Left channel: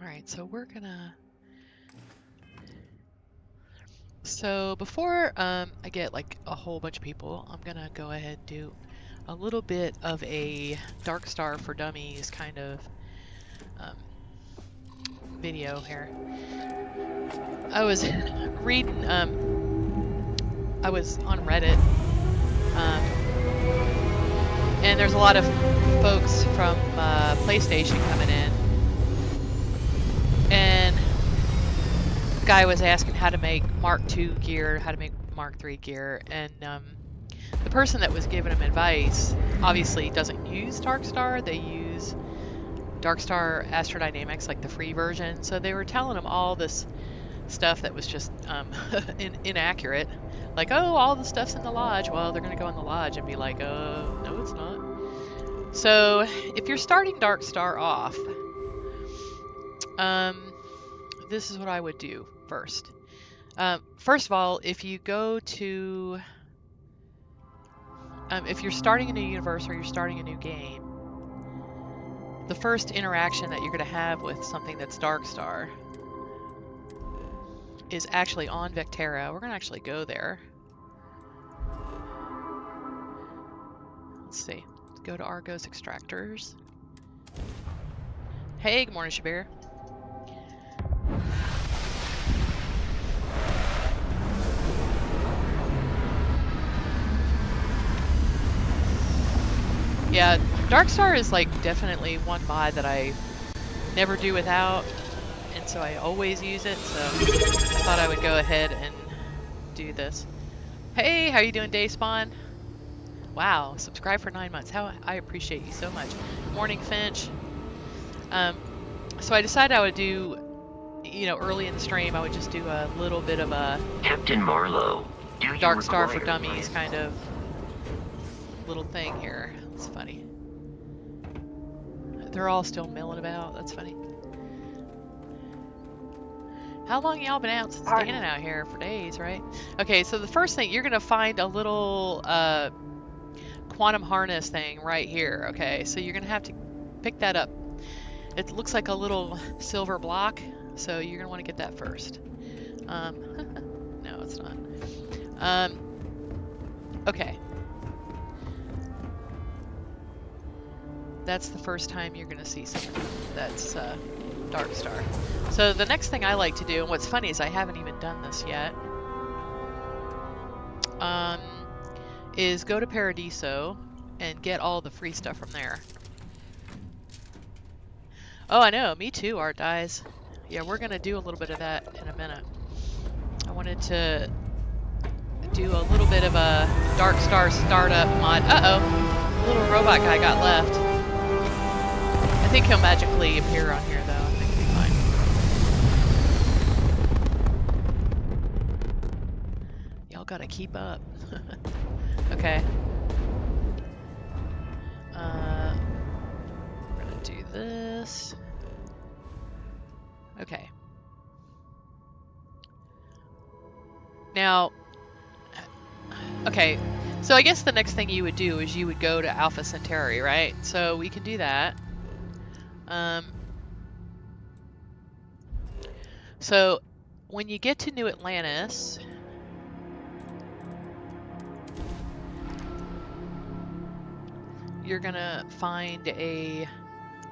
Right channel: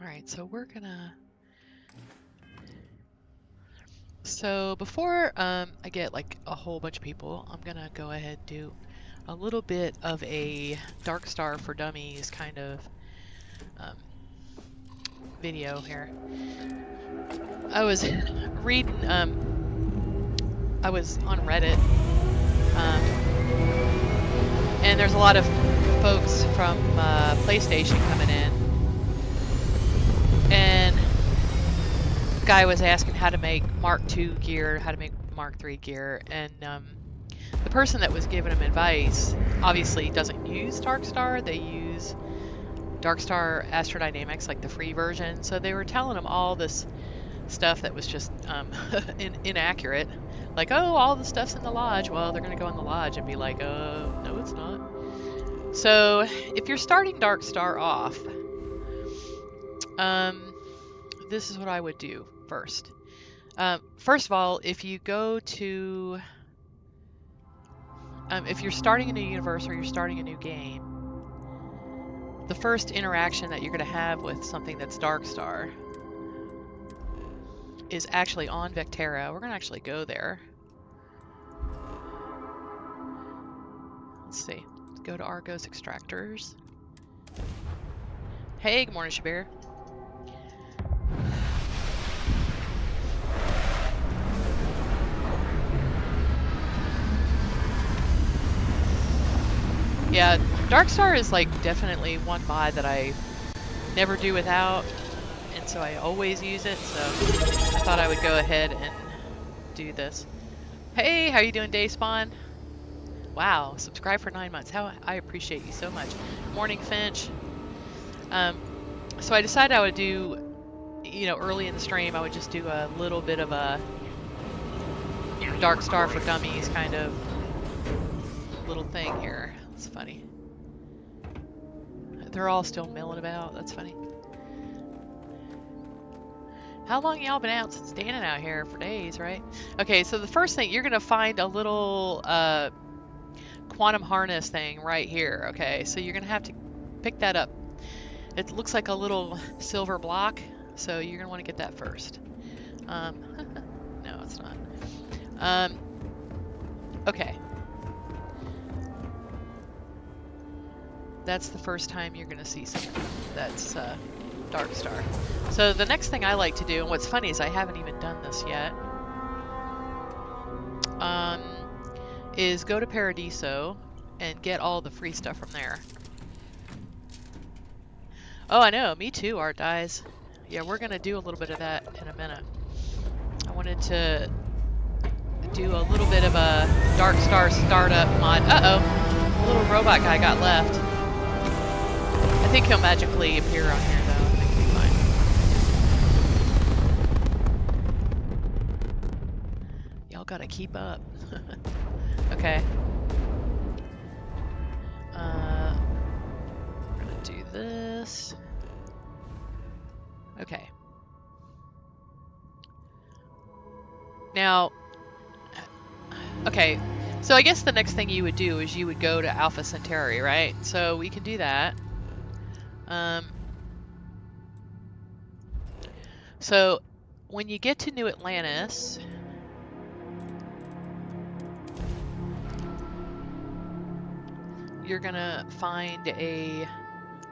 Alright, so we're gonna... So before I get like a whole bunch of people, I'm gonna go ahead and do a little bit of a Dark Star for Dummies kind of video here. I was reading, I was on Reddit, and there's a lot of folks from PlayStation coming in, and the guy was asking how to make Mark II gear, how to make Mark III gear, and the person that was giving him advice obviously doesn't use Darkstar. They use Darkstar Astrodynamics, like the free version. So they were telling him all this stuff that was just inaccurate. Like, oh, all the stuff's in the lodge. Well, they're going to go in the lodge and be like, no, it's not. So if you're starting Darkstar off, this is what I would do first. First of all, if you go to... if you're starting a new universe or you're starting a new game, the first interaction that you're going to have with something that's Darkstar is actually on Vectera. We're going to actually go there. Let's see. Go to Argos Extractors. Hey, good morning, Shabir. Yeah, Darkstar is like definitely one mod that I never do without, and so I always use it, so I thought I would go ahead and do this. Hey, how you doing, Dayspawn? Wow, subscribe for 9 months. How I appreciate you so much. Morning, Finch. So I decided I would do, you know, early in the stream, I would just do a little bit of a Captain Marlowe, Darkstar for Dummies kind of little thing here. It's funny. They're all still milling about. That's funny. How long y'all been out standing out here? For days, right? Okay, so the first thing, you're going to find a little quantum harness thing right here. Okay, so you're going to have to pick that up. It looks like a little silver block, so you're going to want to get that first. No, it's not. Okay. That's the first time you're going to see something that's Darkstar. So the next thing I like to do, and what's funny is I haven't even done this yet, is go to Paradiso and get all the free stuff from there. Oh, I know, me too, Art Dies. Yeah, we're going to do a little bit of that in a minute. I wanted to do a little bit of a Darkstar startup mod. Uh-oh, the little robot guy got left. I think he'll magically appear on here, though. I think he'll be fine. Y'all gotta keep up. Okay. We're gonna do this. Okay. Now, okay, so I guess the next thing you would do is you would go to Alpha Centauri, right? So we can do that. So when you get to New Atlantis, you're gonna find a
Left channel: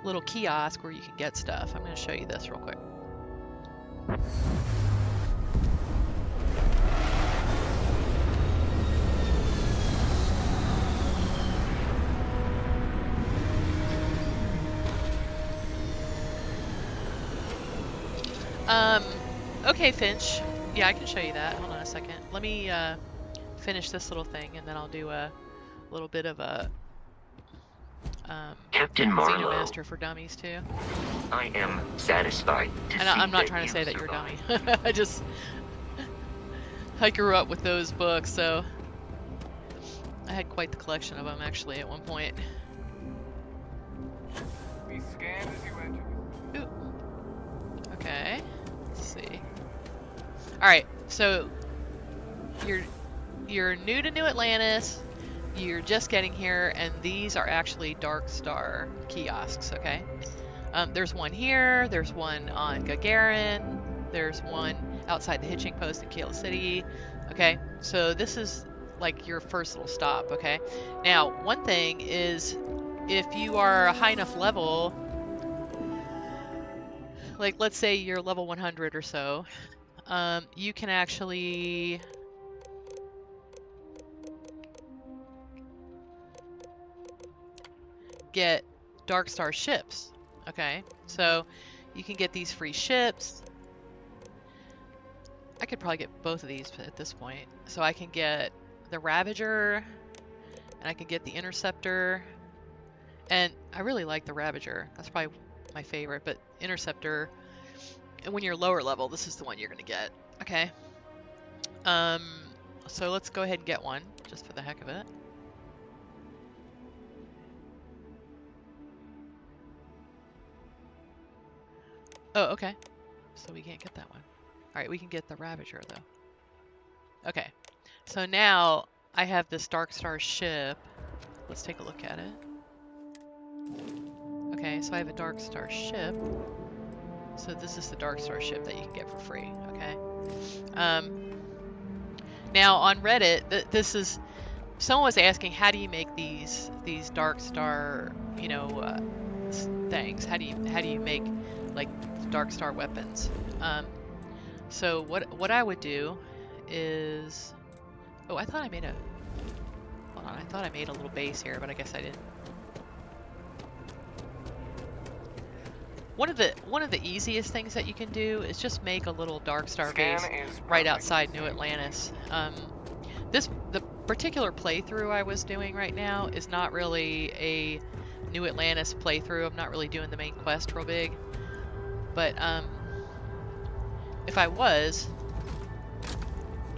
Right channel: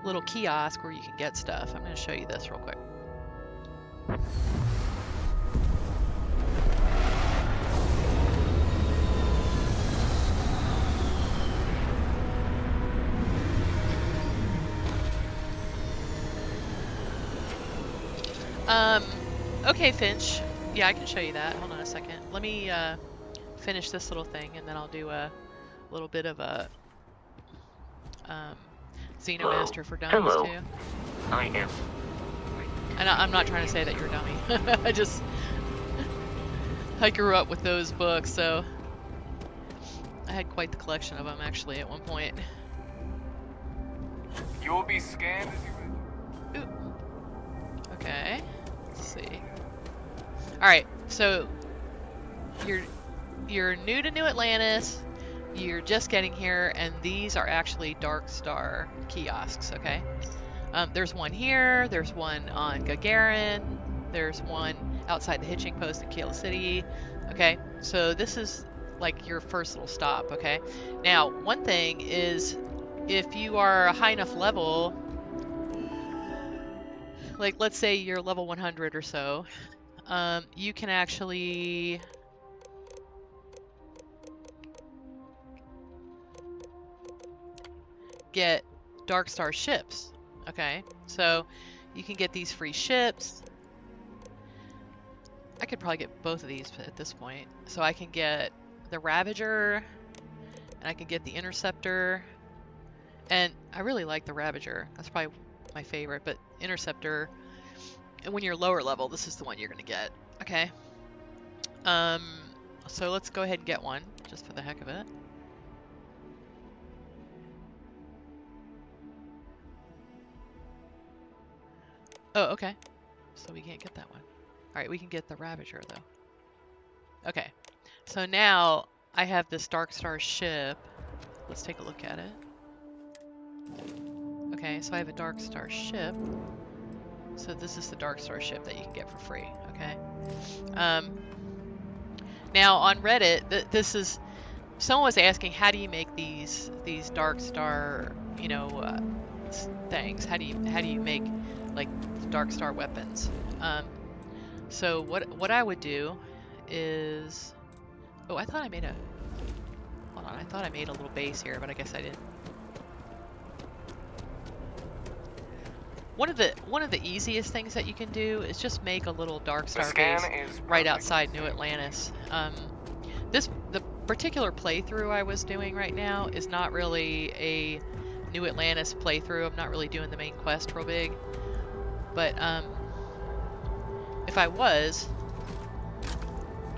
little kiosk where you can get stuff. I'm gonna show you this real quick. Okay, Finch. Yeah, I can show you that. Hold on a second. Let me finish this little thing, and then I'll do a little bit of a Captain Marlowe, Xenomaster for Dummies, hello. too. I am satisfied. And I'm not trying to say that you're a dummy. I grew up with those books, so I had quite the collection of them, actually, at one point. You'll be scanned as you enter. Ooh. Okay. Let's see. Alright, so you're new to New Atlantis, you're just getting here, and these are actually Darkstar kiosks, okay? There's one here, there's one on Gagarin, there's one outside the hitching post in Kayla City. Okay, so this is like your first little stop, okay? Now, one thing is if you are a high enough level, like let's say you're level 100 or so, you can actually get Dark Star ships. Okay, so you can get these free ships. I could probably get both of these at this point. So I can get the Ravager, and I can get the Interceptor. And I really like the Ravager. That's probably my favorite, but Interceptor, and when you're lower level, this is the one you're going to get. Okay. So let's go ahead and get one, just for the heck of it. Oh, okay. So we can't get that one. Alright, we can get the Ravager, though. Okay. So now I have this Dark Star ship. Let's take a look at it. Okay, so I have a Dark Star ship. So this is the Dark Star ship that you can get for free, okay? Now on Reddit, this is... Someone was asking, how do you make these Dark Star, you know, things? How do you make, like, Dark Star weapons? So what I would do is... Oh, I thought I made a... Hold on, I thought I made a little base here, but I guess I didn't. One of the easiest things that you can do is just make a little Dark Star base right outside New Atlantis. The particular playthrough I was doing right now is not really a New Atlantis playthrough. I'm not really doing the main quest real big. But if I was,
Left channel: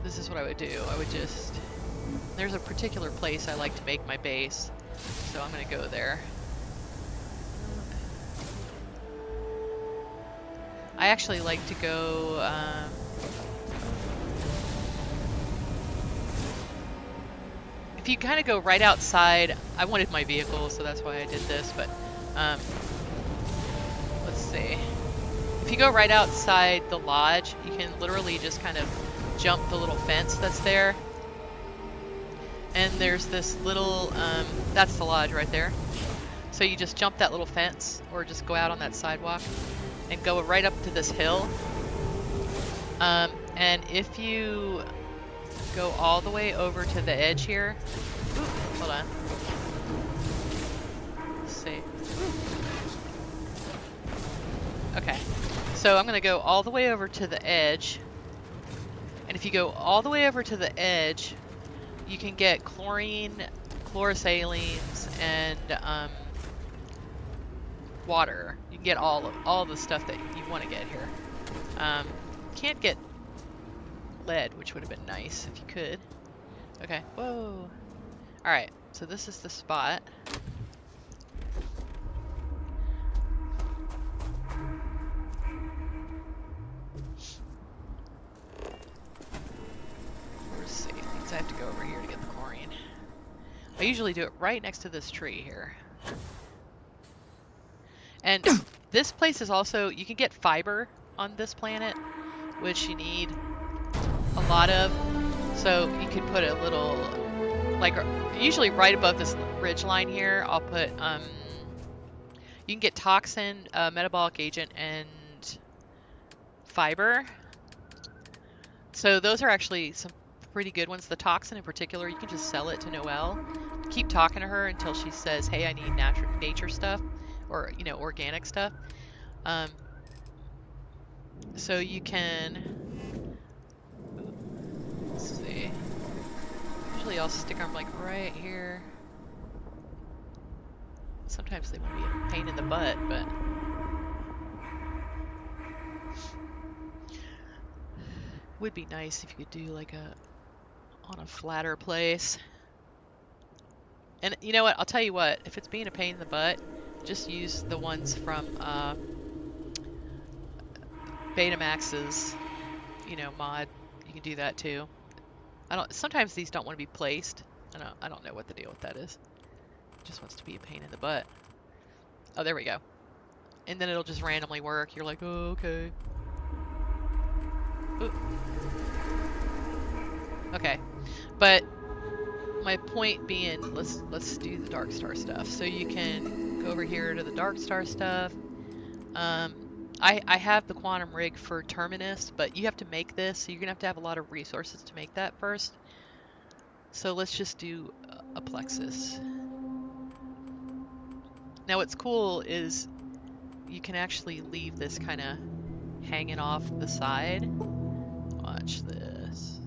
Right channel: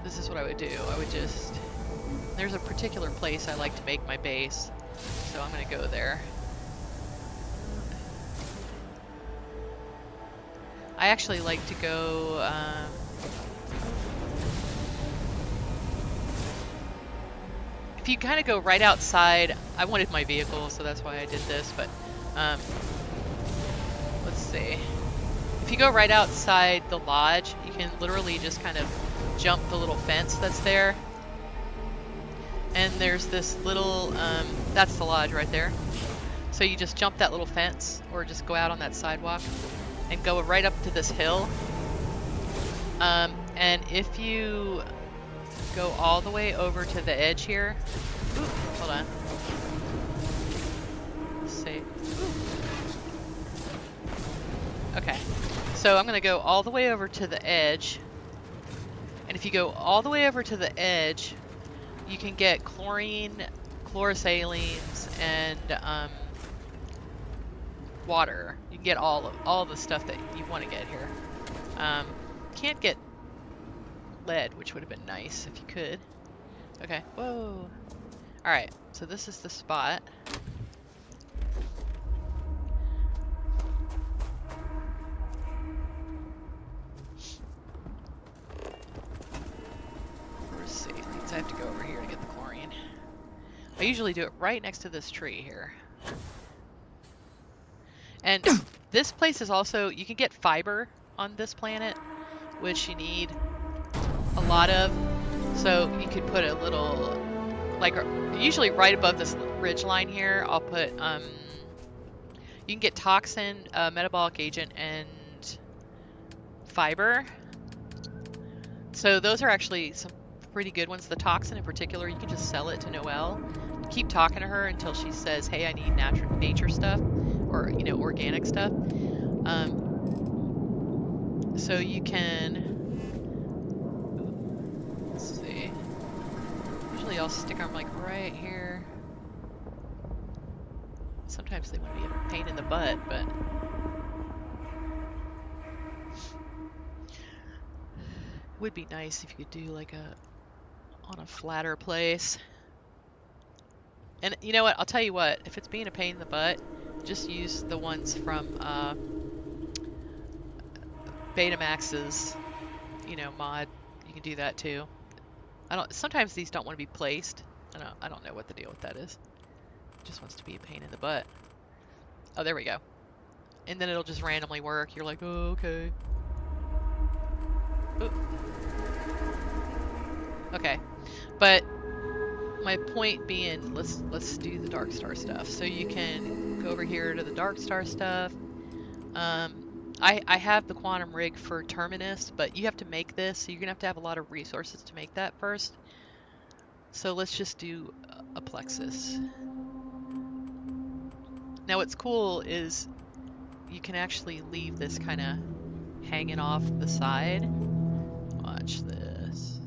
this is what I would do. I would just... There's a particular place I like to make my base, so I'm going to go there. I actually like to go... if you kind of go right outside... I wanted my vehicle, so that's why I did this, but... let's see. If you go right outside the lodge, you can literally just kind of jump the little fence that's there. And there's this little... that's the lodge right there. So you just jump that little fence, or just go out on that sidewalk, and go right up to this hill. And if you go all the way over to the edge here... Ooh, hold on. Let's see. Ooh. Okay. So I'm going to go all the way over to the edge. And if you go all the way over to the edge, you can get chlorine, chlorosalines, and water. You can get all the stuff that you want to get here. Can't get lead, which would have been nice if you could. Okay. Whoa. Alright, so this is the spot. Chlorosalines. I have to go over here to get the chlorine. I usually do it right next to this tree here. And this place is also, you can get fiber on this planet, which you need a lot of. So you could put a little, like usually right above this ridge line here, I'll put, you can get toxin, metabolic agent, and fiber. So those are actually some pretty good ones. The toxin in particular, you can just sell it to Noelle. Keep talking to her until she says, hey, I need nature stuff, or, you know, organic stuff. So you can, let's see, usually I'll stick them like right here. Sometimes they want to be a pain in the butt, but it would be nice if you could do like on a flatter place. And you know what, I'll tell you what, if it's being a pain in the butt, just use the ones from Betamax's, you know, mod. You can do that too. Sometimes these don't want to be placed. I don't know what the deal with that is. It just wants to be a pain in the butt. Oh, there we go. and then it'll just randomly work. You're like, oh, okay. Ooh. Okay, but my point being, let's do the Dark Star stuff. So you can go over here to the Dark Star stuff. I have the quantum rig for Terminus, but you have to make this, so you're gonna have to have a lot of resources to make that first. So let's just do a plexus. Now what's cool is you can actually leave this kind of hanging off the side. Watch this.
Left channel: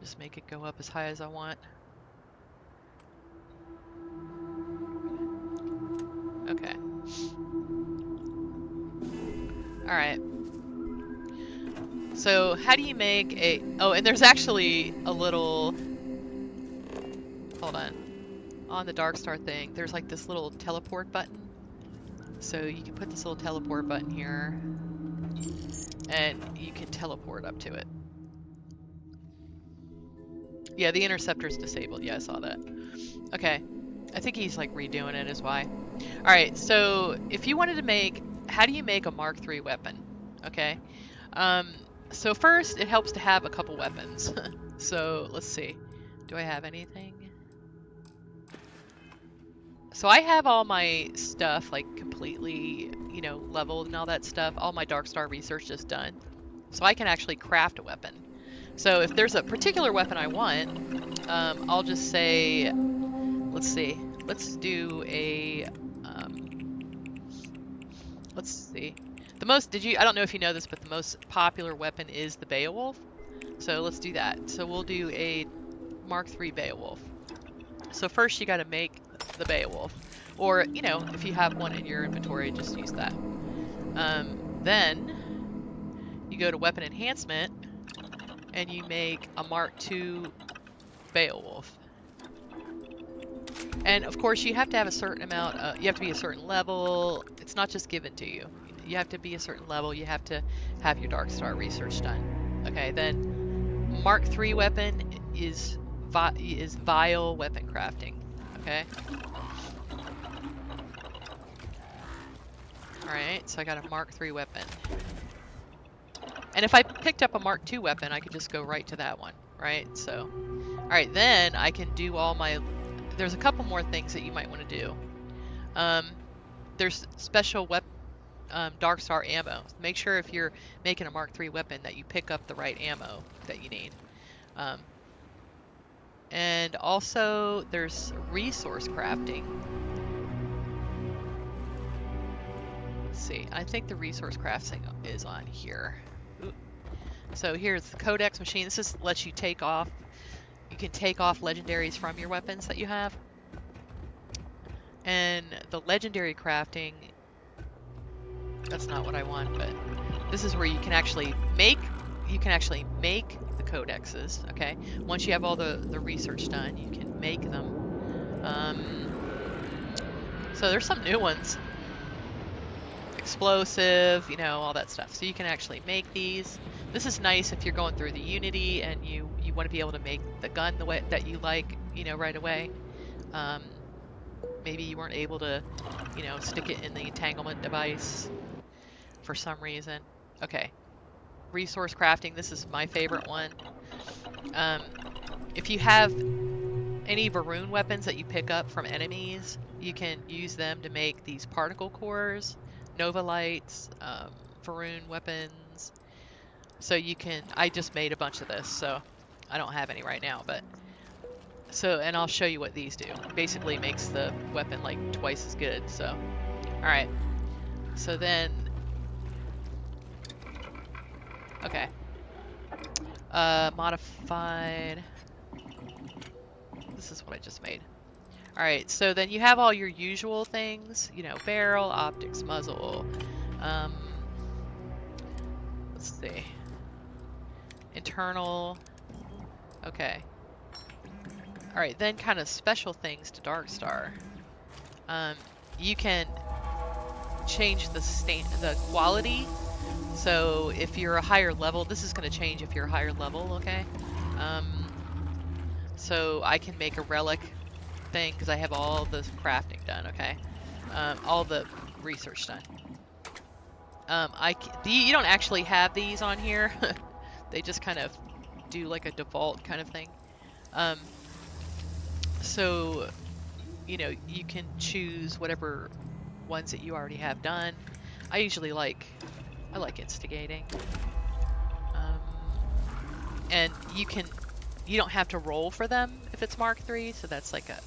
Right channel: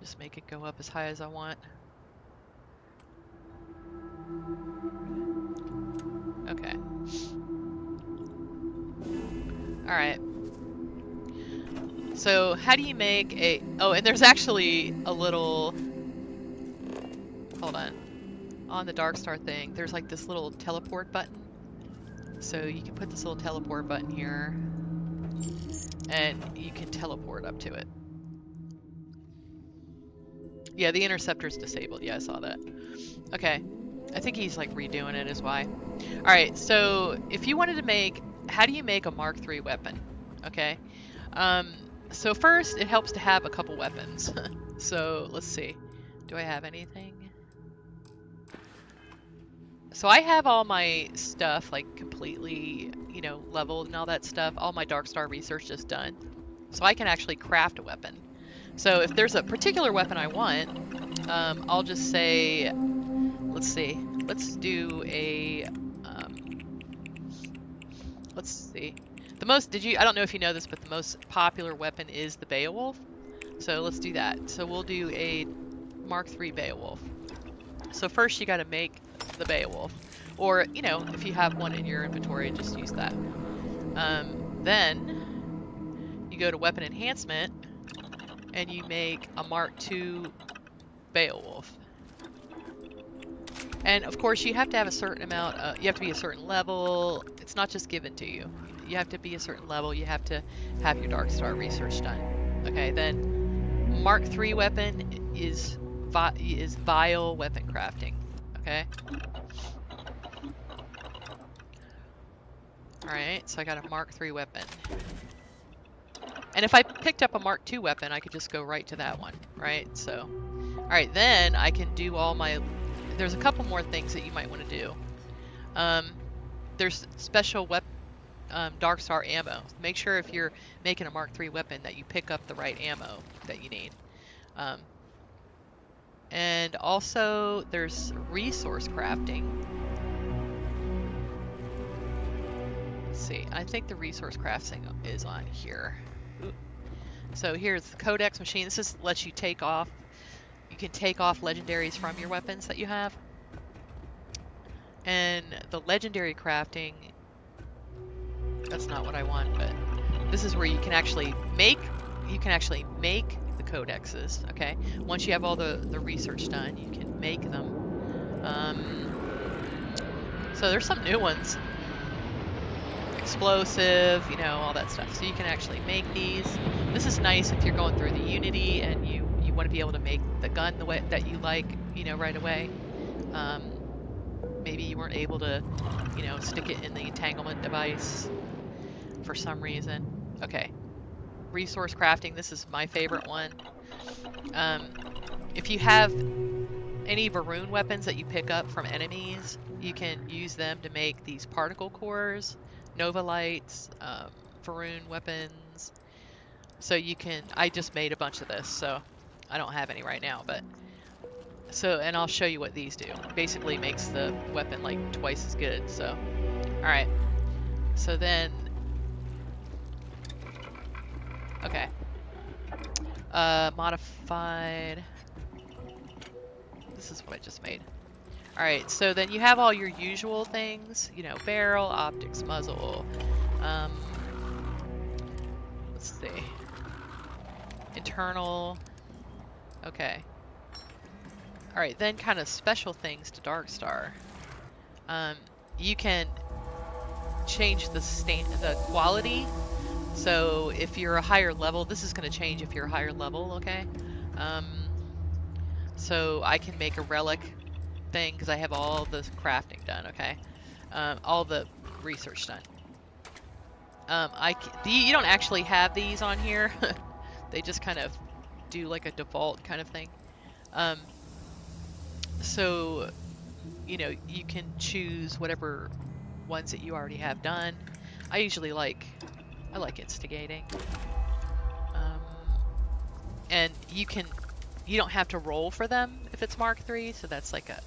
Just make it go up as high as I want. Okay. Alright. So how do you make a... Oh, and there's actually a little... Hold on the Dark Star thing, there's like this little teleport button. So you can put this little teleport button here, and you can teleport up to it. Yeah, the interceptor's disabled. Yeah, I saw that. Okay. I think he's like redoing it is why. Alright, so if you wanted to make... How do you make a Mark III weapon? Okay. So first, it helps to have a couple weapons. So, let's see. Do I have anything? So I have all my stuff like completely, you know, leveled and all that stuff. All my Dark Star research is done. So I can actually craft a weapon. So if there's a particular weapon I want, I'll just say, let's see, let's do a, let's see. The most, I don't know if you know this, but the most popular weapon is the Beowulf. So let's do that. So we'll do a Mark III Beowulf. So first you got to make the Beowulf, or you know, if you have one in your inventory, just use that. Then you go to weapon enhancement and you make a Mark II Beowulf. And of course you have to have a certain amount, you have to be a certain level. It's not just given to you. You have to be a certain level. You have to have your Dark Star research done. Okay, then Mark III weapon is vile weapon crafting. Okay. Alright, so I got a Mark III weapon. And if I picked up a Mark II weapon, I could just go right to that one, right? So, alright, then I can do all my... There's a couple more things that you might want to do. There's special Dark Star ammo. Make sure if you're making a Mark III weapon that you pick up the right ammo that you need. And also, there's resource crafting. Let's see. I think the resource crafting is on here. Ooh. So here's the Codex machine. This just lets you take off. You can take off legendaries from your weapons that you have. And the legendary crafting, that's not what I want, but this is where you can actually make the codexes, okay? Once you have all the research done, you can make them. So there's some new ones. Explosive, you know, all that stuff. So you can actually make these. This is nice if you're going through the Unity and you want to be able to make the gun the way that you like, you know, right away. Maybe you weren't able to, you know, stick it in the entanglement device for some reason. Okay. Resource crafting, this is my favorite one. If you have any Varun weapons that you pick up from enemies, you can use them to make these particle cores, Nova Lights, Varun weapons. So you can, I just made a bunch of this, so I don't have any right now, but so, and I'll show you what these do. Basically makes the weapon like twice as good, so. Alright. So then, okay. Modified. This is what I just made. Alright, so then you have all your usual things, you know, barrel, optics, muzzle. Let's see. Internal. Okay. Alright, then kind of special things to Dark Star. You can change the quality. So if you're a higher level, this is going to change if you're a higher level, okay? So I can make a relic thing because I have all the crafting done, okay? All the research done. You don't actually have these on here. They just kind of do like a default kind of thing. So, you know, you can choose whatever ones that you already have done. I usually like instigating. And you don't have to roll for them if it's Mark III, so that's like a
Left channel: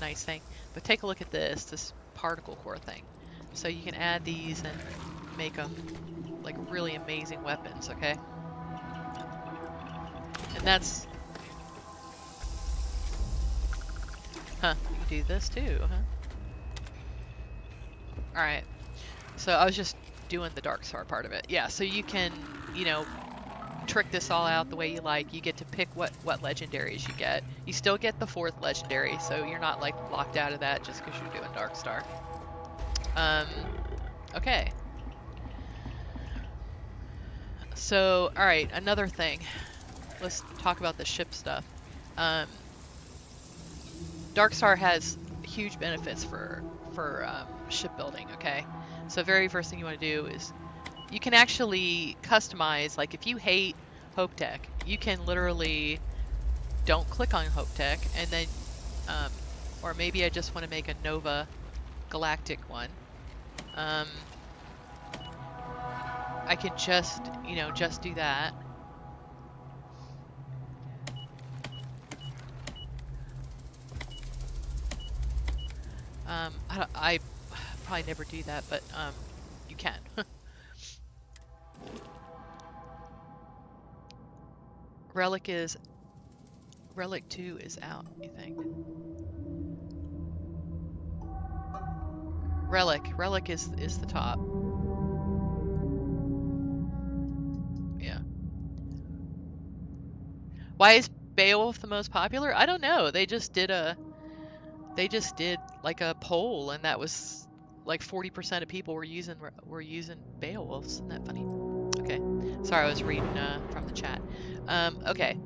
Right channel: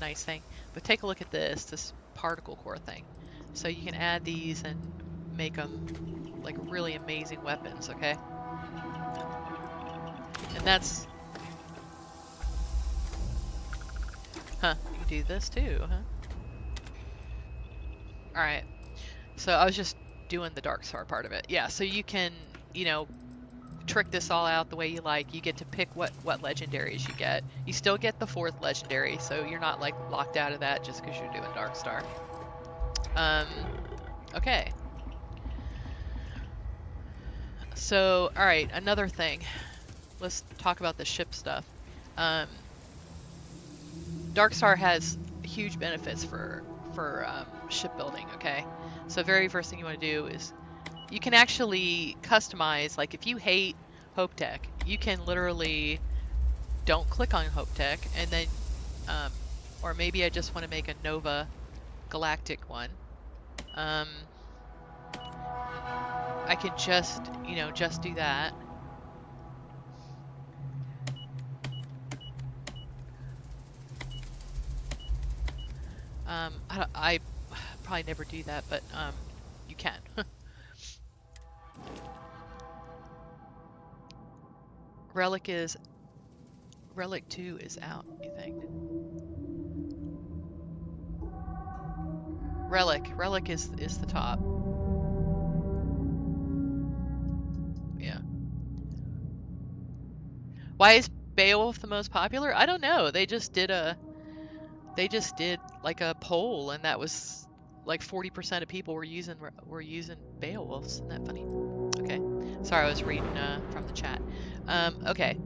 nice thing. But take a look at this particle core thing. So you can add these and make them like really amazing weapons, okay? And that's... Huh, you can do this too, huh? Alright, so I was just doing the Dark Star part of it. Yeah, so you can, you know, trick this all out the way you like. You get to pick what legendaries you get. You still get the 4th legendary, so you're not like locked out of that just because you're doing Dark Star. Okay. So, alright, another thing. Let's talk about the ship stuff. Dark Star has huge benefits for shipbuilding, okay? So very first thing you want to do is you can actually customize, like if you hate Hope Tech, you can literally don't click on Hope Tech and then, or maybe I just want to make a Nova Galactic one. I can just, you know, just do that. I probably never do that, but you can. Relic 2 is out, you think? Relic is the top. Yeah. Why is Beowulf the most popular? I don't know. They just did like a poll, and that was like 40% of people were using Beowulfs. Isn't that funny? Okay. Sorry, I was reading from the chat. Okay.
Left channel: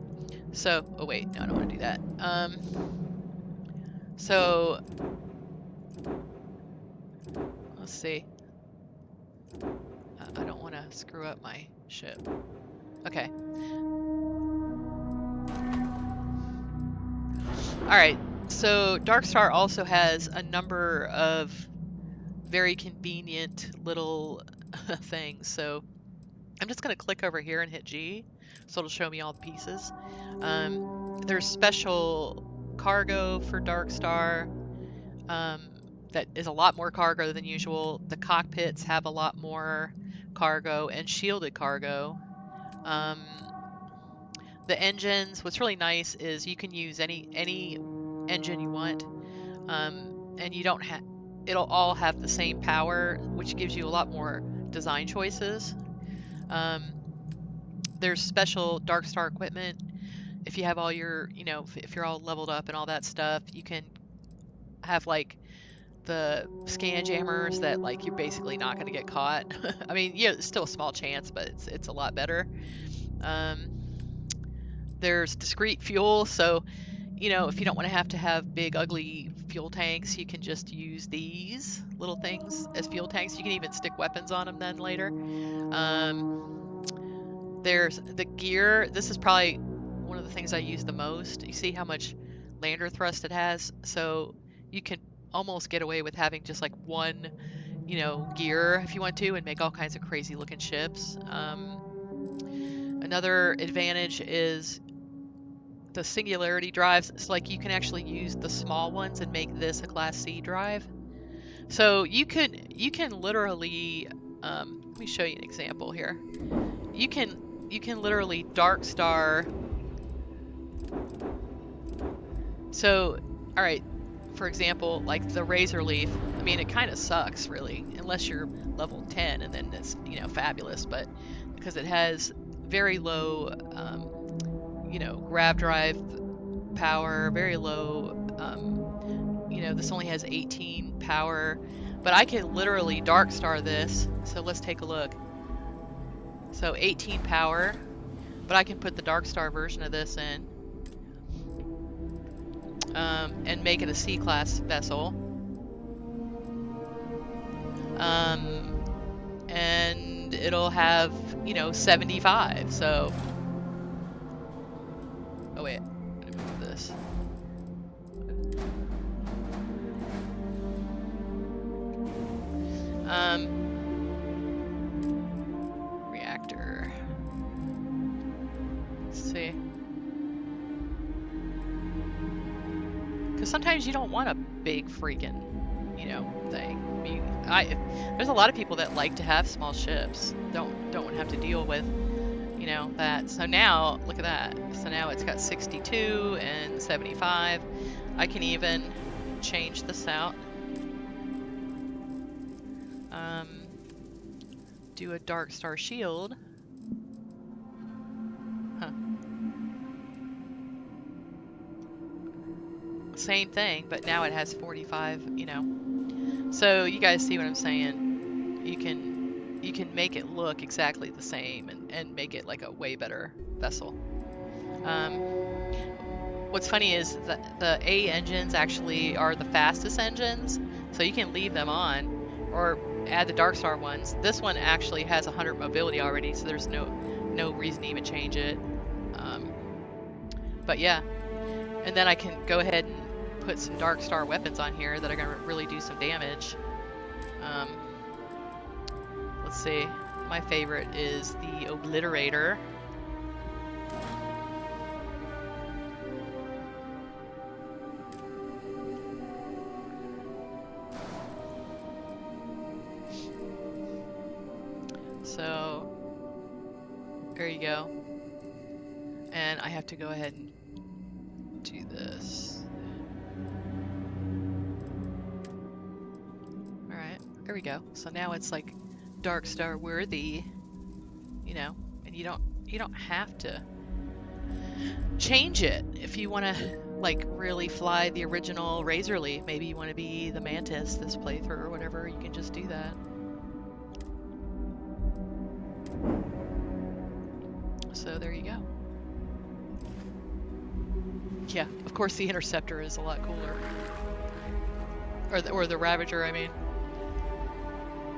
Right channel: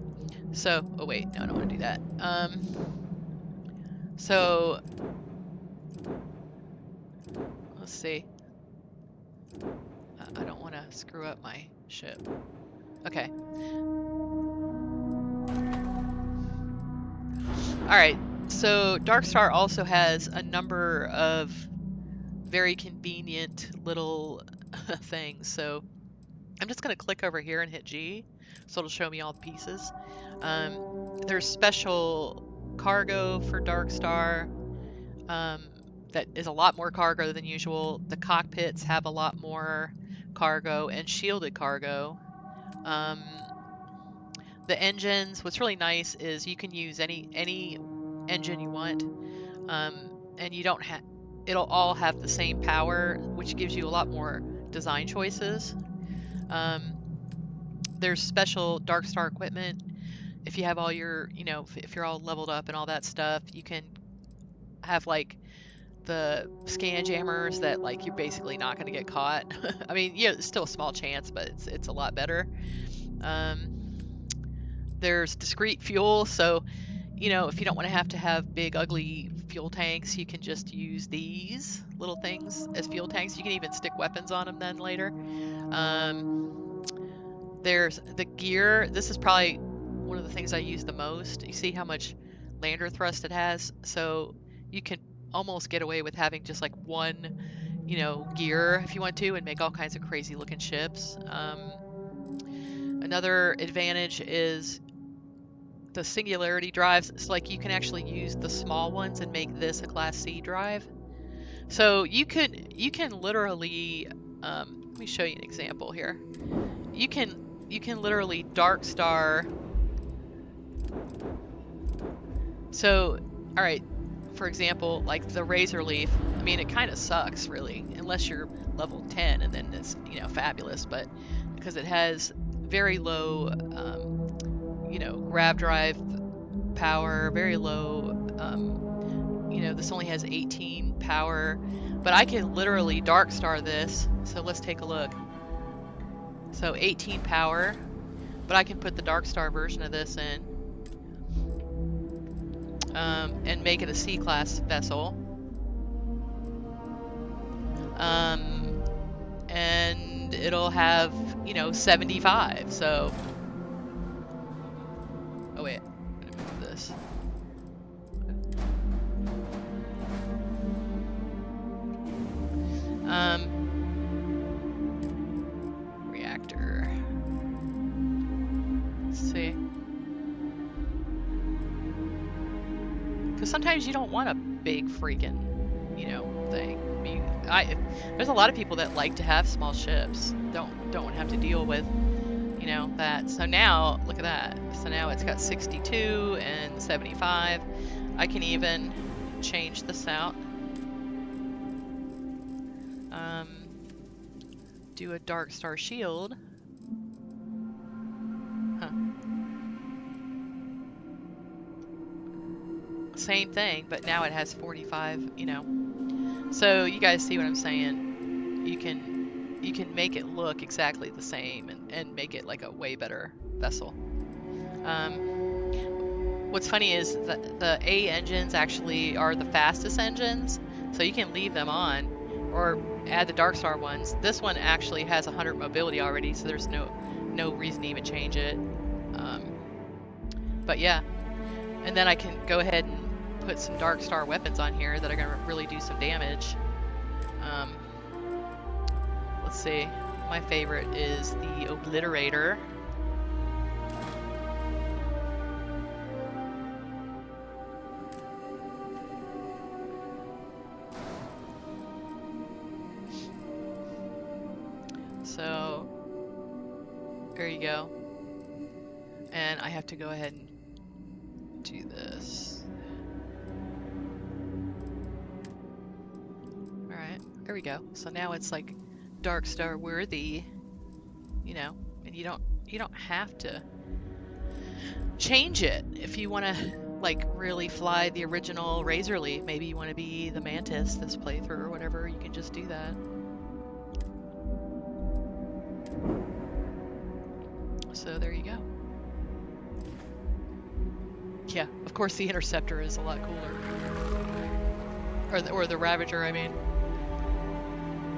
So, oh wait, no, I don't want to do that. So let's see. I don't want to screw up my ship. Okay. All right. So Darkstar also has a number of very convenient little things. So I'm just going to click over here and hit G, so it'll show me all the pieces. There's special cargo for Darkstar that is a lot more cargo than usual. The cockpits have a lot more cargo and shielded cargo. The engines, what's really nice is you can use any engine you want, and you don't have, it'll all have the same power, which gives you a lot more design choices. There's special Darkstar equipment. If you have all your, you know, if you're all leveled up and all that stuff, you can have like the scan jammers that like you're basically not going to get caught. I mean, yeah, it's still a small chance, but it's a lot better. There's discrete fuel, so you know, if you don't want to have big ugly fuel tanks, you can just use these little things as fuel tanks. You can even stick weapons on them then later. There's the gear. This is probably one of the things I use the most. You see how much lander thrust it has, so you can almost get away with having just like one, you know, gear if you want to, and make all kinds of crazy looking ships. Another advantage is the singularity drives. It's like you can actually use the small ones and make this a Class C drive. So you can literally, let me show you an example here. You can literally Darkstar. So, all right, for example, like the Razor Leaf. I mean, it kind of sucks really, unless you're level 10, and then it's, you know, fabulous. But because it has very low, you know, grav drive power, very low, you know, this only has 18 power, but I can literally Darkstar this. So let's take a look. So 18 power, but I can put the Darkstar version of this in. and make it a C-class vessel. And it'll have, you know, 75. So, oh wait, I'm gonna move this. Reactor. Let's see. Because sometimes you don't want a big freaking, you know, thing. There's a lot of people that like to have small ships. Don't want to have to deal with, you know, that. So now, look at that. So now it's got 62 and 75. I can even change this out. Do a dark star shield. Huh. Same thing, but now it has 45, you know. So you guys see what I'm saying? You can make it look exactly the same and make it like a way better vessel. What's funny is that the A engines actually are the fastest engines, so you can leave them on or add the Dark Star ones. This one actually has 100 mobility already, so there's no reason to even change it. But yeah, and then I can go ahead and put some Dark Star weapons on here that are going to really do some damage. Let's see. My favorite is the Obliterator. So, there you go. And I have to go ahead and do this. Alright, there we go. So now it's like Dark Star worthy, you know, and you don't have to change it if you want to like really fly the original Razor Leaf. Maybe you want to be the Mantis this playthrough or whatever, you can just do that. So there you go. Yeah, of course the Interceptor is a lot cooler. Or the Ravager, I mean.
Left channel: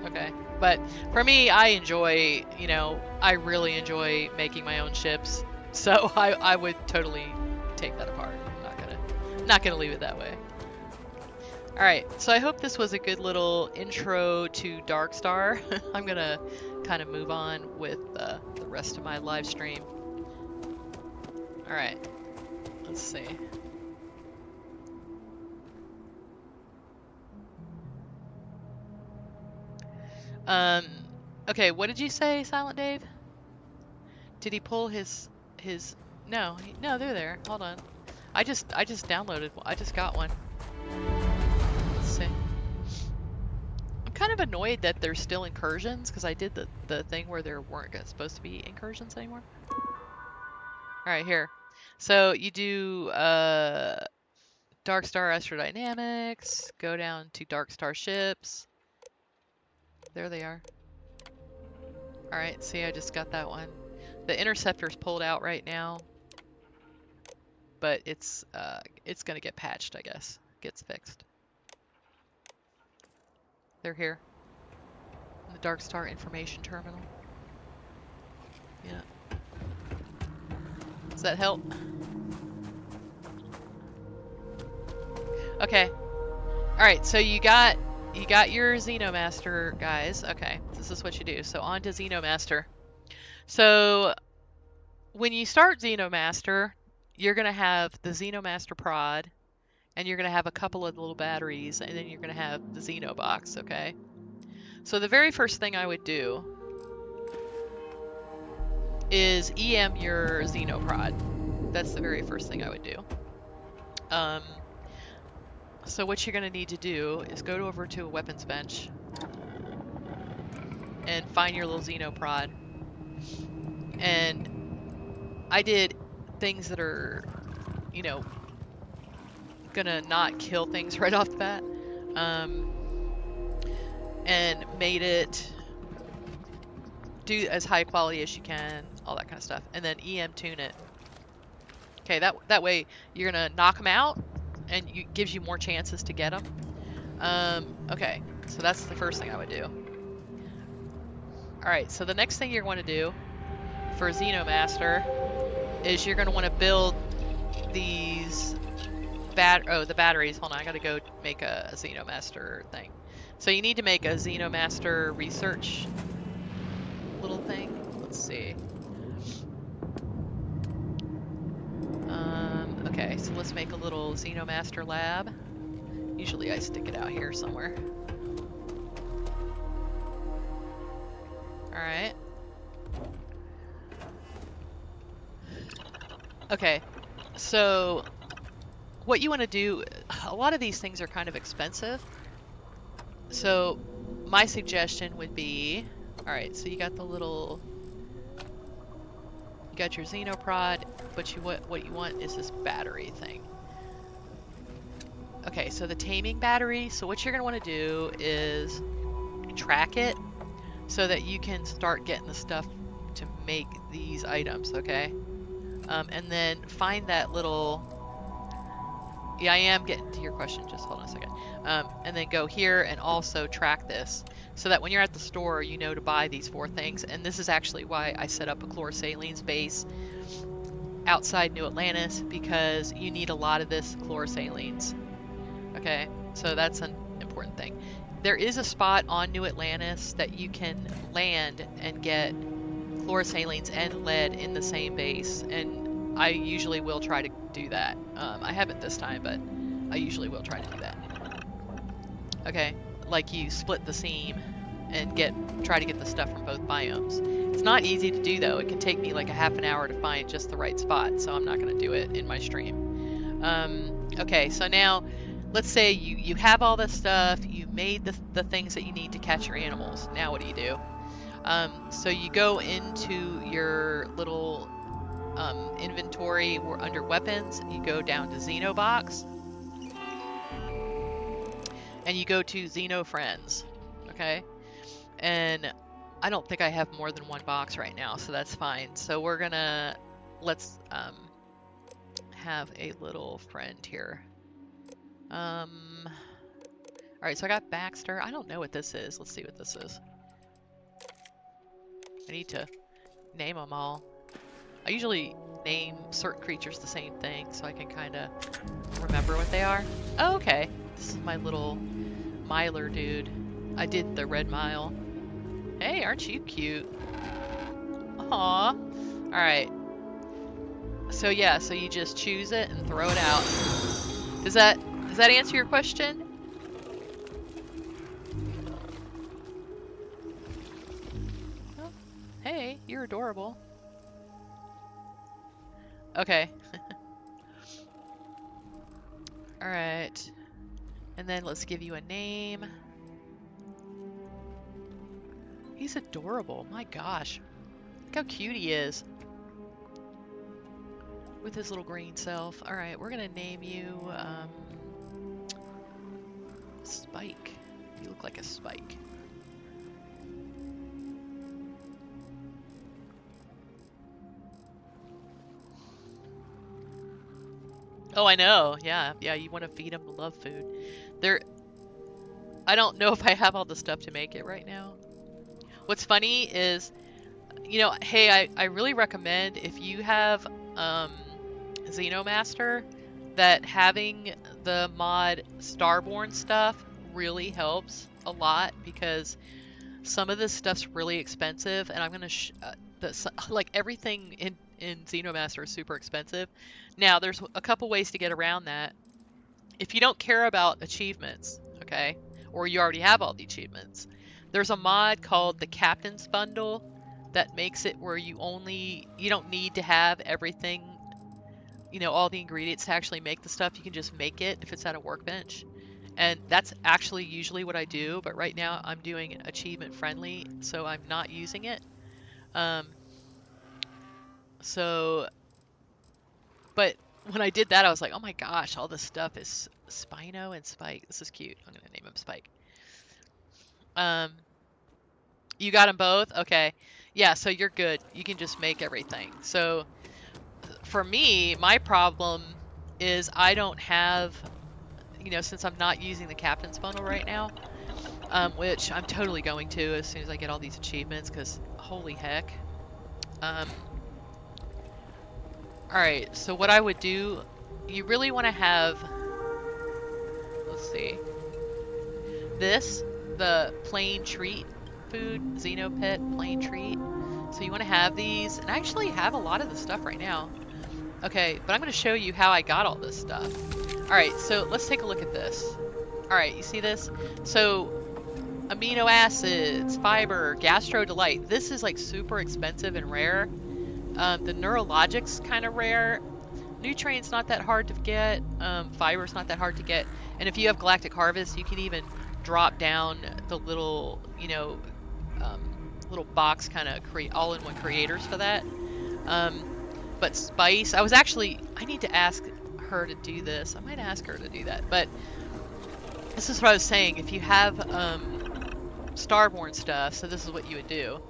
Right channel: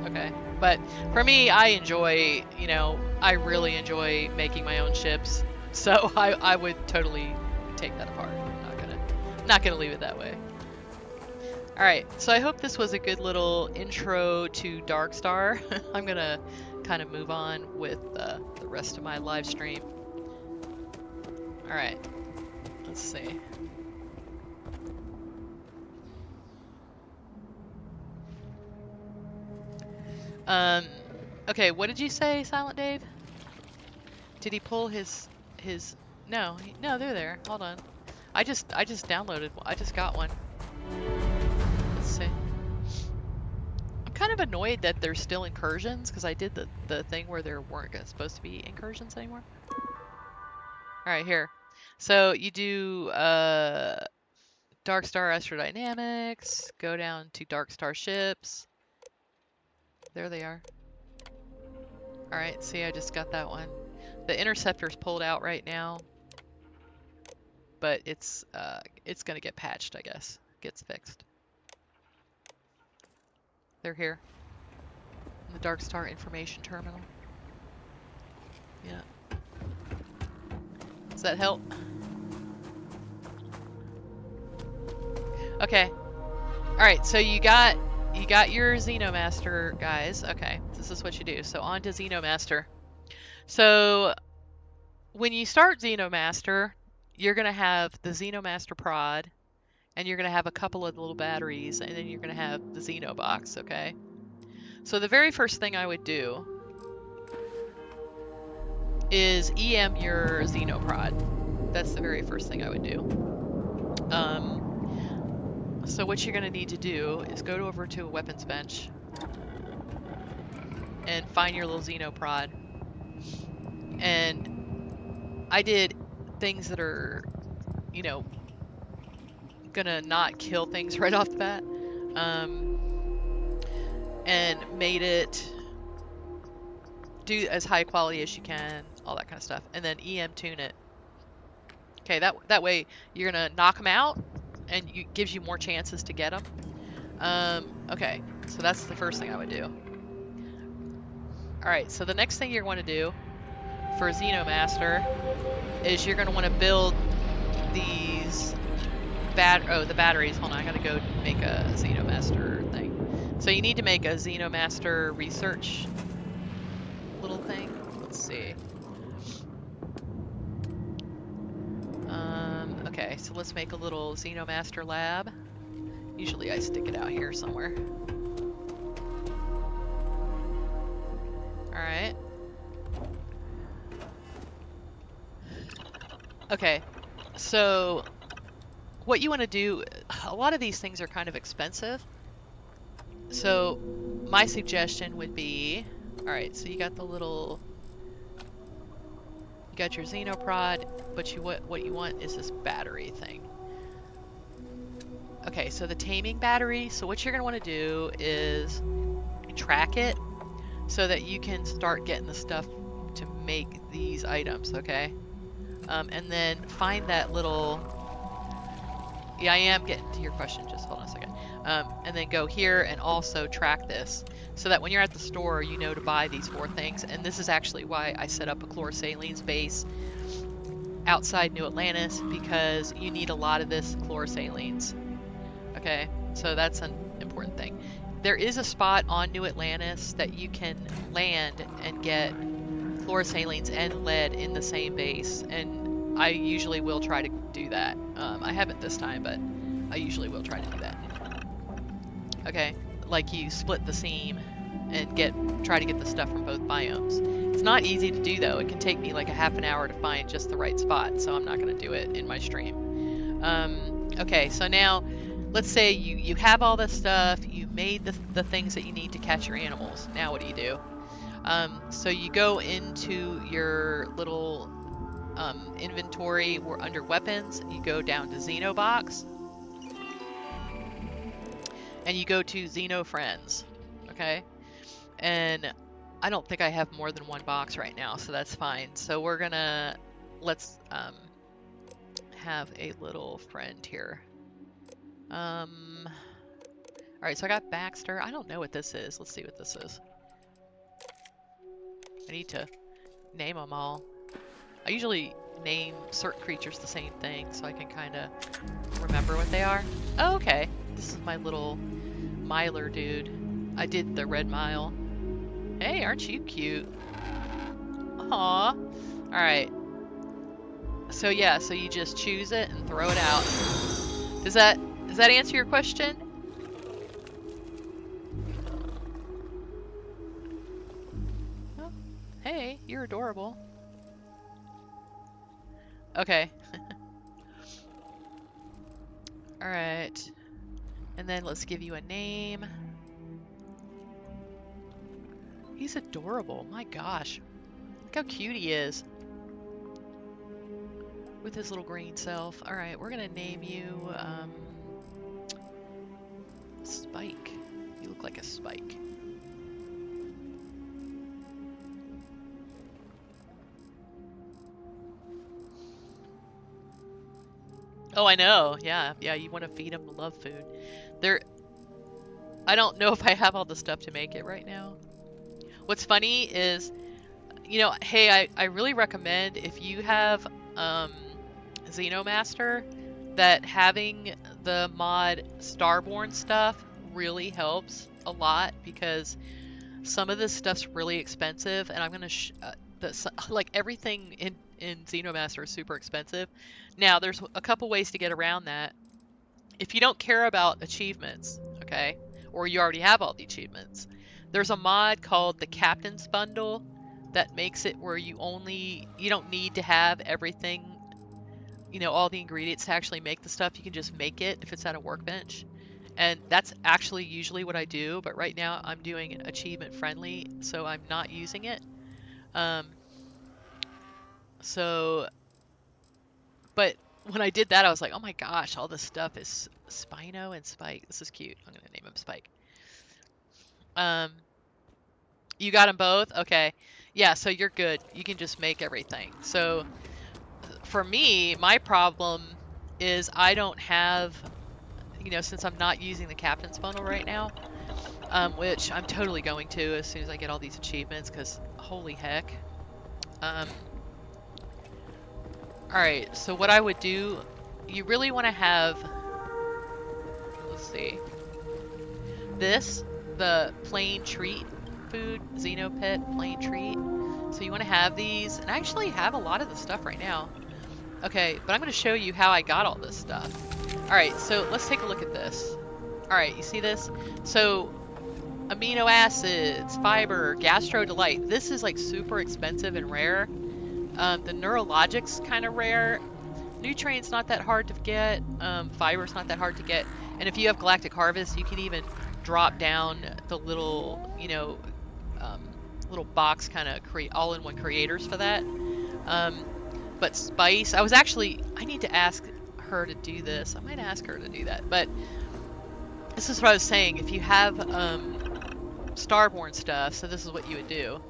Okay. But for me, I enjoy, you know, I really enjoy making my own ships. So I would totally take that apart. I'm not gonna leave it that way. Alright, so I hope this was a good little intro to Dark Star. I'm gonna kind of move on with the rest of my live stream. Alright, let's see. Okay, what did you say, Silent Dave? Did he pull his no, no, they're there. Hold on. I just downloaded one. I just got one. Let's see. I'm kind of annoyed that there's still incursions because I did the thing where there weren't supposed to be incursions anymore. Alright, here. So you do Dark Star Astrodynamics, go down to Dark Star Ships. There they are. Alright, see, I just got that one. The Interceptor's pulled out right now, but it's gonna get patched, I guess. Gets fixed. They're here. In the Dark Star Information Terminal. Yeah. Does that help? Okay. Alright, so you got your Xenomaster, guys. Okay, this is what you do. So on to Xenomaster. So when you start Xenomaster, you're going to have the Xenomaster prod, and you're going to have a couple of little batteries, and then you're going to have the Xenobox, okay? So the very first thing I would do is EM your Xenoprod. That's the very first thing I would do. So what you're going to need to do is go over to a weapons bench and find your little Xenoprod. And I did things that are, you know, gonna not kill things right off the bat. And made it do as high quality as you can, all that kind of stuff. And then EM tune it. Okay, that way you're gonna knock them out, and gives you more chances to get them. Okay, so that's the first thing I would do. Alright, so the next thing you're going to do for Xenomaster is you're going to want to build these the batteries. Hold on, I gotta go make a Xenomaster thing. So you need to make a Xenomaster research little thing. Let's see. Okay, so let's make a little Xenomaster lab. Usually I stick it out here somewhere. Alright. Okay, so what you want to do, a lot of these things are kind of expensive. So my suggestion would be, alright, so you got the little, you got your Xenoprod, but what you want is this battery thing. Okay, so the taming battery, so what you're going to want to do is track it so that you can start getting the stuff to make these items, okay? And then find that little, yeah, I am getting to your question, just hold on a second. And then go here and also track this so that when you're at the store, you know to buy these 4 things. And this is actually why I set up a chlorosalines base outside New Atlantis, because you need a lot of this chlorosalines. Okay, so that's an important thing. There is a spot on New Atlantis that you can land and get chlorosalines and lead in the same base, and I usually will try to do that. I haven't this time, but I usually will try to do that. Okay, like you split the seam and try to get the stuff from both biomes. It's not easy to do though. It can take me like a half an hour to find just the right spot, so I'm not going to do it in my stream. Okay, so now let's say you have all this stuff, you made the things that you need to catch your animals. Now what do? So you go into your little inventory under weapons, you go down to Xenobox, and you go to Xeno Friends, okay? And I don't think I have more than 1 box right now, so that's fine. So we're gonna, let's have a little friend here. Alright, so I got Baxter. I don't know what this is. Let's see what this is. I need to name them all. I usually name certain creatures the same thing so I can kind of remember what they are. Oh, okay. This is my little miler dude. I did the red mile. Hey, aren't you cute? Aw. Alright. So yeah, so you just choose it and throw it out. Does that answer your question? Oh, hey, you're adorable. Okay. Alright. And then let's give you a name. He's adorable. My gosh. Look how cute he is. With his little green self. Alright, we're gonna name you, Spike. You look like a spike. Oh, I know. Yeah, you want to feed him love food. I don't know if I have all the stuff to make it right now. What's funny is, you know, hey, I really recommend if you have Xenomaster, that having the mod Starborn stuff really helps a lot, because some of this stuff's really expensive, and I'm gonna like everything in Xenomaster is super expensive. Now there's a couple ways to get around that. If you don't care about achievements, okay, or you already have all the achievements, there's a mod called the Captain's Bundle that makes it where you don't need to have everything, you know, all the ingredients to actually make the stuff. You can just make it if it's at a workbench. And that's actually usually what I do, but right now I'm doing achievement friendly, so I'm not using it. But when I did that, I was like, oh my gosh, all this stuff is Spino and Spike. This is cute. I'm gonna name him Spike. You got them both? Okay. Yeah, so you're good. You can just make everything. So for me, my problem is I don't have you know, since I'm not using the captain's funnel right now, which I'm totally going to as soon as I get all these achievements, because holy heck. Alright, so what I would do, you really want to have, let's see, this, the plain treat food, Xenopet plain treat. So you want to have these, and I actually have a lot of the stuff right now. Okay, but I'm going to show you how I got all this stuff. Alright, so let's take a look at this. Alright, you see this? So, amino acids, fiber, gastro delight. This is like super expensive and rare. The neurologic's kind of rare. Nutrients not that hard to get. Fiber's not that hard to get. And if you have galactic harvest, you can even drop down the little, you know, little box kind of create all-in-one creators for that. But spice, I need to ask her to do this. I might ask her to do that. But this is what I was saying. If you have Starborn stuff, so this is what you would do.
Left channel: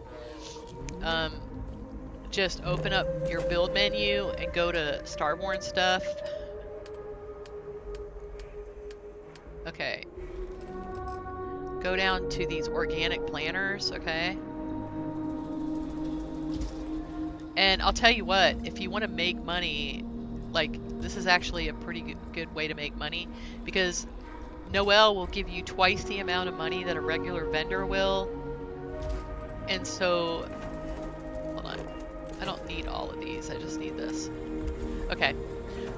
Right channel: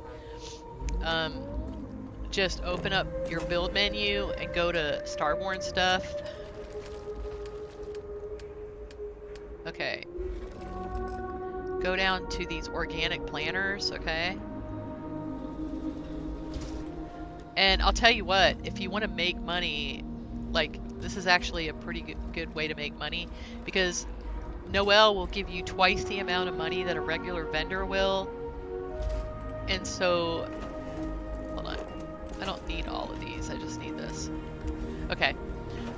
Just open up your build menu and go to Starborn stuff. Okay. Go down to these organic planters, okay? And I'll tell you what, if you want to make money, like, this is actually a pretty good way to make money, because Noelle will give you twice the amount of money that a regular vendor will. And so, hold on. I don't need all of these, I just need this. Okay,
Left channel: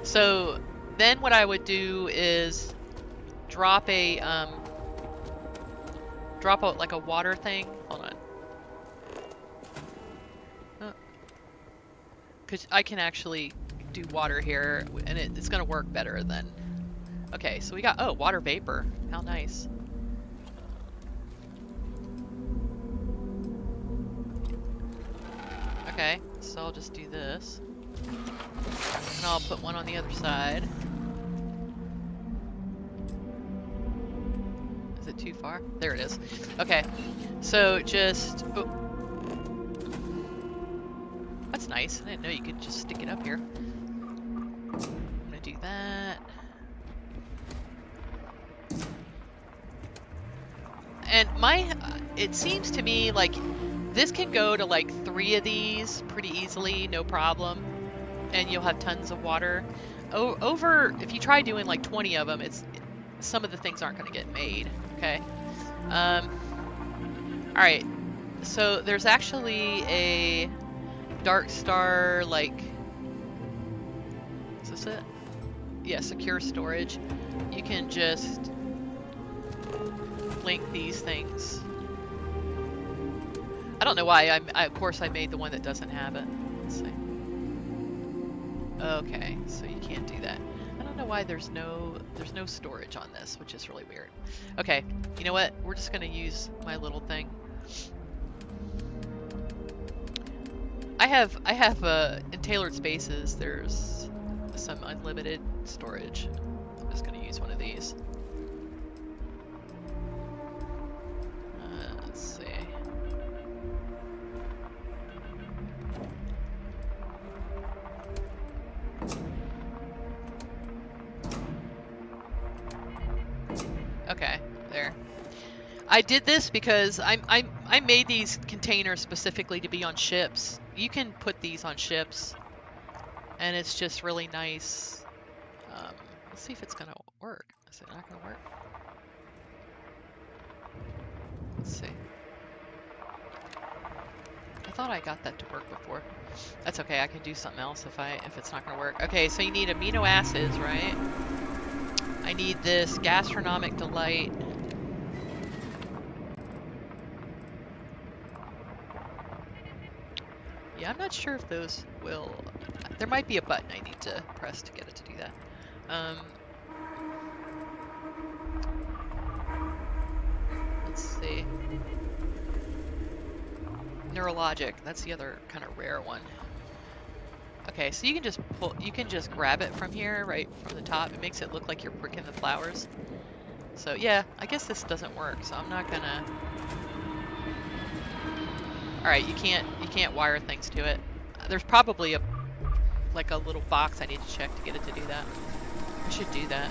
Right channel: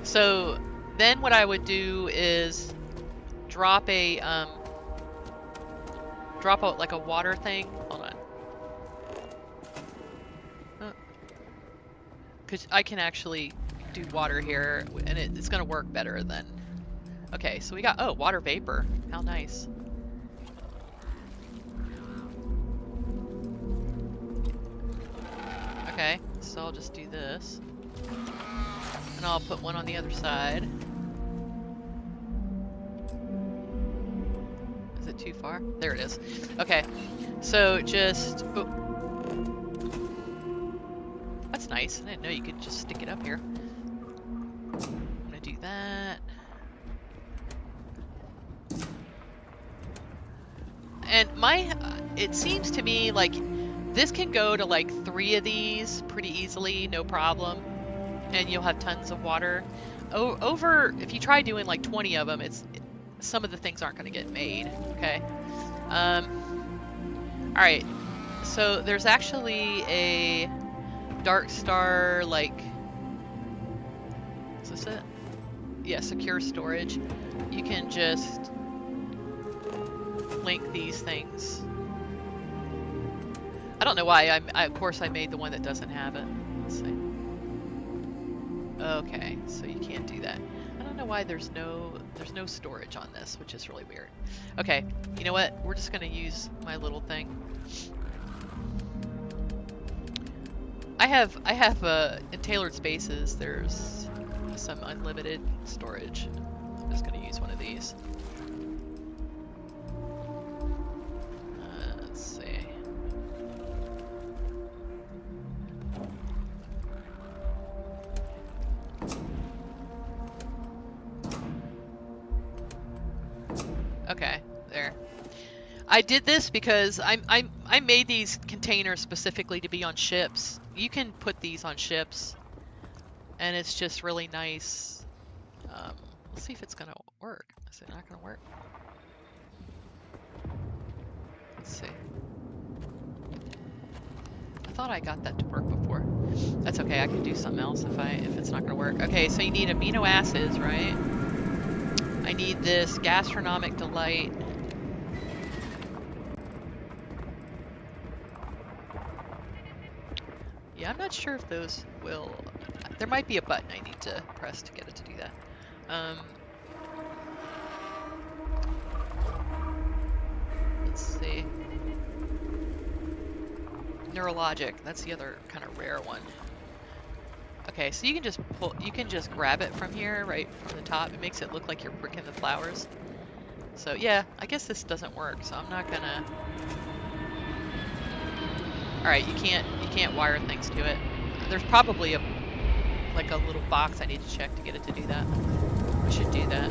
so then what I would do is drop out like a water thing. Hold on. Because I can actually do water here, and it's going to work better than... Okay, so we got, oh, water vapor. How nice. Okay, so I'll just do this. And I'll put one on the other side. Is it too far? There it is. Okay, so just... Oh. That's nice. I didn't know you could just stick it up here. I'm gonna do that. And it seems to me like this can go to like 3 of these pretty easily, no problem. And you'll have tons of water. If you try doing like 20 of them, some of the things aren't going to get made, okay? Alright, so there's actually a Dark Star, like, is this it? Yeah, secure storage. You can just link these things. I don't know why, of course I made the one that doesn't have it. Let's see. Okay, so you can't do that. I don't know why there's no storage on this, which is really weird. Okay, you know what? We're just gonna use my little thing. I have in tailored spaces, there's some unlimited storage. I'm just gonna use one of these. Let's see. Okay, there. I did this because I made these containers specifically to be on ships. You can put these on ships, and it's just really nice. Let's see if it's gonna work. Is it not gonna work? Let's see. I thought I got that to work before. That's okay. I can do something else if it's not gonna work. Okay, so you need amino acids, right? I need this gastronomic delight. Yeah, I'm not sure if those will... There might be a button I need to press to get it to do that. Let's see. Neurologic, that's the other kind of rare one. Okay, so you can just grab it from here, right from the top. It makes it look like you're pricking the flowers. So yeah, I guess this doesn't work, so I'm not gonna... Alright, you can't wire things to it. There's probably a little box I need to check to get it to do that. I should do that.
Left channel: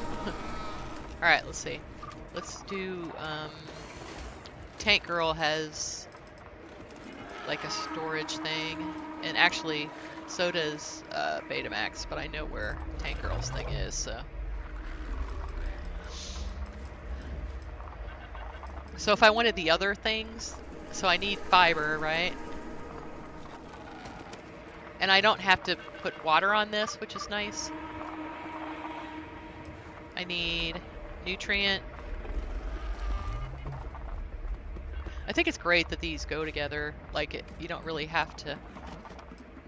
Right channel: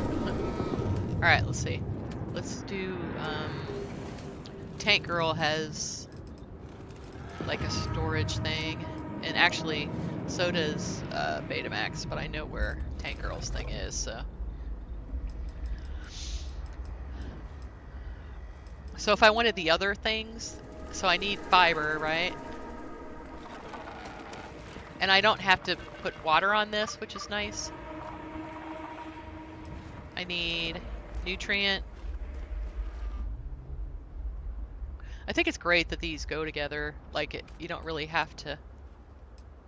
Alright, let's see. Let's do, Tank Girl has like a storage thing. And actually, so does Betamax, but I know where Tank Girl's thing is, so. So if I wanted the other things, so I need fiber, right? And I don't have to put water on this, which is nice. I need nutrient. I think it's great that these go together. Like, you don't really have to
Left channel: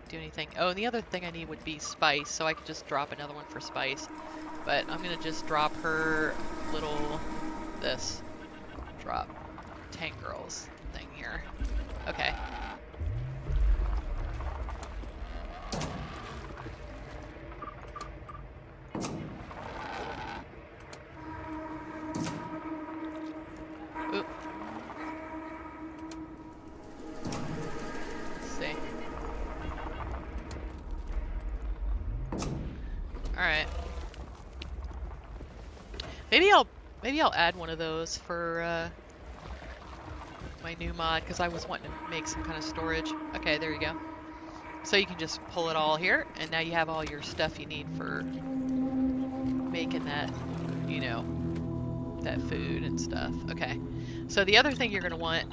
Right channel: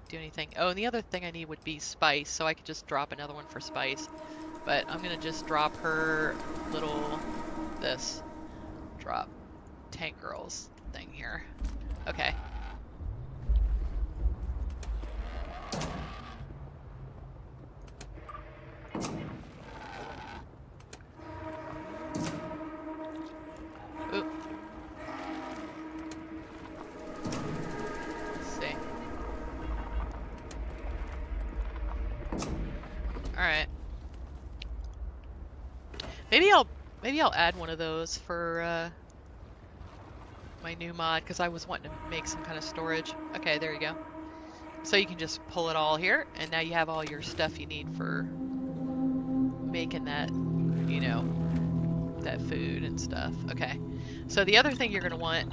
do anything. Oh, and the other thing I need would be spice, so I could just drop another one for spice. But I'm gonna just drop her little, this. Drop Tank Girl's thing here. Okay. Oop. Let's see. Alright. Maybe I'll add one of those for my new mod, because I was wanting to make some kind of storage. Okay, there you go. So you can just pull it all here, and now you have all your stuff you need for making that, you know, that food and stuff. Okay. So the other thing you're going to want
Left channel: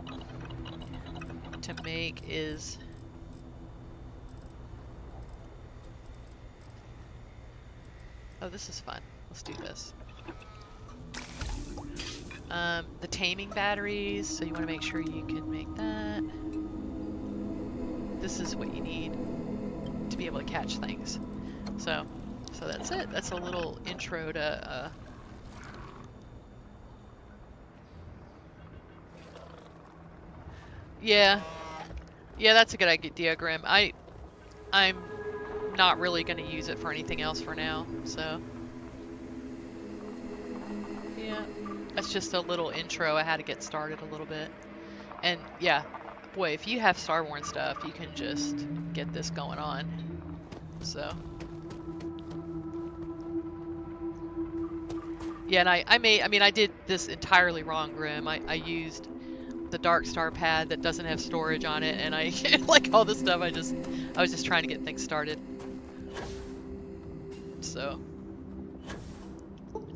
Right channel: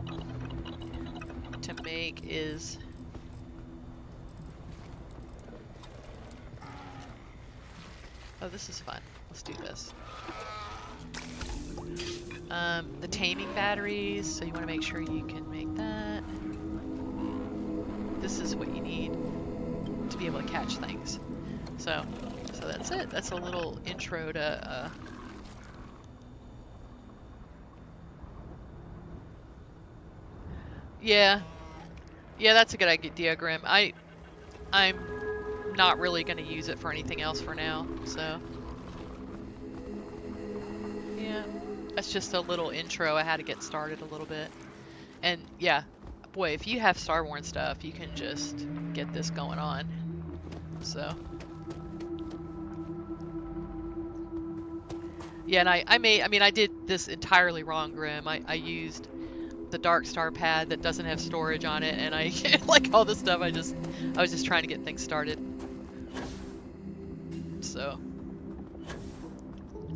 to make is... Oh, this is fun. Let's do this. The taming batteries, so you want to make sure you can make that. This is what you need to be able to catch things. So that's it. That's a little intro to yeah, that's a good idea, Grim. I'm not really going to use it for anything else for now, so yeah. That's just a little intro. I had to get started a little bit. And yeah, boy, if you have Starborn stuff, you can just get this going on. So. Yeah, and I did this entirely wrong, Grim. I used the Dark Star pad that doesn't have storage on it, and I, like all this stuff, I was just trying to get things started. So.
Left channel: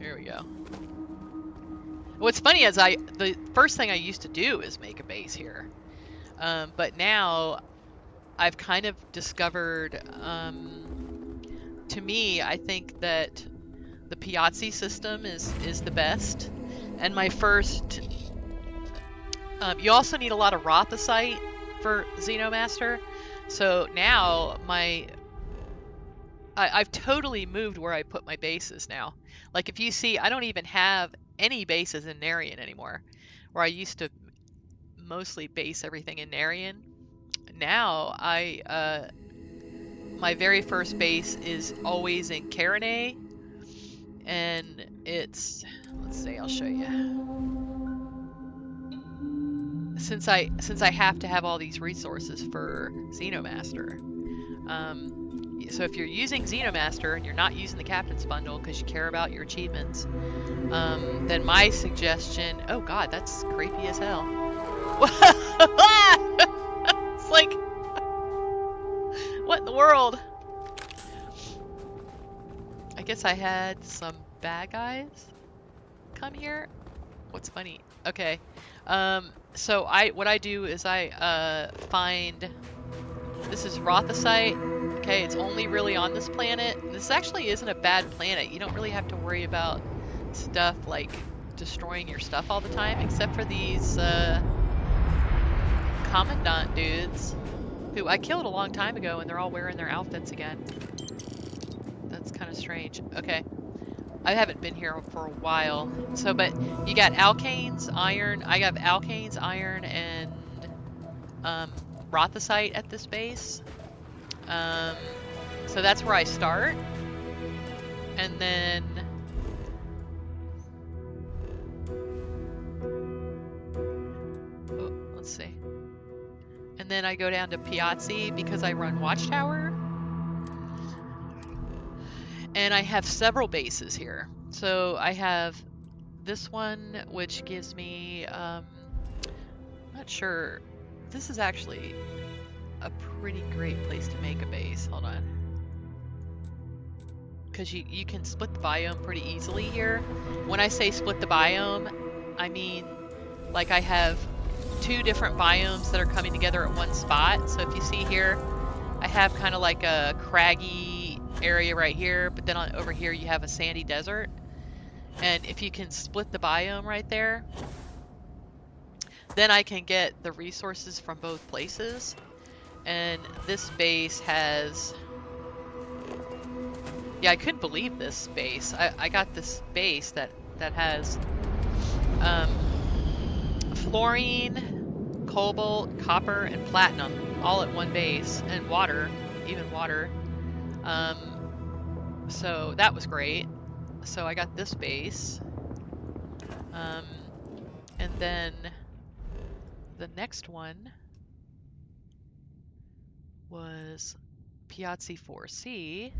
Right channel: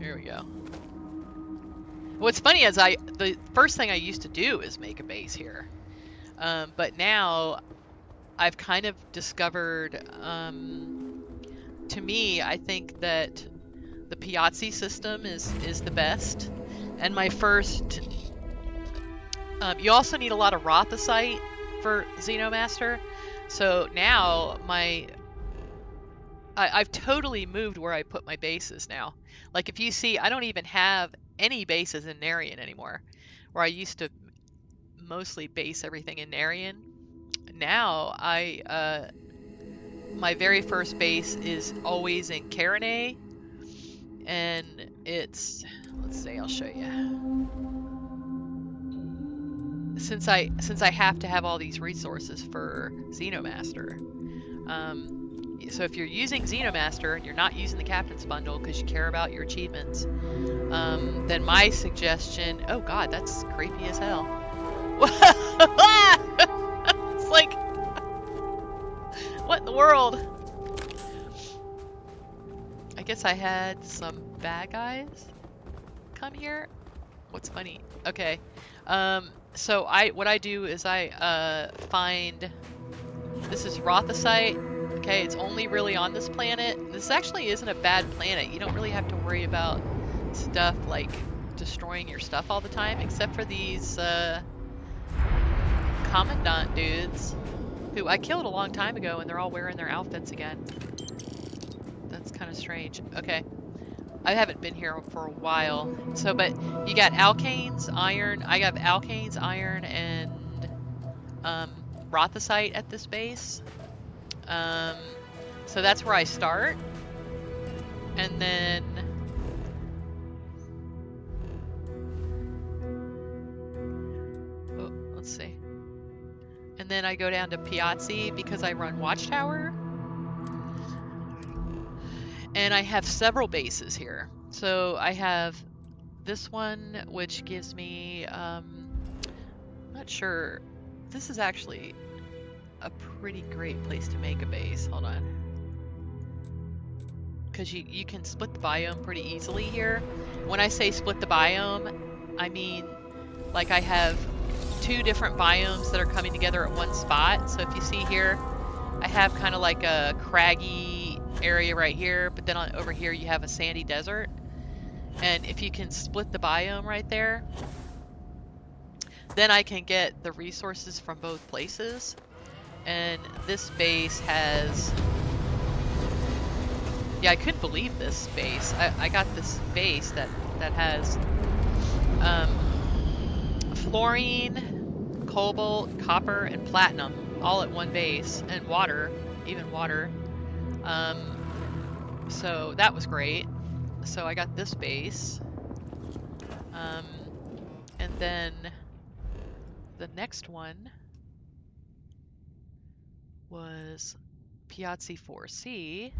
Here we go. What's funny is the first thing I used to do is make a base here. But now I've kind of discovered, to me, I think that the Piazzi system is the best. And my first, you also need a lot of Rothosite for Xenomaster. So now I've totally moved where I put my bases now. Like if you see, I don't even have any bases in Narian anymore, where I used to mostly base everything in Narian. Now my very first base is always in Karanay, and it's, let's see, I'll show you. Since I have to have all these resources for Xenomaster, so if you're using Xenomaster and you're not using the Captain's Bundle because you care about your achievements, then my suggestion... Oh god, that's creepy as hell. It's like... What in the world? I guess I had some bad guys come here. What's funny? Okay. So what I do is I find... This is Rothosite. Okay, it's only really on this planet. This actually isn't a bad planet. You don't really have to worry about stuff like destroying your stuff all the time, except for these Commandant dudes, who I killed a long time ago, and they're all wearing their outfits again. That's kind of strange. Okay. I haven't been here for a while. So, but you got alkanes, iron. I got alkanes, iron, and Rothosite at this base. So that's where I start. And then... Oh, let's see. And then I go down to Piazzi because I run Watchtower. And I have several bases here. So I have this one, which gives me, not sure. This is actually a pretty great place to make a base. Hold on. Because you can split the biome pretty easily here. When I say split the biome, I mean like I have 2 different biomes that are coming together at one spot. So if you see here, I have kind of like a craggy area right here, but then over here you have a sandy desert. And if you can split the biome right there, then I can get the resources from both places. And this base has... Yeah, I couldn't believe this base. I got this base that has fluorine, cobalt, copper, and platinum all at one base, and water, even water. So that was great. So I got this base. And then the next one was Piazzi 4C,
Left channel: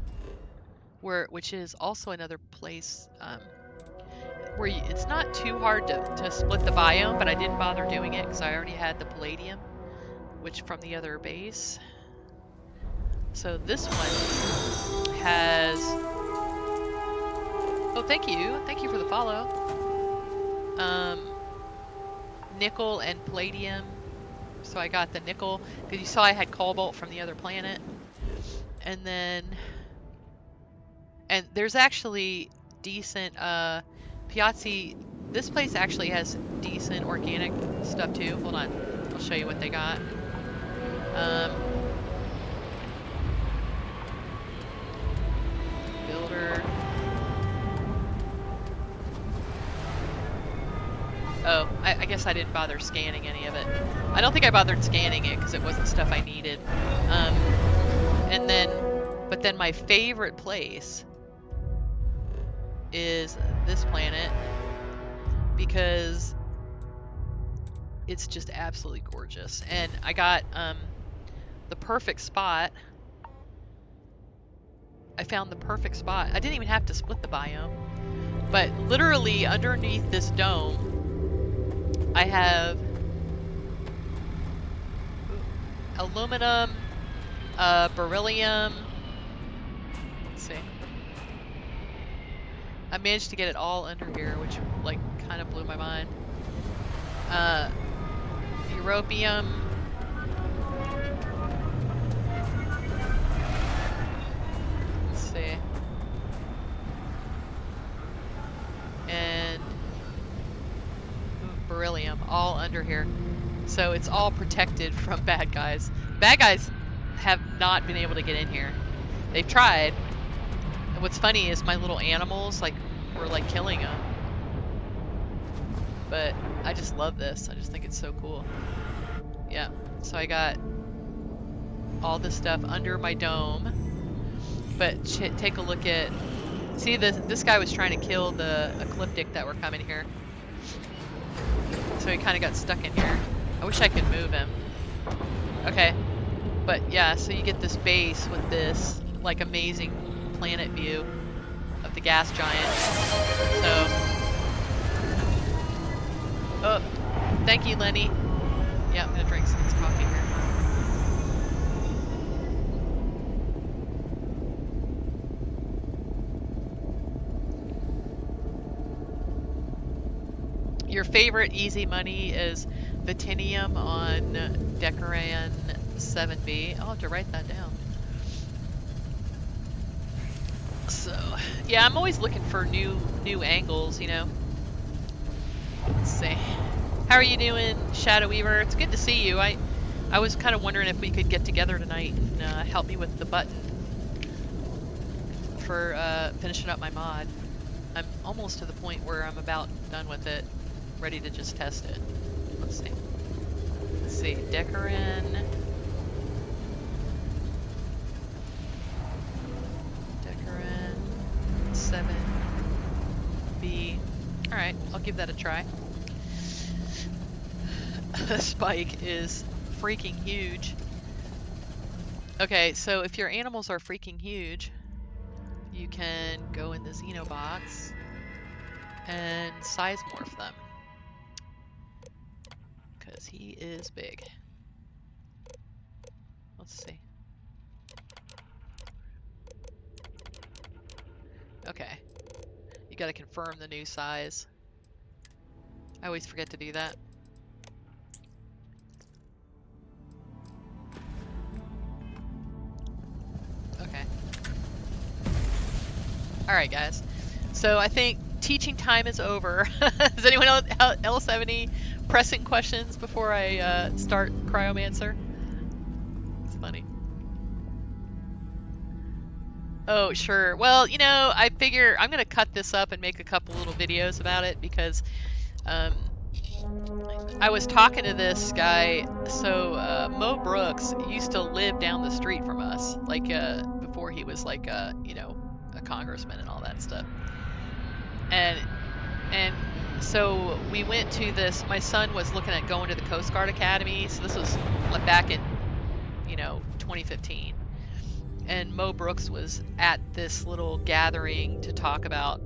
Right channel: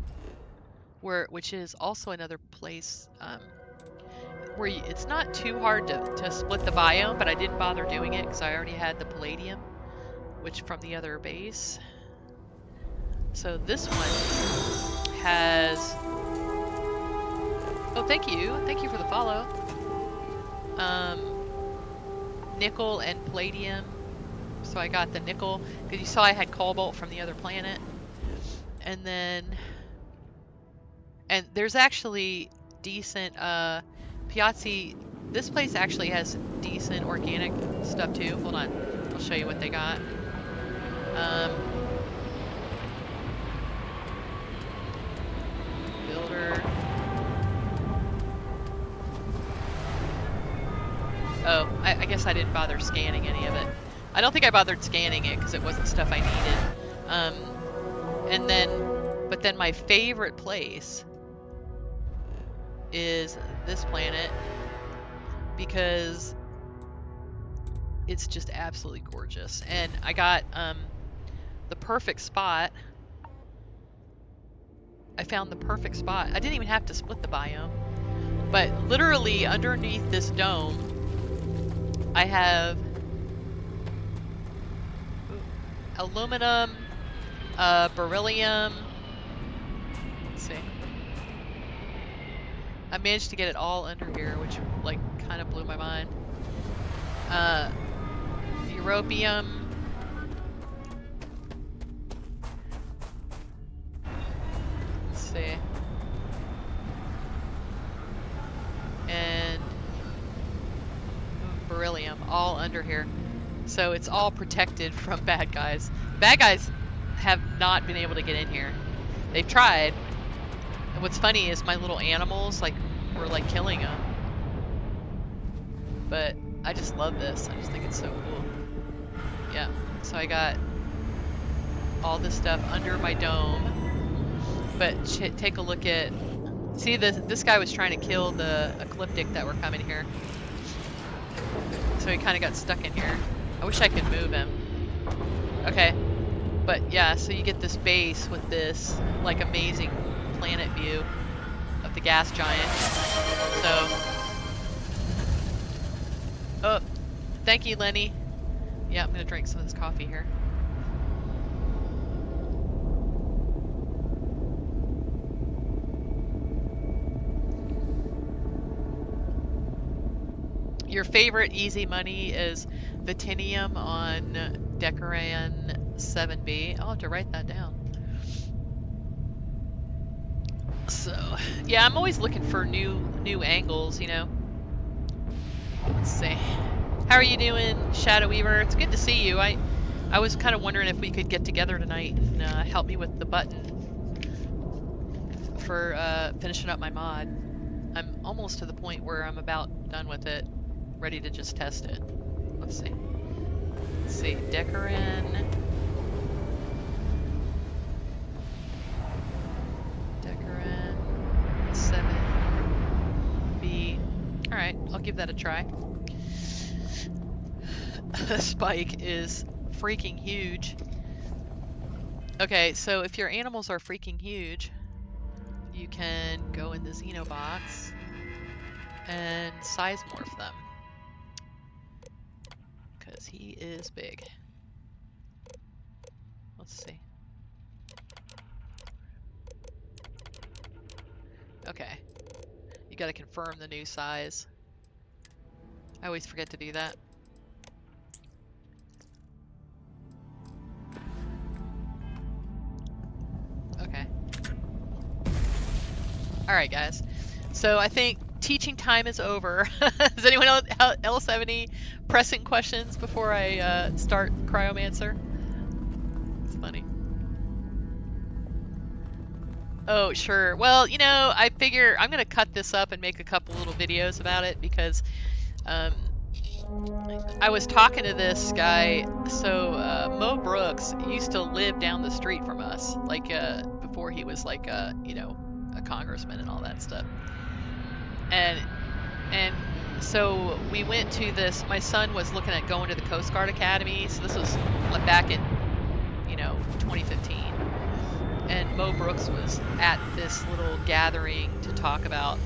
which is also another place where it's not too hard to split the biome, but I didn't bother doing it because I already had the palladium, which from the other base. So this one has... Oh, thank you for the follow. Nickel and palladium. So I got the nickel because you saw I had cobalt from the other planet, and then there's actually decent Piazzi. This place actually has decent organic stuff too. Hold on, I'll show you what they got. Builder. Oh, I guess I didn't bother scanning any of it. I don't think I bothered scanning it because it wasn't stuff I needed. But then my favorite place is this planet because it's just absolutely gorgeous. And I got the perfect spot. I found the perfect spot. I didn't even have to split the biome, but literally underneath this dome, I have aluminum, beryllium. Let's see. I managed to get it all under here, which like kind of blew my mind. Europium. Let's see. And beryllium, all under here. So it's all protected from bad guys. Bad guys have not been able to get in here. They've tried. And what's funny is my little animals were like killing them. But I just love this. I just think it's so cool. Yeah. So I got all this stuff under my dome. But take a look at... See, this guy was trying to kill the ecliptic that were coming here. So he kind of got stuck in here. I wish I could move him. Okay. But yeah, so you get this base with this like amazing planet view of the gas giant. So... Oh, thank you, Lenny. Yeah, I'm gonna drink some of this coffee here. Your favorite easy money is Vitinium on Decoran 7B. I'll have to write that down. So, yeah, I'm always looking for new angles, you know. Let's see. How are you doing, Shadow Weaver? It's good to see you. I was kind of wondering if we could get together tonight and help me with the button for finishing up my mod. I'm almost to the point where I'm about done with it, ready to just test it. Let's see. Let's see. Decoran. Decoran 7B. Alright, I'll give that a try. Spike is freaking huge. Okay, so if your animals are freaking huge, you can go in the Xenobox and size morph them. Because he is big. Let's see. Okay. You gotta confirm the new size. I always forget to do that. Okay. Alright, guys. So I think teaching time is over. Does anyone else have any pressing questions before I start Cryomancer? It's funny. Oh, sure. Well, you know, I figure I'm going to cut this up and make a couple little videos about it because I was talking to this guy. So Mo Brooks used to live down the street from us, like before he was like you know, a congressman and all that stuff. And so we went to this. My son was looking at going to the Coast Guard Academy. So this was back in, you know, 2015. And Mo Brooks was at this little gathering to talk about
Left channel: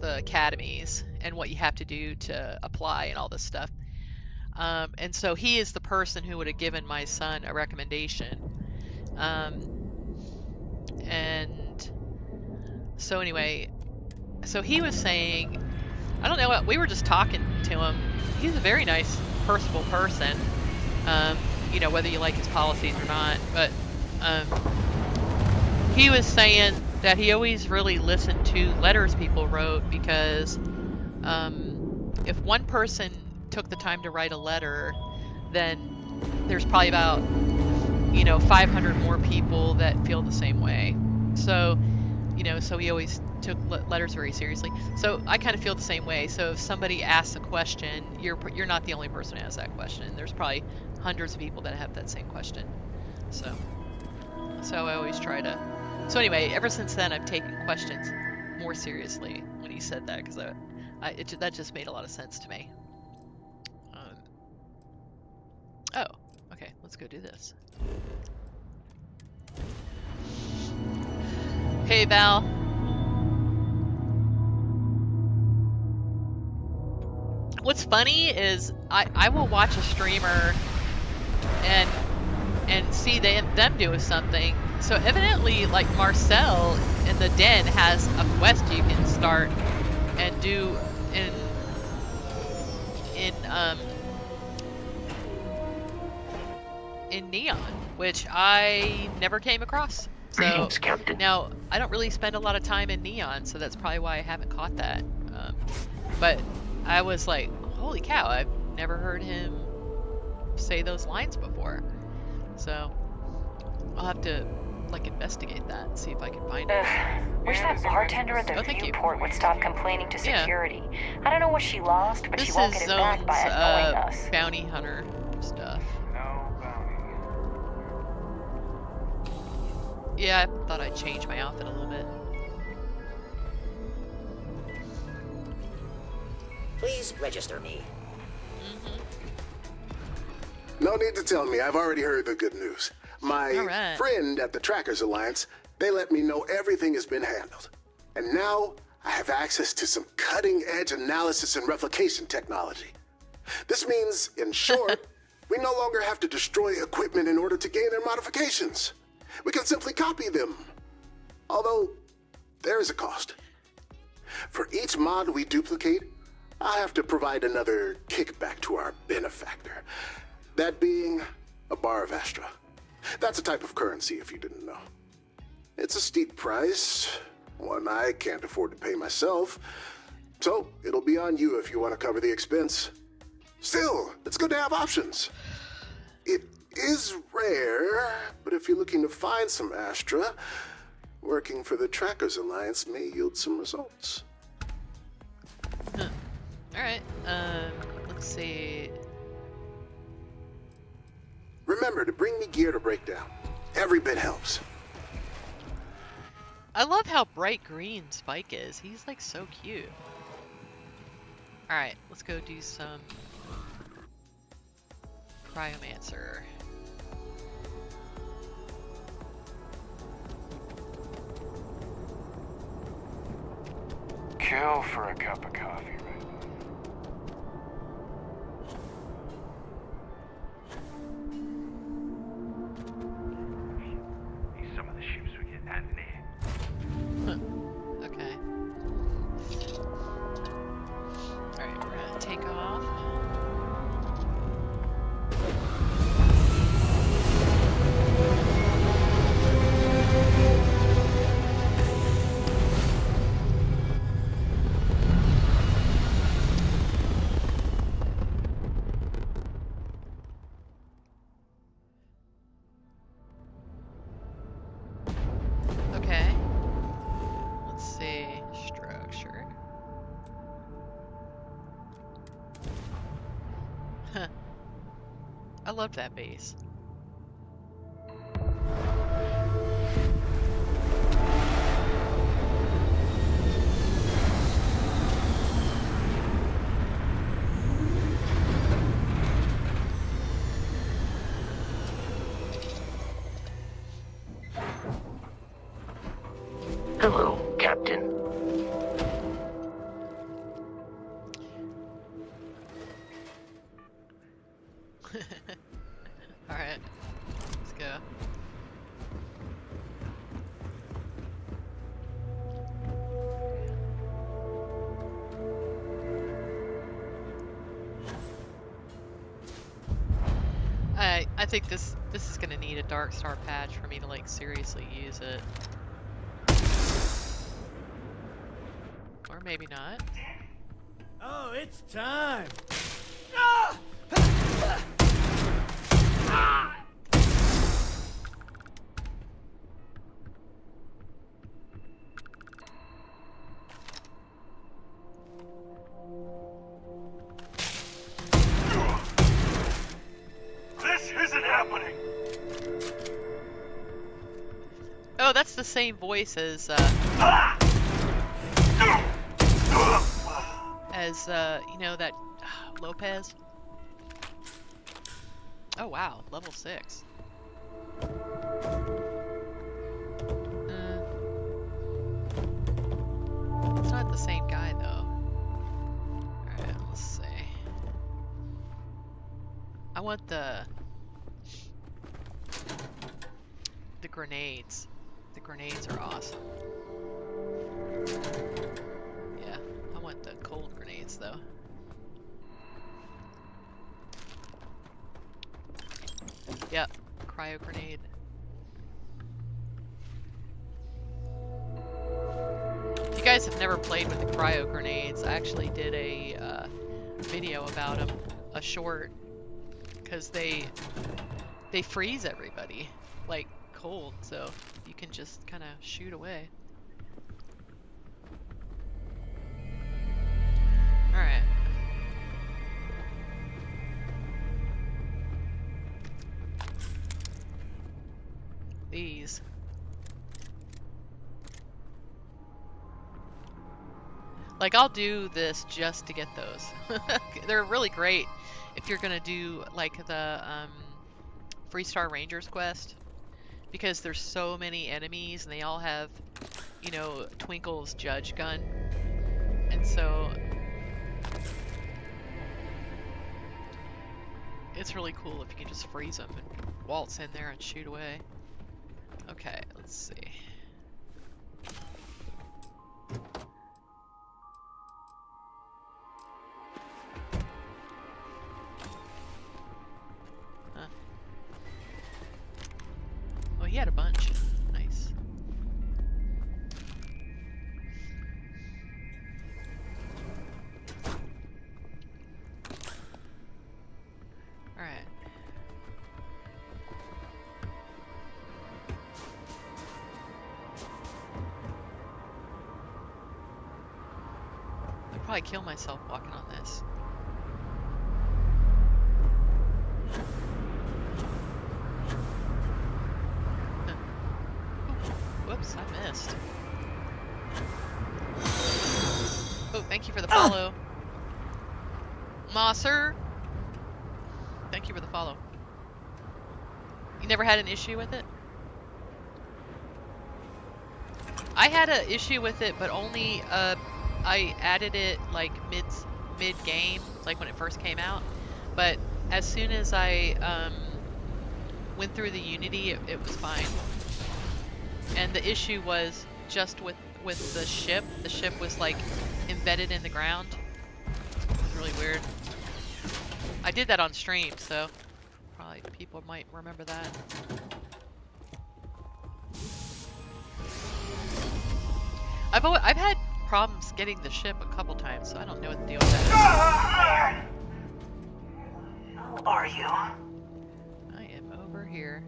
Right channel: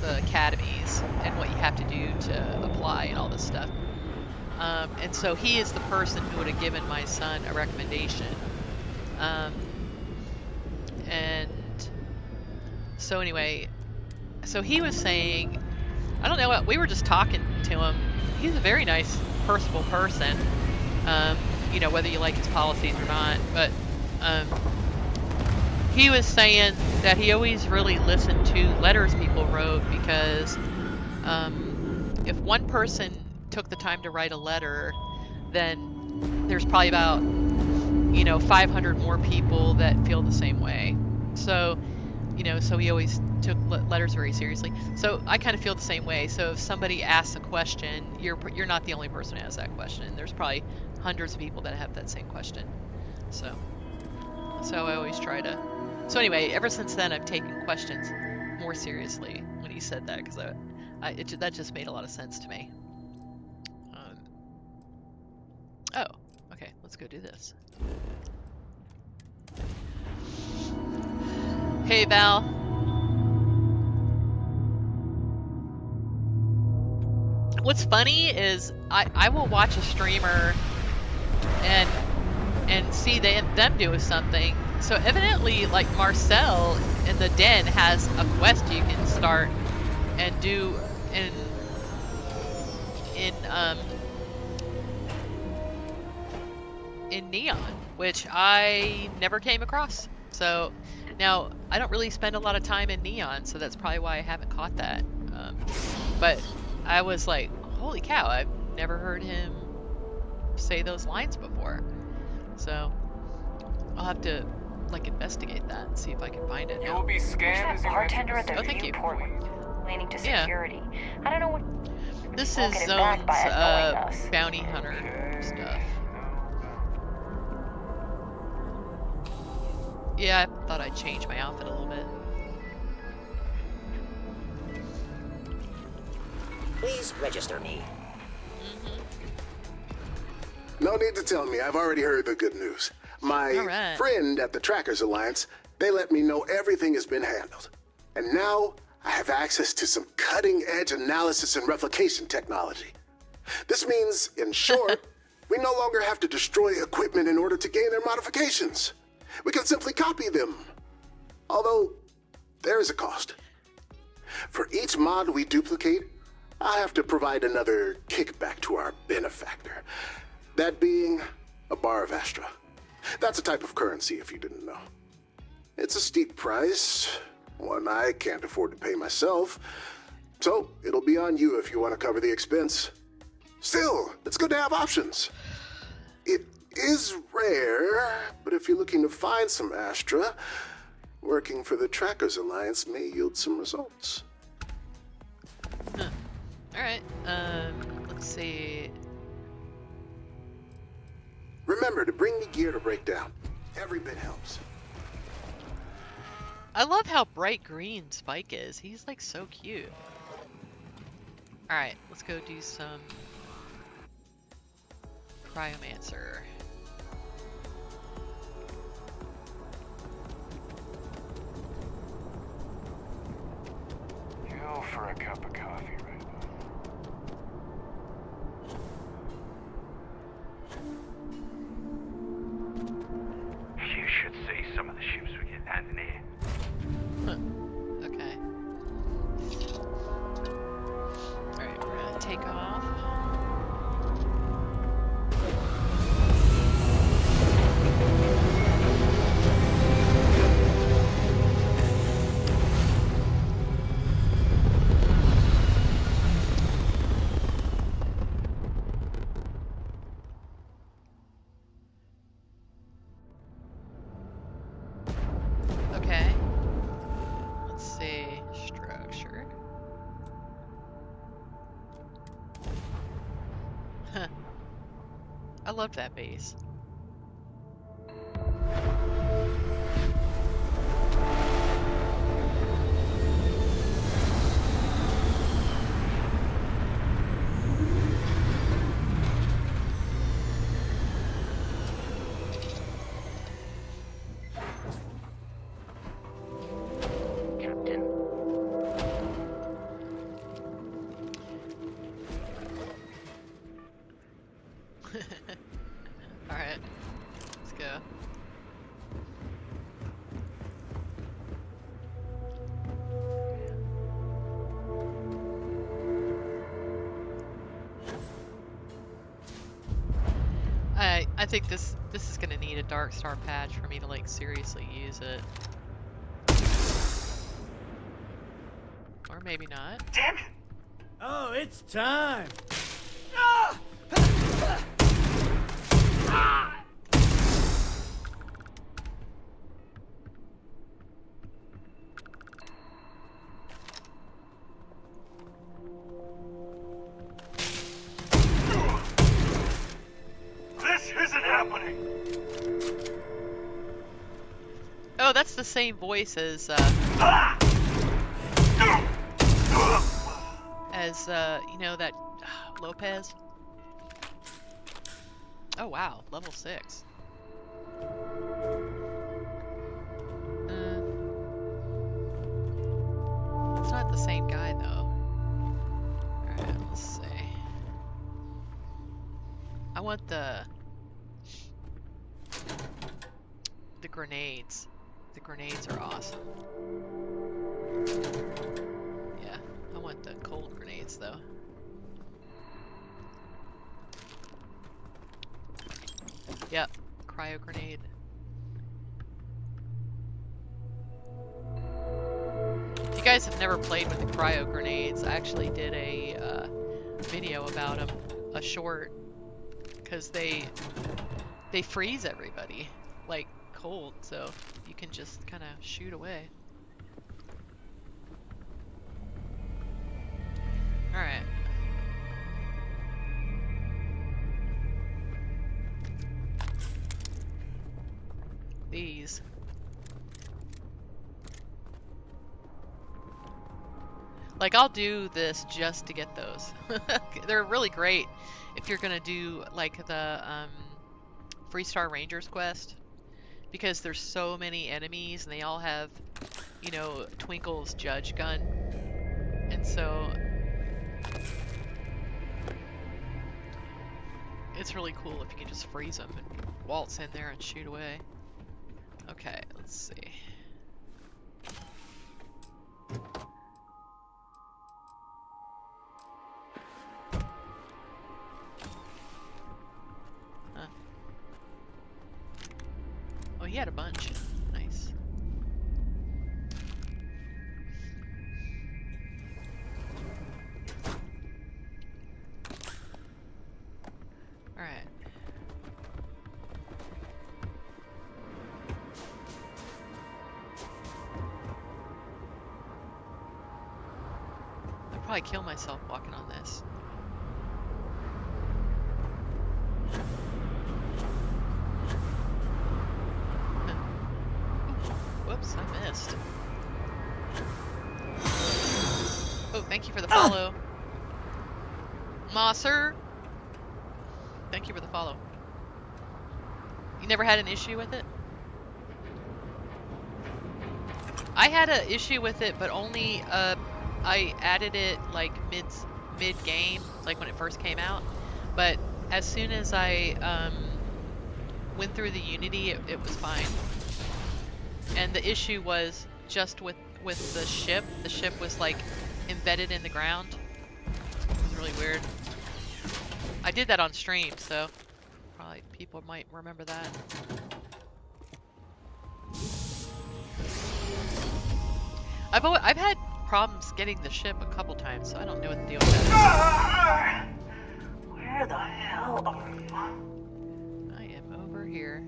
the academies and what you have to do to apply and all this stuff. And so he is the person who would have given my son a recommendation. And so anyway, so he was saying, I don't know what, we were just talking to him. He's a very nice, personable person. You know, whether you like his policies or not, but he was saying that he always really listened to letters people wrote because if one person took the time to write a letter, then there's probably about, you know, 500 more people that feel the same way. So, you know, so he always took letters very seriously. So I kind of feel the same way. So if somebody asks a question, you're not the only person who has that question. There's probably hundreds of people that have that same question. So I always try to. So anyway, ever since then, I've taken questions more seriously when he said that because that just made a lot of sense to me. Oh, okay, let's go do this. Hey, Val. What's funny is I will watch a streamer and see them do something. So evidently, like Marcel in the den has a quest you can start and do in Neon, which I never came across. So now I don't really spend a lot of time in Neon, so that's probably why I haven't caught that. But I was like, holy cow, I've never heard him say those lines before. So I'll have to like investigate that and see if I can find it. Wish that bartender at the viewport would stop complaining to security. Yeah. I don't know what she lost, but she won't get it back by annoying us. Bounty hunter stuff. Yeah, I thought I'd change my outfit a little bit. Please register me. No need to tell me. I've already heard the good news. My friend at the Trackers Alliance, they let me know everything has been handled. And now I have access to some cutting-edge analysis and replication technology. This means, in short, we no longer have to destroy equipment in order to gain their modifications. We can simply copy them. Although, there is a cost. For each mod we duplicate, I have to provide another kickback to our benefactor. That being a bar of Astra. That's a type of currency, if you didn't know. It's a steep price, one I can't afford to pay myself. So, it'll be on you if you want to cover the expense. Still, it's good to have options. It is rare, but if you're looking to find some Astra, working for the Trackers Alliance may yield some results. Alright, let's see. Remember to bring me gear to break down. Every bit helps. I love how bright green Spike is. He's like so cute. Alright, let's go do some Cryomancer. kill for a cup of coffee right now. You should see some of the ships we get landing here. Okay. Alright, we're gonna take off. Okay. Let's see. Structure. I love that base. Hello, Captain. Alright. Let's go. I think this is gonna need a Dark Star patch for me to like seriously use it. Or maybe not. Damn it! Oh, it's time! This isn't happening! Oh, that's the same voice as you know, that Lopez. Oh wow, level 6. It's not the same guy though. Alright, let's see. I want the grenades. The grenades are awesome. Yeah, I want the cold grenades though. Yep, cryo grenade. If you guys have never played with the cryo grenades, I actually did a video about them, a short, because they freeze everybody like cold, so you can just kind of shoot away. All right. These. Like, I'll do this just to get those. They're really great if you're gonna do like the Freestar Rangers quest, because there's so many enemies and they all have, you know, Twinkle's judge gun, and so it's really cool if you can just freeze them and waltz in there and shoot away. Okay, let's see. Huh. Oh, he had a bunch. Nice. All right. I'd probably kill myself walking on this. Whoops, I missed. Oh, thank you for the follow. Mosser! Thank you for the follow. You never had an issue with it? I had an issue with it, but only I added it like mid-game, like when it first came out. But as soon as I went through the Unity, it was fine. And the issue was just with the ship. The ship was like embedded in the ground. It was really weird. I did that on stream, so probably people might remember that. I've had problems getting the ship a couple times, so I don't know what the deal with that is. Where the hell are you? I am over here.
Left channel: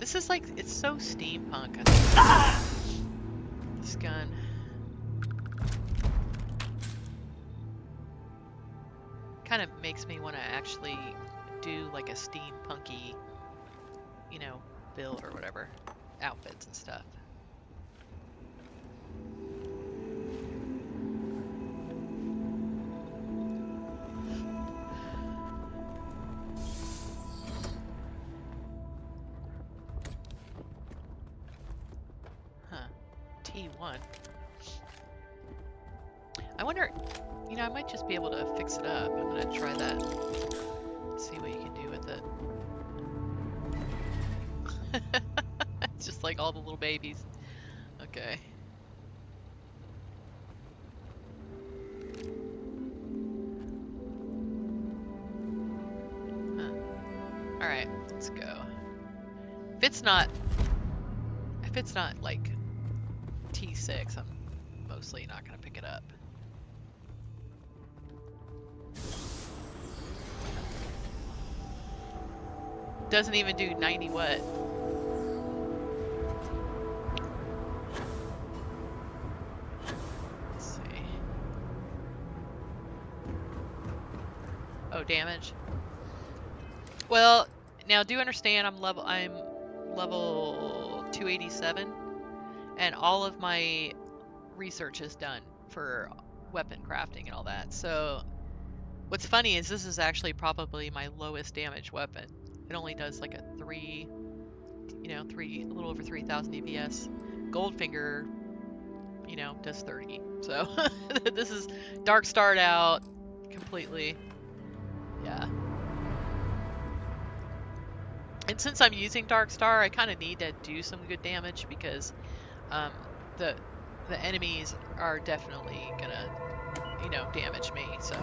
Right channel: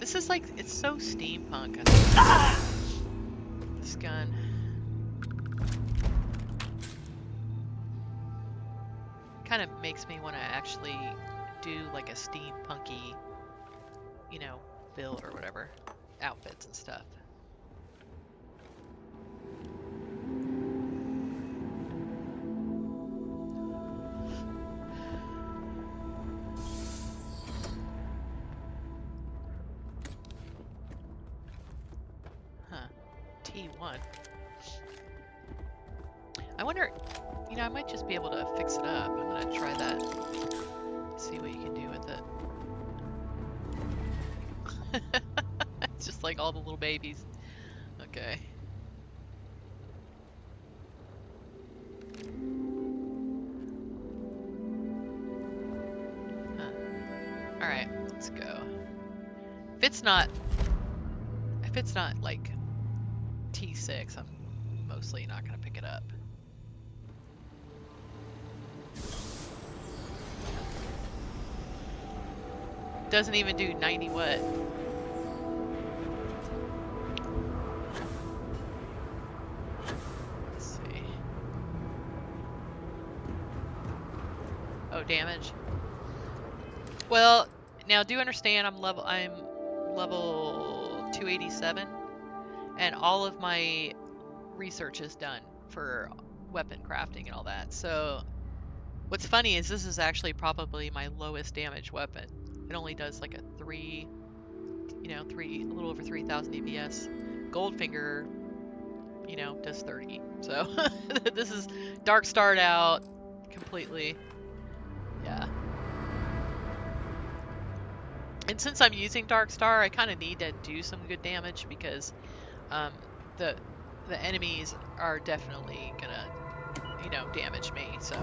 This is like, it's so steampunk, I think. This gun. Kind of makes me want to actually do like a steampunky, you know, build or whatever. Outfits and stuff. T1. I wonder, you know, I might just be able to fix it up. I'm gonna try that. See what you can do with it. It's just like all the little babies. Okay. Huh. Alright, let's go. If it's not like T6, I'm mostly not gonna pick it up. Doesn't even do 90 what? Let's see. Oh, damage. Well, now do understand I'm level 287, and all of my research is done for weapon crafting and all that. So what's funny is this is actually probably my lowest damage weapon. It only does like a a little over 3,000 DPS. Goldfinger, you know, does 30. So this is dark starred out completely. Yeah. And since I'm using Dark Star, I kind of need to do some good damage because the enemies are definitely gonna, you know, damage me. So.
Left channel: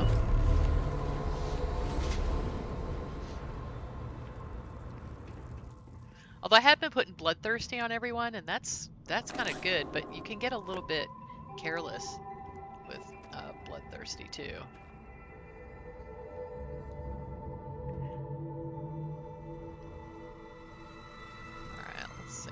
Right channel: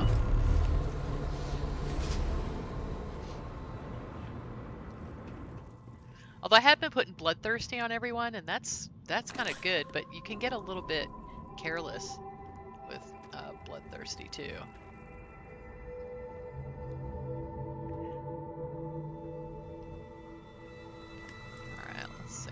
Although I have been putting Bloodthirsty on everyone, and that's kind of good, but you can get a little bit careless with Bloodthirsty too. Alright, let's see.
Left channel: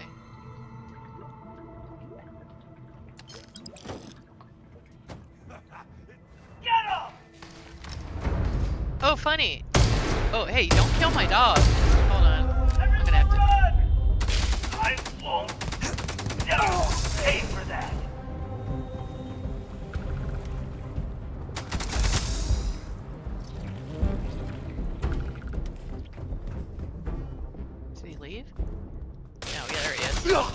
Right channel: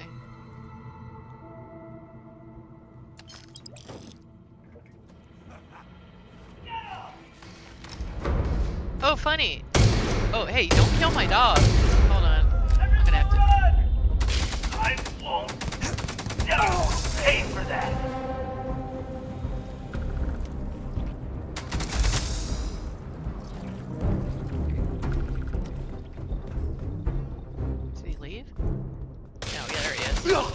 Oh, funny! Oh, hey, don't kill my dog! Hold on. I'm gonna have to... I won't pay for that. Did he leave? No, yeah, there he is. Ooh.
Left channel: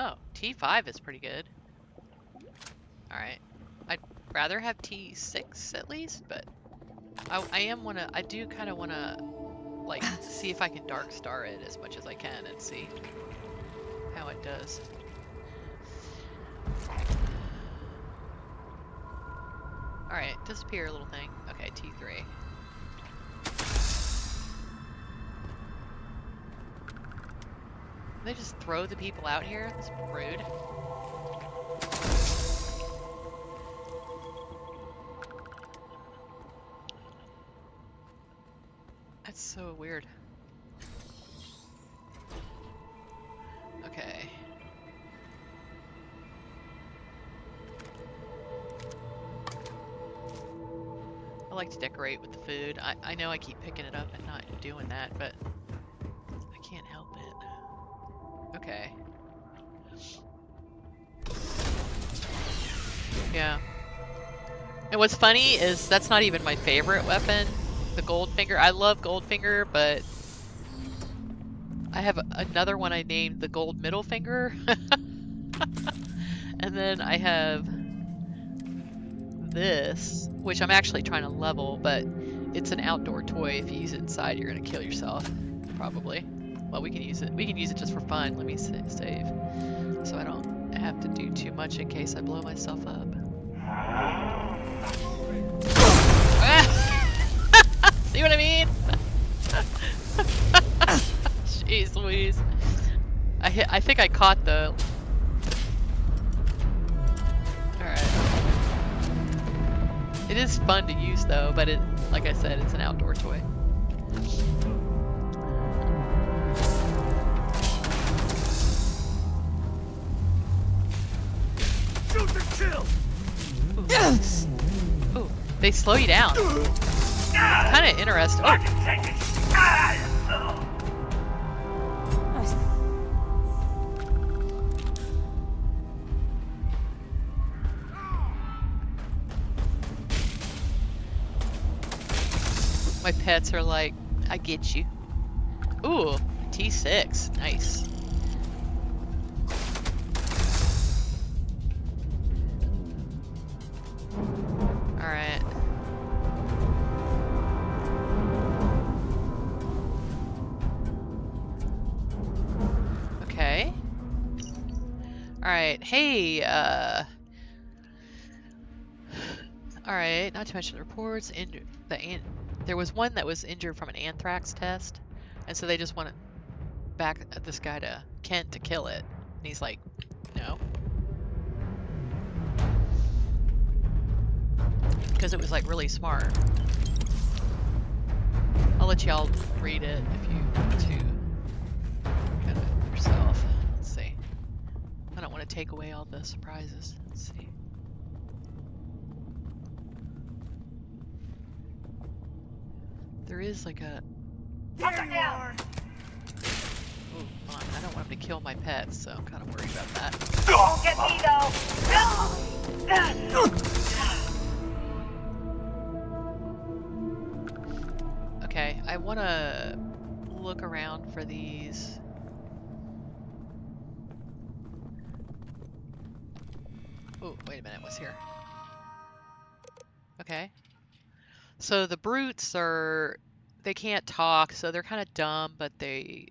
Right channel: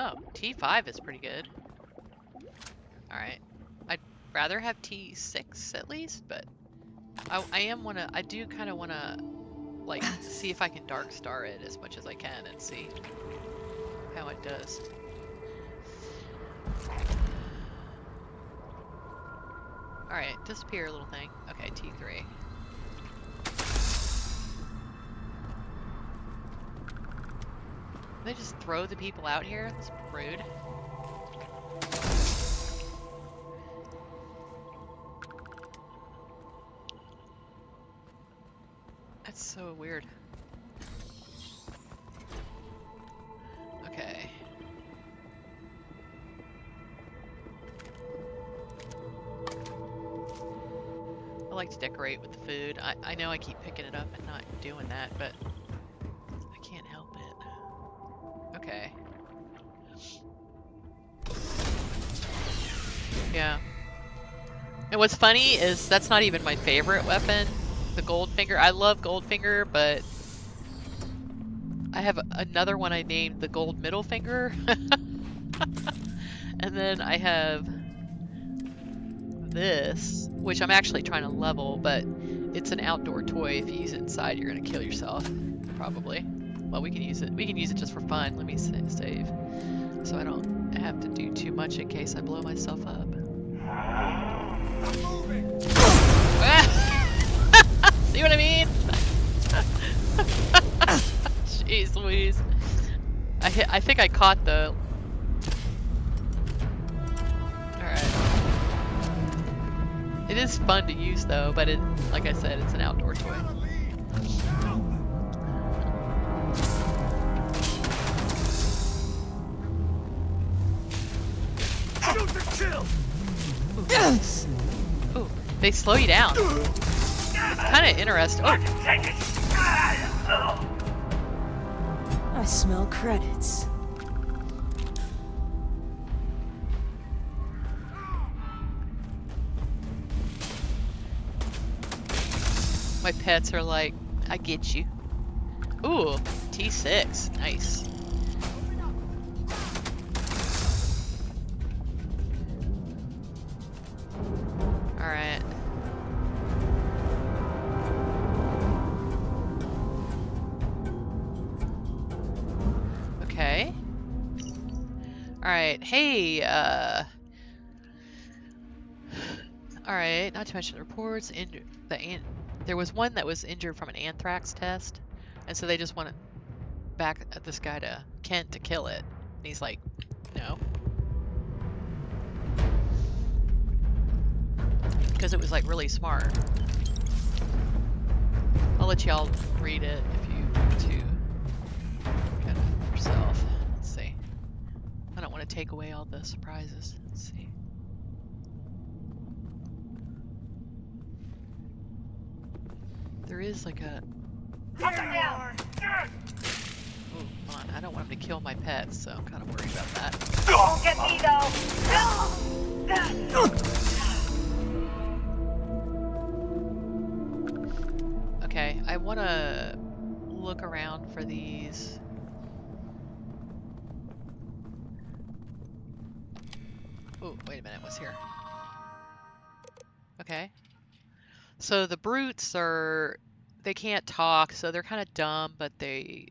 Oh, T5 is pretty good. Alright. I'd rather have T6 at least, but I do kind of want to, like, see if I can Dark Star it as much as I can and see how it does. Alright, disappear, little thing. Okay, T3. They just throw the people out here? That's rude. That's so weird. Okay. I like to decorate with the food. I know I keep picking it up and not doing that, but I can't help it. Okay. Yeah. And what's funny is that's not even my favorite weapon, the Goldfinger. I love Goldfinger, but I have another one I named the Gold Middle Finger. And then I have this, which I'm actually trying to level, but it's an outdoor toy. If you use it inside, you're gonna kill yourself, probably. Well, we can use it. We can use it just for fun. Let me save, so I don't have to do too much in case I blow myself up. See what I mean? Jeez Louise. I think I caught the... Alright. It is fun to use though, but it, like I said, it's an outdoor toy. Shoot to kill! Ooh, they slow you down. It's kind of interesting. Oh. I smell credits. My pets are like, I get you. Ooh, T6, nice. Alright. Okay. Alright, hey, alright, not to mention the reports, there was one that was injured from an anthrax test, and so they just wanted back at this guy to Kent to kill it. And he's like, no. Because it was like really smart. I'll let y'all read it if you want to kind of yourself. Let's see. I don't want to take away all the surprises. Let's see. There is like a... There you are! Ooh, hold on. I don't want him to kill my pets, so I'm kind of worried about that. Don't get me though! Okay, I want to look around for these. Oh, wait a minute, what's here? Okay. So the brutes are, they can't talk, so they're kind of dumb, but they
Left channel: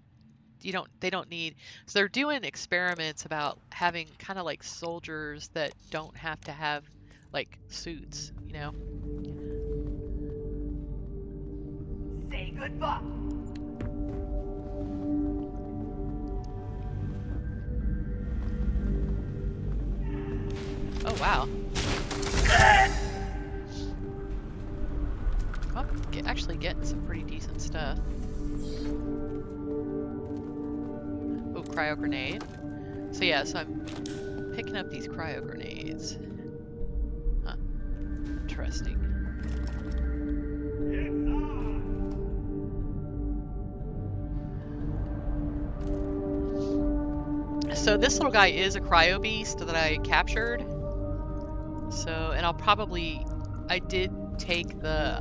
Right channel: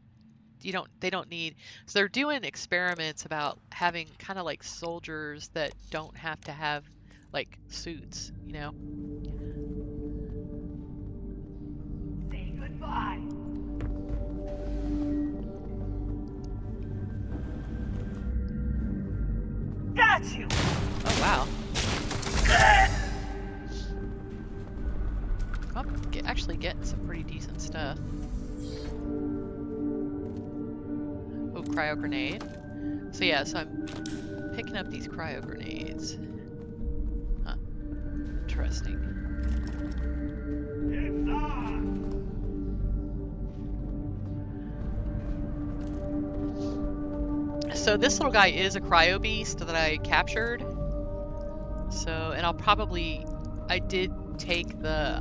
don't need, so they're doing experiments about having kind of like soldiers that don't have to have like suits, you know? Say goodbye. Got you. Oh wow. I'm actually getting some pretty decent stuff. Oh, cryo grenade. So yeah, so I'm picking up these cryo grenades. Huh. Interesting. It's on! So this little guy is a cryo beast that I captured. So, and I'll probably, I did take the,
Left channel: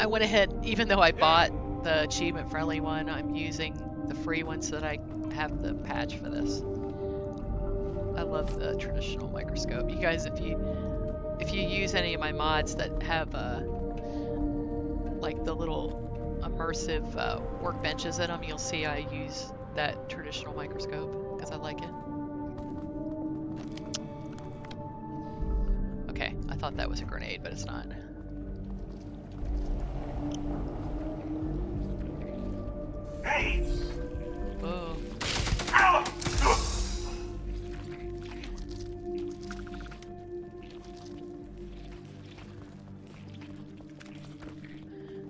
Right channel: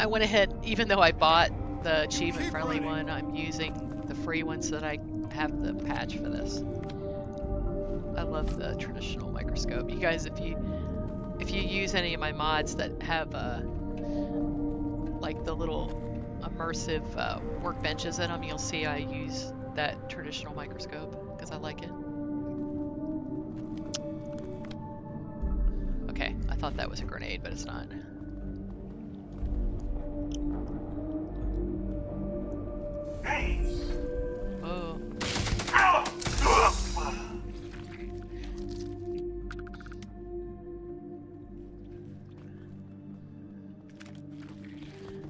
I went ahead, even though I bought the achievement friendly one, I'm using the free one so that I have the patch for this. I love the traditional microscope. You guys, if you use any of my mods that have like the little immersive workbenches in them, you'll see I use that traditional microscope because I like it. Okay, I thought that was a grenade, but it's not. Hey! Oh. Ow!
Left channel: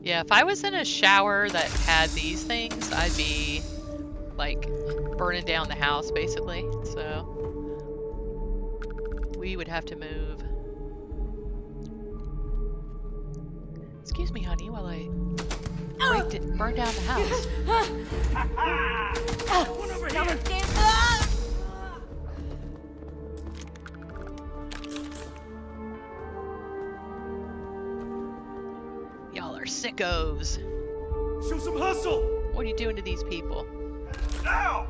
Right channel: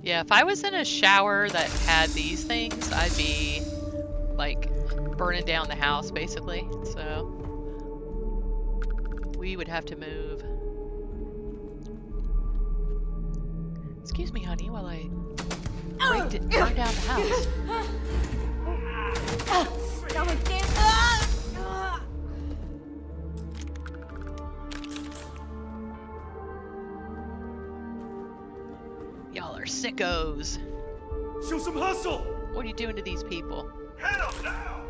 Yeah, if I was in a shower that had these things, I'd be like burning down the house basically. So we would have to move. Excuse me, honey, while I burn down the house. sickos. Show some hustle! What are you doing to these people? Hell now!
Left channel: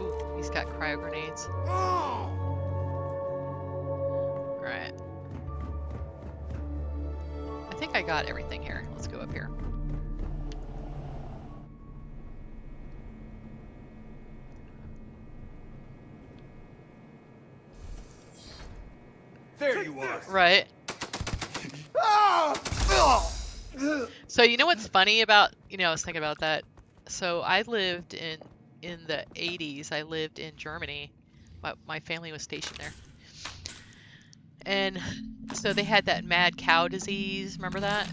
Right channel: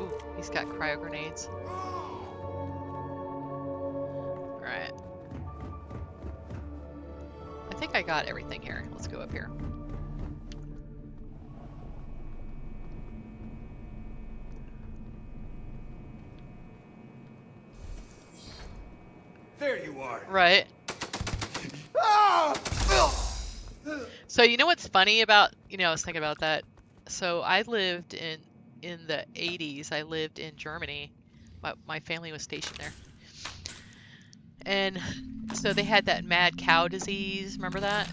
Ooh, he's got cryo grenades. Alright. I think I got everything here. Let's go up here. There you are. Right. So you know what's funny about, I was thinking about that. So I lived in the 80s, I lived in Germany. My family was stationed there. And so they had that mad cow disease, remember that?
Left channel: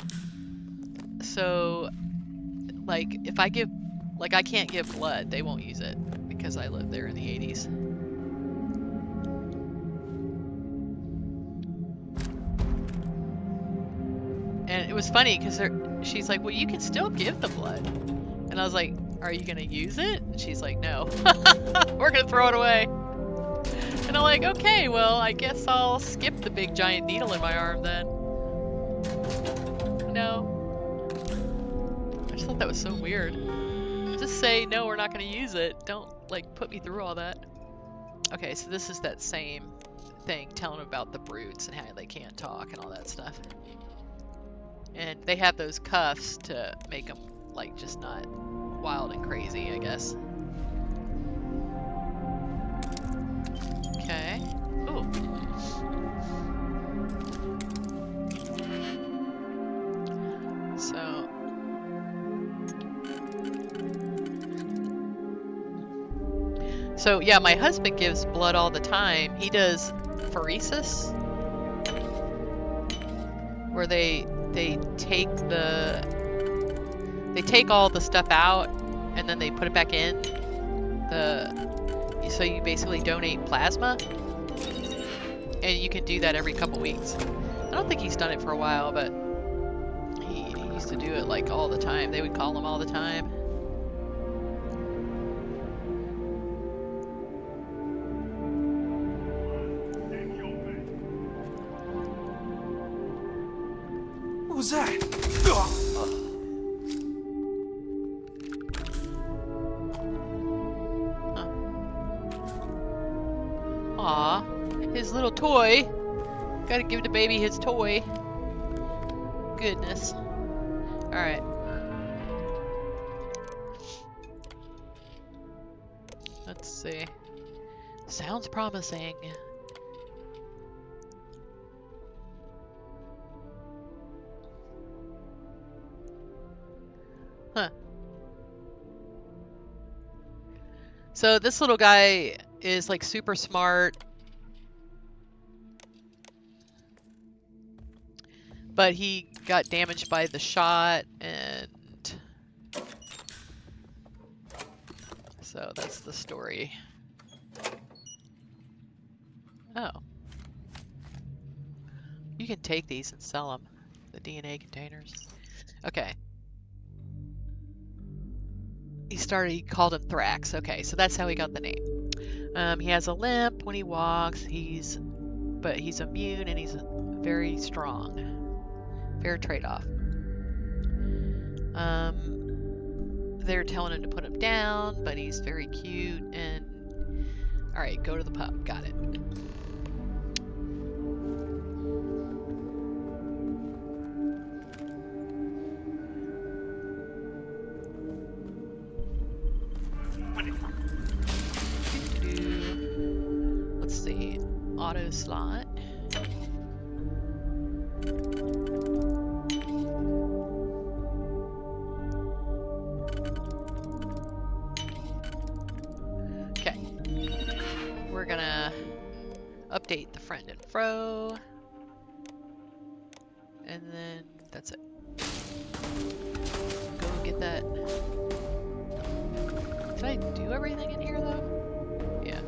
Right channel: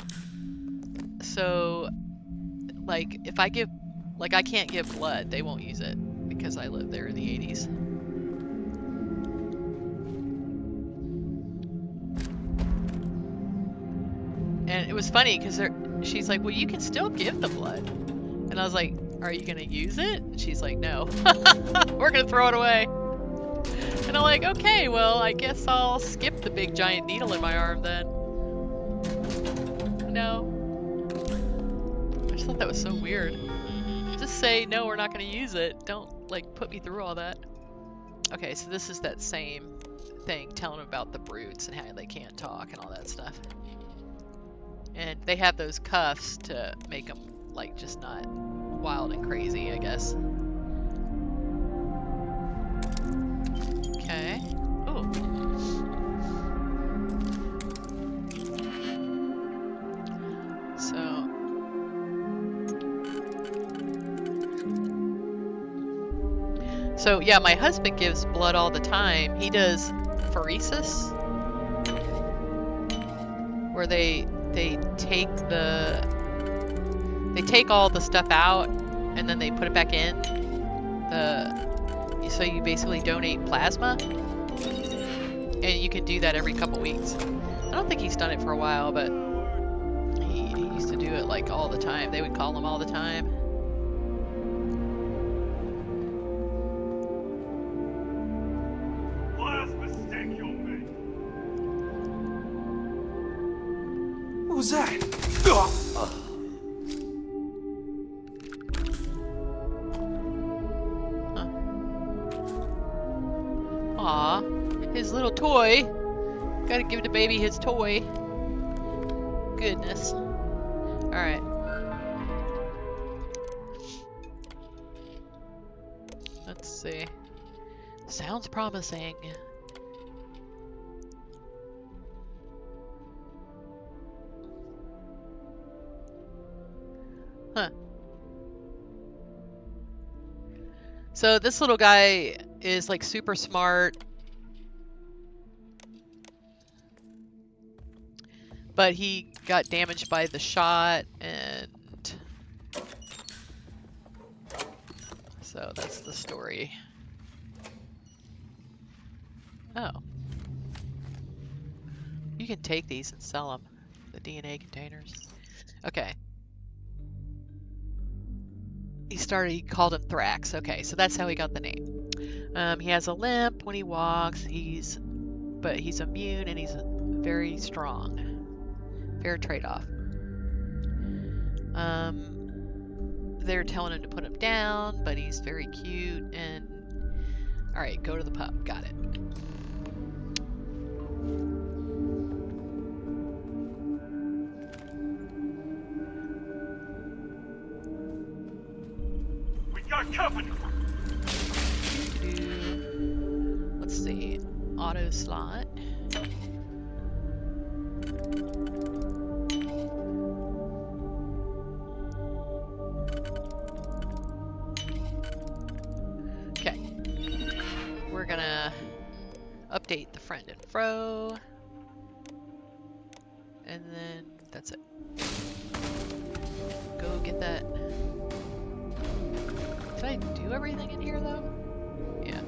So like if I give, like I can't give blood, they won't use it because I lived there in the 80s. And it was funny because she's like, well, you can still give the blood. And I was like, are you going to use it? And she's like, no. We're going to throw it away. And I'm like, okay, well, I guess I'll skip the big giant needle in my arm then. No. I just thought that was so weird. Just say, no, we're not going to use it. Don't, like, put me through all that. Okay, so this is that same thing, telling them about the brutes and how they can't talk and all that stuff. And they have those cuffs to make them, like, just not wild and crazy, I guess. Okay. Ooh. So yeah, my husband gives blood all the time. He does pheresis, where they take all the stuff out and then they put it back in. So you basically donate plasma, and you can do that every couple weeks. I don't think he's done it for a while, but he used to do it like all the time. They would call him all the time. Last mistake you'll make. What was that? Aw, his little toy. Gotta give the baby his toy. Goodness. Alright. Let's see. Sounds promising. Huh. So this little guy is like super smart, but he got damaged by the shot, and so that's the story. Oh. You can take these and sell them, the DNA containers. Okay. He called him Thrax. Okay, so that's how he got the name. He has a limp when he walks. But he's immune and he's very strong. Fair trade-off. They're telling him to put him down, but he's very cute and... Alright, go to the pub. Got it. Company. Let's see. Auto slot. Okay. We're gonna update the friend and fro. And then that's it. Go get that. Did I do everything in here though? Yeah.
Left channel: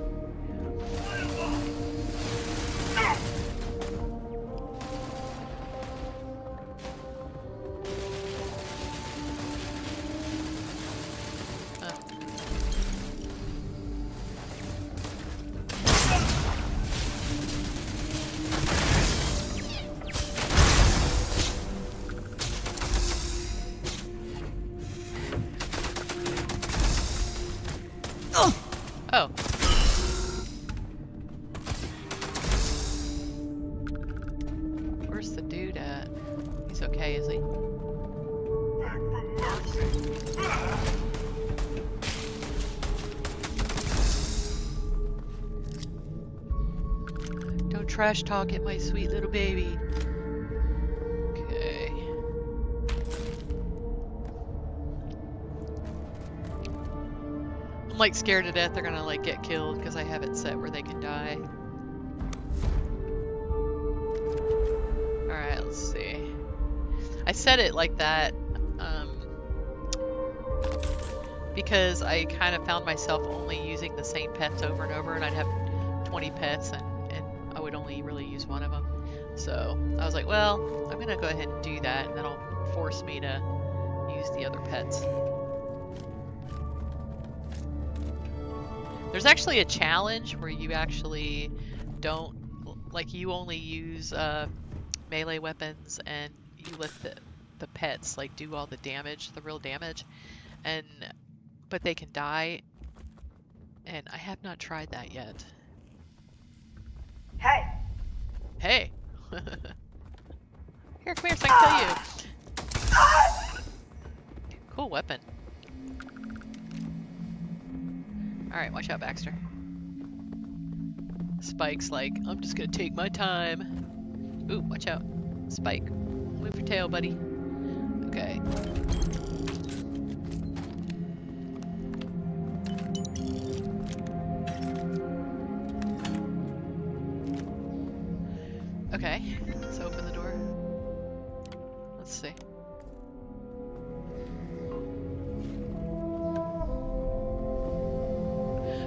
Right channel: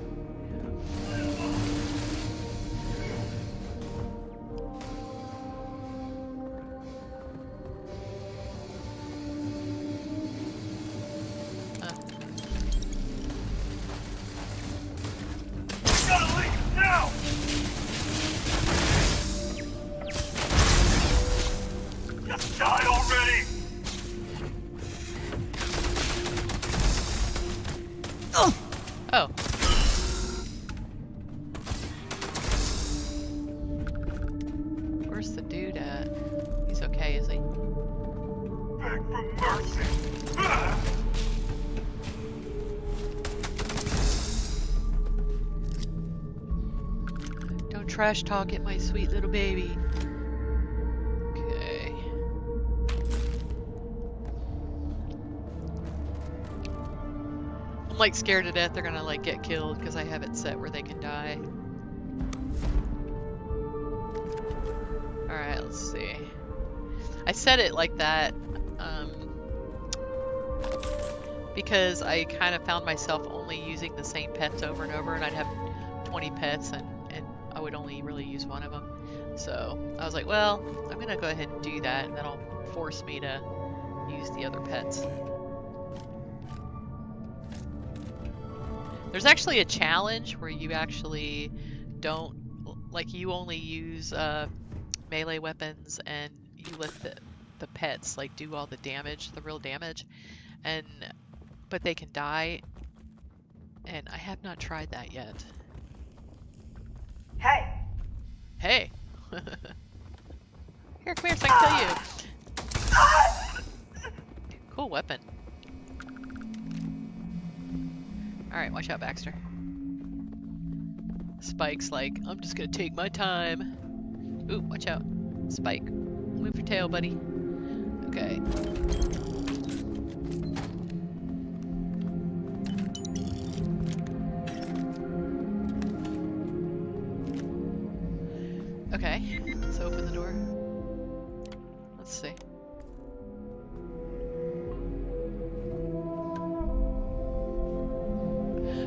trash talking my sweet little baby. Okay. I'm like scared to death they're gonna like get killed because I have it set where they can die. Alright, let's see. I set it like that because I kind of found myself only using the same pets over and over, and I'd have 20 pets and I would only really use one of them. So I was like, well, I'm gonna go ahead and do that, and that'll force me to use the other pets. There's actually a challenge where you actually don't, like, you only use melee weapons and you let the pets like do all the damage, the real damage, but they can die, and I have not tried that yet. Hey. Hey. Here, come here so I can kill you. Cool weapon. Alright, watch out, Baxter. Spike's like, I'm just gonna take my time. Ooh, watch out. Spike. Move your tail, buddy. Okay. Okay, let's open the door. Let's see.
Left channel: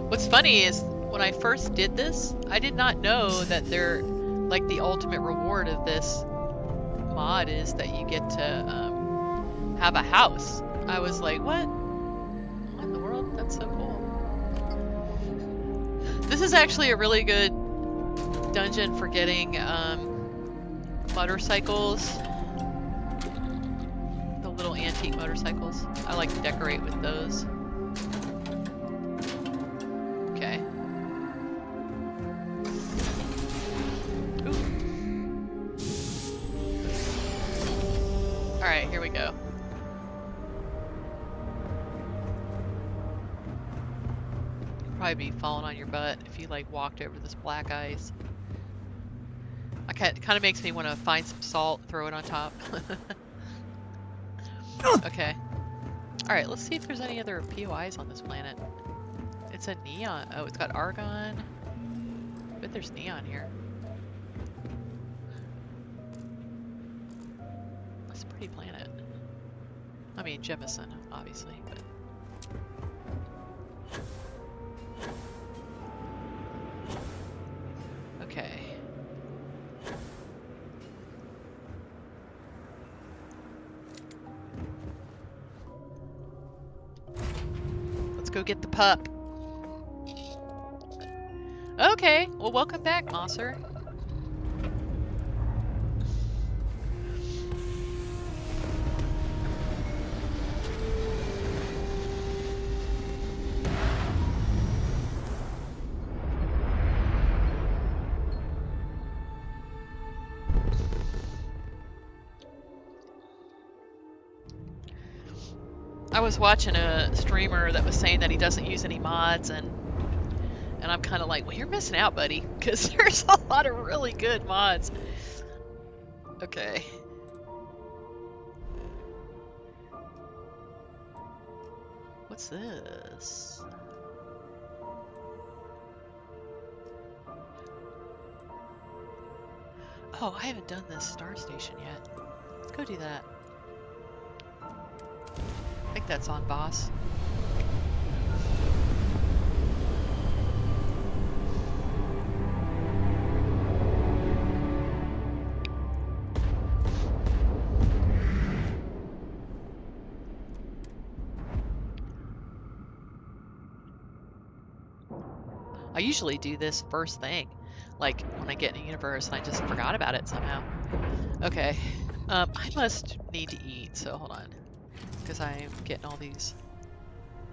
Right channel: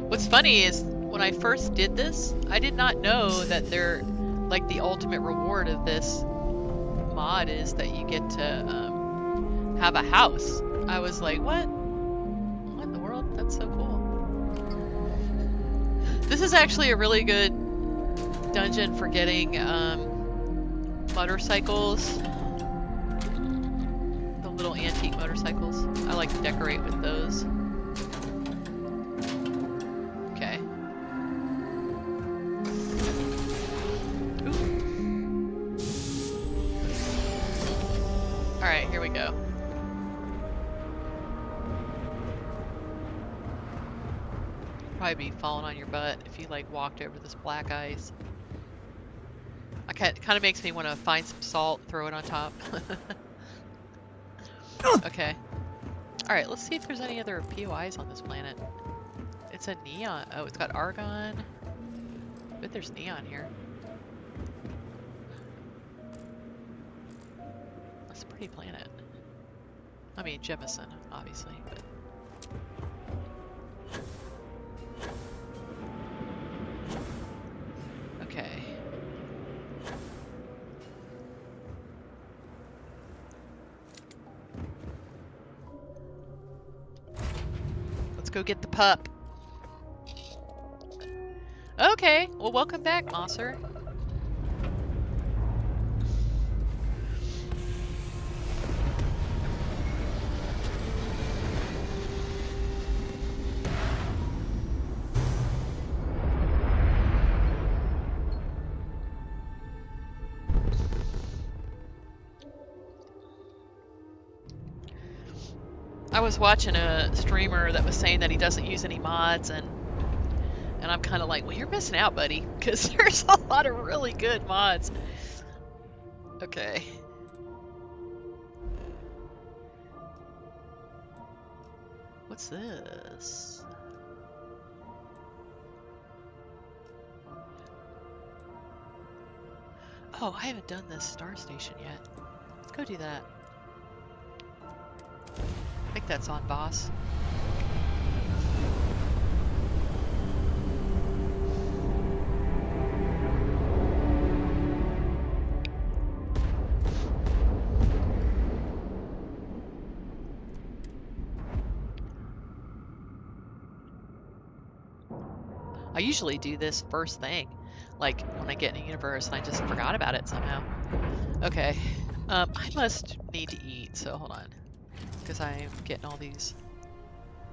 What's funny is when I first did this, I did not know that they're like the ultimate reward of this mod is that you get to have a house. I was like, what? What in the world? That's so cool. This is actually a really good dungeon for getting motorcycles. The little antique motorcycles. I like to decorate with those. Okay. Ooh. Alright, here we go. You'd probably be falling on your butt if you like walked over this black ice. It kind of makes me want to find some salt, throw it on top. Okay. Alright, let's see if there's any other POIs on this planet. It's a neon. Oh, it's got argon. I bet there's neon here. That's a pretty planet. I mean, Jemison, obviously, but... Okay. Let's go get the pup. Okay, well, welcome back, Mosser. I was watching a streamer that was saying that he doesn't use any mods, and I'm kind of like, well, you're missing out, buddy, because there's a lot of really good mods. Okay. What's this? Oh, I haven't done this star station yet. Let's go do that. I think that's on boss. I usually do this first thing, like when I get in a universe, and I just forgot about it somehow. Okay, I must need to eat, so hold on, because I'm getting all these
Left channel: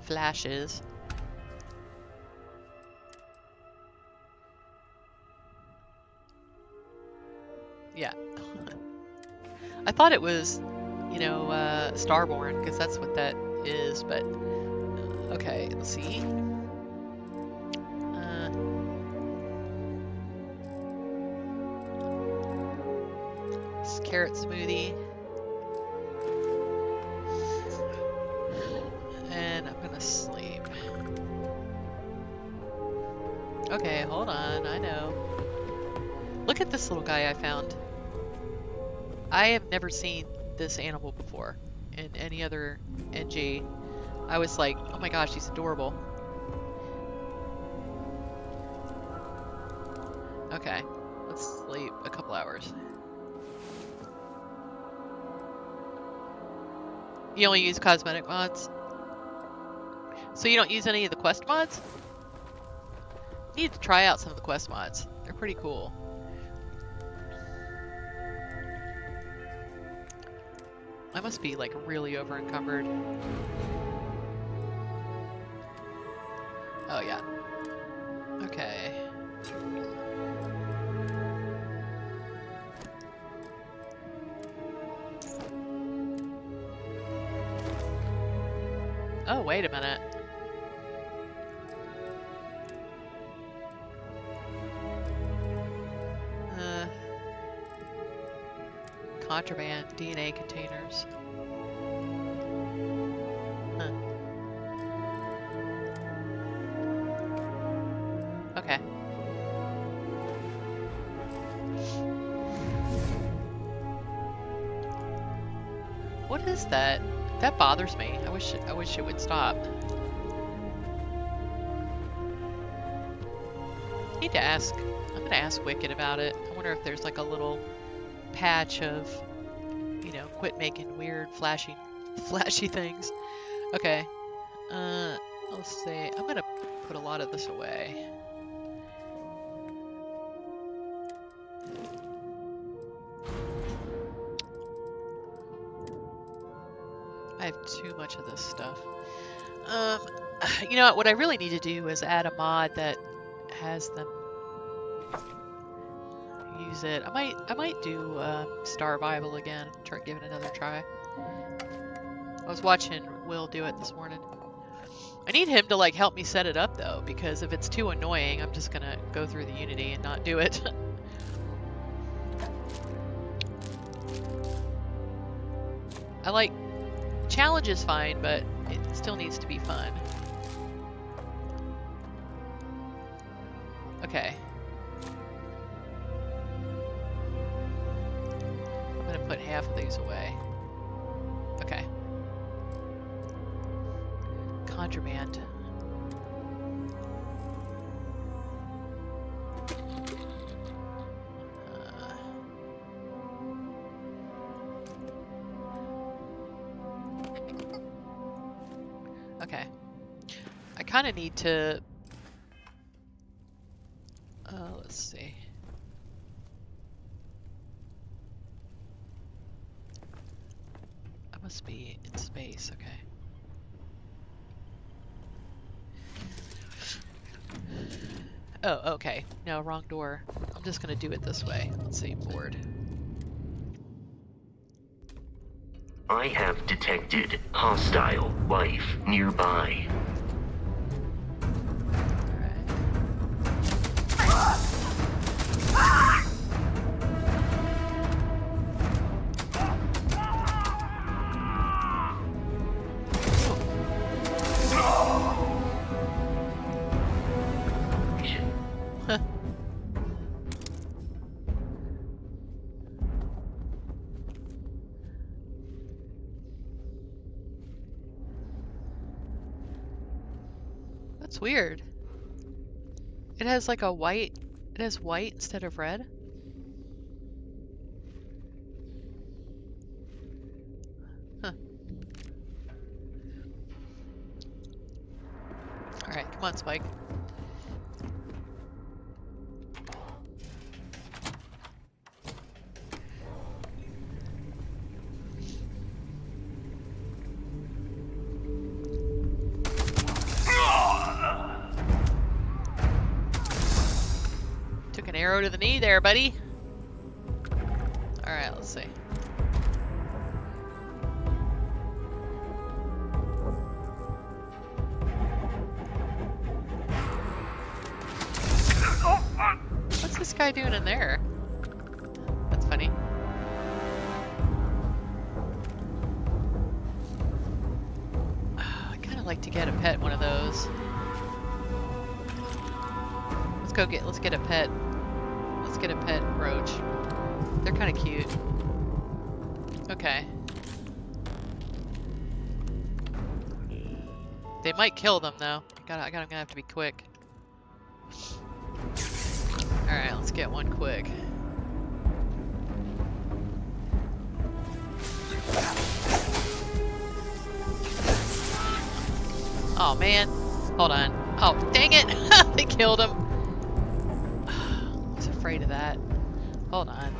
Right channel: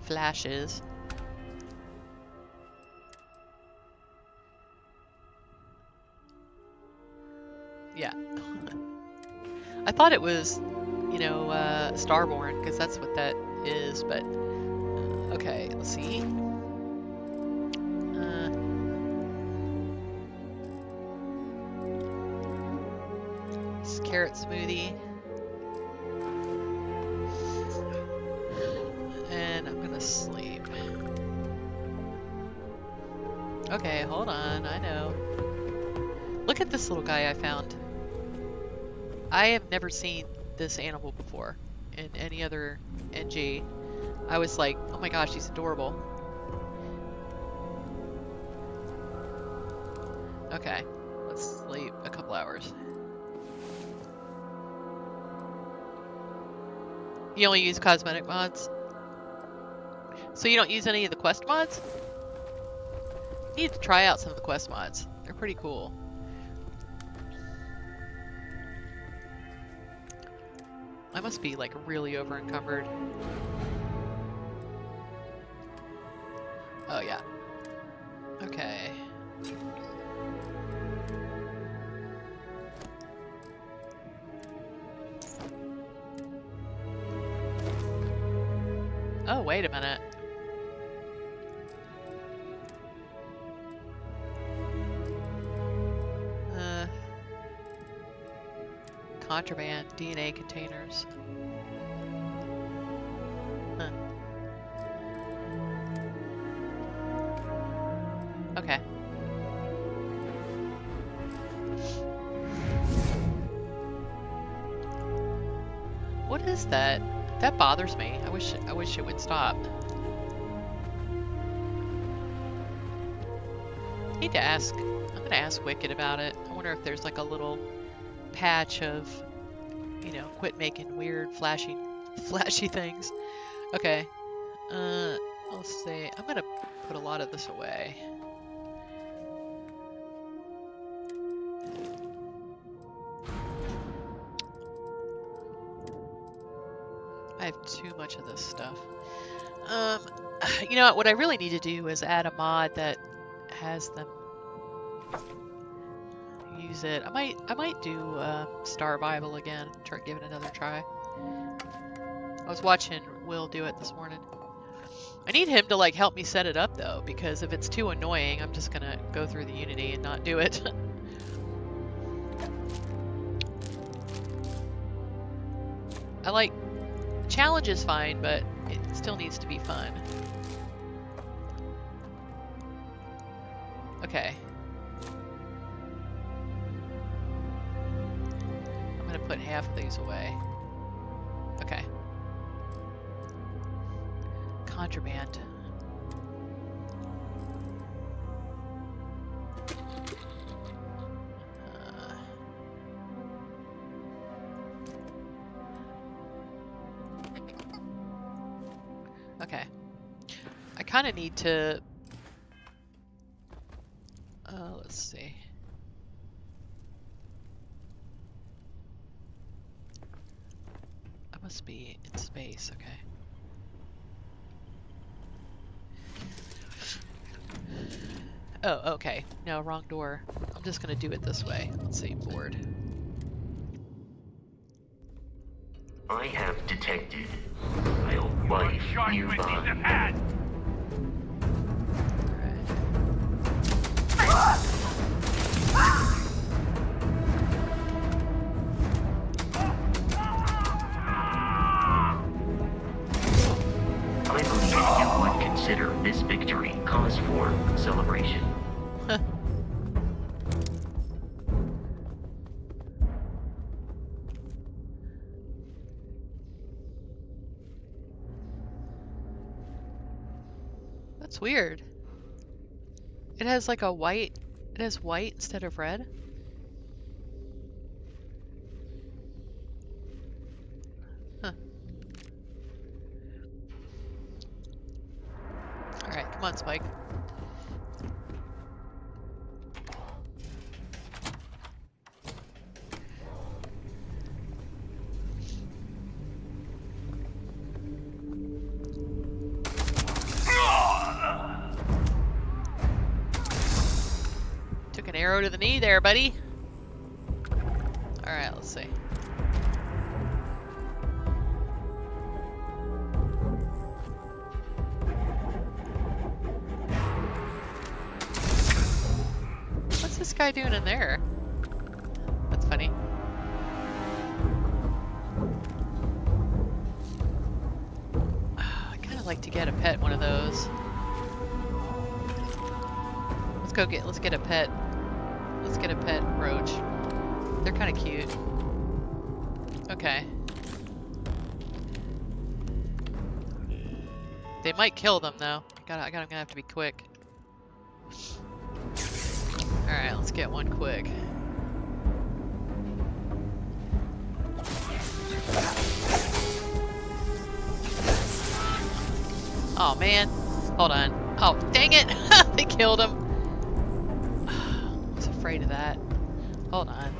flashes. Yeah. I thought it was, you know, Starborn, because that's what that is, but okay, let's see. carrot smoothie. And I'm gonna sleep. Okay, hold on, I know. Look at this little guy I found. I have never seen this animal before in any other NG. I was like, oh my gosh, he's adorable. Okay, let's sleep a couple hours. You only use cosmetic mods? So you don't use any of the quest mods? You need to try out some of the quest mods. They're pretty cool. I must be like really over encumbered. Oh yeah. Okay. Oh, wait a minute. Contraband DNA containers. Huh. Okay. What is that? That bothers me. I wish it would stop. I need to ask. I'm gonna ask Wicked about it. I wonder if there's like a little patch of, you know, quit making weird flashy things. Okay. Let's see. I'm gonna put a lot of this away. I have too much of this stuff. You know what I really need to do is add a mod that has them use it. I might do Starvival again. Try give it another try. I was watching Will do it this morning. I need him to like help me set it up though, because if it's too annoying, I'm just gonna go through the Unity and not do it. I like challenge is fine, but it still needs to be fun. Okay. I'm gonna put half of these away. Okay. Contraband. Okay. I kind of need to... let's see. I must be in space, okay. Oh, okay. No, wrong door. I'm just gonna do it this way. Let's see, board. I have detected hostile life nearby. Consider this victory cause for celebration. That's weird. It has like a white, it has white instead of red. Huh. Alright, come on, Spike. Took an arrow to the knee there, buddy. Alright, let's see. What's this guy doing in there? That's funny. I'd like to get a pet one of those. Let's get a pet. Let's get a pet roach. They're kind of cute. Okay. They might kill them though. I'm gonna have to be quick. Alright, let's get one quick. Oh man. Hold on. Oh, dang it! They killed him. I was afraid of that. Hold on.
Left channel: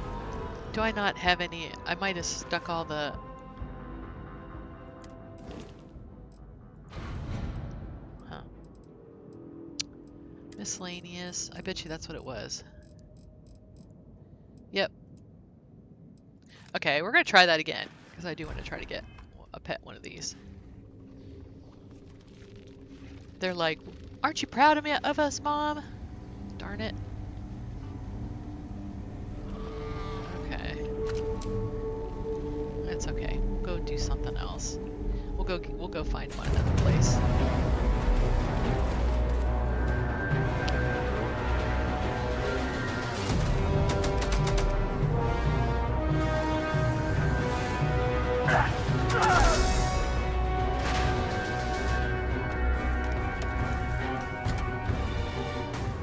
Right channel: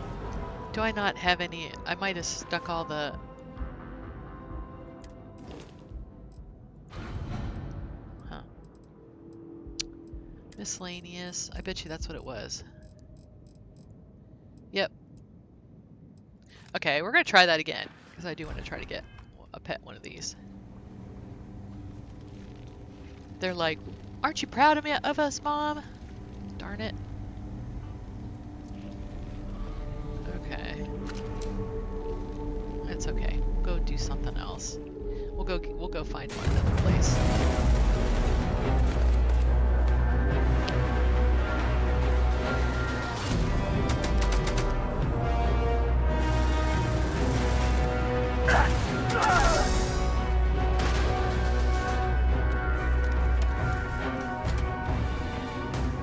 Do I not have any? I might have stuck all the... Huh. Miscellaneous. I bet you that's what it was. Yep. Okay, we're gonna try that again. Because I do want to try to get a pet one of these. They're like, aren't you proud of us, Mom? Darn it. Okay. It's okay. We'll go do something else. We'll go find one another place.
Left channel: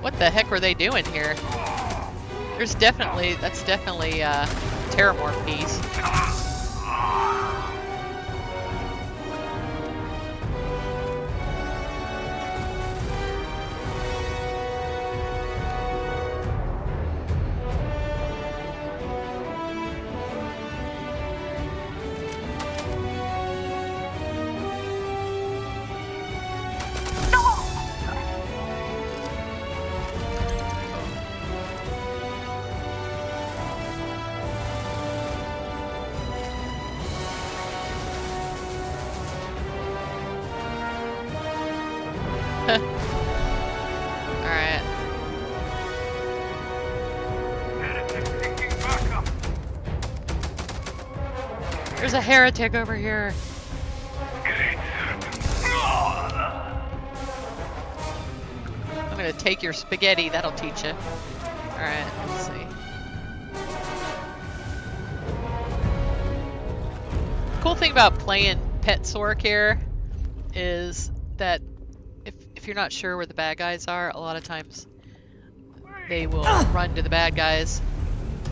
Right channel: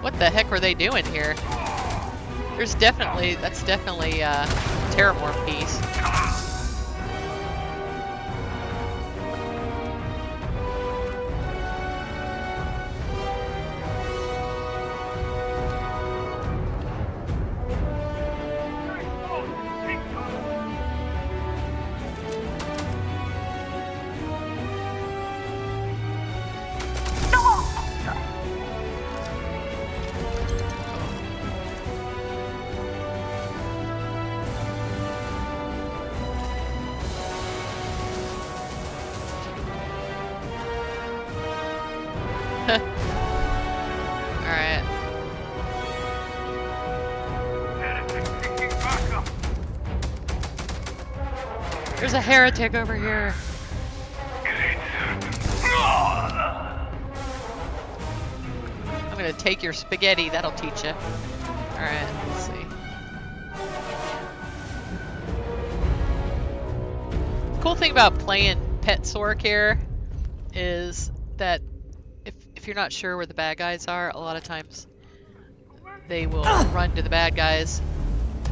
What the heck were they doing here? That's definitely Terramorph piece. Alright. There's a heretic over here. I'm gonna take your spaghetti, that'll teach you. Alright, let's see. The cool thing about playing Pet Sork here is that if you're not sure where the bad guys are, a lot of times they will run to the bad guys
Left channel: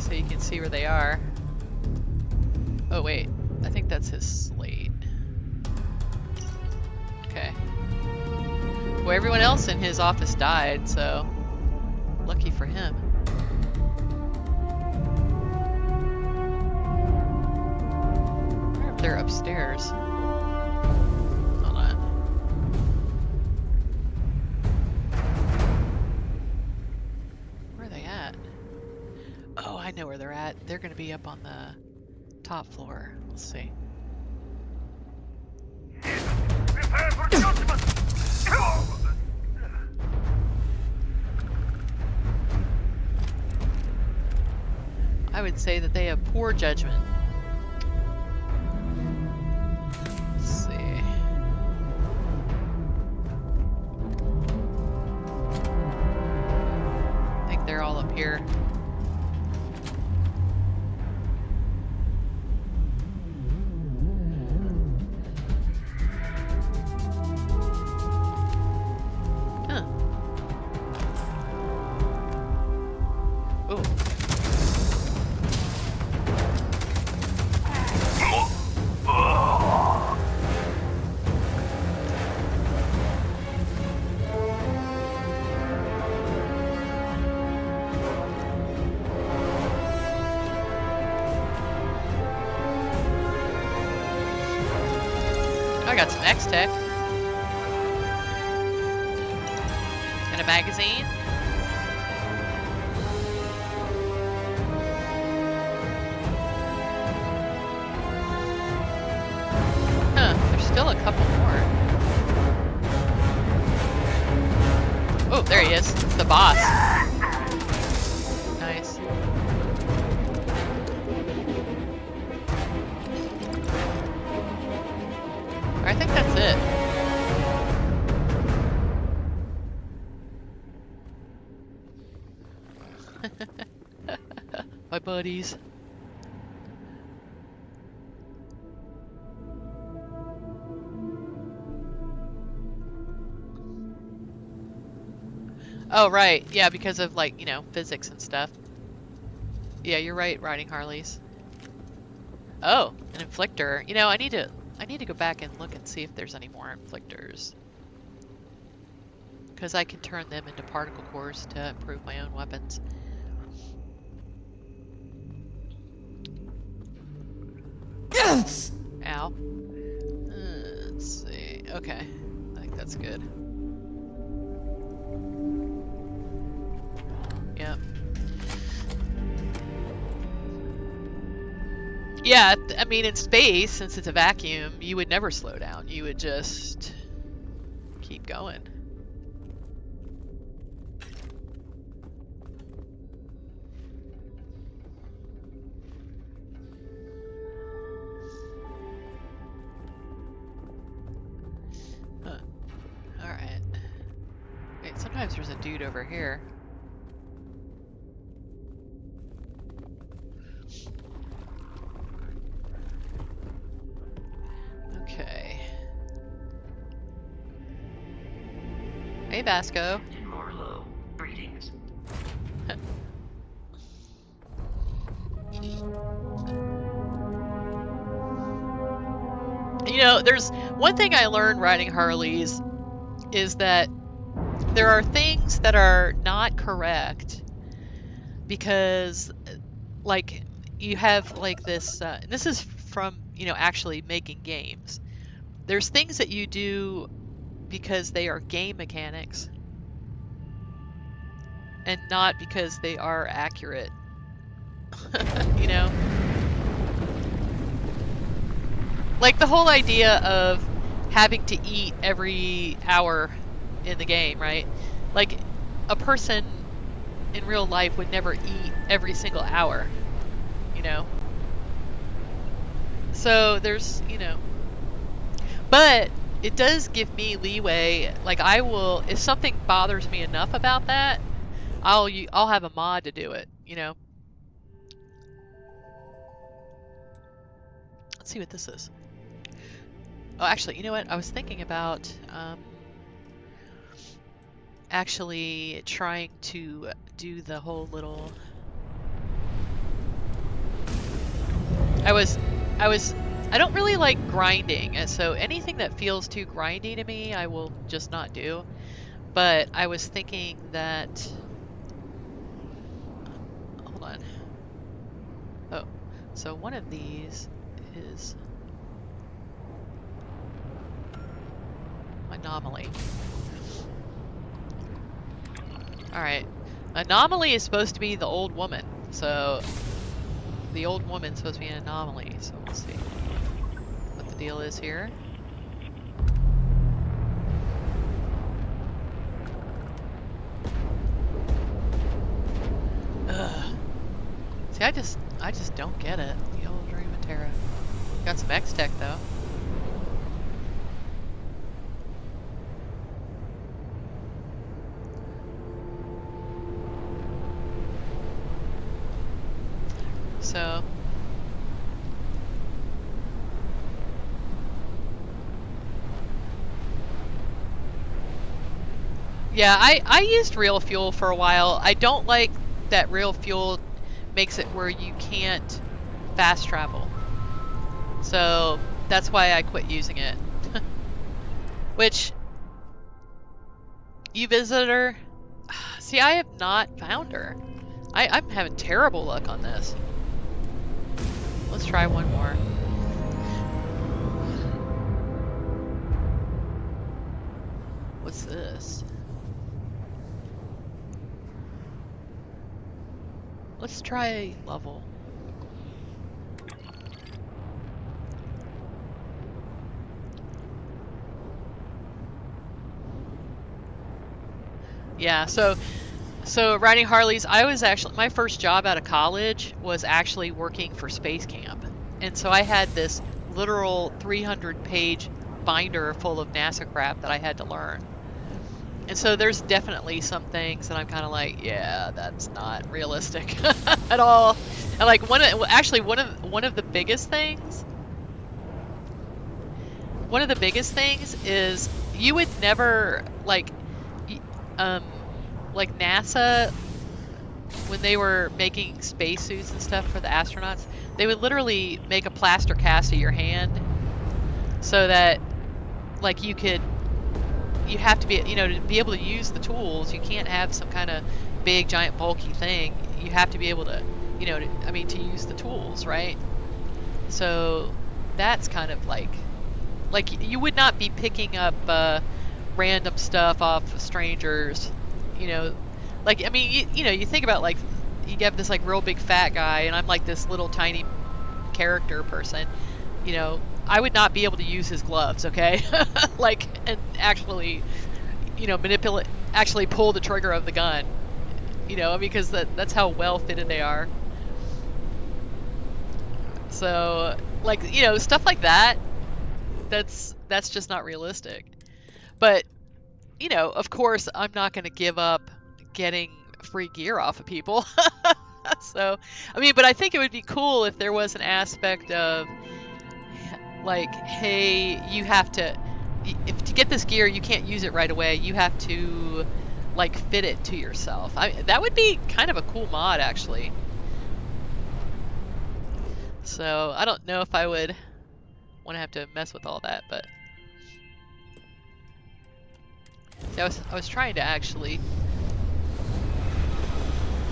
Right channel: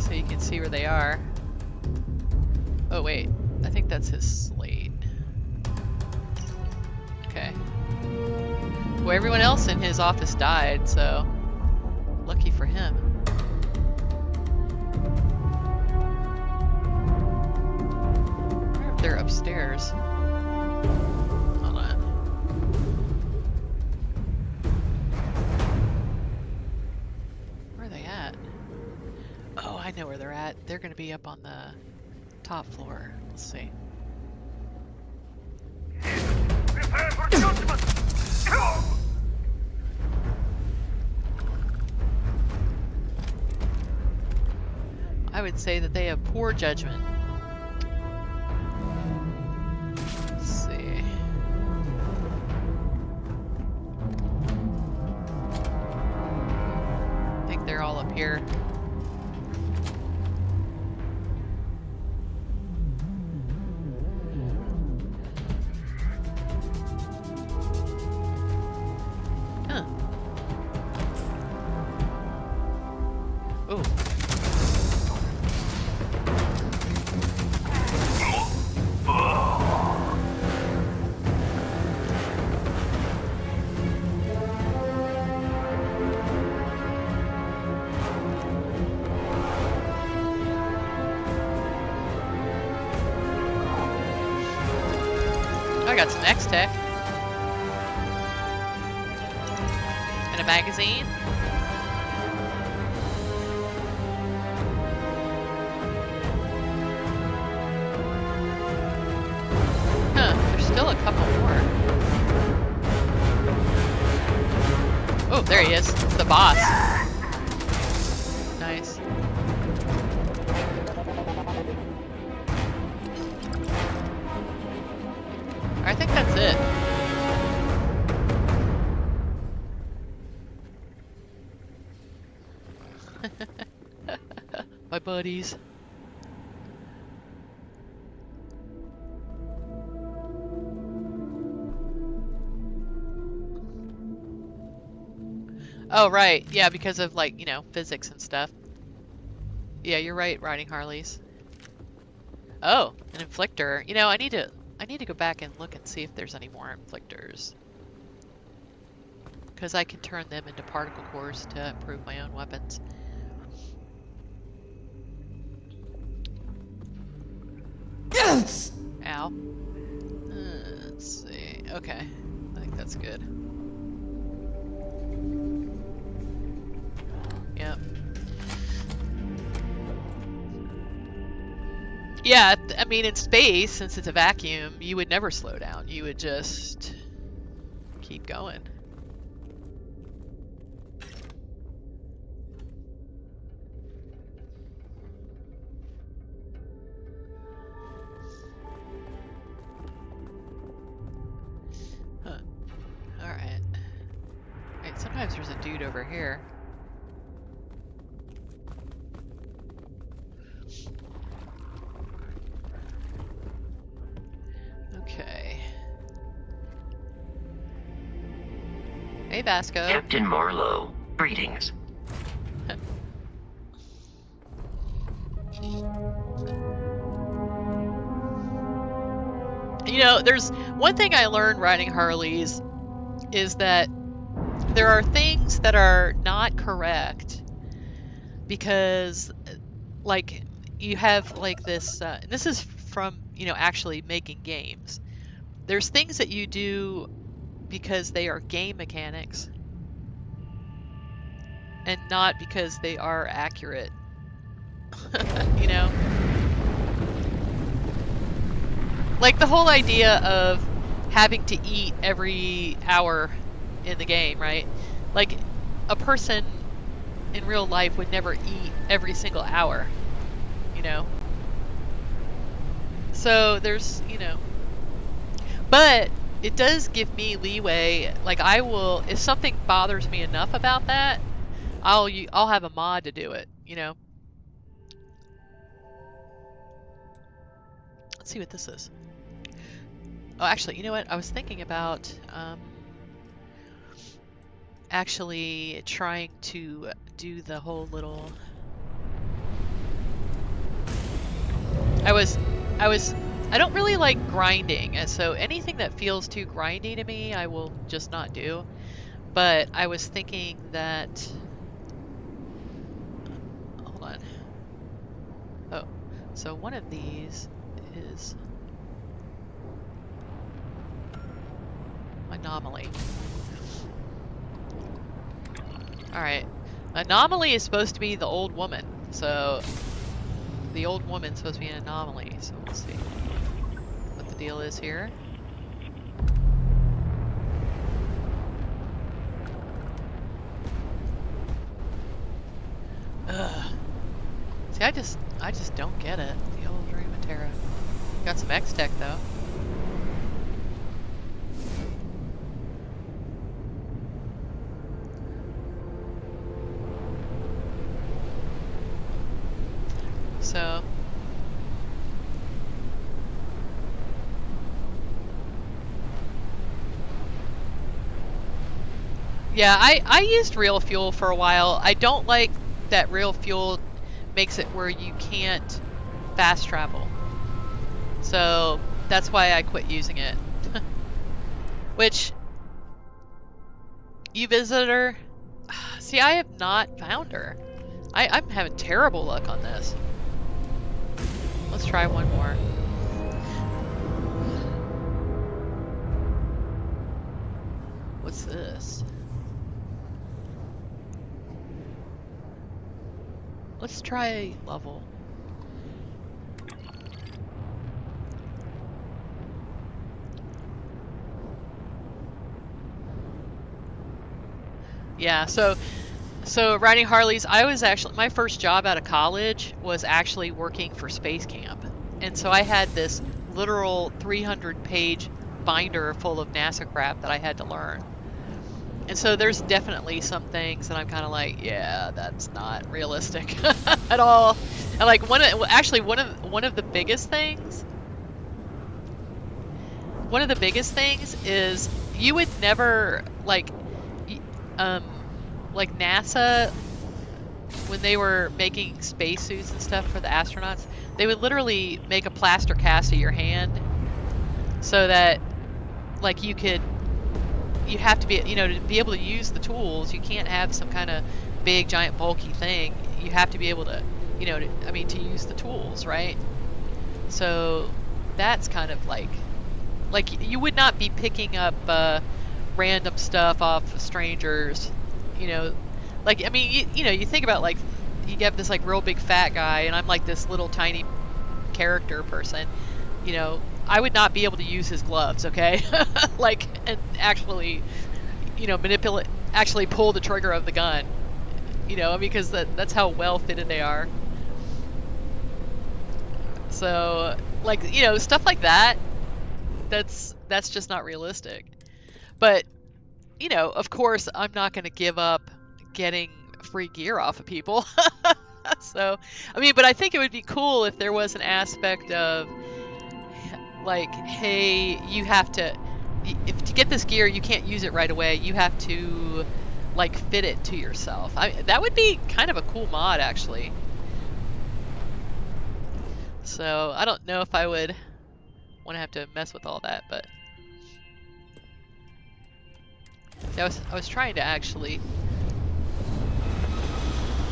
so you can see where they are. Oh wait, I think that's his slate. Okay. Well, everyone else in his office died, so lucky for him. I wonder if they're upstairs. Hold on. Where are they at? Oh, I know where they're at. They're gonna be up on the top floor. Let's see. Prepare for judgment! I would say that they have poor judgment. Let's see. I think they're all up here. Huh. Ooh. I got some X-Tech. And a magazine. Huh, there's still a couple more. Oh, there he is. It's the boss. Nice. I think that's it. my buddies. Oh, right. Yeah, because of, like, you know, physics and stuff. Yeah, you're right, riding Harleys. Oh, an inflictor. You know, I need to go back and look and see if there's any more inflictors. Because I can turn them into particle cores to improve my own weapons. Yes! Ow. Let's see. Okay. I think that's good. Yep. Yeah, I mean, in space, since it's a vacuum, you would never slow down. You would just keep going. Huh. Alright. Wait, sometimes there's a dude over here. Okay. Hey, Vasco. Captain Marlowe, greetings. You know, there's one thing I learned riding Harleys is that there are things that are not correct because, like, you have, like, this, this is from, you know, actually making games. There's things that you do because they are game mechanics and not because they are accurate. You know? Like the whole idea of having to eat every hour in the game, right? Like a person in real life would never eat every single hour, you know? So there's, you know, but it does give me leeway. Like I will, if something bothers me enough about that, I'll have a mod to do it, you know? Let's see what this is. Oh, actually, you know what? I was thinking about actually trying to do the whole little... I don't really like grinding, and so anything that feels too grindy to me, I will just not do. But I was thinking that... Hold on. Oh, so one of these is... Anomaly. Alright. Anomaly is supposed to be the old woman, so the old woman's supposed to be an anomaly, so we'll see what the deal is here. Ugh. See, I just don't get it. The old Dream of Terra. Got some X-Tech though. So yeah, I used real fuel for a while. I don't like that real fuel makes it where you can't fast travel. So that's why I quit using it. Which, you visit her? See, I have not found her. I'm having terrible luck on this. Let's try one more. What's this? Let's try level. Yeah, so riding Harleys, I was actually, my first job out of college was actually working for Space Camp. And so I had this literal 300-page binder full of NASA crap that I had to learn. And so there's definitely some things that I'm kind of like, yeah, that's not realistic at all. And like one of the biggest things, is you would never like NASA, when they were making spacesuits and stuff for the astronauts, they would literally make a plaster cast of your hand so that like you have to be, to be able to use the tools, you can't have some kind of big giant bulky thing. You have to be able to, to use the tools, right? So that's kind of like you would not be picking up random stuff off of strangers, you think about like you get this like real big fat guy and I'm like this little tiny character person, I would not be able to use his gloves, okay? And actually, actually pull the trigger of the gun, because that's how well fitted they are. So, stuff like that, that's just not realistic. But, of course, I'm not going to give up getting free gear off of people. So, but I think it would be cool if there was an aspect of, like, hey, you have to, if to get this gear, you can't use it right away. You have to, like, fit it to yourself. That would be kind of a cool mod, actually. So, I don't know if I would want to have to mess with all that, but... See, I was trying to actually...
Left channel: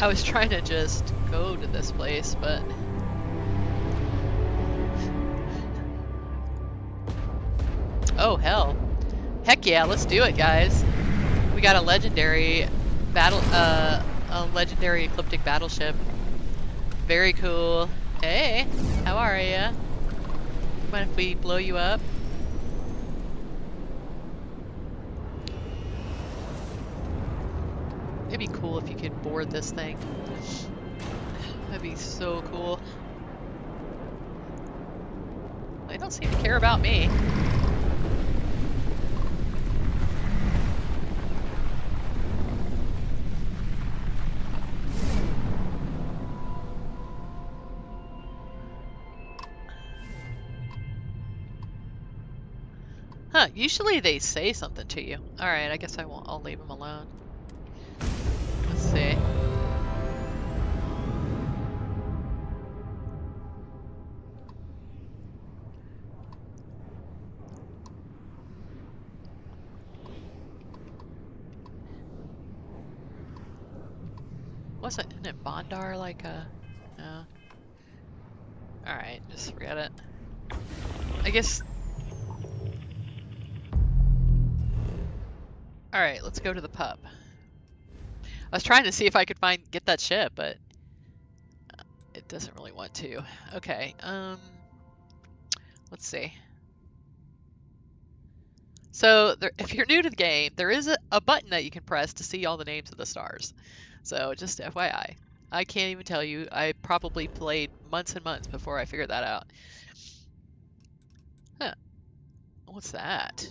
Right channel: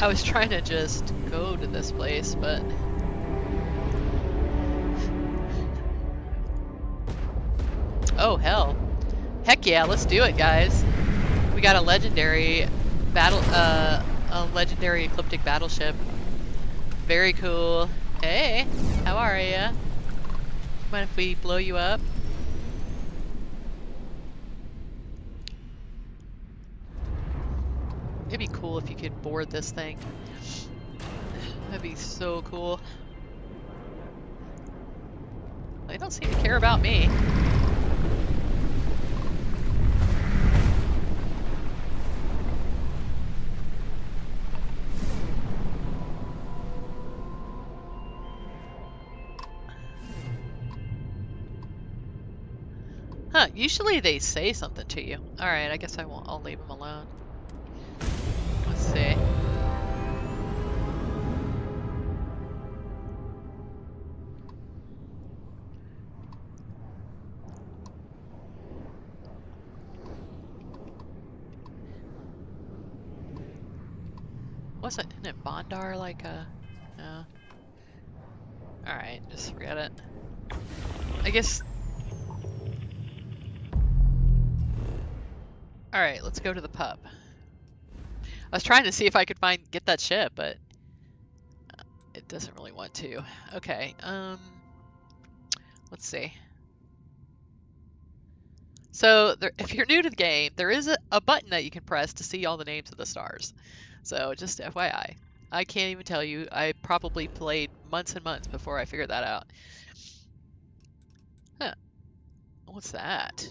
I was trying to just go to this place, but... Oh, hell. Heck yeah, let's do it, guys. We got a legendary legendary ecliptic battleship. Very cool. Hey, how are ya? Mind if we blow you up? It'd be cool if you could board this thing. That'd be so cool. They don't seem to care about me. Huh, usually they say something to you. Alright, I guess I'll leave them alone. Let's see. Isn't it Bondar like a... No. Alright, just forget it. I guess... Alright, let's go to the pub. I was trying to see if I could get that ship, but it doesn't really want to. Okay, let's see. So, if you're new to the game, there is a button that you can press to see all the names of the stars. So, just FYI. I can't even tell you. I probably played months and months before I figured that out. Huh. What's that?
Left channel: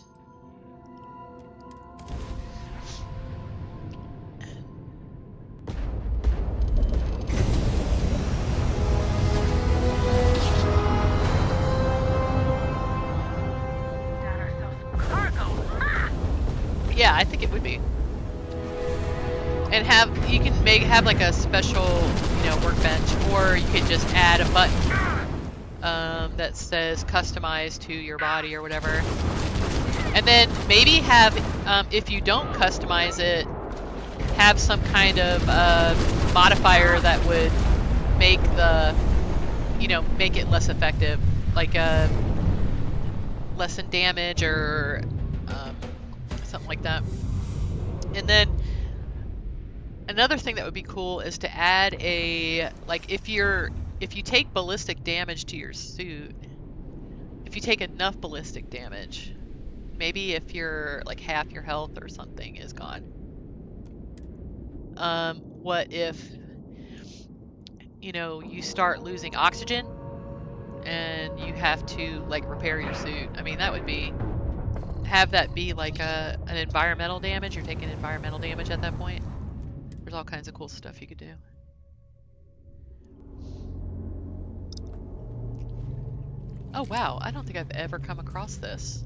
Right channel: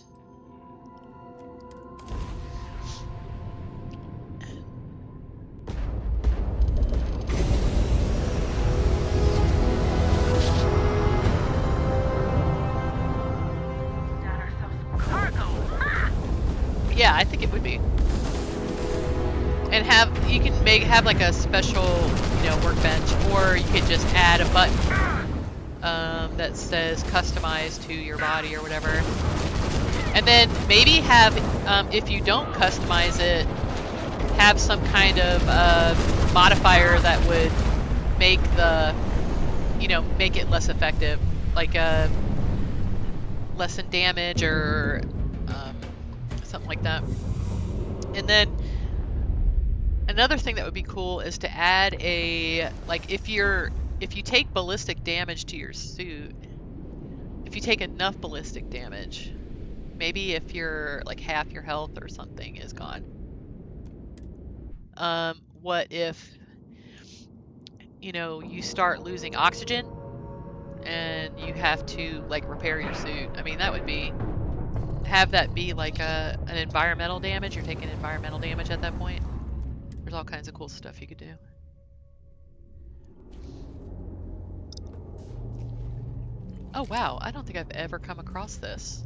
Yeah, I think it would be. And you can have like a special, workbench, or you could just add a button that says customize to your body or whatever. And then maybe have, if you don't customize it, have some kind of modifier that would make make it less effective, like lessen damage or something like that. And then another thing that would be cool is to add if you take ballistic damage to your suit, if you take enough ballistic damage, maybe if you're like half your health or something is gone. What if you start losing oxygen and you have to like repair your suit? I mean, that would be have that be like an environmental damage. You're taking environmental damage at that point. There's all kinds of cool stuff you could do. Oh wow, I don't think I've ever come across this.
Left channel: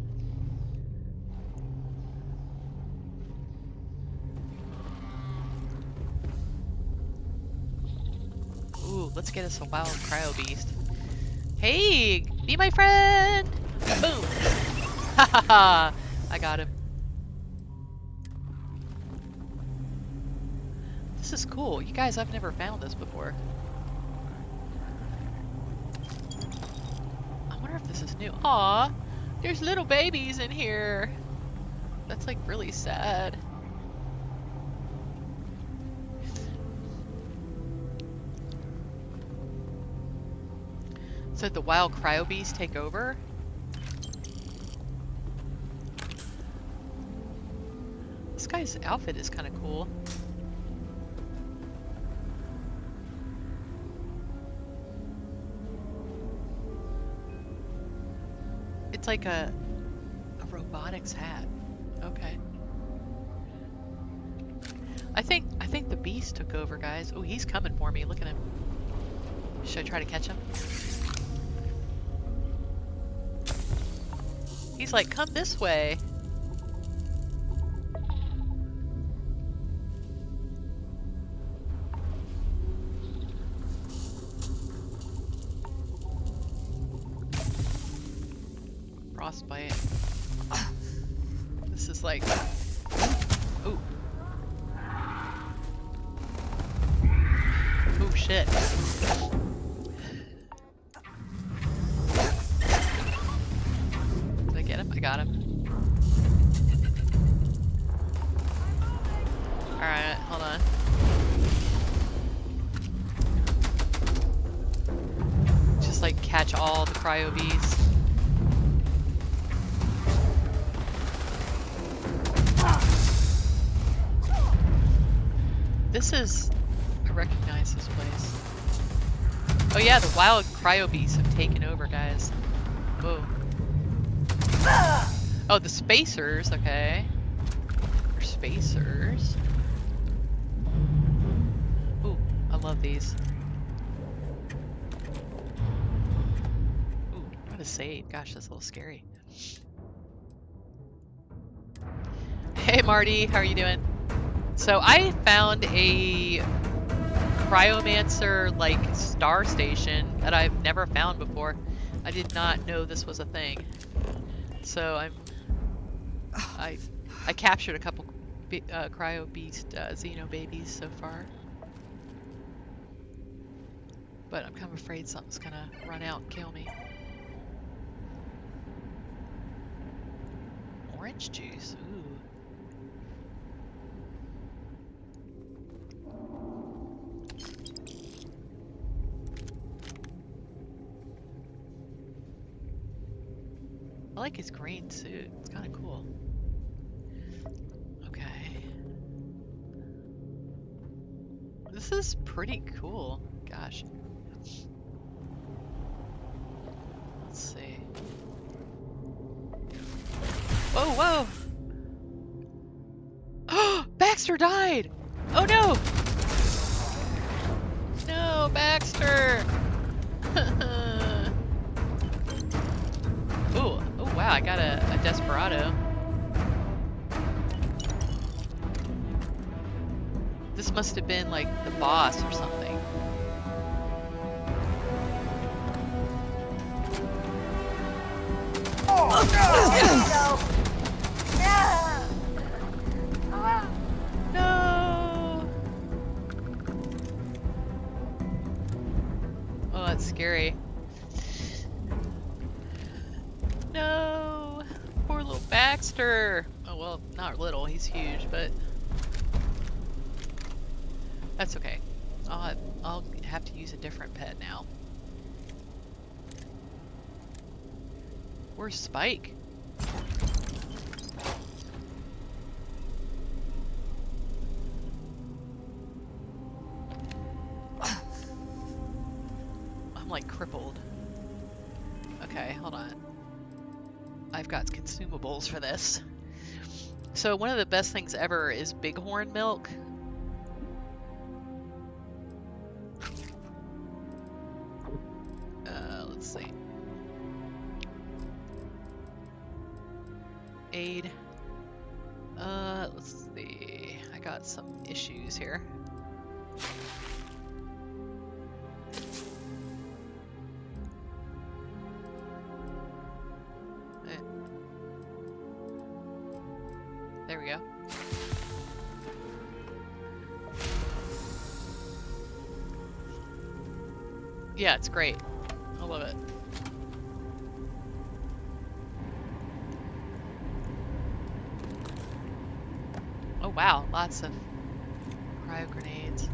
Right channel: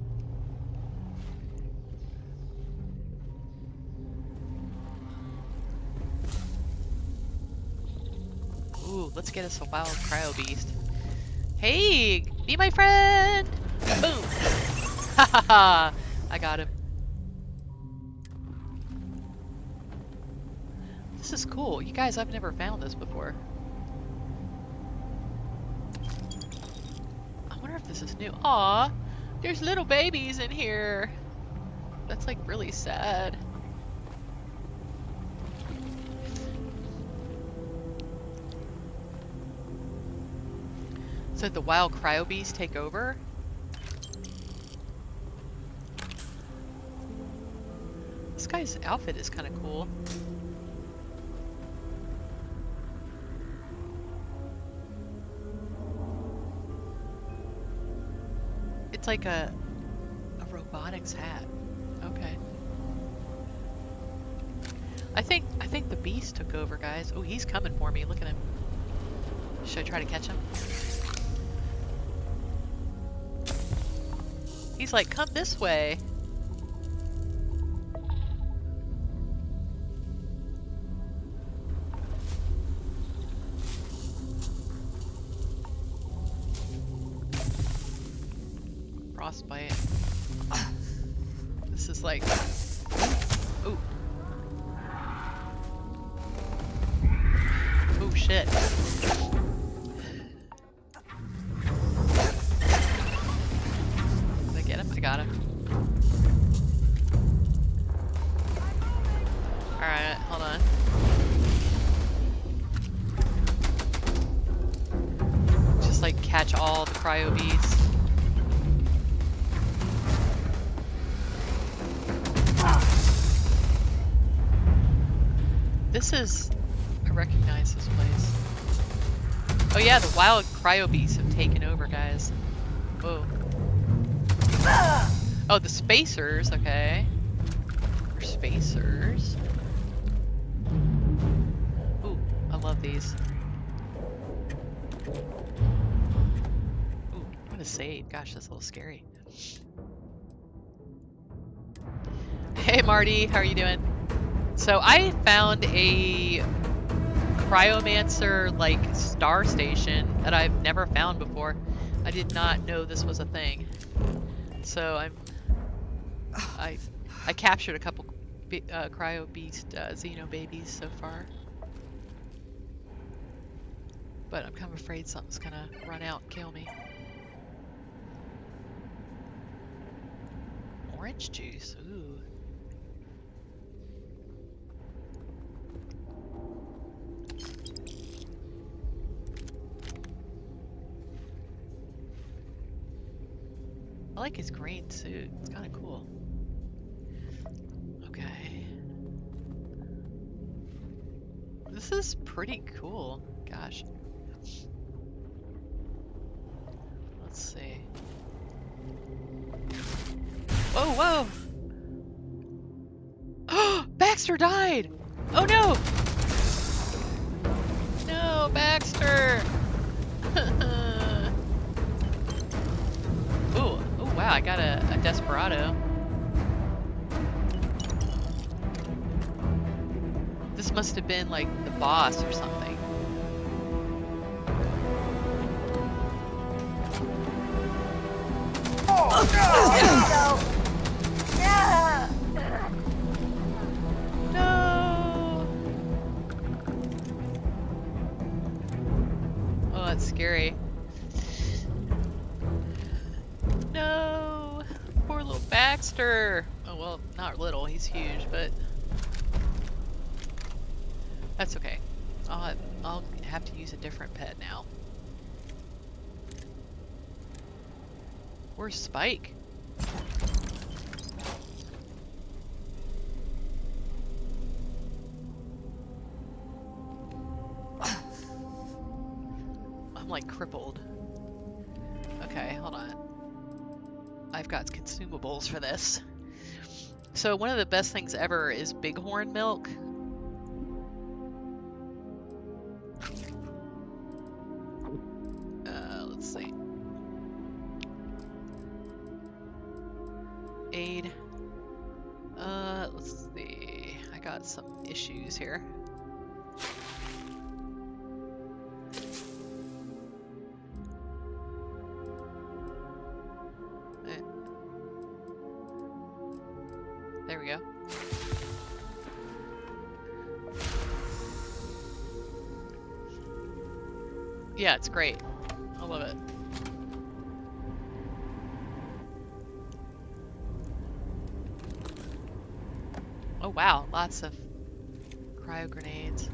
Ooh, let's get us a wild cryo beast. Hey, be my friend! Boom! Ha ha ha! I got him. This is cool. You guys, I've never found this before. I wonder if this is new. Aw, there's little babies in here. That's like really sad. So the wild cryo beasts take over? This guy's outfit is kind of cool. It's like a robotics hat. Okay. I think the beast took over, guys. Oh, he's coming for me. Look at him. Should I try to catch him? He's like, come this way. Frostbite. This is like... Ooh. Oh shit. Did I get him? I got him. Alright, hold on. Just like catch all the cryo bees. This is... I recognize this place. Oh yeah, the wild cryo beasts have taken over, guys. Whoa. Oh, the spacers, okay. They're spacers. Ooh, I love these. Ooh, I'm gonna save. Gosh, that's a little scary. Hey Marty, how are you doing? So I found a Cryomancer like star station that I've never found before. I did not know this was a thing. So I captured a couple cryo beast xeno babies so far. But I'm kind of afraid something's gonna run out and kill me. Orange juice, ooh. I like his green suit. It's kind of cool. Okay. This is pretty cool. Gosh. Let's see. Whoa, whoa! Oh, Baxter died! Oh no! No, Baxter! Ooh, oh wow, I got a Desperado. This must have been like the boss or something. Oh, no! No! Oh, that's scary. No! Poor little Baxter! Oh, well, not little, he's huge, but... That's okay. I'll have to use a different pet now. Where's Spike? I'm like crippled. Okay, hold on. I've got consumables for this. So one of the best things ever is bighorn milk. Let's see. Aid. Let's see. I got some issues here. There we go. Yeah, it's great. I love it. Oh wow, lots of cryo grenades.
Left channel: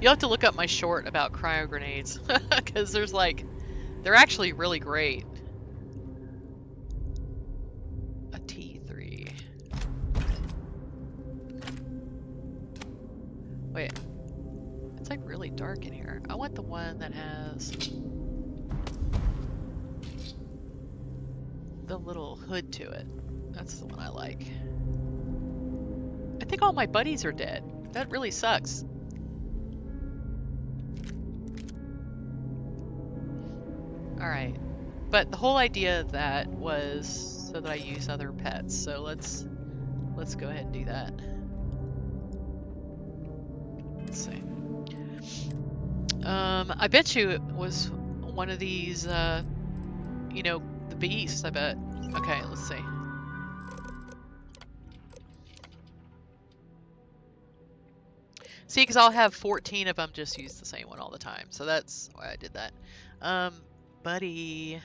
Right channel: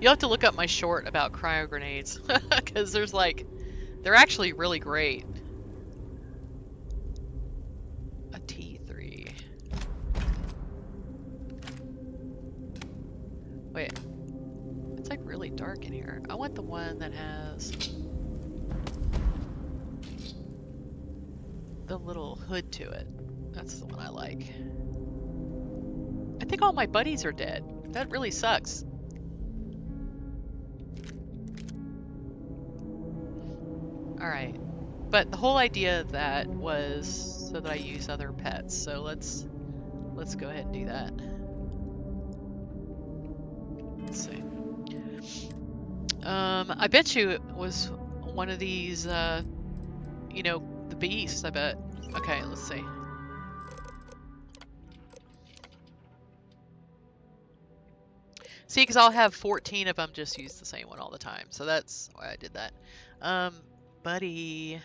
You'll have to look up my short about cryo grenades because there's like, they're actually really great. A T3. Wait, it's like really dark in here. I want the one that has the little hood to it. That's the one I like. I think all my buddies are dead. That really sucks. Alright. But the whole idea of that was so that I use other pets. So let's go ahead and do that. Let's see. I bet you it was one of these, you know, the beasts, I bet. Okay, let's see. See, because I'll have 14 of them just use the same one all the time. So that's why I did that. Buddy.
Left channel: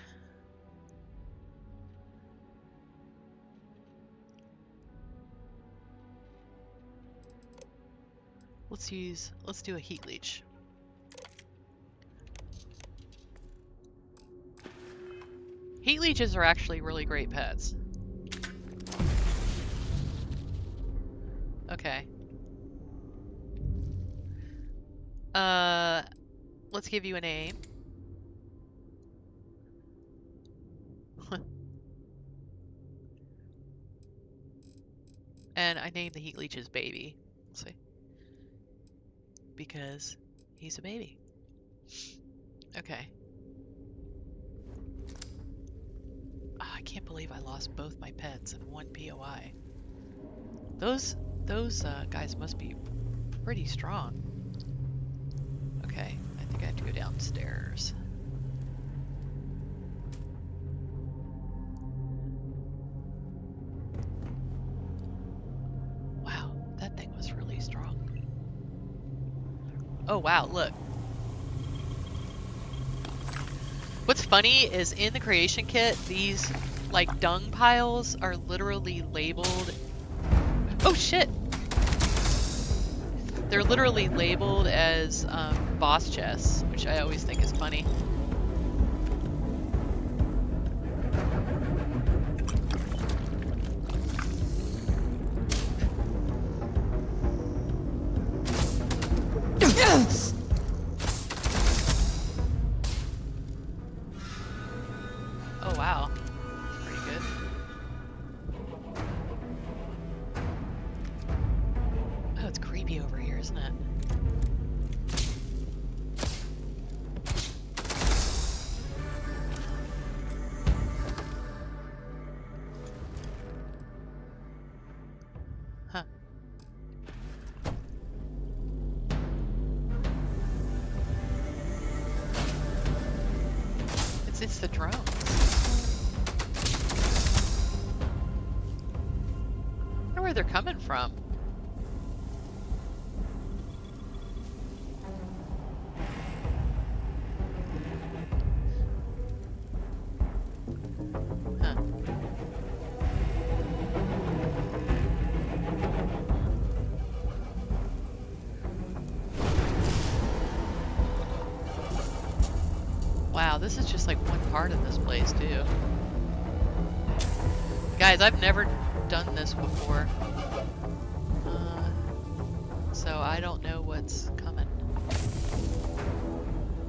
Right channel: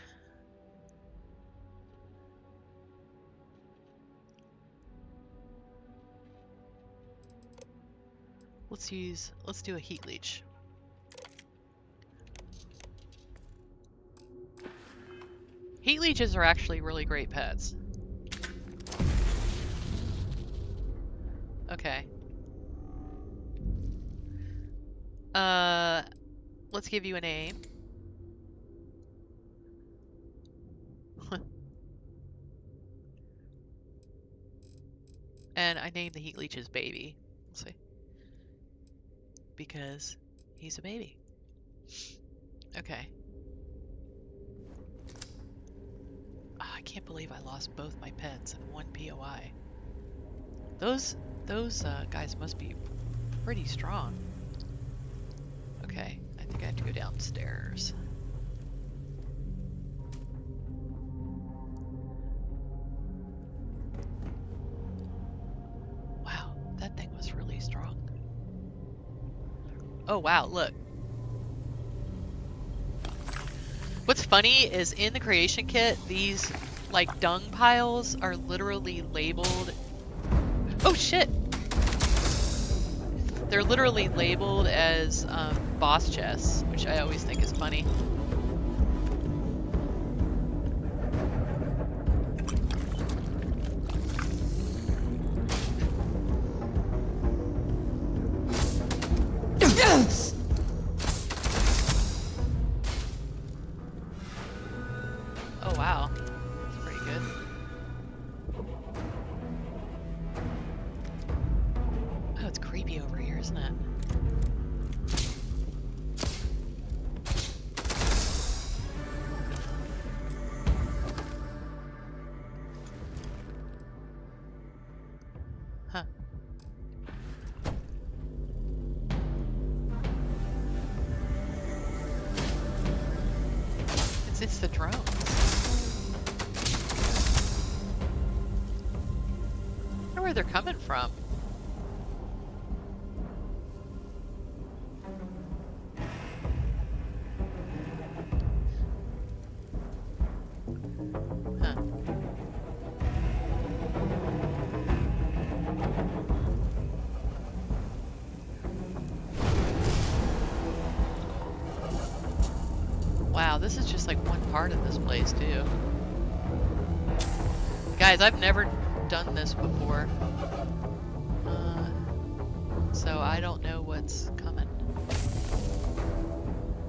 Let's do a heat leech. Heat leeches are actually really great pets. Okay. Let's give you a name. And I named the heat leech's baby. Let's see. Because he's a baby. Okay. Oh, I can't believe I lost both my pets in one POI. Those guys must be pretty strong. Okay, I think I have to go downstairs. Wow, that thing was really strong. Oh wow, look. What's funny is in the creation kit, these like dung piles are literally labeled. Oh shit! They're literally labeled as boss chests, which I always think is funny. Oh wow, that's pretty good. Oh, it's creepy over here, isn't it? Huh. It's the drones. I wonder where they're coming from. Huh. Wow, this is just like one part of this place too. Guys, I've never done this before. So I don't know what's coming.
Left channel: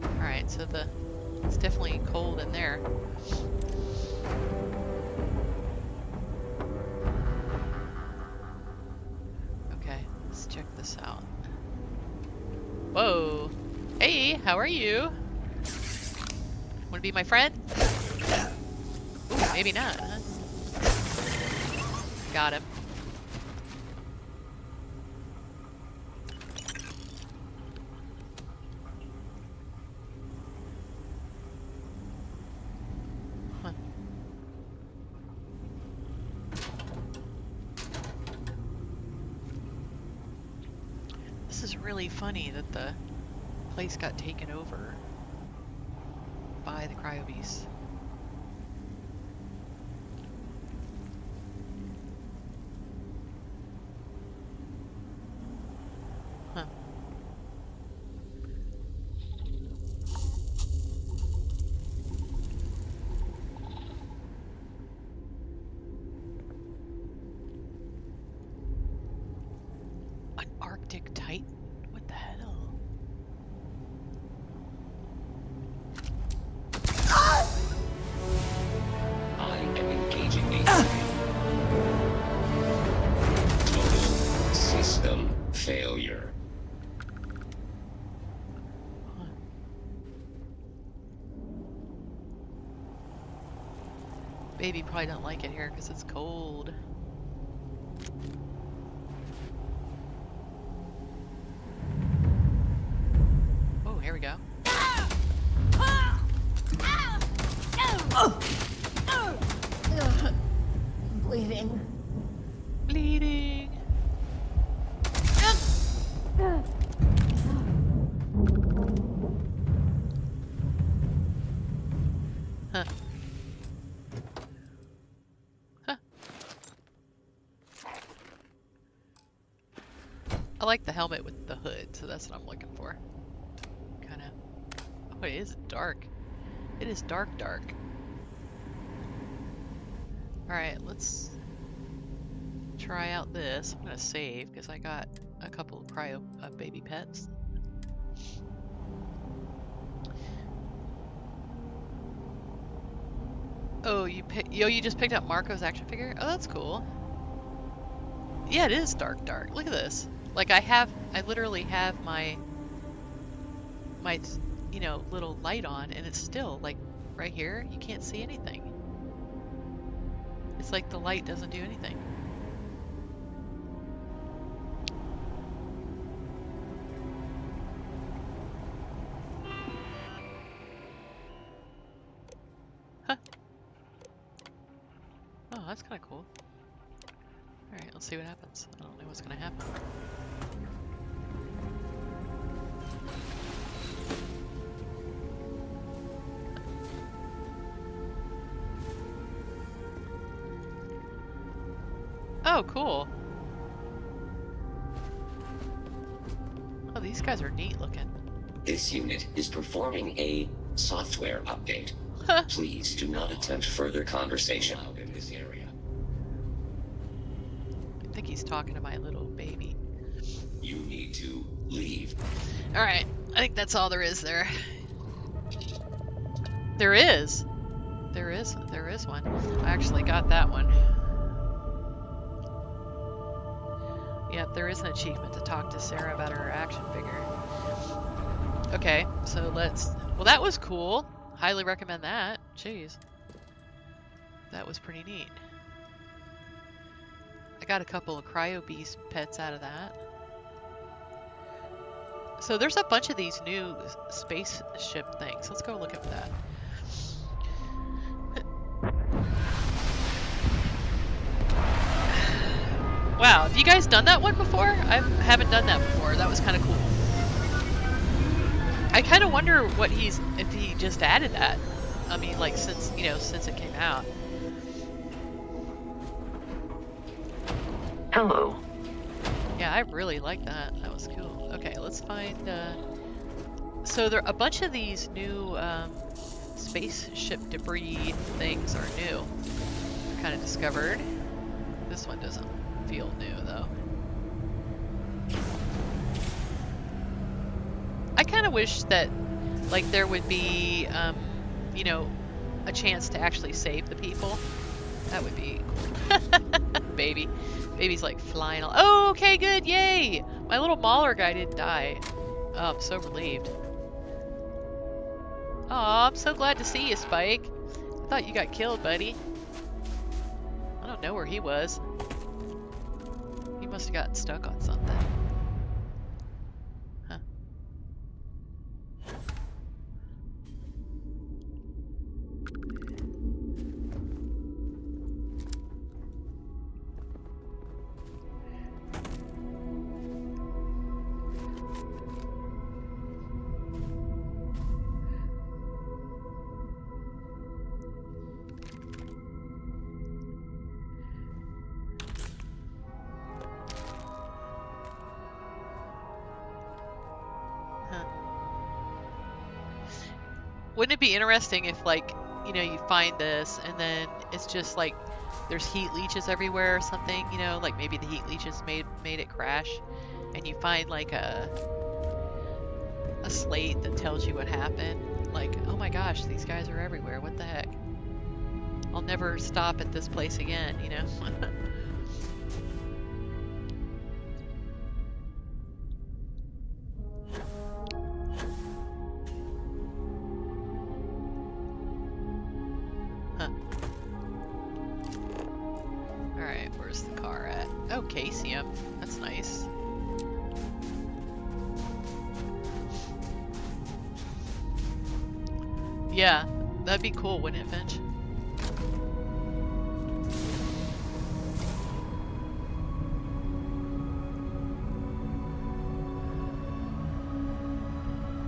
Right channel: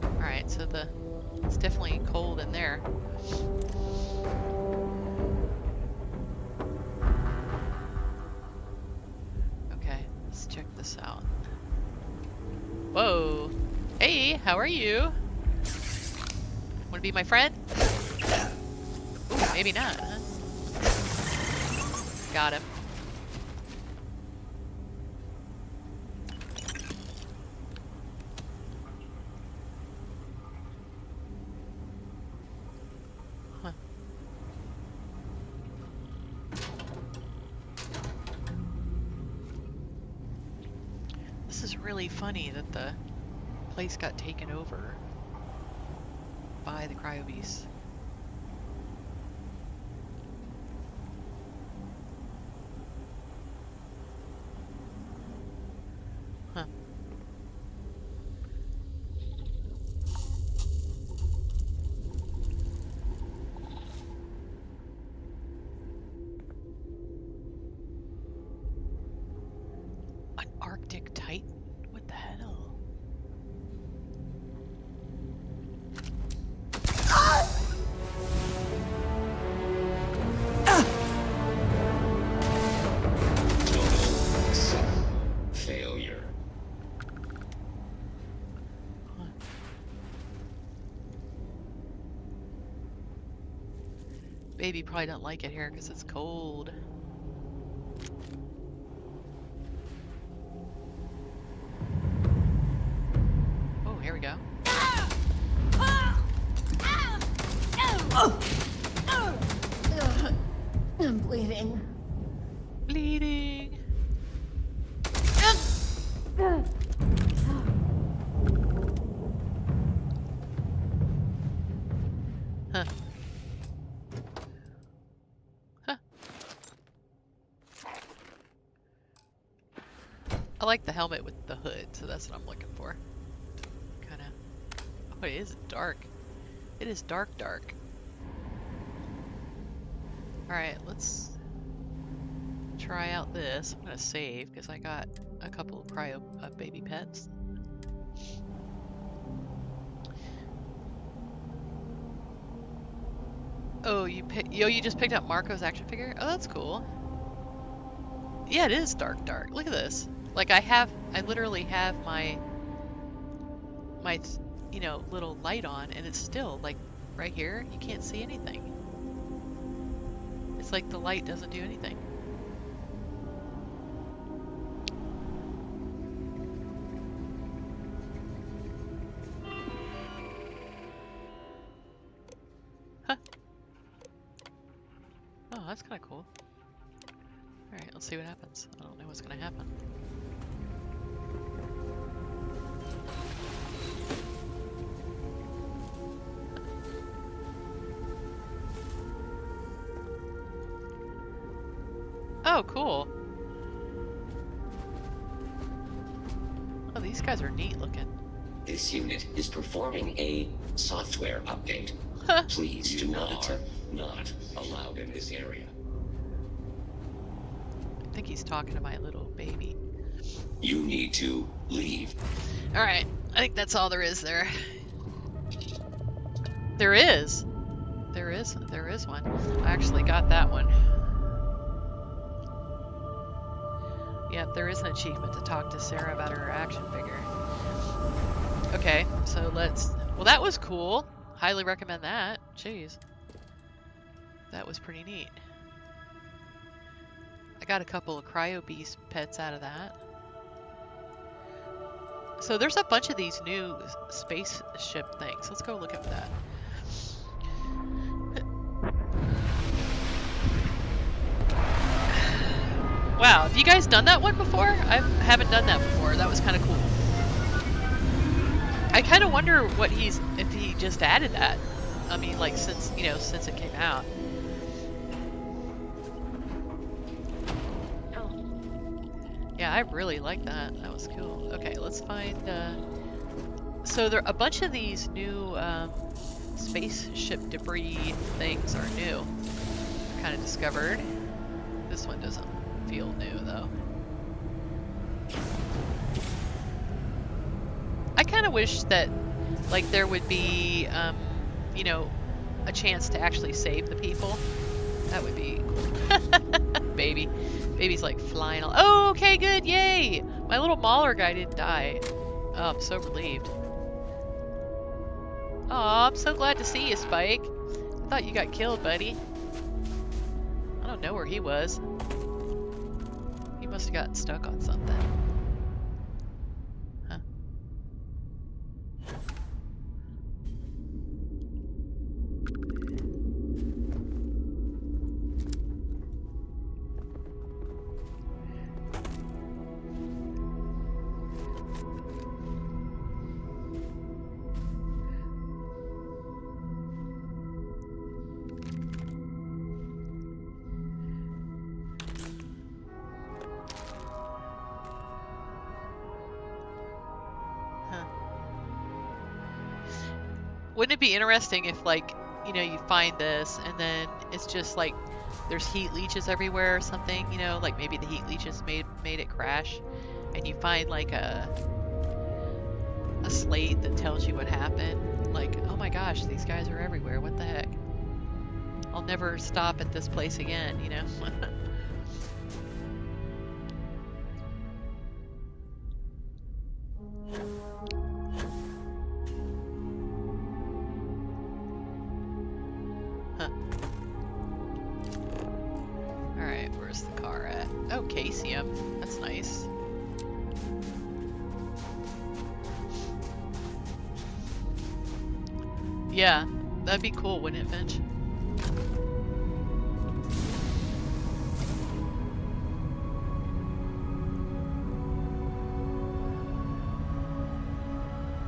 Alright, so the It's definitely cold in there. Okay, let's check this out. Whoa. Hey, how are you? Wanna be my friend? Ooh, maybe not, huh? Got him. Huh. This is really funny that the place got taken over by the cryo beasts. Huh. An Arctic Titan? What the hell? I'm engaging the total system failure. Huh. Baby probably don't like it here because it's cold. Oh, here we go. I'm bleeding. Bleeding. Huh. Huh. I like the helmet with the hood, so that's what I'm looking for. Kinda. Oh, it is dark. It is dark, dark. Alright, let's try out this. I'm gonna save because I got a couple of cryo baby pets. Oh, you just picked up Marco's action figure? Oh, that's cool. Yeah, it is dark, dark. Look at this. Like I literally have my you know, little light on, and it's still like right here. You can't see anything. It's like the light doesn't do anything. Huh. Oh, that's kind of cool. Alright, let's see what happens. I don't know what's gonna happen. Oh, cool. Oh, these guys are neat looking. This unit is performing a software update. Please do not attempt further conversation out in this area. I think he's talking to my little baby. You need to leave. Alright, I think that's all there is there. There is one. I actually got that one. Yep, there is an achievement to talk to Sarah about her action figure. Okay, so well, that was cool. Highly recommend that. Jeez. That was pretty neat. I got a couple of Cryo Beast pets out of that. So there's a bunch of these new spaceship things. Let's go look at that. Wow, have you guys done that one before? I haven't done that before. That was kind of cool. I kind of wonder if he just added that. I mean, like since it came out. Hello. Yeah, I really like that. That was cool. Okay, let's find. So there a bunch of these new spaceship debris things are new. I kind of discovered. This one doesn't feel new though. I kind of wish that like there would be you know, a chance to actually save the people. That would be cool. Baby's like flying all. Oh, okay, good, yay! My little Mauler guy didn't die. Oh, I'm so relieved. Oh, I'm so glad to see you, Spike. I thought you got killed, buddy. I don't know where he was. He must have gotten stuck on something. Huh. Wouldn't it be interesting if, like, you know, you find this and then it's just like there's heat leeches everywhere or something, you know, like maybe the heat leeches made it crash, and you find like a slate that tells you what happened. Like, oh my gosh, these guys are everywhere. What the heck? I'll never stop at this place again, you know? Where's the car at? Oh, Casium. That's nice. Yeah, that'd be cool, wouldn't it, Finch?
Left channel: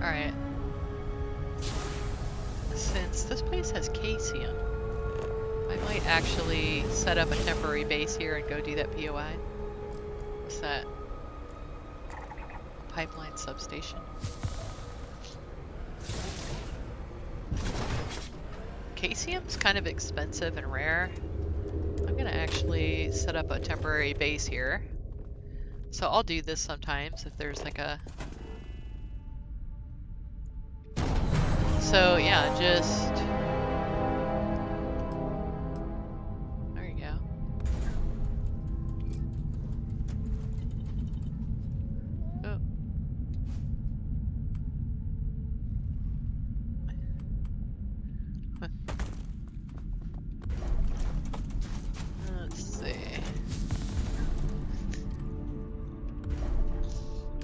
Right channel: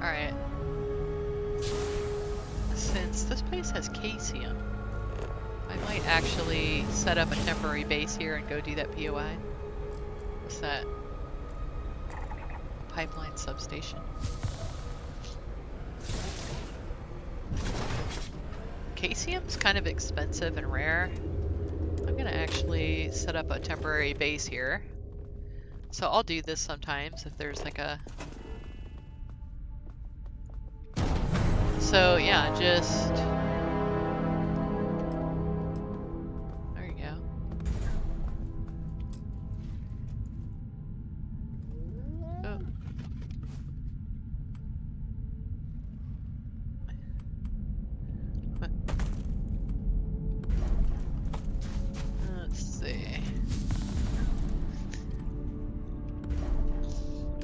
Alright. Since this place has Casium, I might actually set up a temporary base here and go do that POI. What's that? Pipeline substation. Casium's kind of expensive and rare. I'm gonna actually set up a temporary base here. So I'll do this sometimes if there's like a... So yeah, just...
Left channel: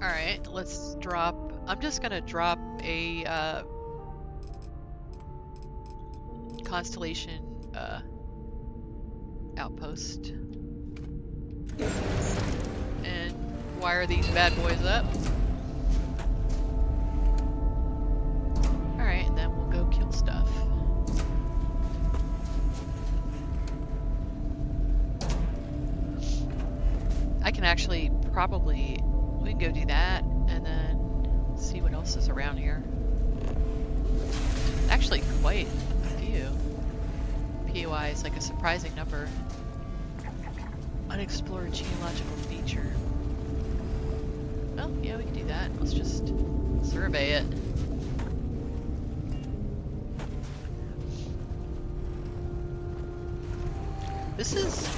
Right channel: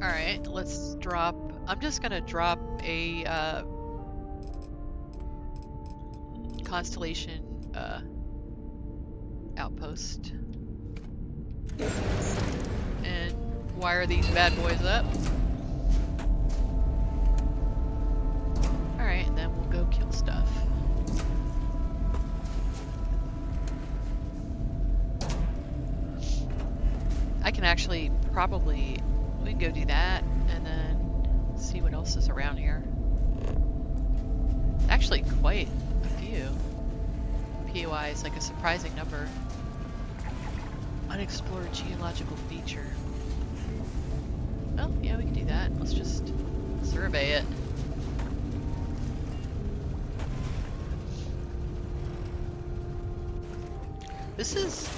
Alright, let's drop... I'm just gonna drop a Constellation outpost and wire these bad boys up. Alright, and then we'll go kill stuff. I can actually probably... We can go do that, and then see what else is around here. Actually, quite a few. POI is like a surprising number. Unexplored geological feature. Well, yeah, we can do that. Let's just survey it. This is...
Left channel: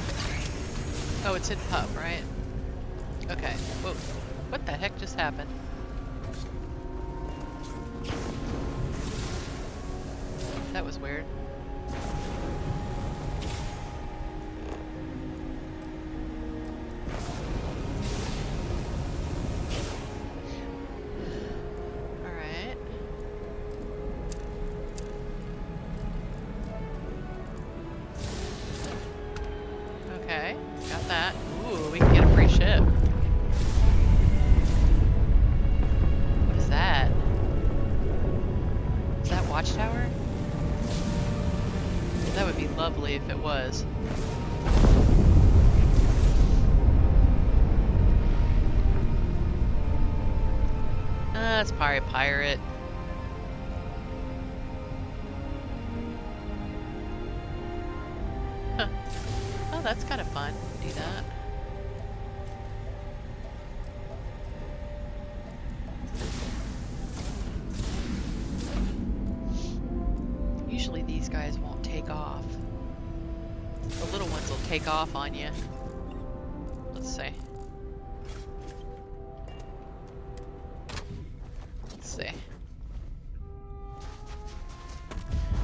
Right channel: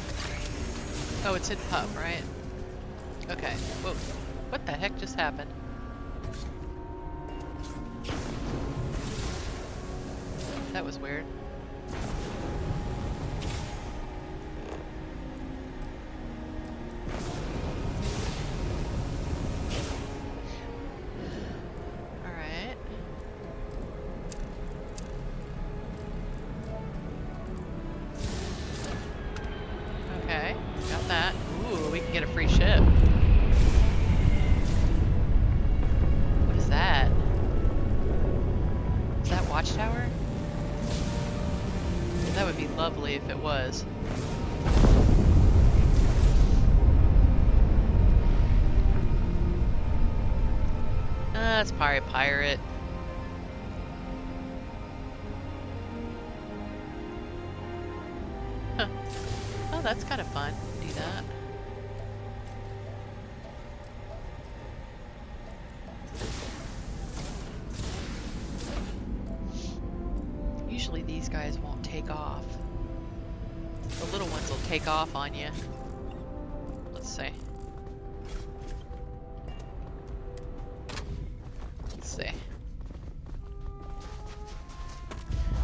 Oh, it's in Pup, right? Okay. Whoa. What the heck just happened? That was weird. Alright. Okay, got that. Ooh, we can get a free ship. What is that? Is that Watchtower? That would be lovely if it was. That's probably a pirate. Huh. Oh, that's kind of fun. Do that. guys won't take off. The little ones will take off on you. Let's see. Let's see.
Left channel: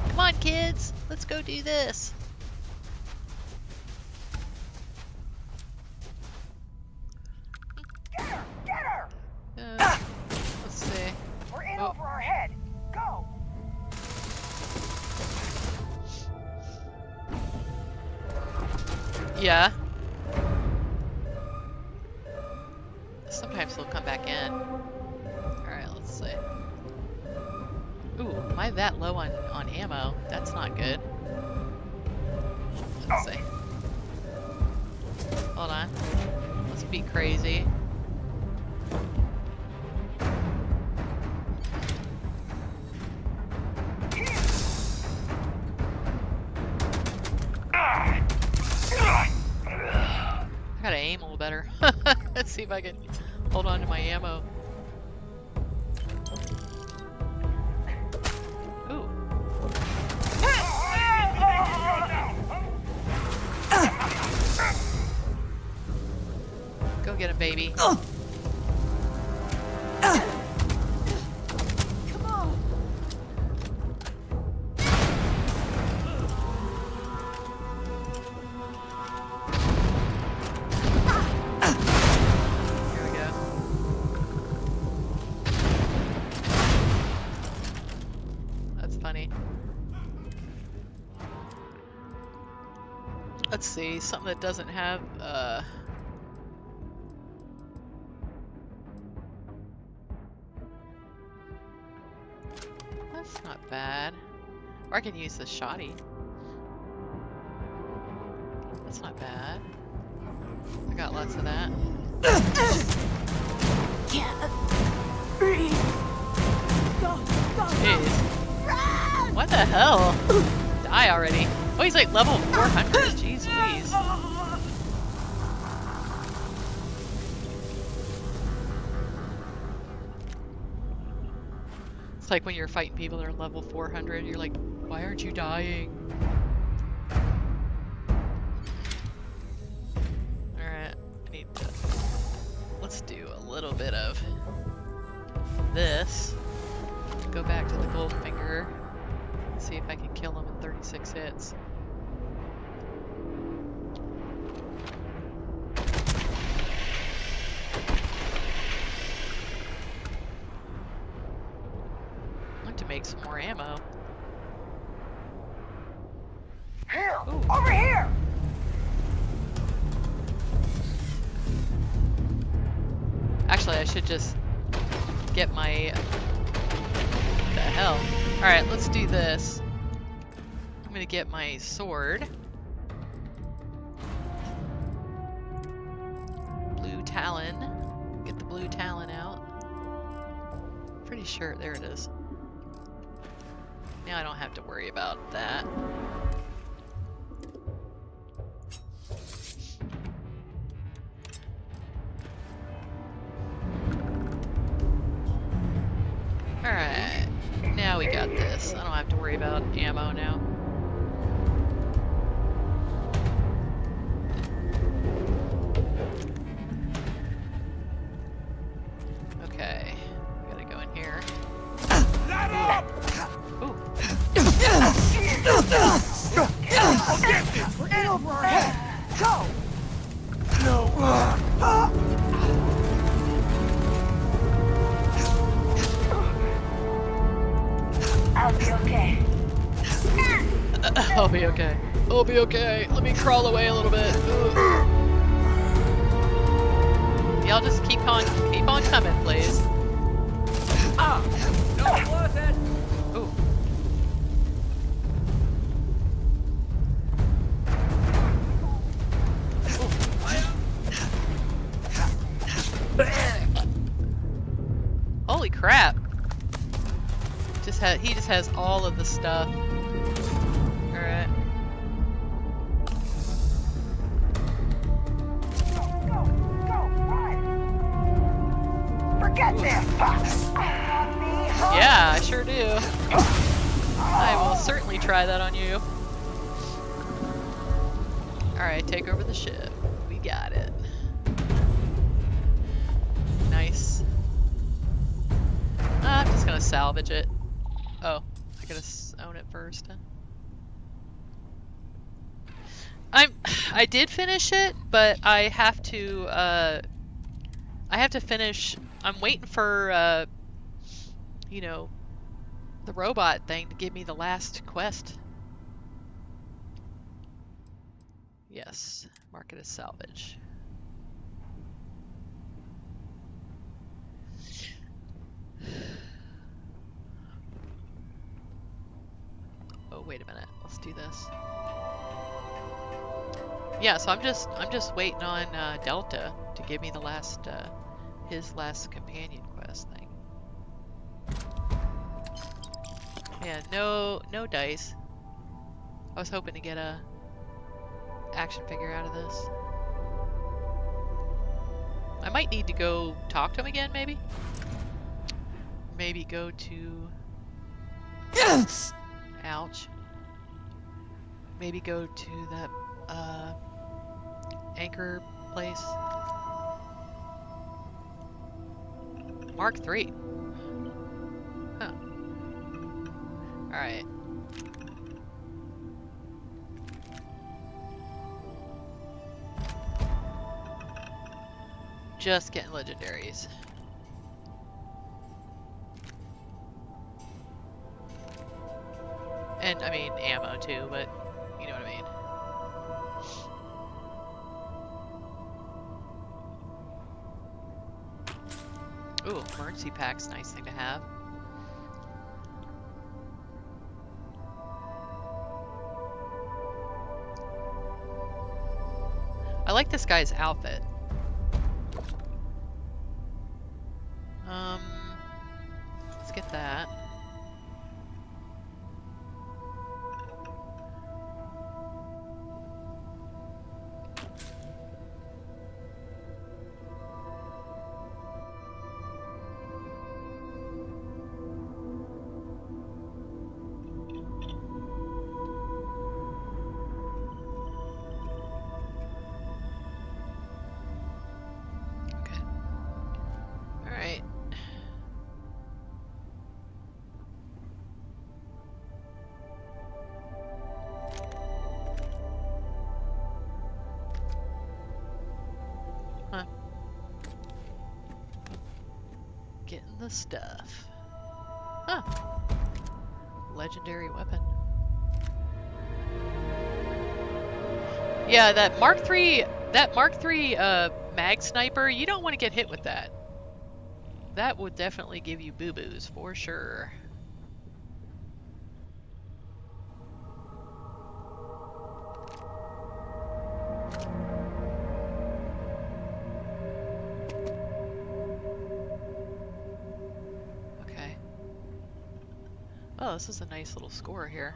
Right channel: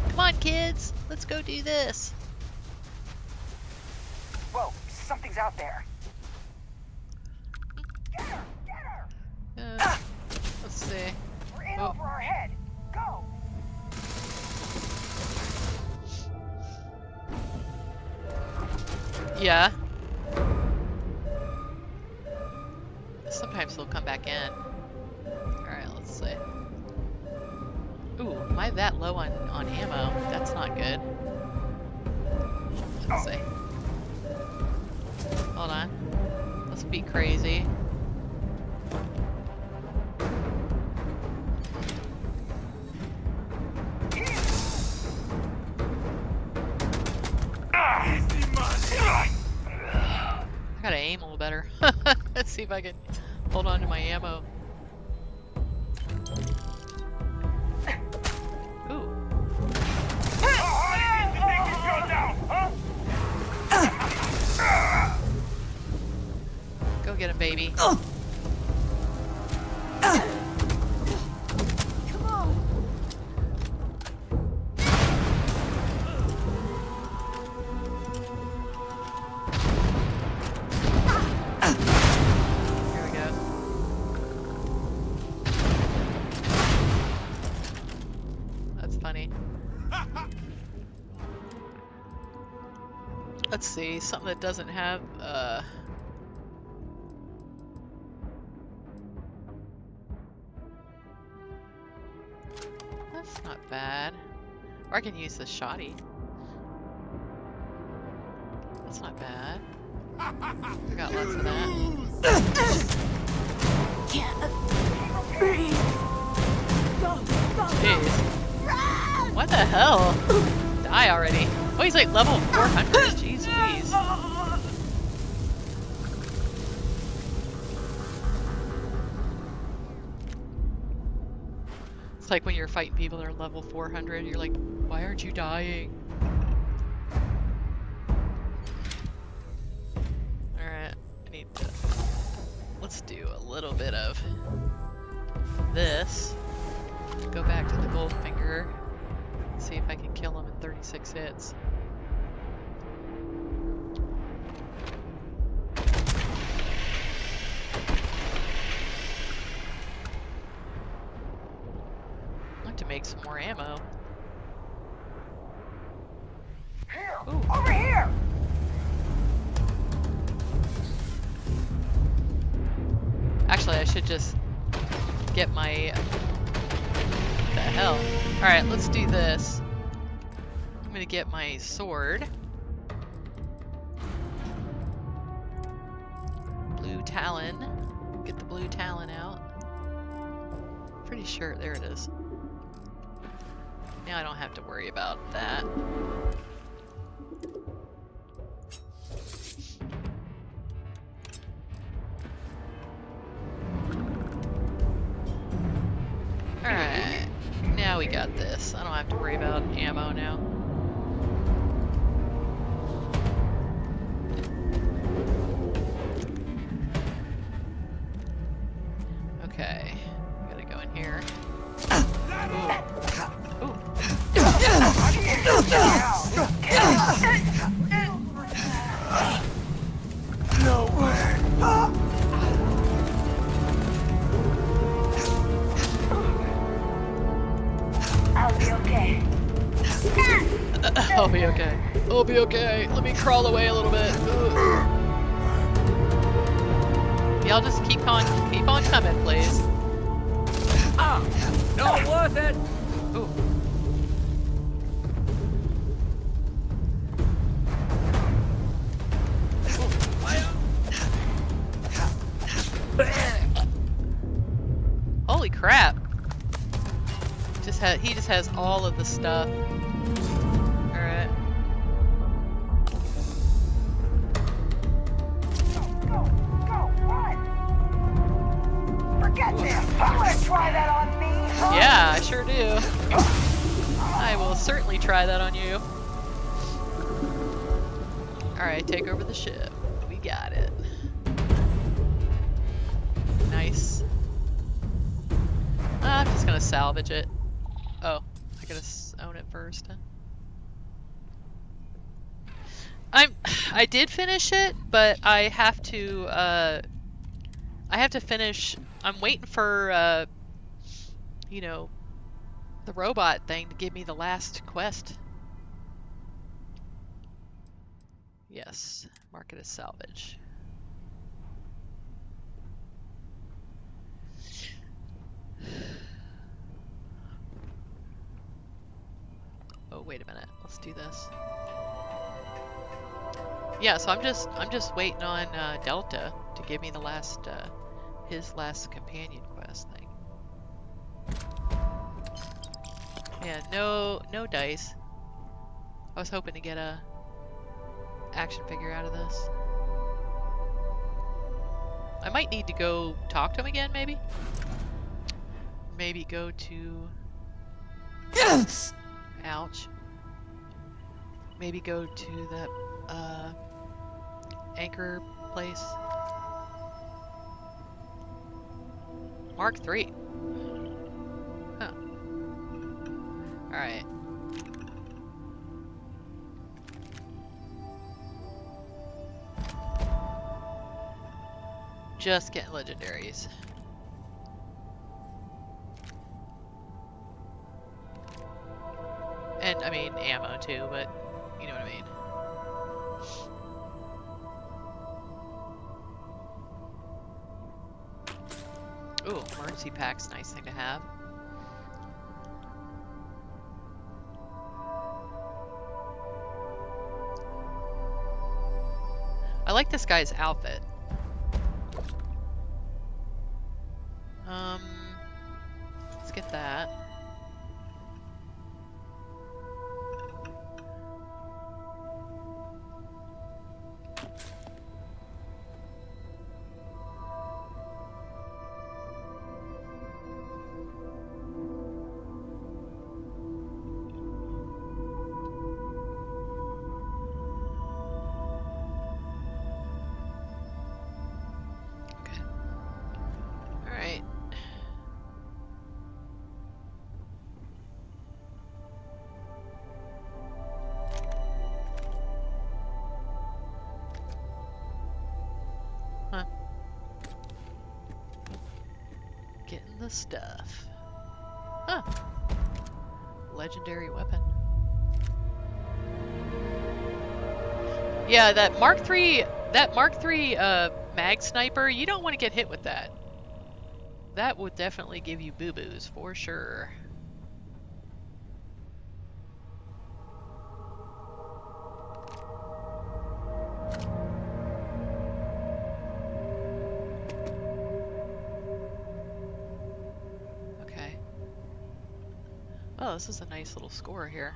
Come on, kids! Let's go do this! Whoa, something's out there. Get her! Get her! Let's see. We're in over our head. Go! Yeah. Sometimes they'll come back in. Alright, let's see. Ooh, am I that low on ammo? That's not good. Let's see. Hold on. Let's be crazy. I gotta aim a little better. Let's see if I can hold on to my ammo. Ooh. Go get him, baby. Come on. Here we go. That's funny. Let's see, something that doesn't have, that's not bad. Or I can use the shoddy. That's not bad. I got lots of that. Can't breathe. Go, go, Jeez. run! What the hell? Die already. Oh, he's like level 400. Jeez Louise. It's like when you're fighting people that are level 400, you're like, why aren't you dying? Alright, I need to... Let's do a little bit of this. Go back to the Goldfinger. See if I can kill him in 36 hits. I'd like to make some more ammo. Here! Ooh. Over here! Actually, I should just get my... What the hell? Alright, let's do this. I'm gonna get my sword. Blue Talon. Get the Blue Talon out. Pretty sure, there it is. Now I don't have to worry about that. Alright, now we got this. I don't have to worry about ammo now. Okay, we gotta go in here. Ooh. Ooh. I'll be okay. I'll be okay. I'll be okay. Let me crawl away a little bit. Ooh. Y'all just keep on coming, please. Ah! Not worth it! Ooh. Holy crap. He just has all of the stuff. Alright. Go, run! Forget this! Try that on me, huh? Yeah, I sure do. I will certainly try that on you. Alright, take over the ship. We got it. Nice. I'm just gonna salvage it. Oh, I gotta own it first. I did finish it, but I have to finish. I'm waiting for you know, the robot thing to give me the last quest. Yes, mark it as salvage. Oh, wait a minute. Let's do this. Yeah, so I'm just waiting on Delta to give me the last his last companion quest thing. Yeah, no dice. I was hoping to get a action figure out of this. I might need to go talk to him again, maybe? Maybe go to... Ouch. Maybe go to that, anchor place. Mark 3. Huh. Alright. Just getting legendaries. And, I mean, ammo too, but you know what I mean. Ooh, emergency pack's a nice thing to have. I like this guy's outfit. Let's get that. Getting the stuff. Huh. Legendary weapon. Yeah, that Mark III mag sniper, you don't want to get hit with that. That would definitely give you boo-boos for sure. Oh, this is a nice little score here.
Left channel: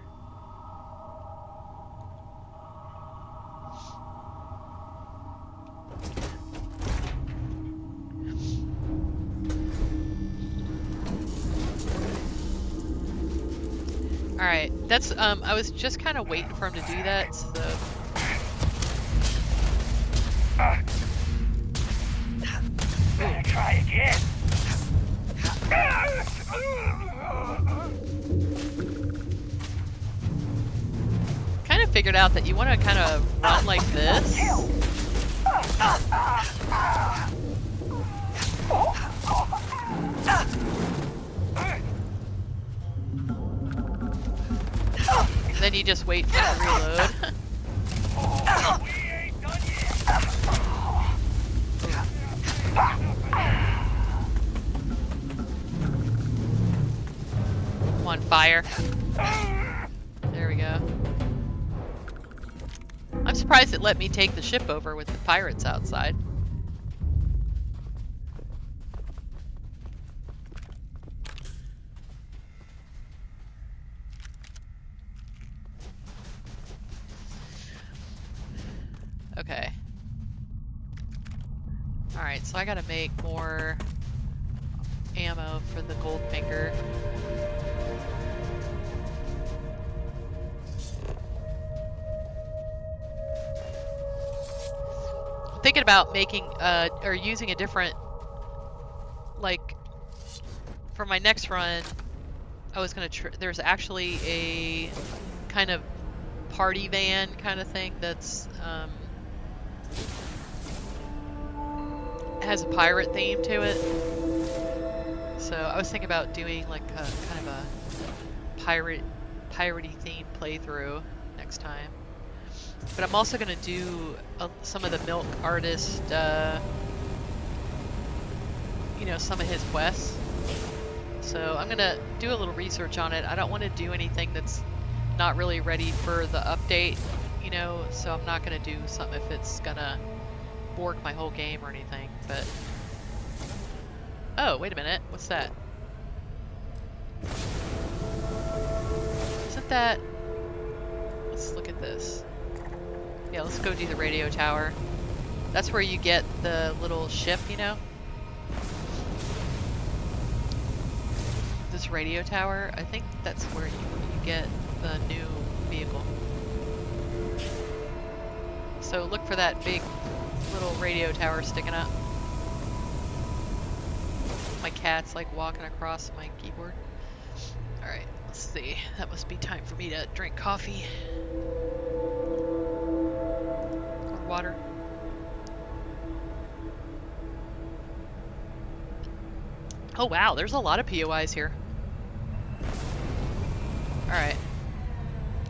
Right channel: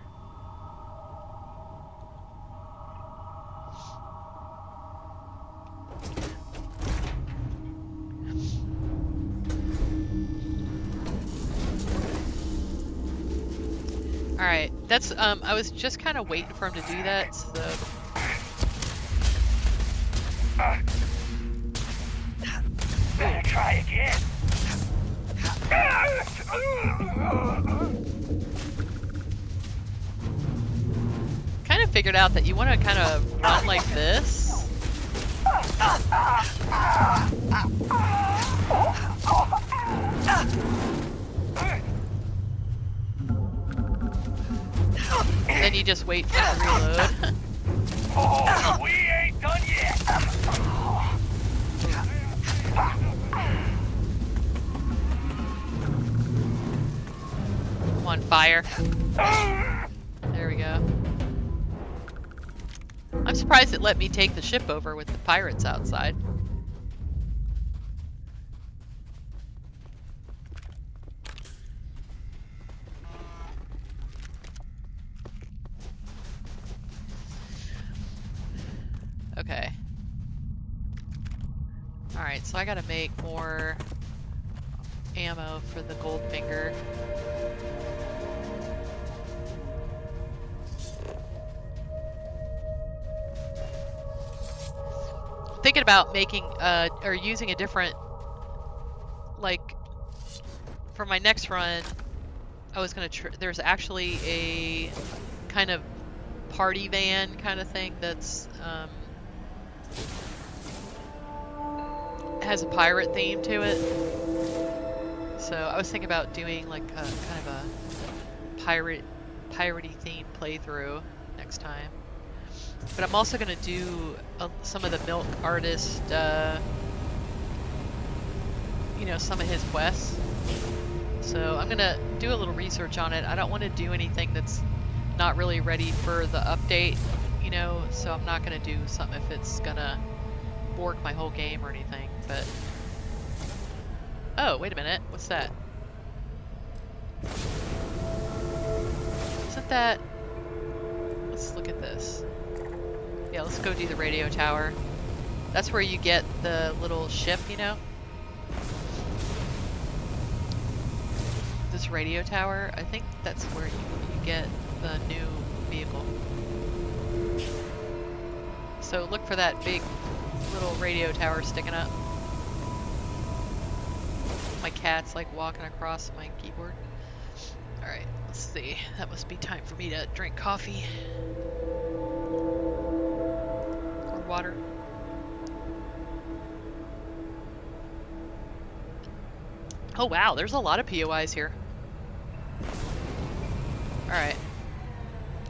Alright, that's, I was just kind of waiting for him to do that, so... Better try again. Kind of figured out that you want to kind of run like this. And then you just wait for it to reload. Oh, we ain't done yet. Come on, fire. There we go. I'm surprised it let me take the ship over with the pirates outside. Okay. Alright, so I gotta make more ammo for the Goldfinger. thinking about making or using a different, like, for my next run. I was gonna there's actually a kind of party van kind of thing that's has a pirate theme to it. So I was thinking about doing like a kind of a piratey themed playthrough next time. But I'm also gonna do some of the Milk Artist, you know, some of his quests. So I'm gonna do a little research on it. I don't want to do anything that's not really ready for the update, you know, so I'm not gonna do something if it's gonna bork my whole game or anything, but... Oh, wait a minute, what's that? Isn't that... Let's look at this. Yeah, let's go do the radio tower. That's where you get the little ship, you know? This radio tower, I think that's where you get the new vehicle. So look for that big little radio tower sticking up. My cat's like walking across my keyboard. Alright, let's see. That must be time for me to drink coffee. Or water. Oh wow, there's a lot of POIs here. Alright.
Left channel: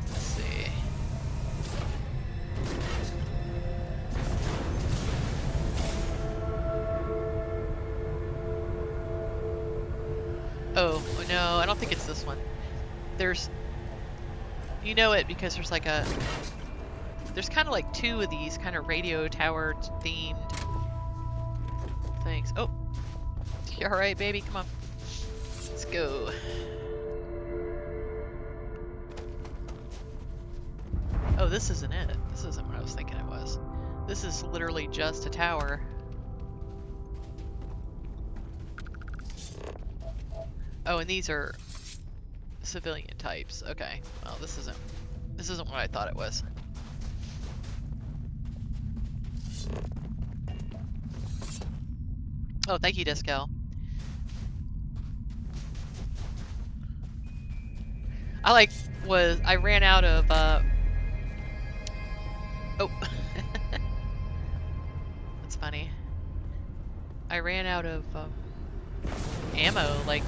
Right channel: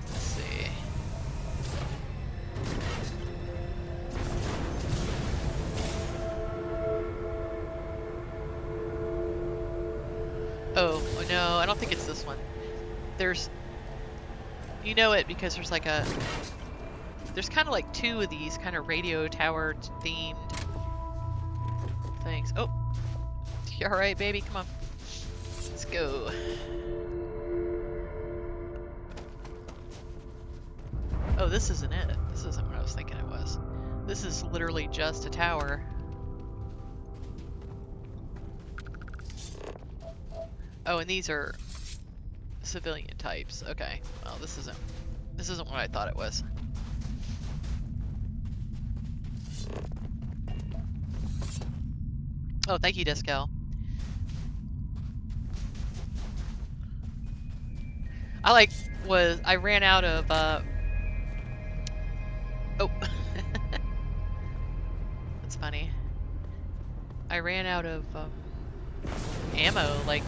Let's see. Oh, no, I don't think it's this one. There's... You know it because there's like a... There's kind of like two of these kind of radio tower themed things. Oh! You alright, baby? Come on. Let's go. Oh, this isn't it. This isn't what I was thinking it was. This is literally just a tower. Oh, and these are civilian types. Okay. Well, this isn't what I thought it was. Oh, thank you, Discal. I ran out of oh. That's funny. I ran out of ammo, like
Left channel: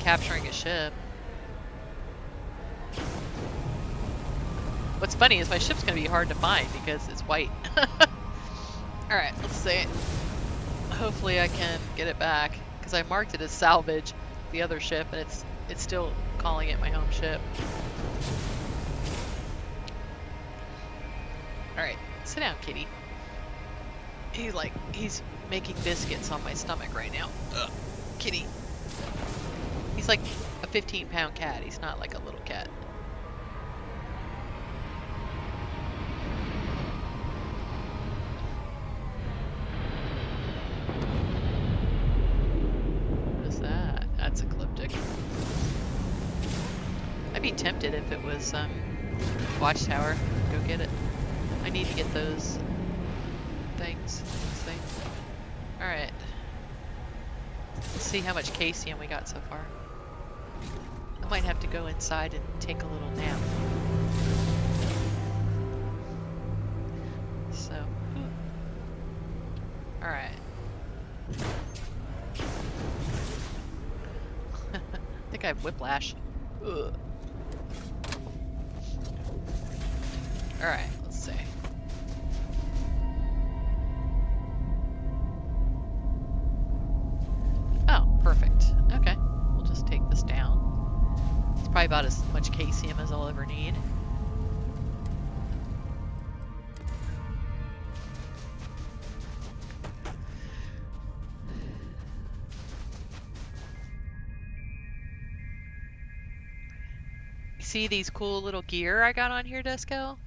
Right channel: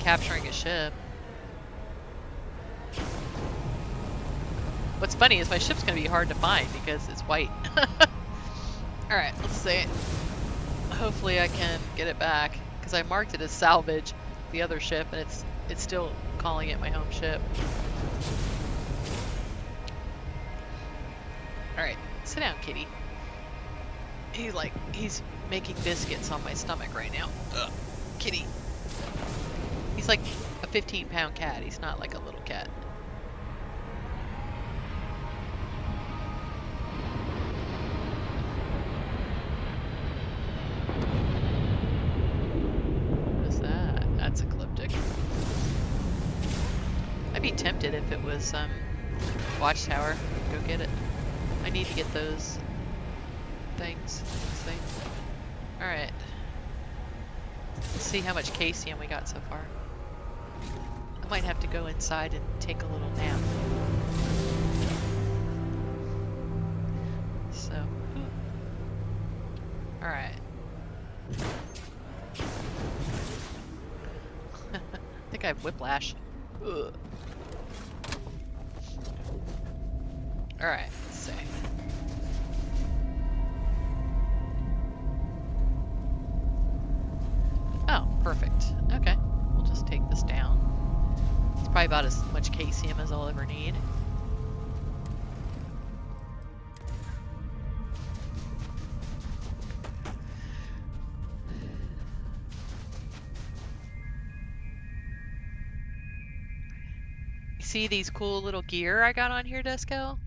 capturing a ship. What's funny is my ship's gonna be hard to find because it's white. Alright, let's see. Hopefully I can get it back, because I marked it as salvage, the other ship, and it's still calling it my home ship. Alright, sit down, kitty. He's making biscuits on my stomach right now. Ugh, kitty. He's like a 15-pound cat. He's not like a little cat. What is that? That's ecliptic. I'd be tempted if it was Watchtower. Go get it. I need to get those things. Alright. Let's see how much caesium we got so far. I might have to go inside and take a little nap. So, alright. I think I have whiplash. Ugh. Alright, let's see. Oh, perfect. Okay, we'll just take this down. It's probably about as much caesium as I'll ever need. See these cool little gear I got on here, Disco?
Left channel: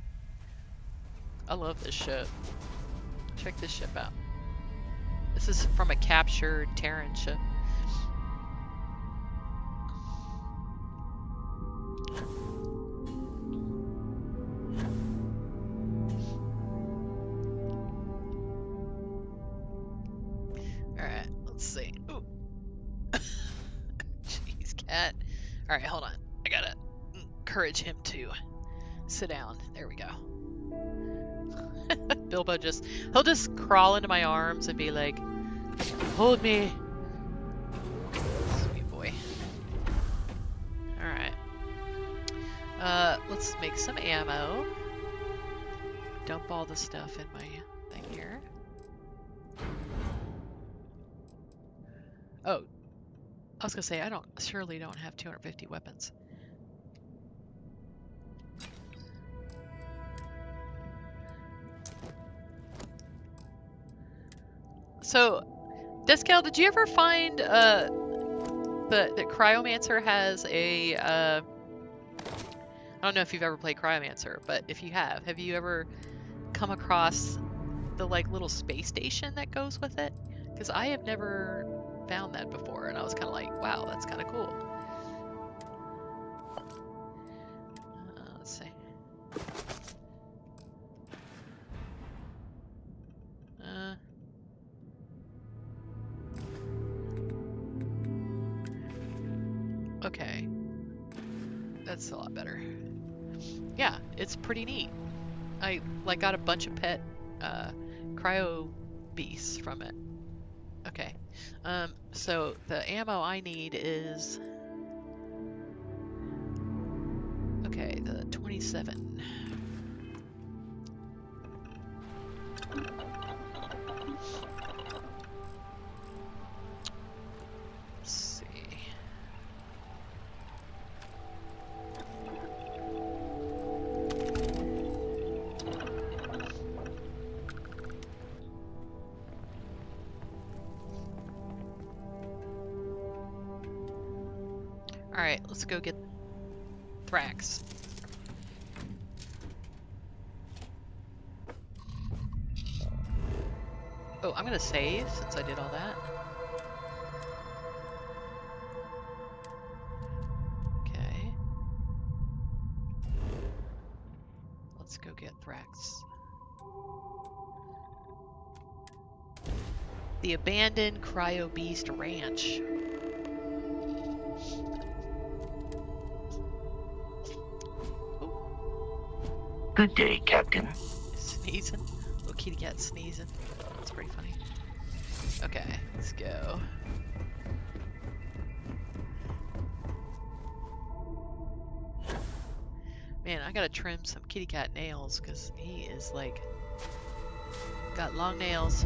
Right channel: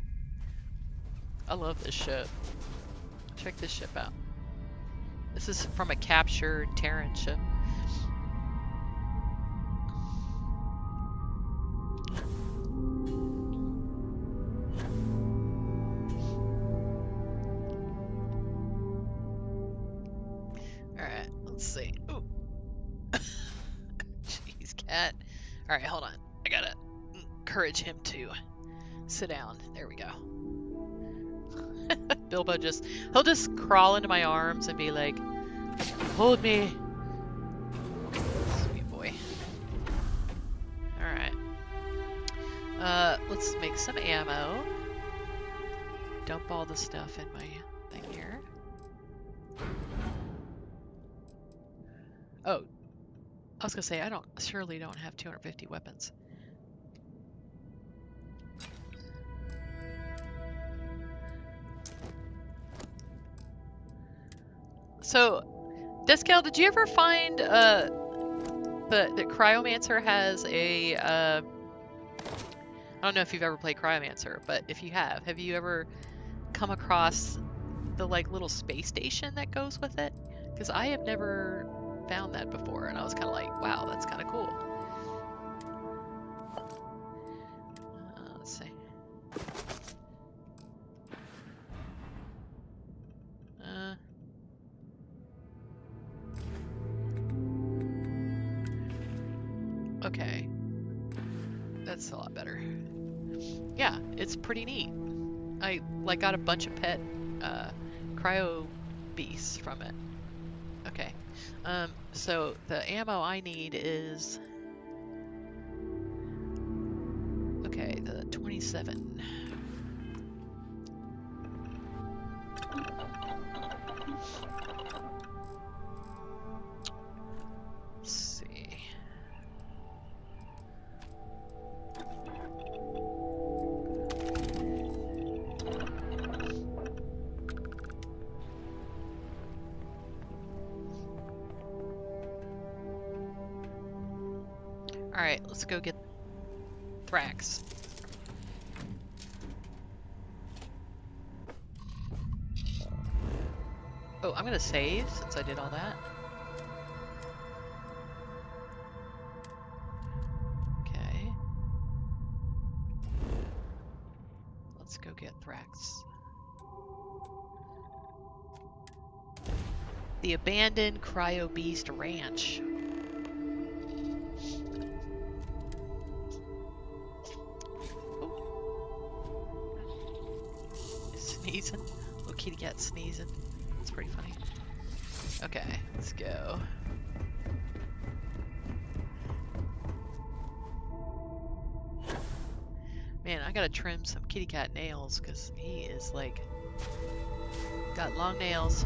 I love this ship. Check this ship out. This is from a captured Terran ship. Let's see. Ooh. Jeez, cat. All right, hold on. I gotta encourage him to sit down. There we go. Bilbo he'll just crawl into my arms and be like, hold me. Sweet boy. Alright. Let's make some ammo. Dump all the stuff in my thing here. Oh. I was gonna say, I surely don't have 250 weapons. So, Descal, did you ever find that Cryomancer has a I don't know if you've ever played Cryomancer, but if you have you ever come across the like little space station that goes with it? Because I have never found that before, and I was kind of like, wow, that's kind of cool. Let's see. Okay. That's a lot better. Yeah, it's pretty neat. I like got a bunch of pet cryo beasts from it. Okay. So the ammo I need is okay, the 27. Let's see. Alright, let's go get Thrax. Oh, I'm gonna save since I did all that. Okay. Let's go get Thrax. The abandoned Cryo Beast Ranch. Good day, Captain. Sneezing. Little kitty cat sneezing. That's pretty funny. Okay, let's go. Man, I gotta trim some kitty cat nails because he is like got long nails.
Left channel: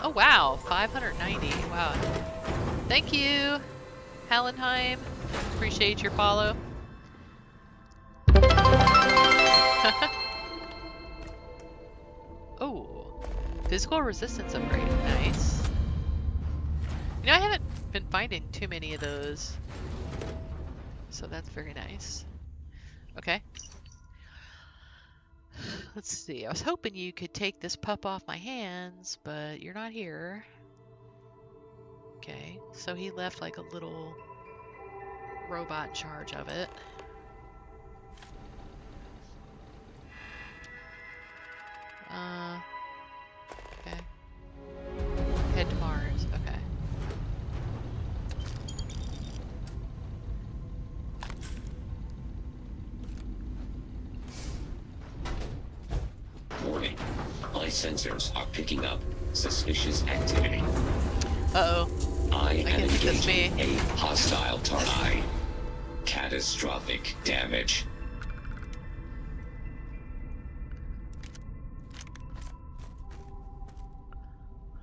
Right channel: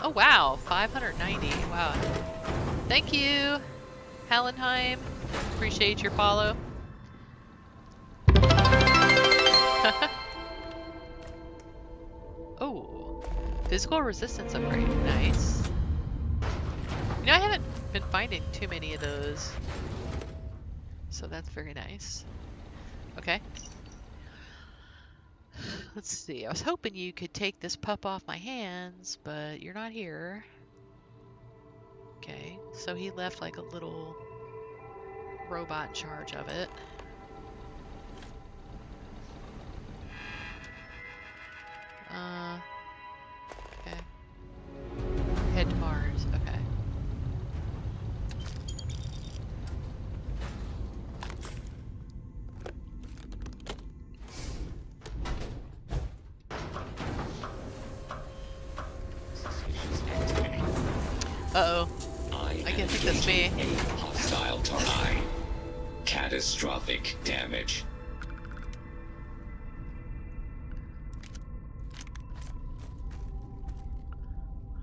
Oh wow, 590. Wow. Thank you, Hallenheim. Appreciate your follow. Oh, physical resistance upgrade. Nice. You know, I haven't been finding too many of those, so that's very nice. Okay. Let's see. I was hoping you could take this pup off my hands, but you're not here. Okay, so he left like a little robot in charge of it. Okay. Head to Mars. Okay. Warning. My sensors are picking up suspicious activity. Uh-oh. I am think that's me. engaging a hostile target. Catastrophic damage.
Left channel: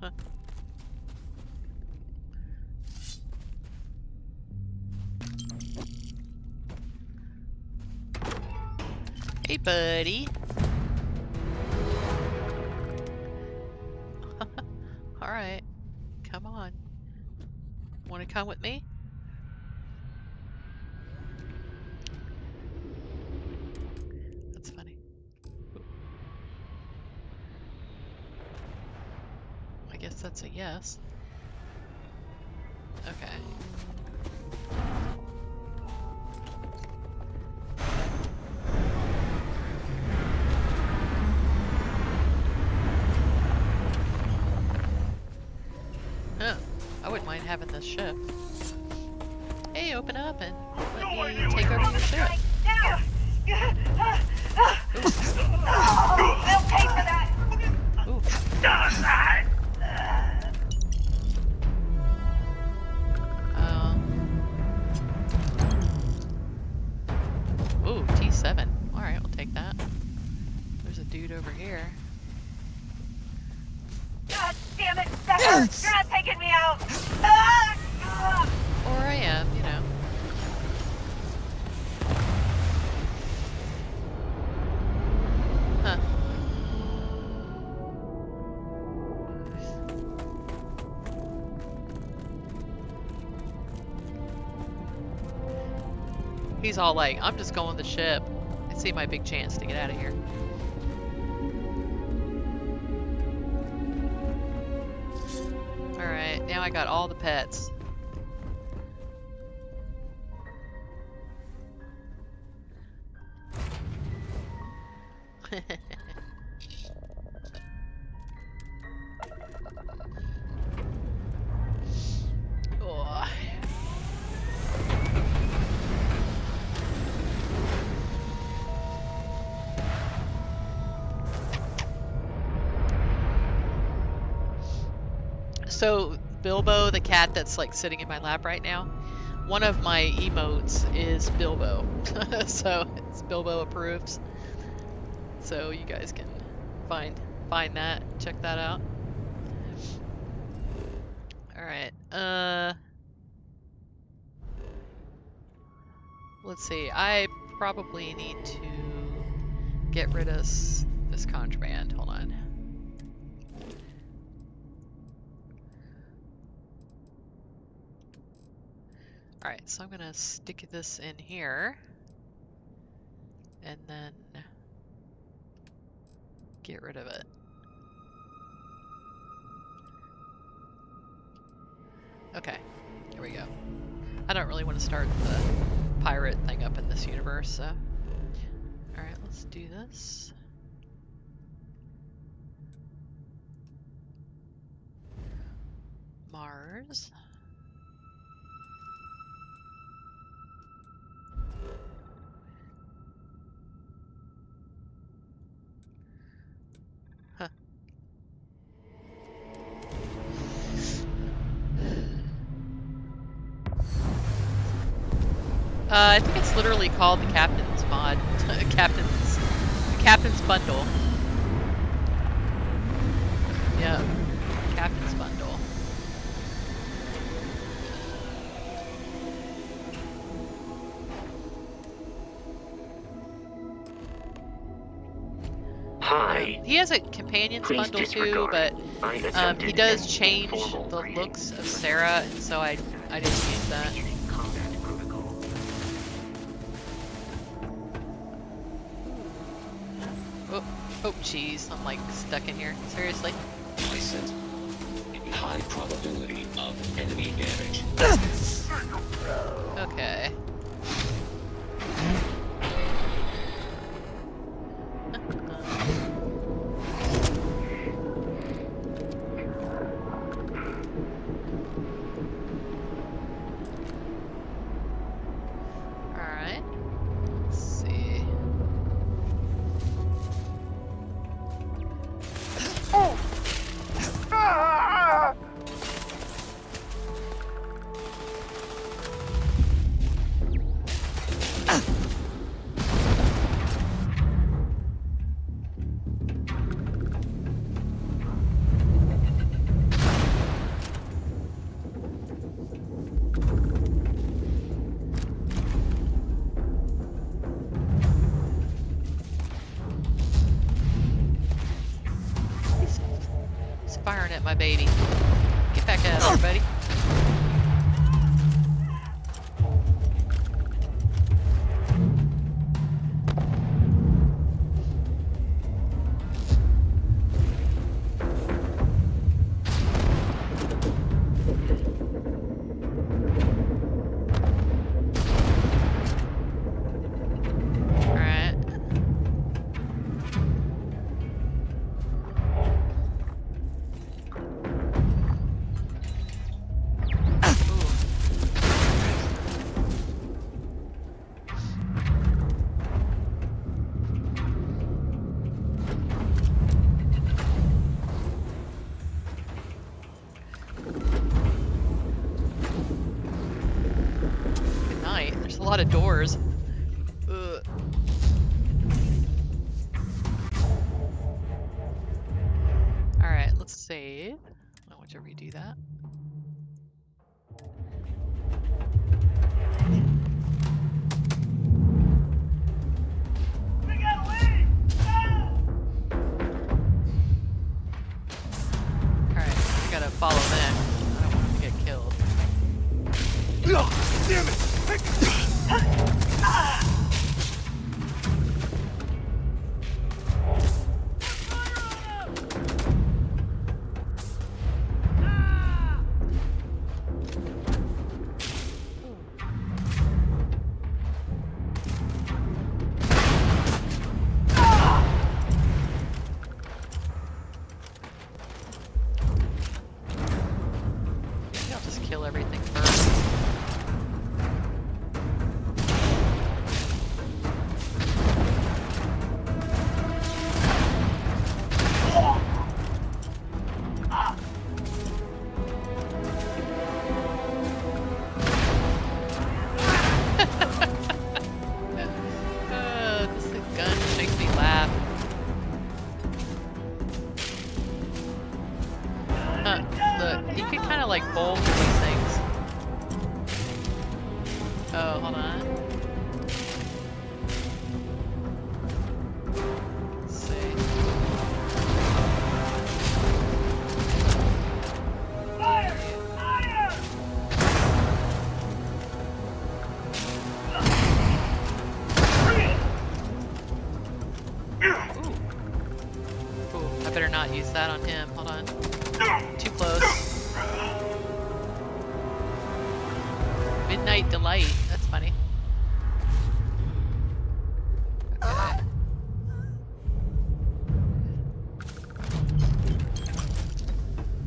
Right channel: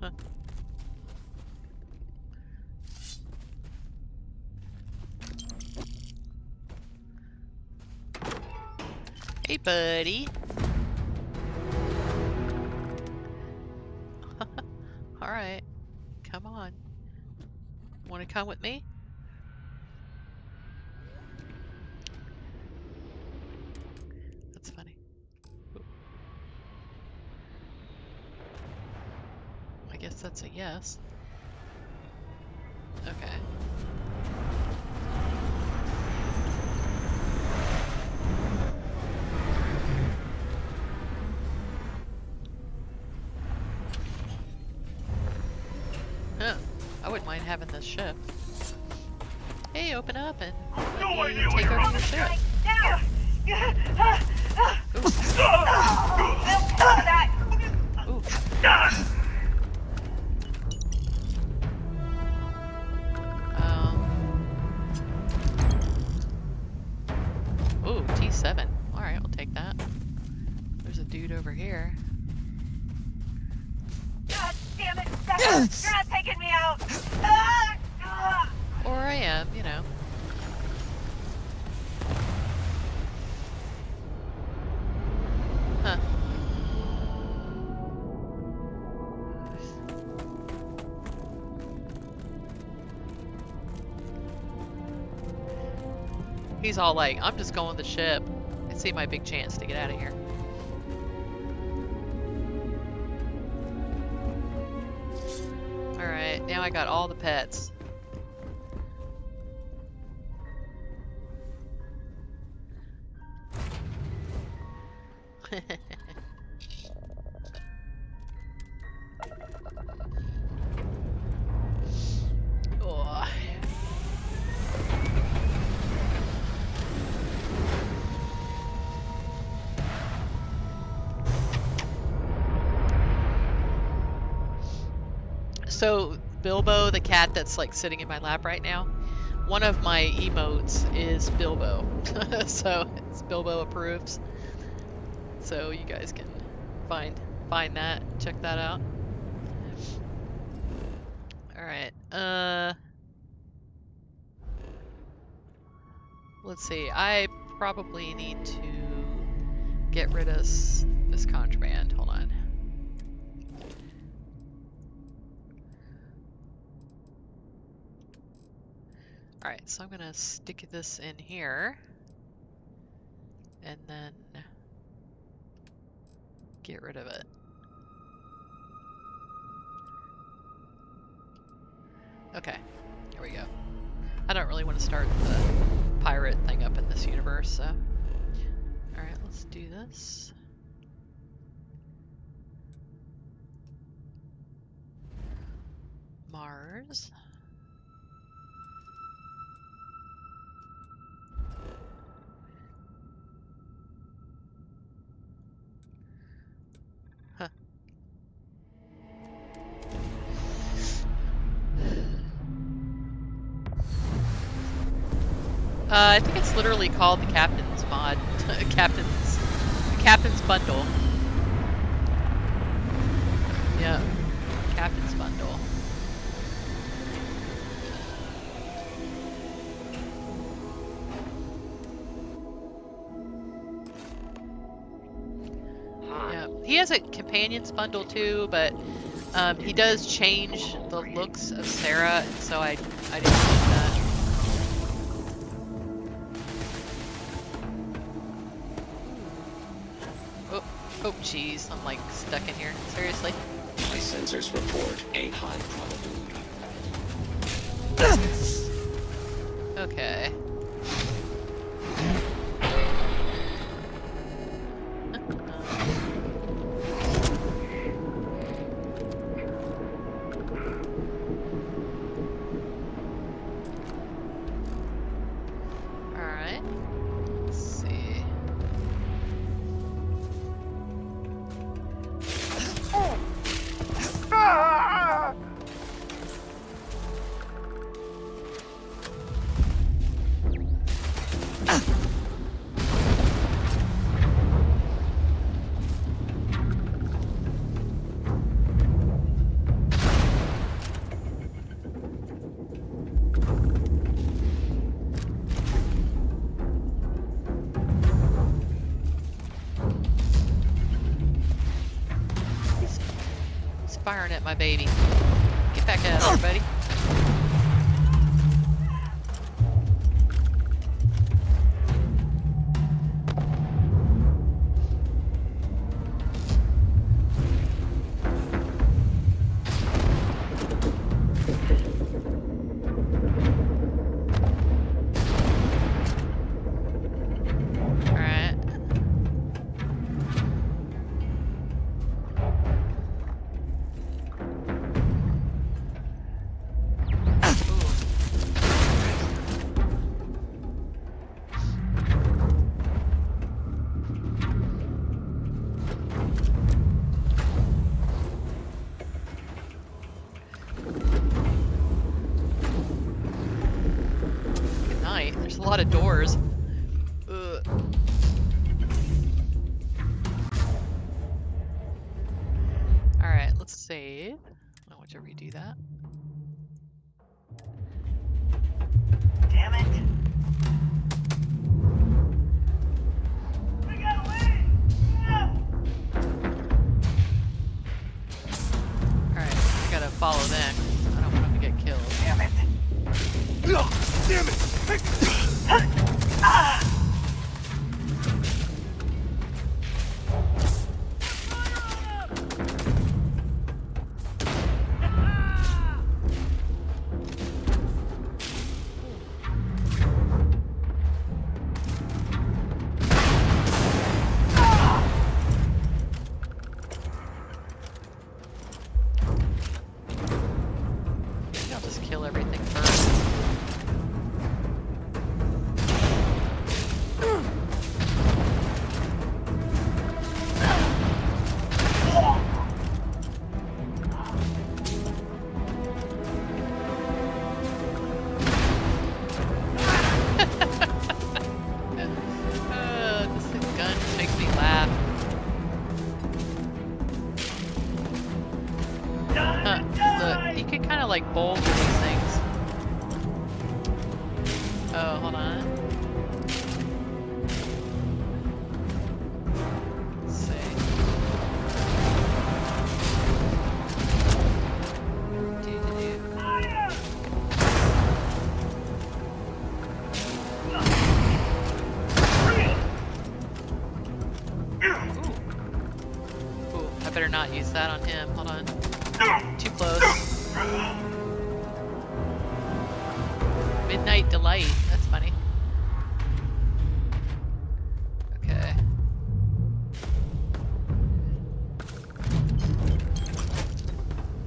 Huh. Hey, buddy. All right. Come on. Want to come with me? That's funny. Ooh. I guess that's a yes. Okay. I wouldn't mind having this ship. Hey, open up and let me take over your ship. Ooh. Ooh, T7. Alright, we'll take that. There's a dude over here. God damn it! You're not taking me out! Or I am, you know. Huh. He's all like, I'm just going the ship. I see my big chance to get out of here. Alright, now I got all the pets. Oh. So Bilbo, the cat that's like sitting in my lap right now, one of my emotes is Bilbo. So it's Bilbo approves. So you guys can find that, check that out. Alright, let's see, I probably need to get rid of this contraband. Hold on. Alright, so I'm gonna stick this in here. And then get rid of it. Okay, here we go. I don't really want to start the pirate thing up in this universe, so. Alright, let's do this. Mars. Huh. I think it's literally called the Captain's Mod. Captain's Bundle. Yeah, Captain's Bundle. Hi. He has a Companion's Bundle too, but he does change the looks of Sarah, and so I didn't use that. Oh, jeez, I'm like stuck in here. Seriously? My sensors report a high probability of enemy damage. Okay. Alright. Let's see. He's firing at my baby. Get back out of there, buddy. There's a lot of doors. Ugh. Alright, let's save. I don't want to redo that. Damn it. We gotta leave! Ah! Alright, I gotta follow them. I don't want them to get killed. Damn it. No! Damn it! Ah! Maybe I'll just kill everything first. This gun makes me laugh. Look, you can kind of like bowl through these things. Oh, hold on. Let's see. Ooh, I better not use that on him. Hold on. Too close. Midnight Delight. That's funny. Okay.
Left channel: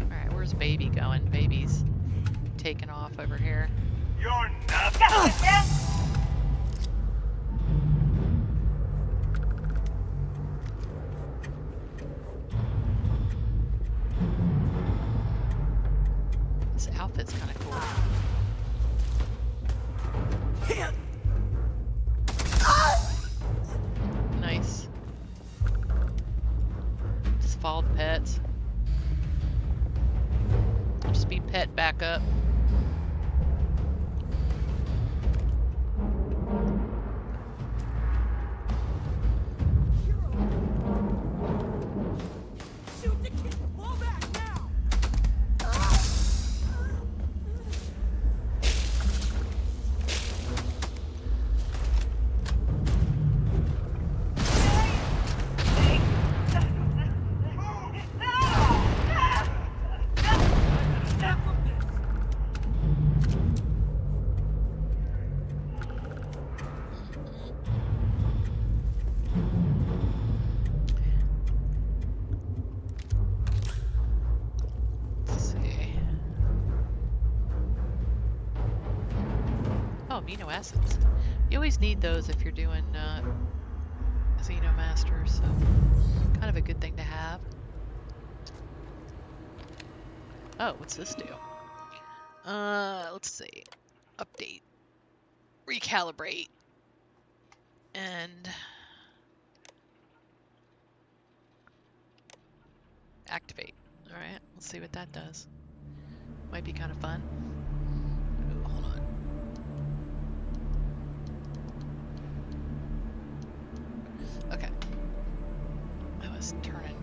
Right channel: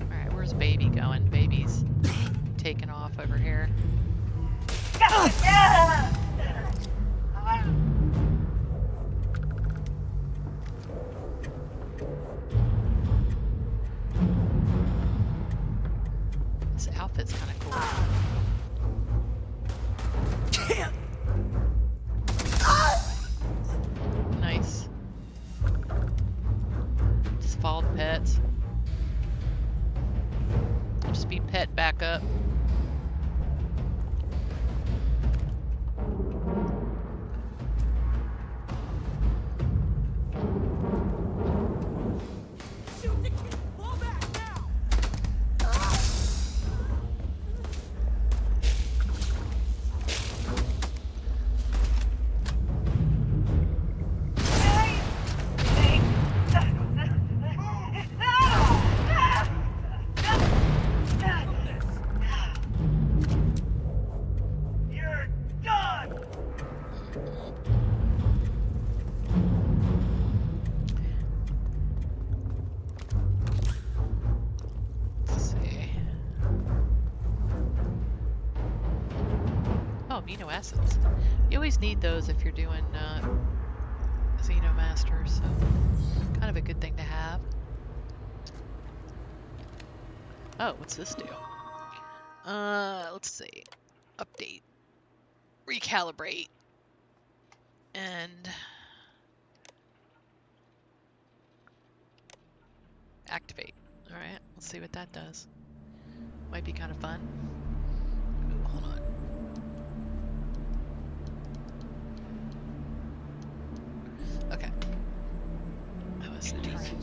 Alright, where's Baby going? Baby's taking off over here. You're nothing. This outfit's kind of cool. Nice. Just follow the pets. I'll just be pet back up. You're done. Let's see. Oh, amino acids. You always need those if you're doing Xenomaster, so kind of a good thing to have. Oh, what's this do? Let's see. Update. Recalibrate. And activate. Alright, let's see what that does. Might be kind of fun. Ooh, hold on. Okay. I was turning.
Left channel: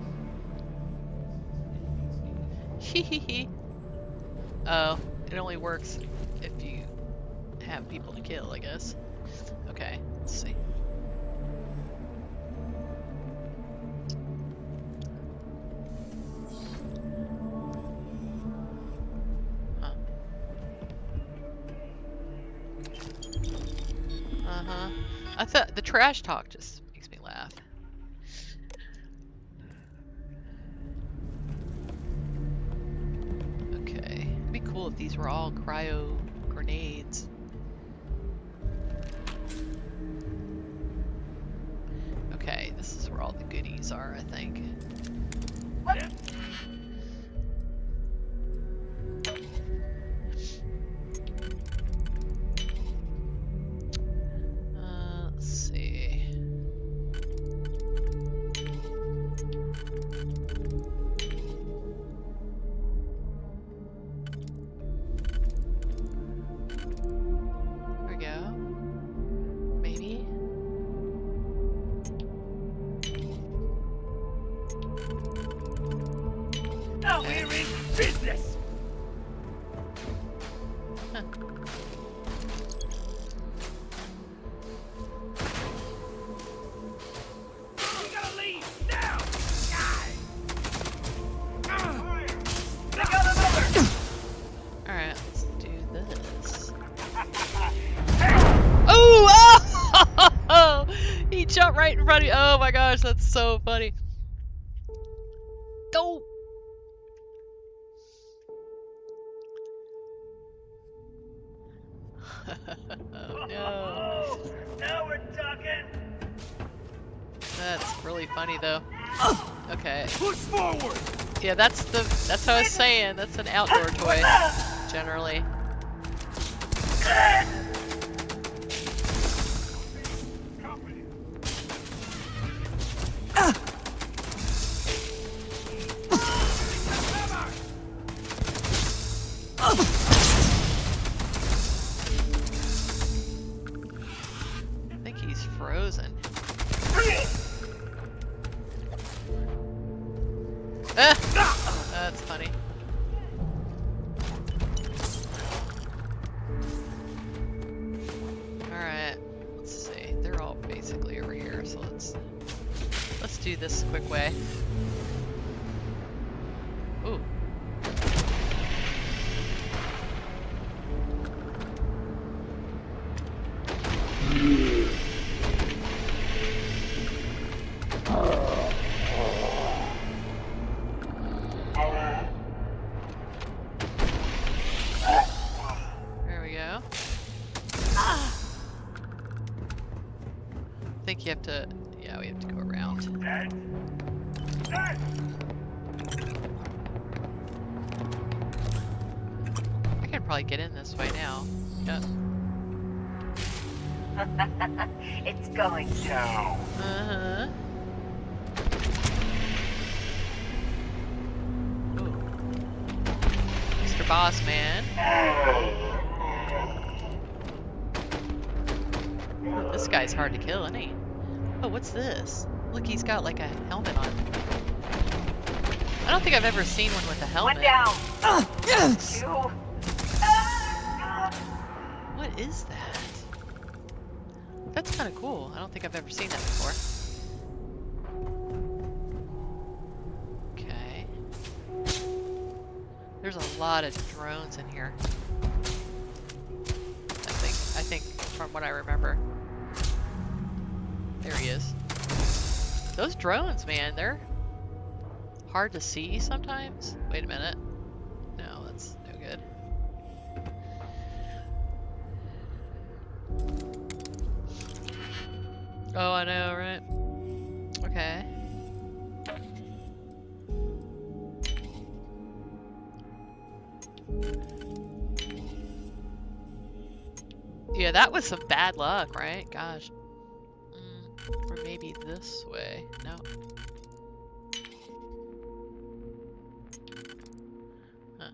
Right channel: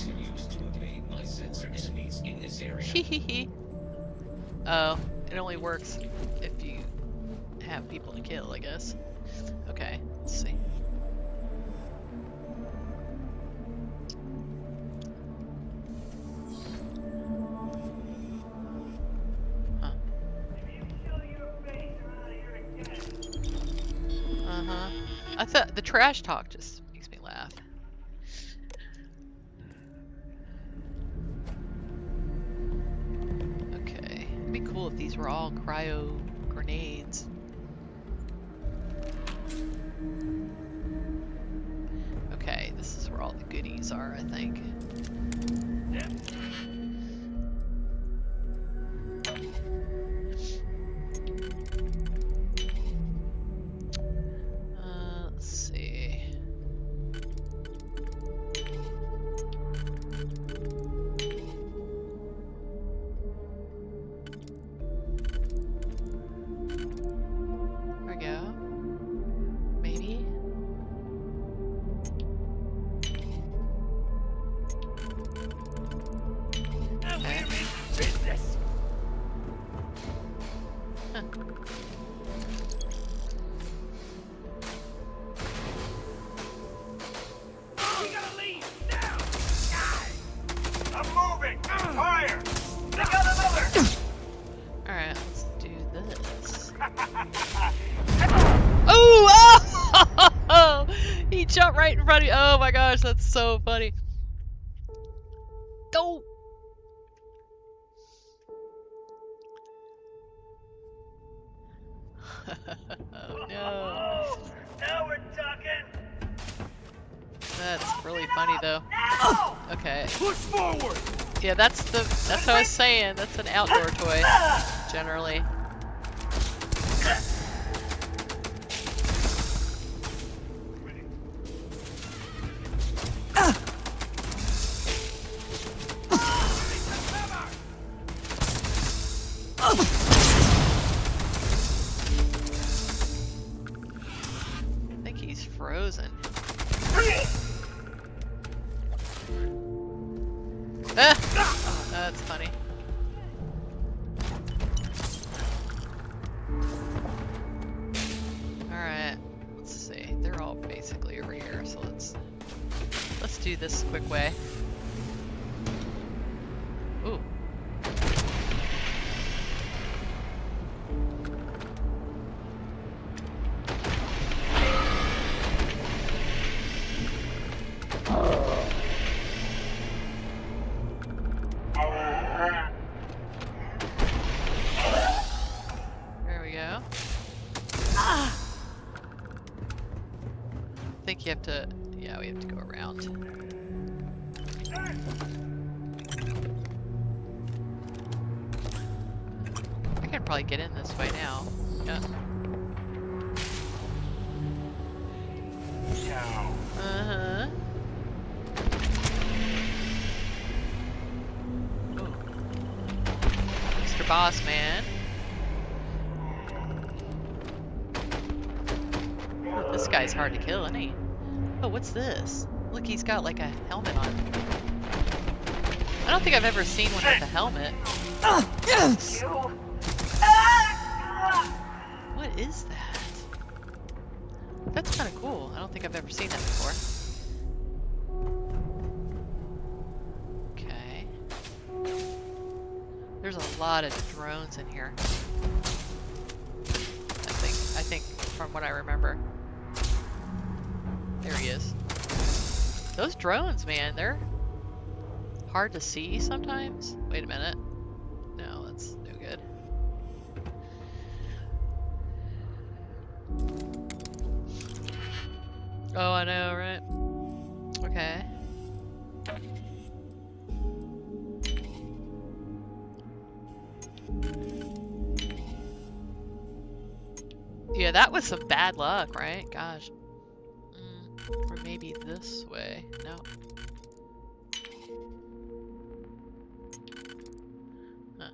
Hee. Oh, it only works if you have people to kill, I guess. Okay, let's see. Huh. Uh-huh. I thought the trash talk just makes me laugh. Okay. It'd be cool if these were all cryo grenades. Okay, this is where all the goodies are, I think. Everybody, oh my gosh, that's so funny. Go! Oh no. Now we're talking. That's really funny though. Okay. Push forward. Yeah, that's what I was saying. That's an outdoor toy, generally. I think he's frozen. Ah! That's funny. Alright, let's see. They're all basically over here, so let's do this quick way. Ooh. There we go. I think you have to, yeah, we have to go around. I can probably get in this way now. Yeah. It's going No. Uh-huh. Ooh. Mr. Boss Man. Ooh, this guy's hard to kill, isn't he? Oh, what's this? Look, he's got like a helmet on. I don't think I've ever seen one with a helmet. One down. Yes! Two. What is that? That's kind of cool. I don't think I've ever seen that before. Okay. There's a lot of drones in here. I think from what I remember. There he is. Those drones, man, they're hard to see sometimes. Wait a minute. No, that's no good. Oh, I know, right? Okay. Yeah, that was some bad luck, right? Gosh. Or maybe this way. No. Huh.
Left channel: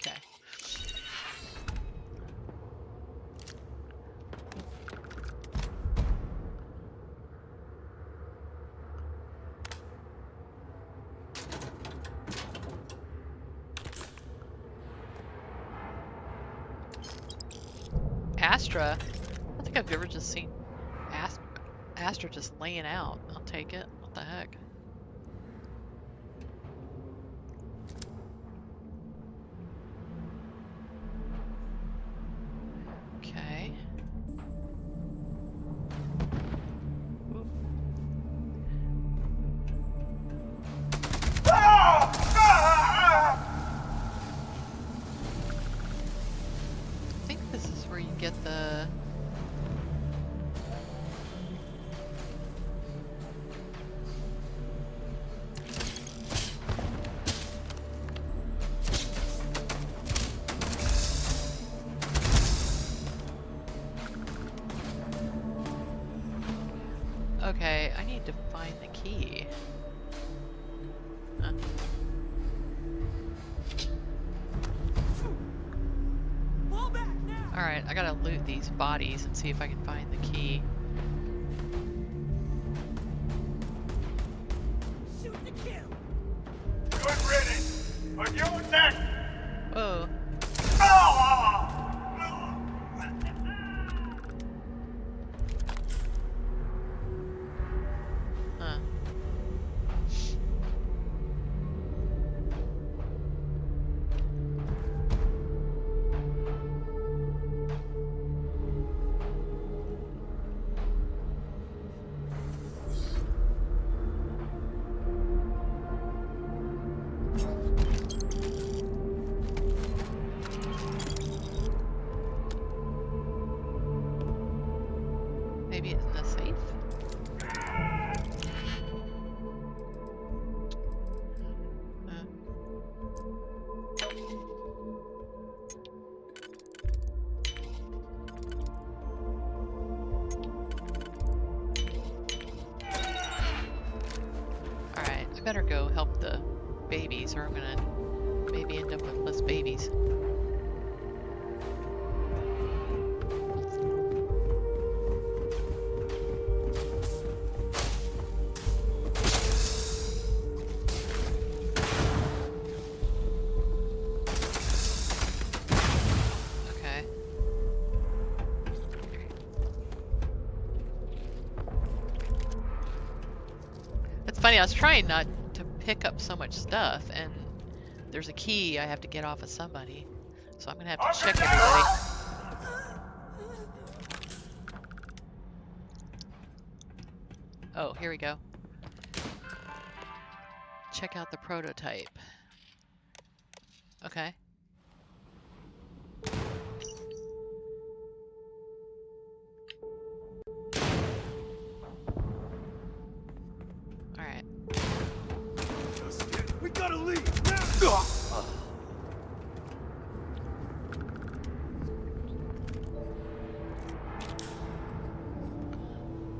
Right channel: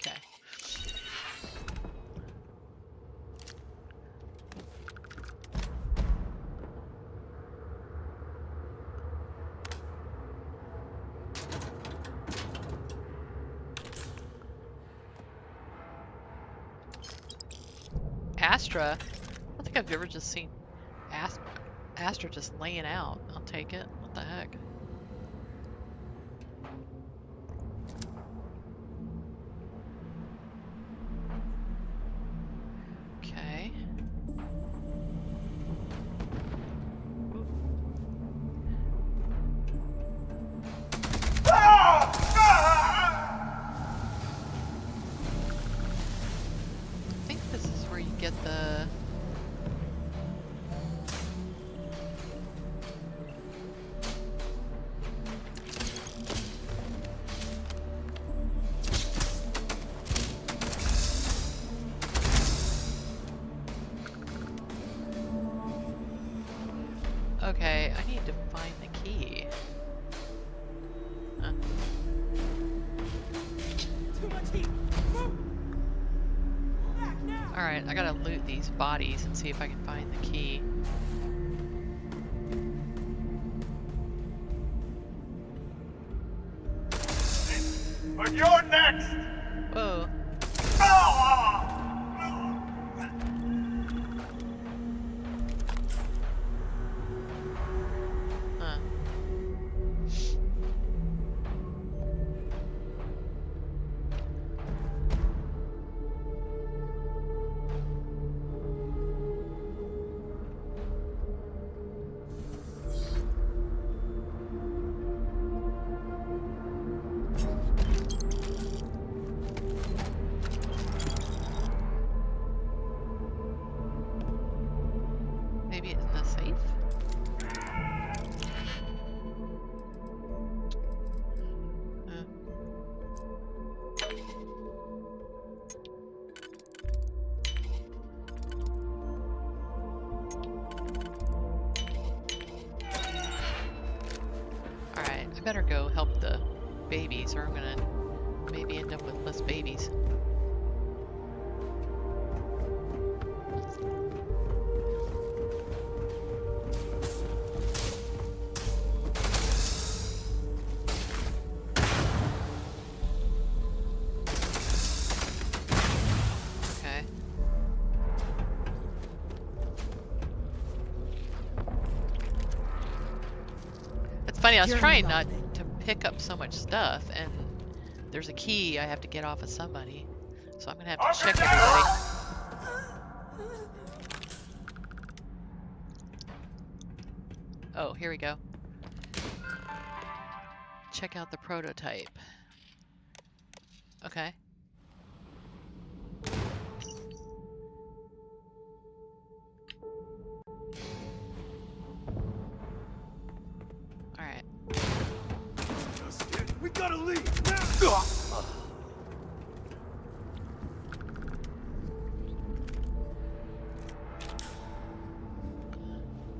Okay. Astra? I don't think I've ever just seen Astra just laying out. I'll take it. What the heck? Okay. Ooh. I think this is where you get the... Okay, I need to find the key. Huh. Alright, I gotta loot these bodies and see if I can find the key. Good riddance, but you're next. Whoa. better go help the babies, or I'm gonna maybe end up with less babies. Funny, I was trying not to pick up so much stuff, and there's a key I have to get off of somebody, so I'm gonna have to check everybody. Oh, here we go. Check out the prototype. Okay. Alright. We gotta leave now!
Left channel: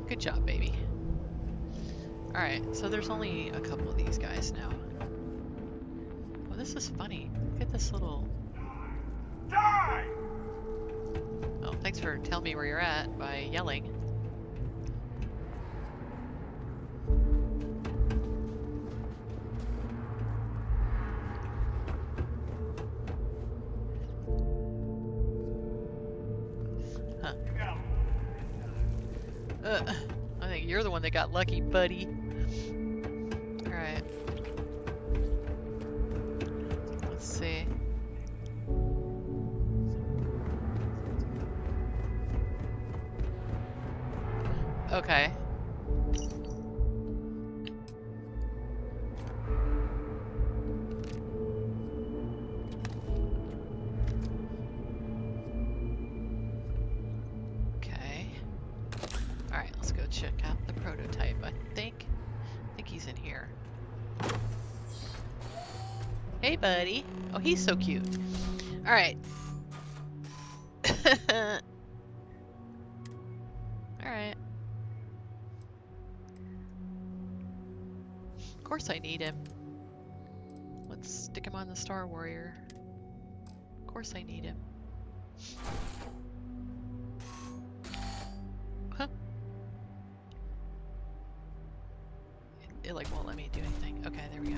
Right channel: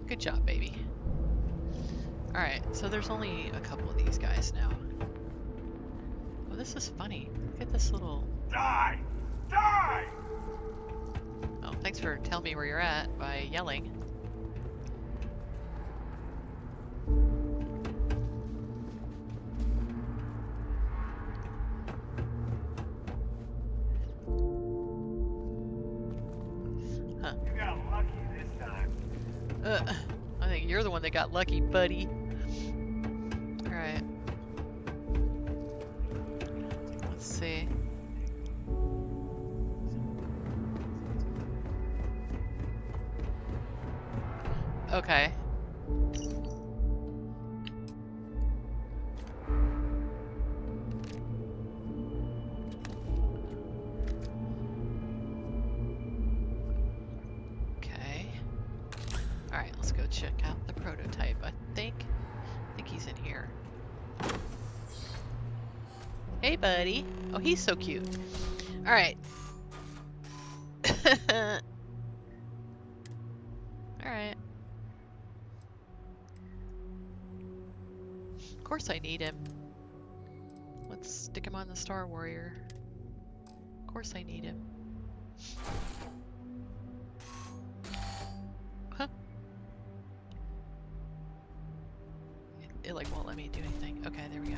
Good job, baby. Alright, so there's only a couple of these guys now. Oh, this is funny. Look at this little... Die! Die! Oh, thanks for telling me where you're at by yelling. Huh. You got lucky this time. I think you're the one that got lucky, buddy. Alright. Let's see. Okay. Alright, let's go check out the prototype. I think he's in here. Hey, buddy. Oh, he's so cute. Alright. Alright. Of course I need him. Let's stick him on the Star Warrior. Of course I need him. Huh. It like won't let me do anything. Okay, there we go.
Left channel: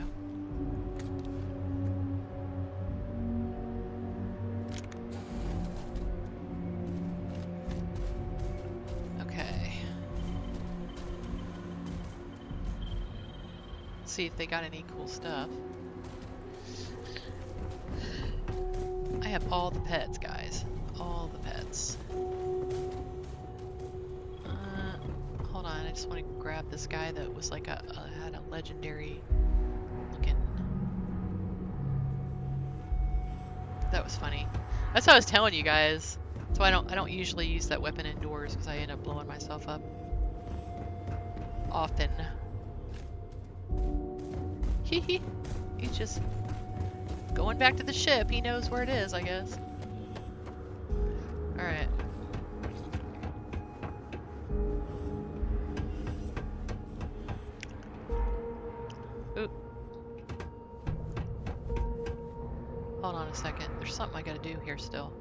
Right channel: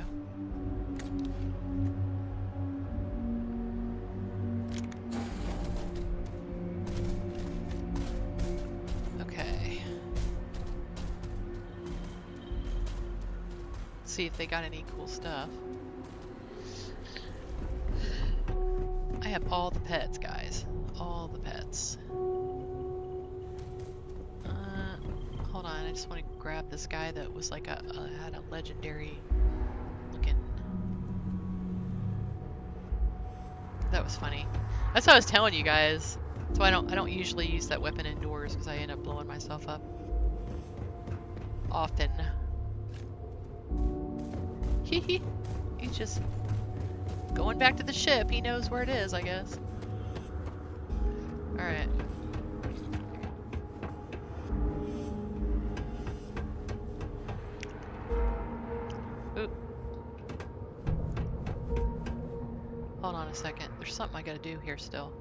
Okay. See if they got any cool stuff. I have all the pets, guys. All the pets. Hold on, I just want to grab this guy that was like had a legendary looking. That was funny. That's what I was telling you guys. So I don't usually use that weapon indoors because I end up blowing myself up often. Hehe. He's just going back to the ship. He knows where it is, I guess. Alright. Oop. Hold on a second. There's something I gotta do here still.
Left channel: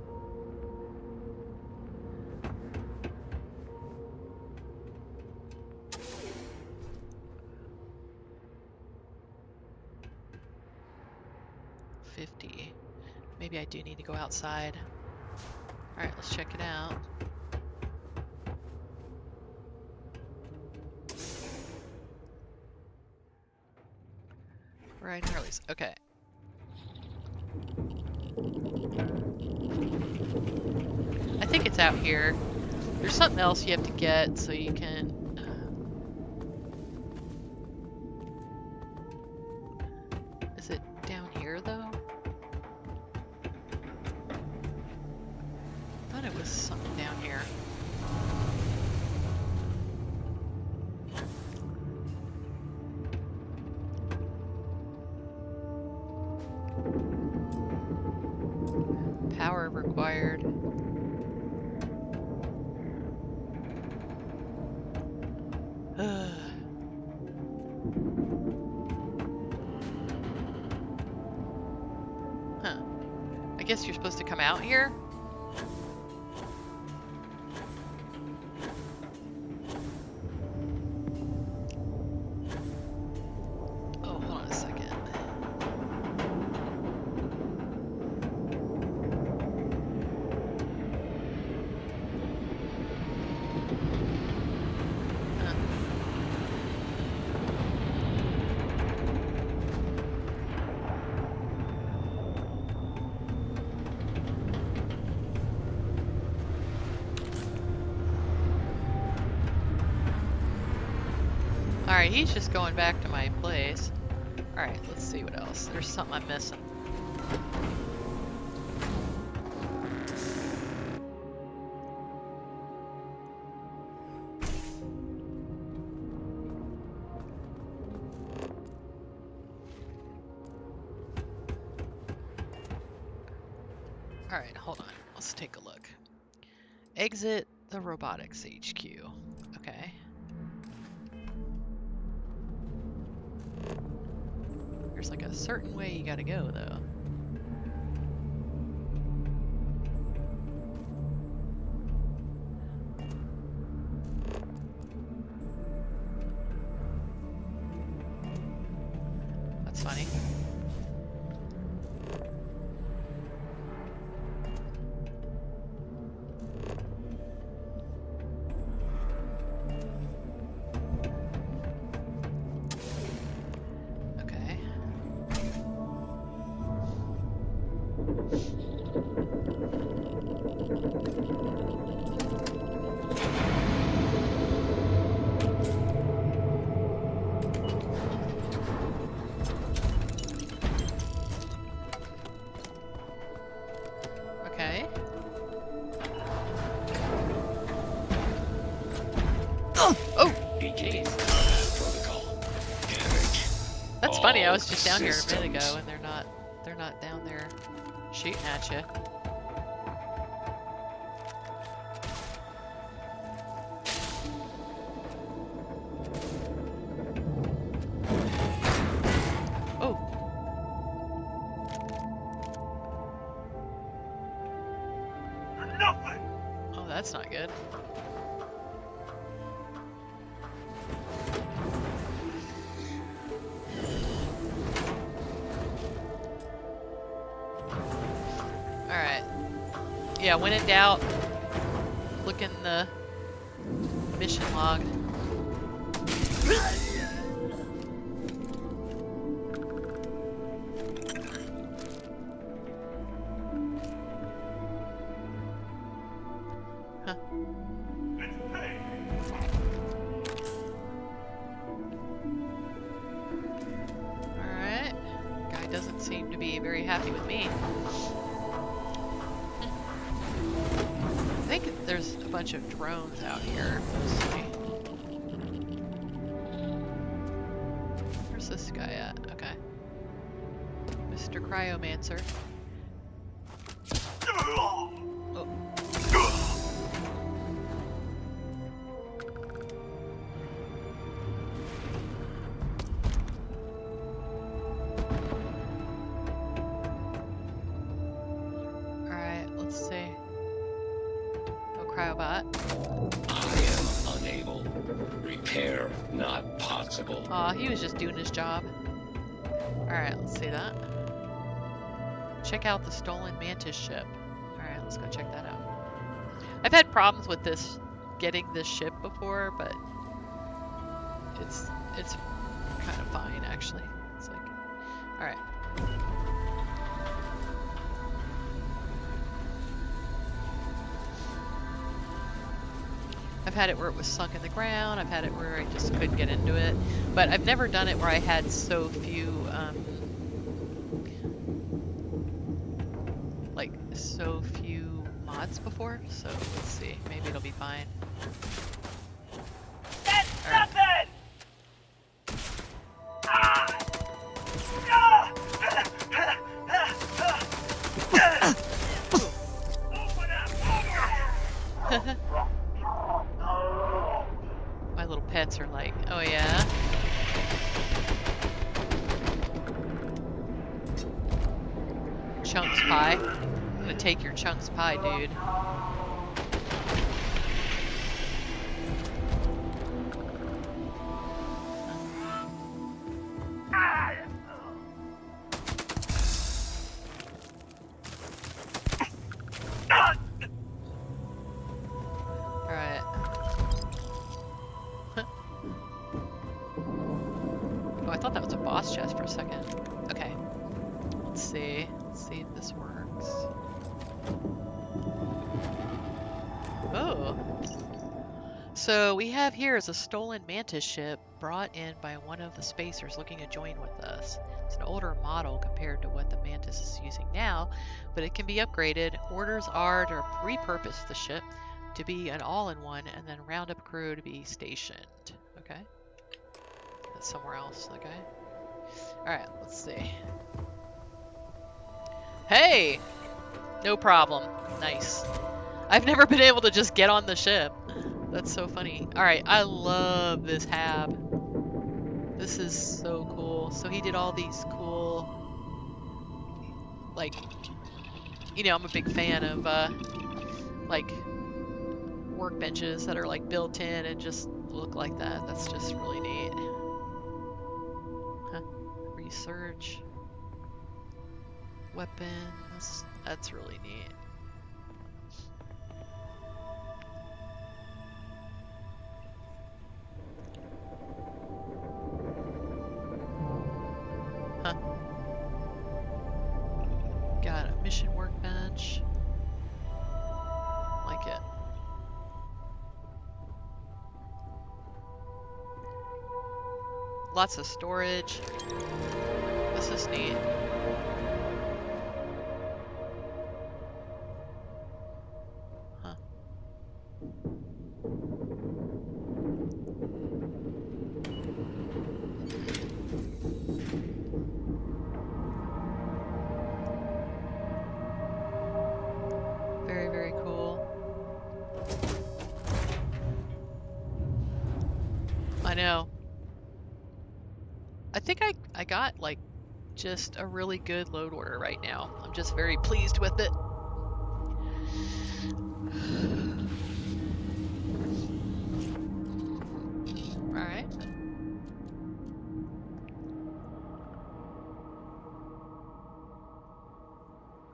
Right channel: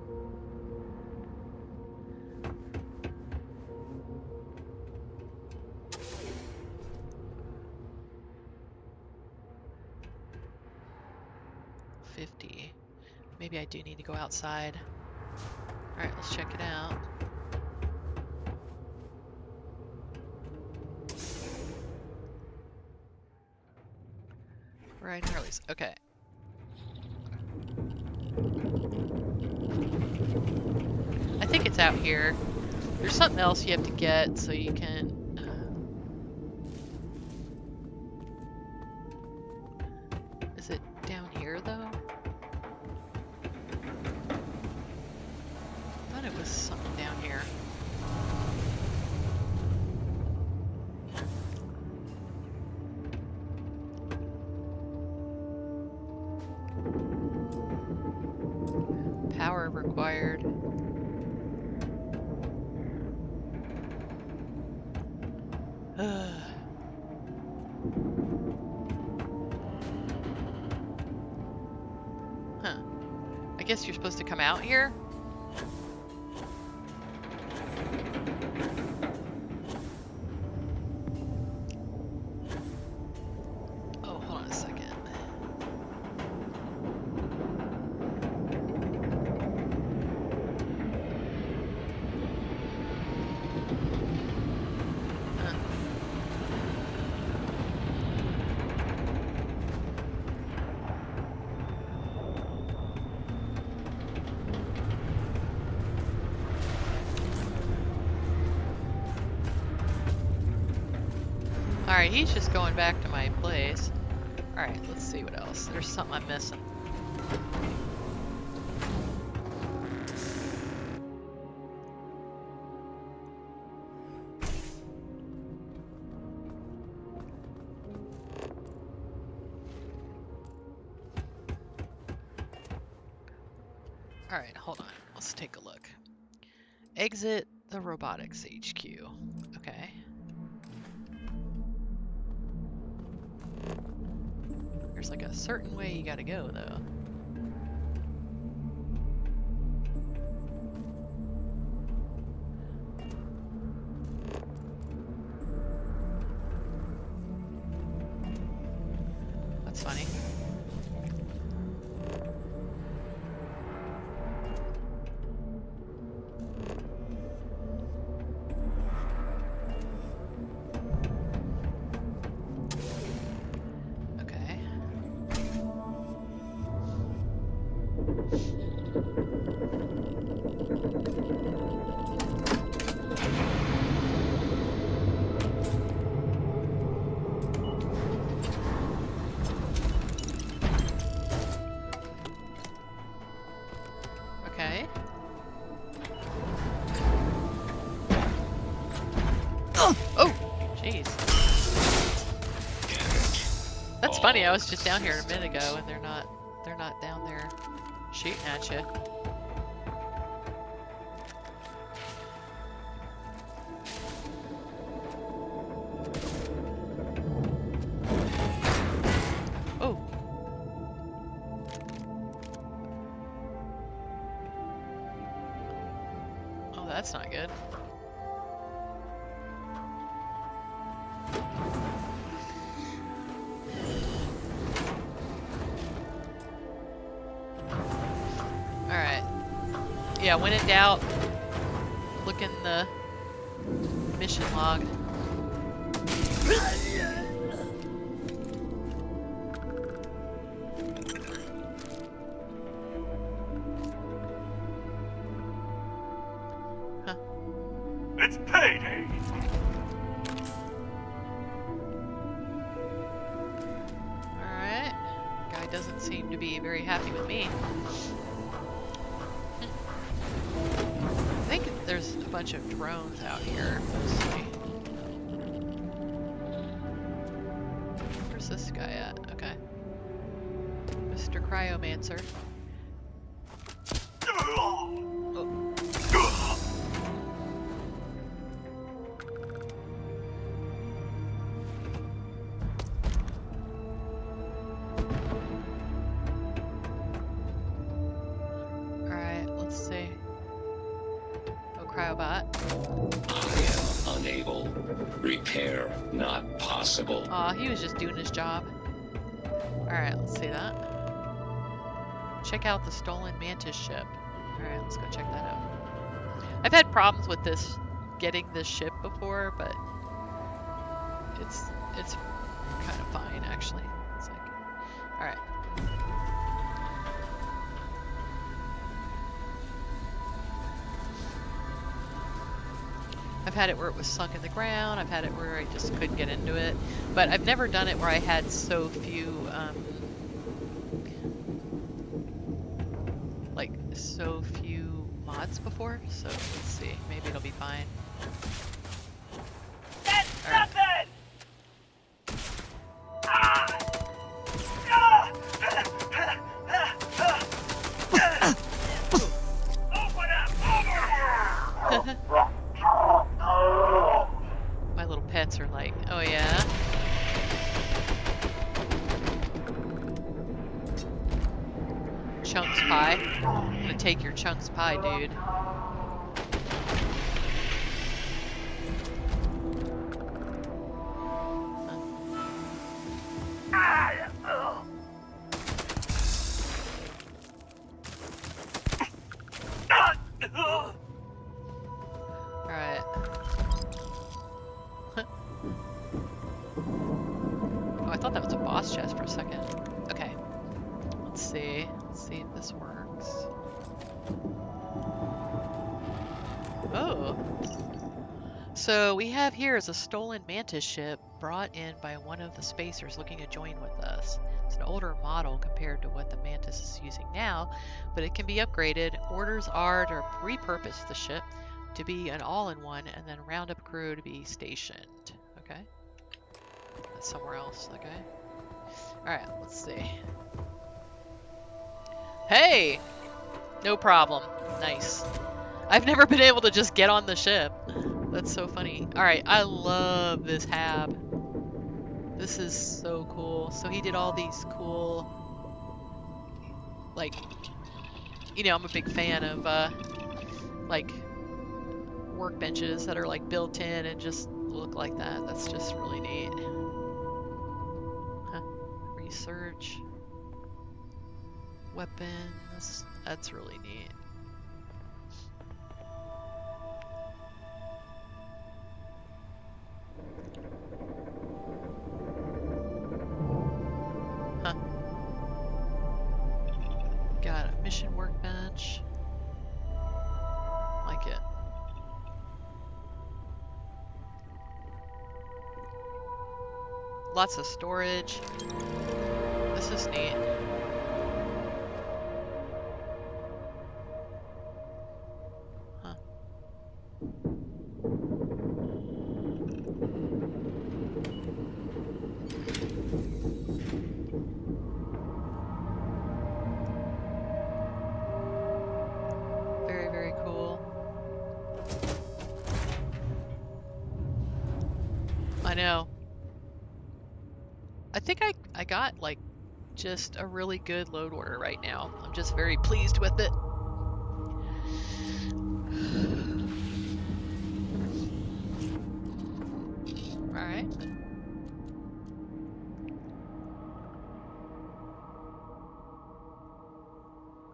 Maybe I do need to go outside. Alright, let's check it out. Right, Harley's. Okay. I think it's out here. There's something else you have to get so you can... Is it down here, though? I thought it was something down here. Power required. I guess you're supposed to come out here? Oh, hold on a second. Alright, he's just going back to my place. Alright, let's see what else. There's something I'm missing. Alright, hold on. Let's take a look. Exit the robotics HQ. Okay. There's like a certain way you gotta go, though. That's funny. Okay. Oh! Jeez. That's funny, I was just down here a minute ago and they're not down there shooting at you. Oh! Nothing. Oh, that's not good. Alright. Yeah, when in doubt, look in the mission log. Huh. It's payday. Alright. Guy doesn't seem to be very happy with me. I think there's a bunch of drones out here, mostly. Where's this guy at? Okay. Mr. Cryomancer. Oh. Alright, let's see. Cryobot. I am unable. Repair not possible. Aw, he was just doing his job. Alright, let's see that. Check out the stolen Mantis ship. Alright, let's go check that out. I've had problems with this, getting this ship before, but it's kind of fine, actually. It's like, alright. I've had it where it was sunk in the ground, I've had it where I just couldn't get into it, but I've never done it where I had so few, so few mods before, so let's see, maybe it'll be fine. That's nothing! My little pets are like, oh yeah? Chunks pie. I'm gonna take your chunks pie, dude. Alright. Oh, I thought that was a boss chest for a second. Okay. Let's see. Let's see if this works. Oh. So we have here is a stolen Mantis ship brought in by one of the spacers looking to join with us. It's an older model compared to what the Mantis is using now, but it can be upgraded. Orders are to repurpose the ship to be an all-in-one and then round up crew to be stationed. Okay. That's somewhere else. Okay. Alright, let's see. Hey! No problem. Nice. I've never been able to just get on the ship. That's so funny. Alright, I love this hab. This is so cool. So he did all these cool, like, you know, I'm a big fan of, like, workbenches that are, like, built in and just look like that. That's just really neat. Huh. Research. Weapons. That's really neat. Huh. Got a mission workbench. Like it. Lots of storage. This is neat. Huh. Very, very cool. I know. I think I got, like, just a really good load order right now. I'm just very pleased with it. Alright.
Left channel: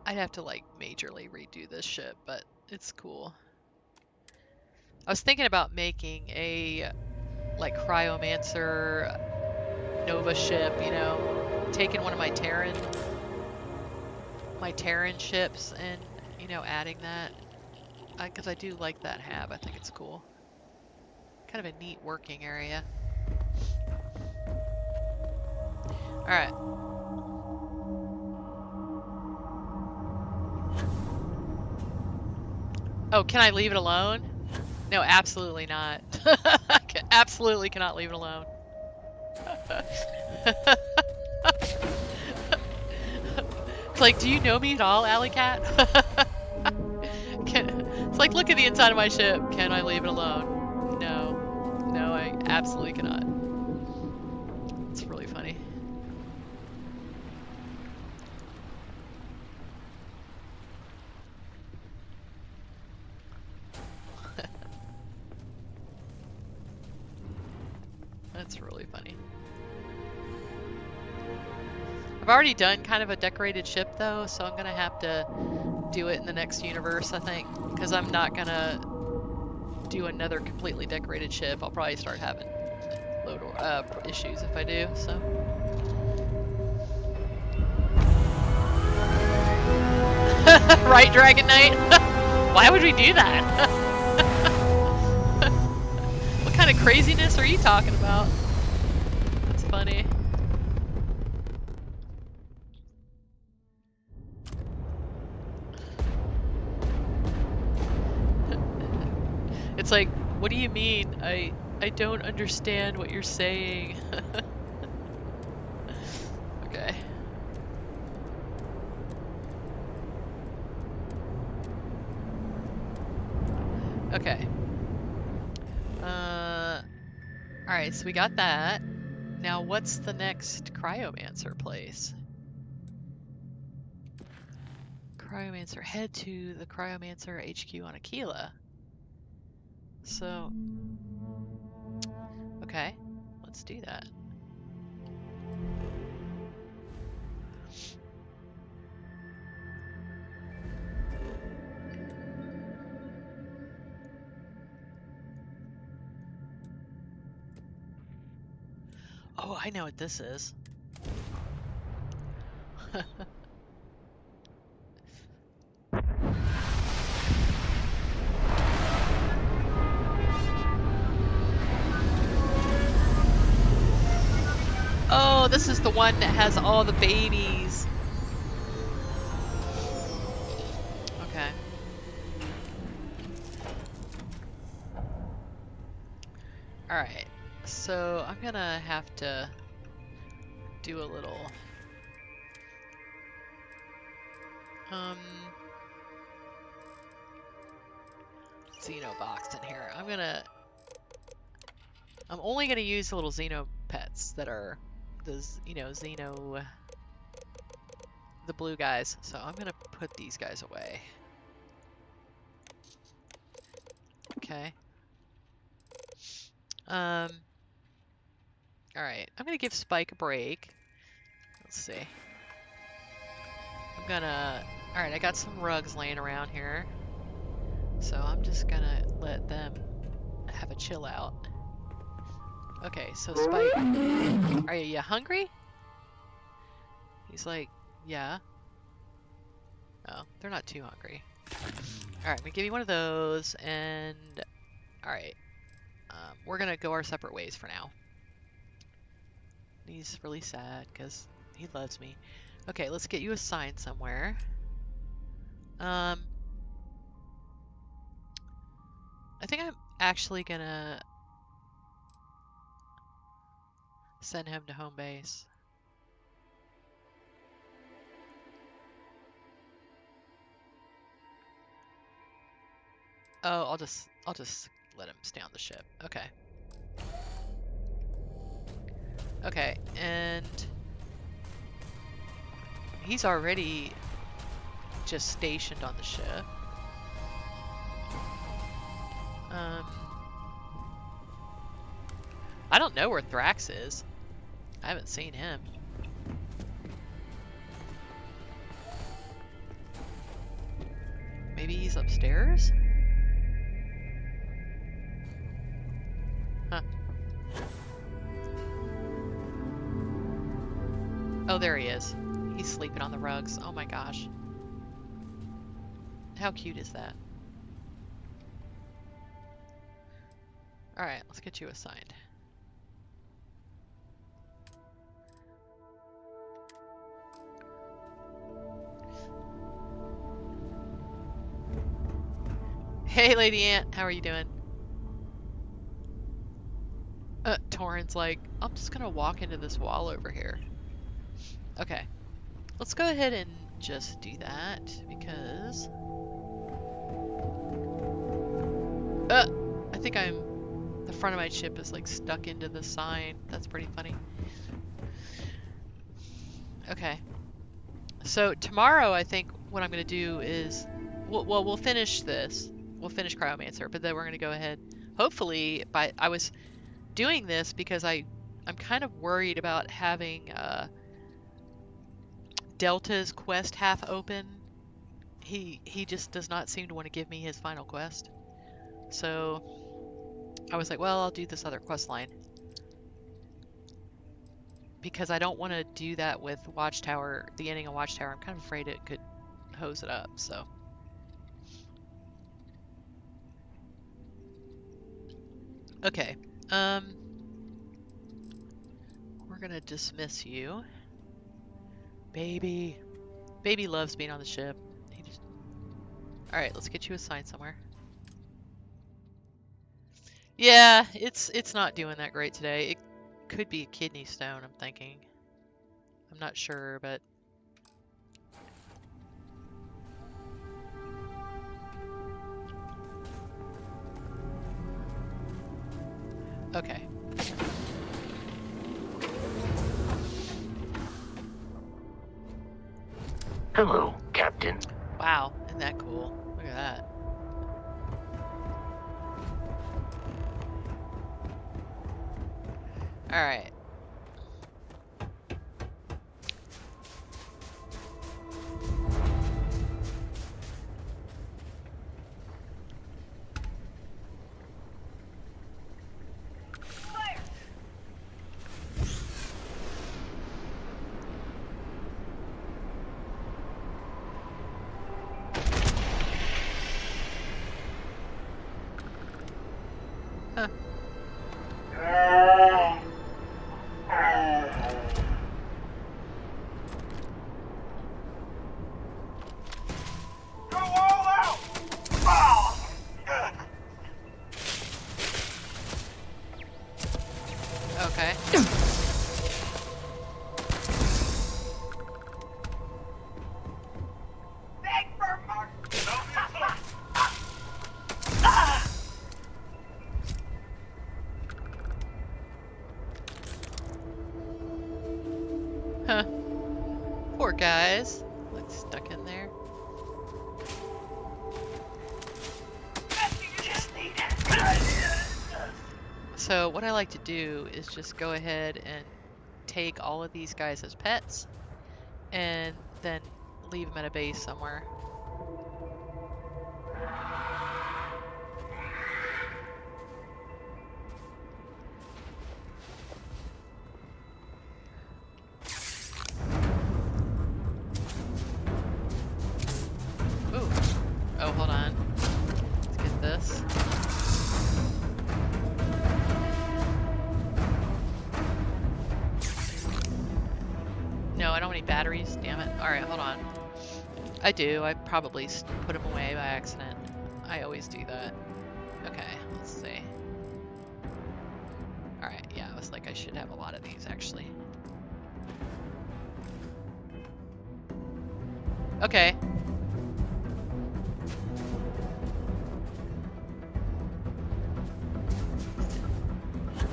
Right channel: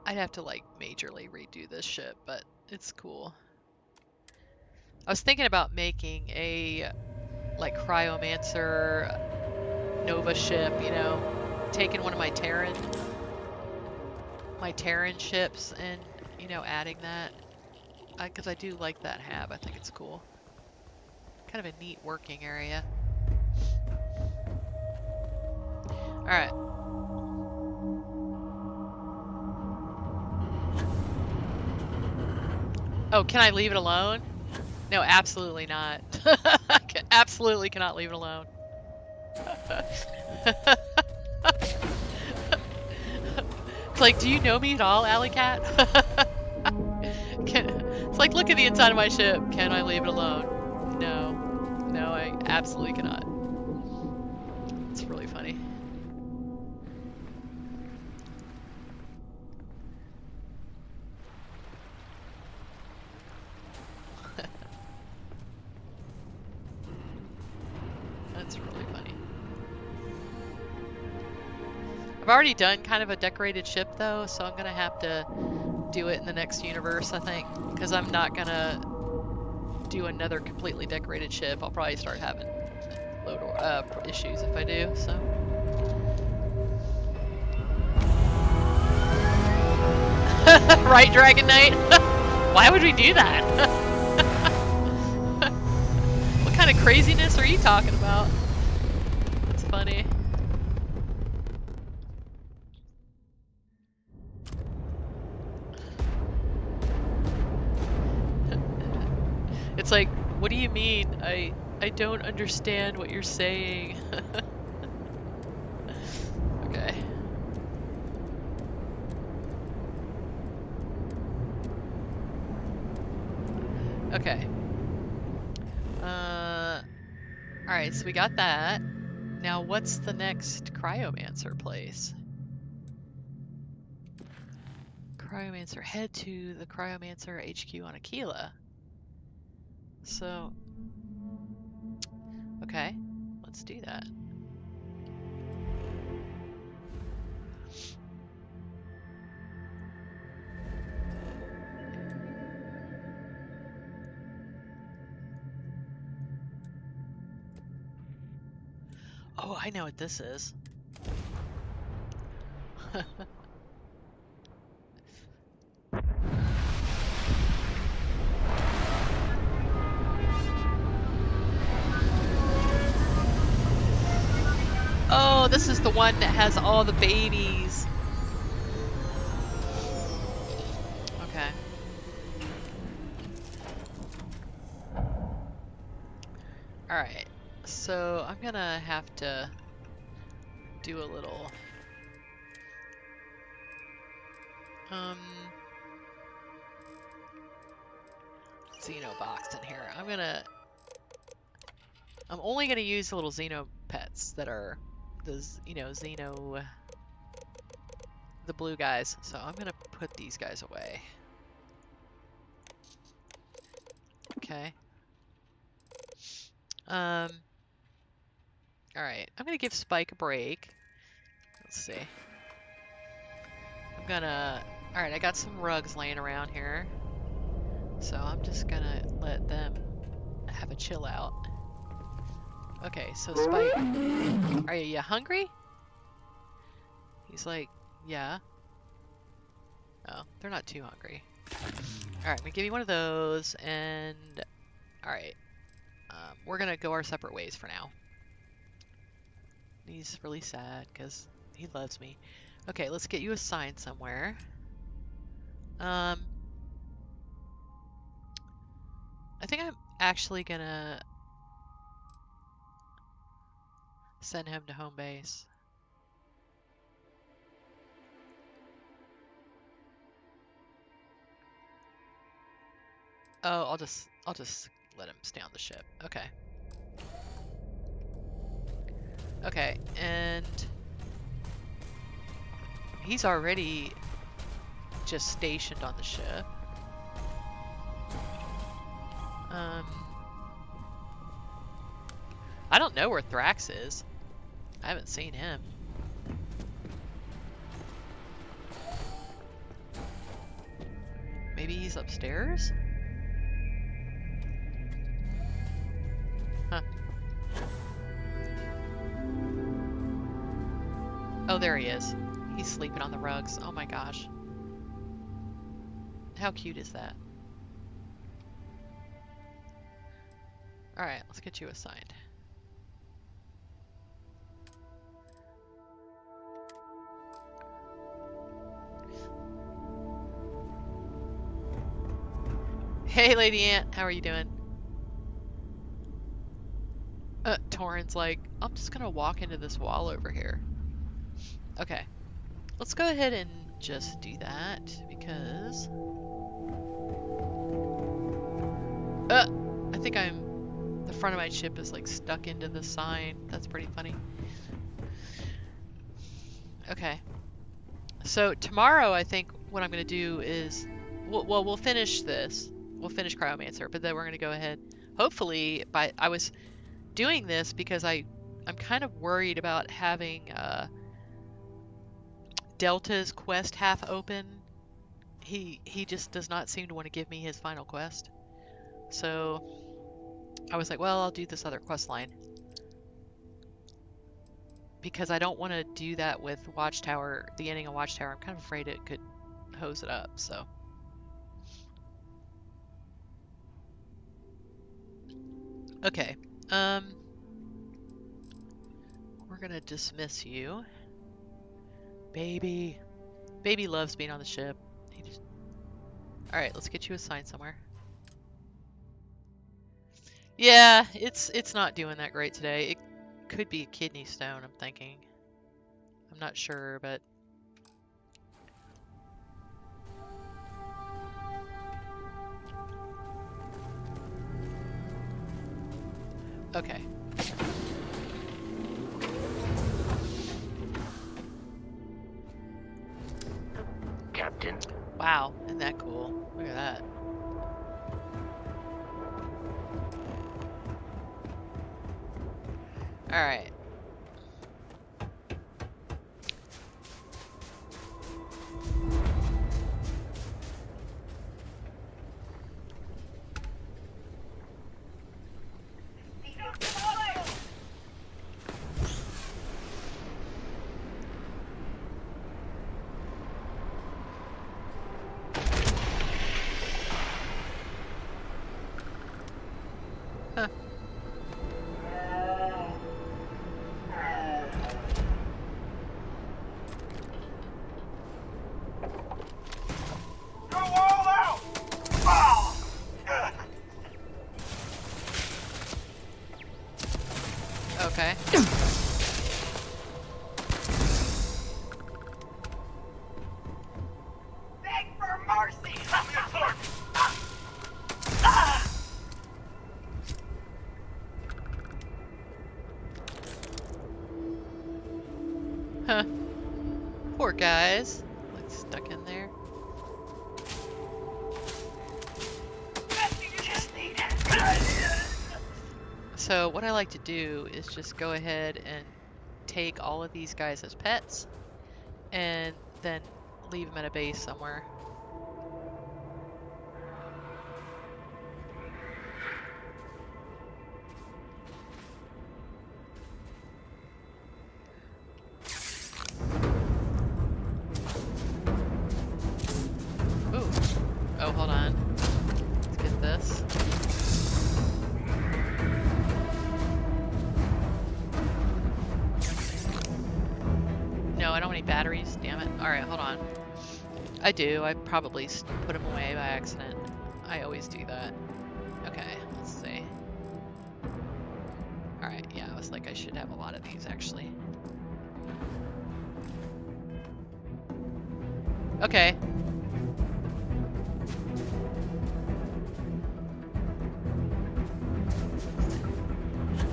I'd have to, like, majorly redo this ship, but it's cool. I was thinking about making a, like, Cryomancer Nova ship, you know, taking one of my Terran ships and, you know, adding that. Because I do like that hab. I think it's cool. Kind of a neat working area. Alright. Oh, can I leave it alone? No, absolutely not. I absolutely cannot leave it alone. It's like, do you know me at all, Alley Cat? It's like, look at the inside of my ship. Can I leave it alone? No. No, I absolutely cannot. It's really funny. That's really funny. I've already done kind of a decorated ship though, so I'm gonna have to do it in the next universe, I think, because I'm not gonna do another completely decorated ship. I'll probably start having load issues if I do, so. Right, Dragon Knight? Why would we do that? What kind of craziness are you talking about? That's funny. It's like, what do you mean? I don't understand what you're saying. Okay. Okay. Alright, so we got that. Now what's the next Cryomancer place? Cryomancer. Head to the Cryomancer HQ on Aquila. So, okay, let's do that. Oh, I know what this is. Oh, this is the one that has all the babies. Okay. Alright, so I'm gonna have to do a little Xeno box in here. I'm only gonna use the little Xeno pets that are the, you know, Xeno, the blue guys. So I'm gonna put these guys away. Okay. Alright, I'm gonna give Spike a break. Let's see. Alright, I got some rugs laying around here. So I'm just gonna let them have a chill out. Okay, so Spike, are you hungry? He's like, yeah. Oh, they're not too hungry. Alright, I'm gonna give you one of those, and alright. We're gonna go our separate ways for now. He's really sad because he loves me. Okay, let's get you assigned somewhere. I think I'm actually gonna send him to home base. Oh, I'll just let him stay on the ship. Okay. Okay, and he's already just stationed on the ship. I don't know where Thrax is. I haven't seen him. Maybe he's upstairs? Huh. Oh, there he is. He's sleeping on the rugs. Oh my gosh. How cute is that? Alright, let's get you assigned. Hey, Lady Ant, how are you doing? Torin's like, I'm just gonna walk into this wall over here. Okay, let's go ahead and just do that, because... I think the front of my ship is like stuck into the sign. That's pretty funny. Okay. So tomorrow, I think what I'm gonna do is, we'll finish this. We'll finish Cryomancer, but then we're gonna go ahead. Hopefully, I was doing this because I'm kind of worried about having Delta's quest half open. He just does not seem to want to give me his final quest. So I was like, well, I'll do this other quest line. Because I don't want to do that with Watchtower, the ending of Watchtower. I'm kind of afraid it could hose it up, so. Okay, we're gonna dismiss you. Baby loves being on the ship. Alright, let's get you assigned somewhere. Yeah, it's not doing that great today. It could be a kidney stone, I'm thinking. I'm not sure, but... Okay. Hello, Captain. Wow, Wow, isn't that cool? Look at that. All right. Huh. Go all out! Oh! Okay. Beg for mercy! Huh. Poor guys. Like stuck in there. So what I like to do is just go ahead and take all of these guys as pets and then leave them at a base somewhere. Ooh. Oh, hold on. Let's get this. No, I don't have any batteries. Damn it. Alright, hold on. I do. I probably put them away by accident. I always do that. Okay, let's see. Alright, yeah, I was like, I should have a lot of these, actually. Okay.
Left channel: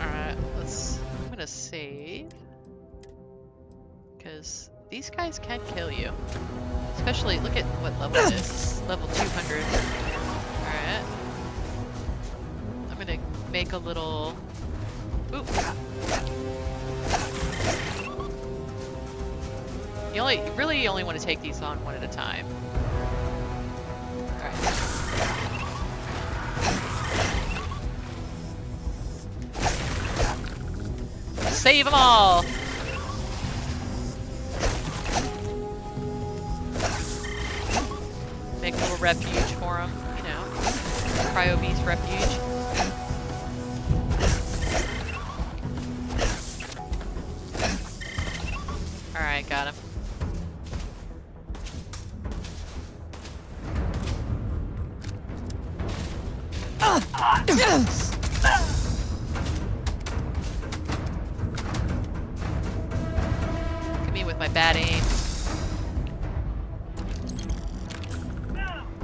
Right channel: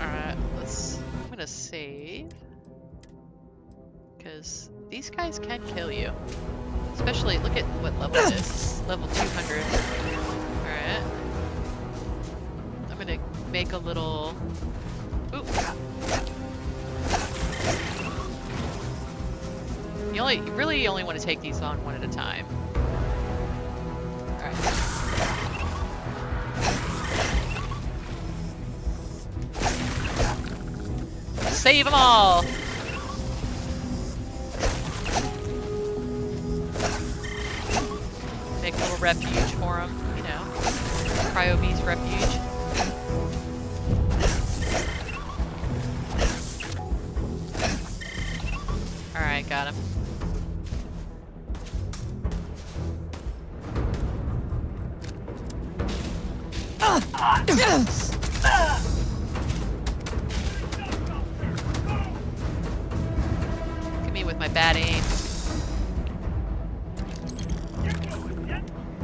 Alright, I'm gonna save. Because these guys can kill you. Especially, look at what level it is. Level 200. Alright. I'm gonna make a little... Ooh. You really only want to take these on one at a time. Alright. Save them all! Make a little refuge for them, you know. Cryo beast refuge. Alright, got him. Look at me with my bad aim.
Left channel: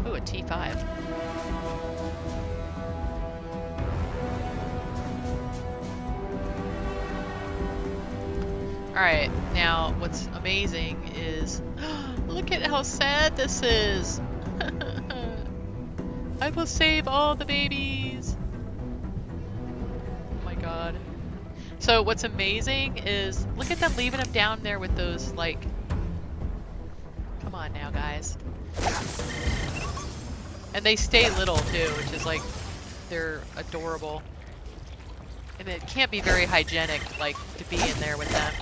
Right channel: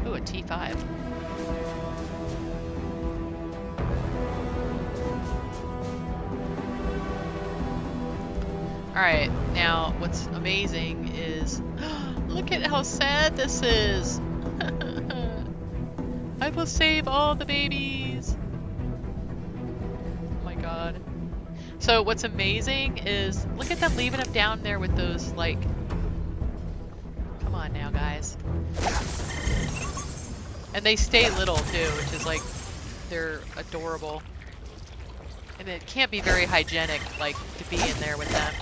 Ooh, a T5. Alright, now what's amazing is... look at how sad this is! I will save all the babies! Oh my god. So what's amazing is... look at them leaving them down there with those, like... Come on now, guys. And they stay little too, which is like, they're adorable. And it can't be very hygienic, like, to be in there with them.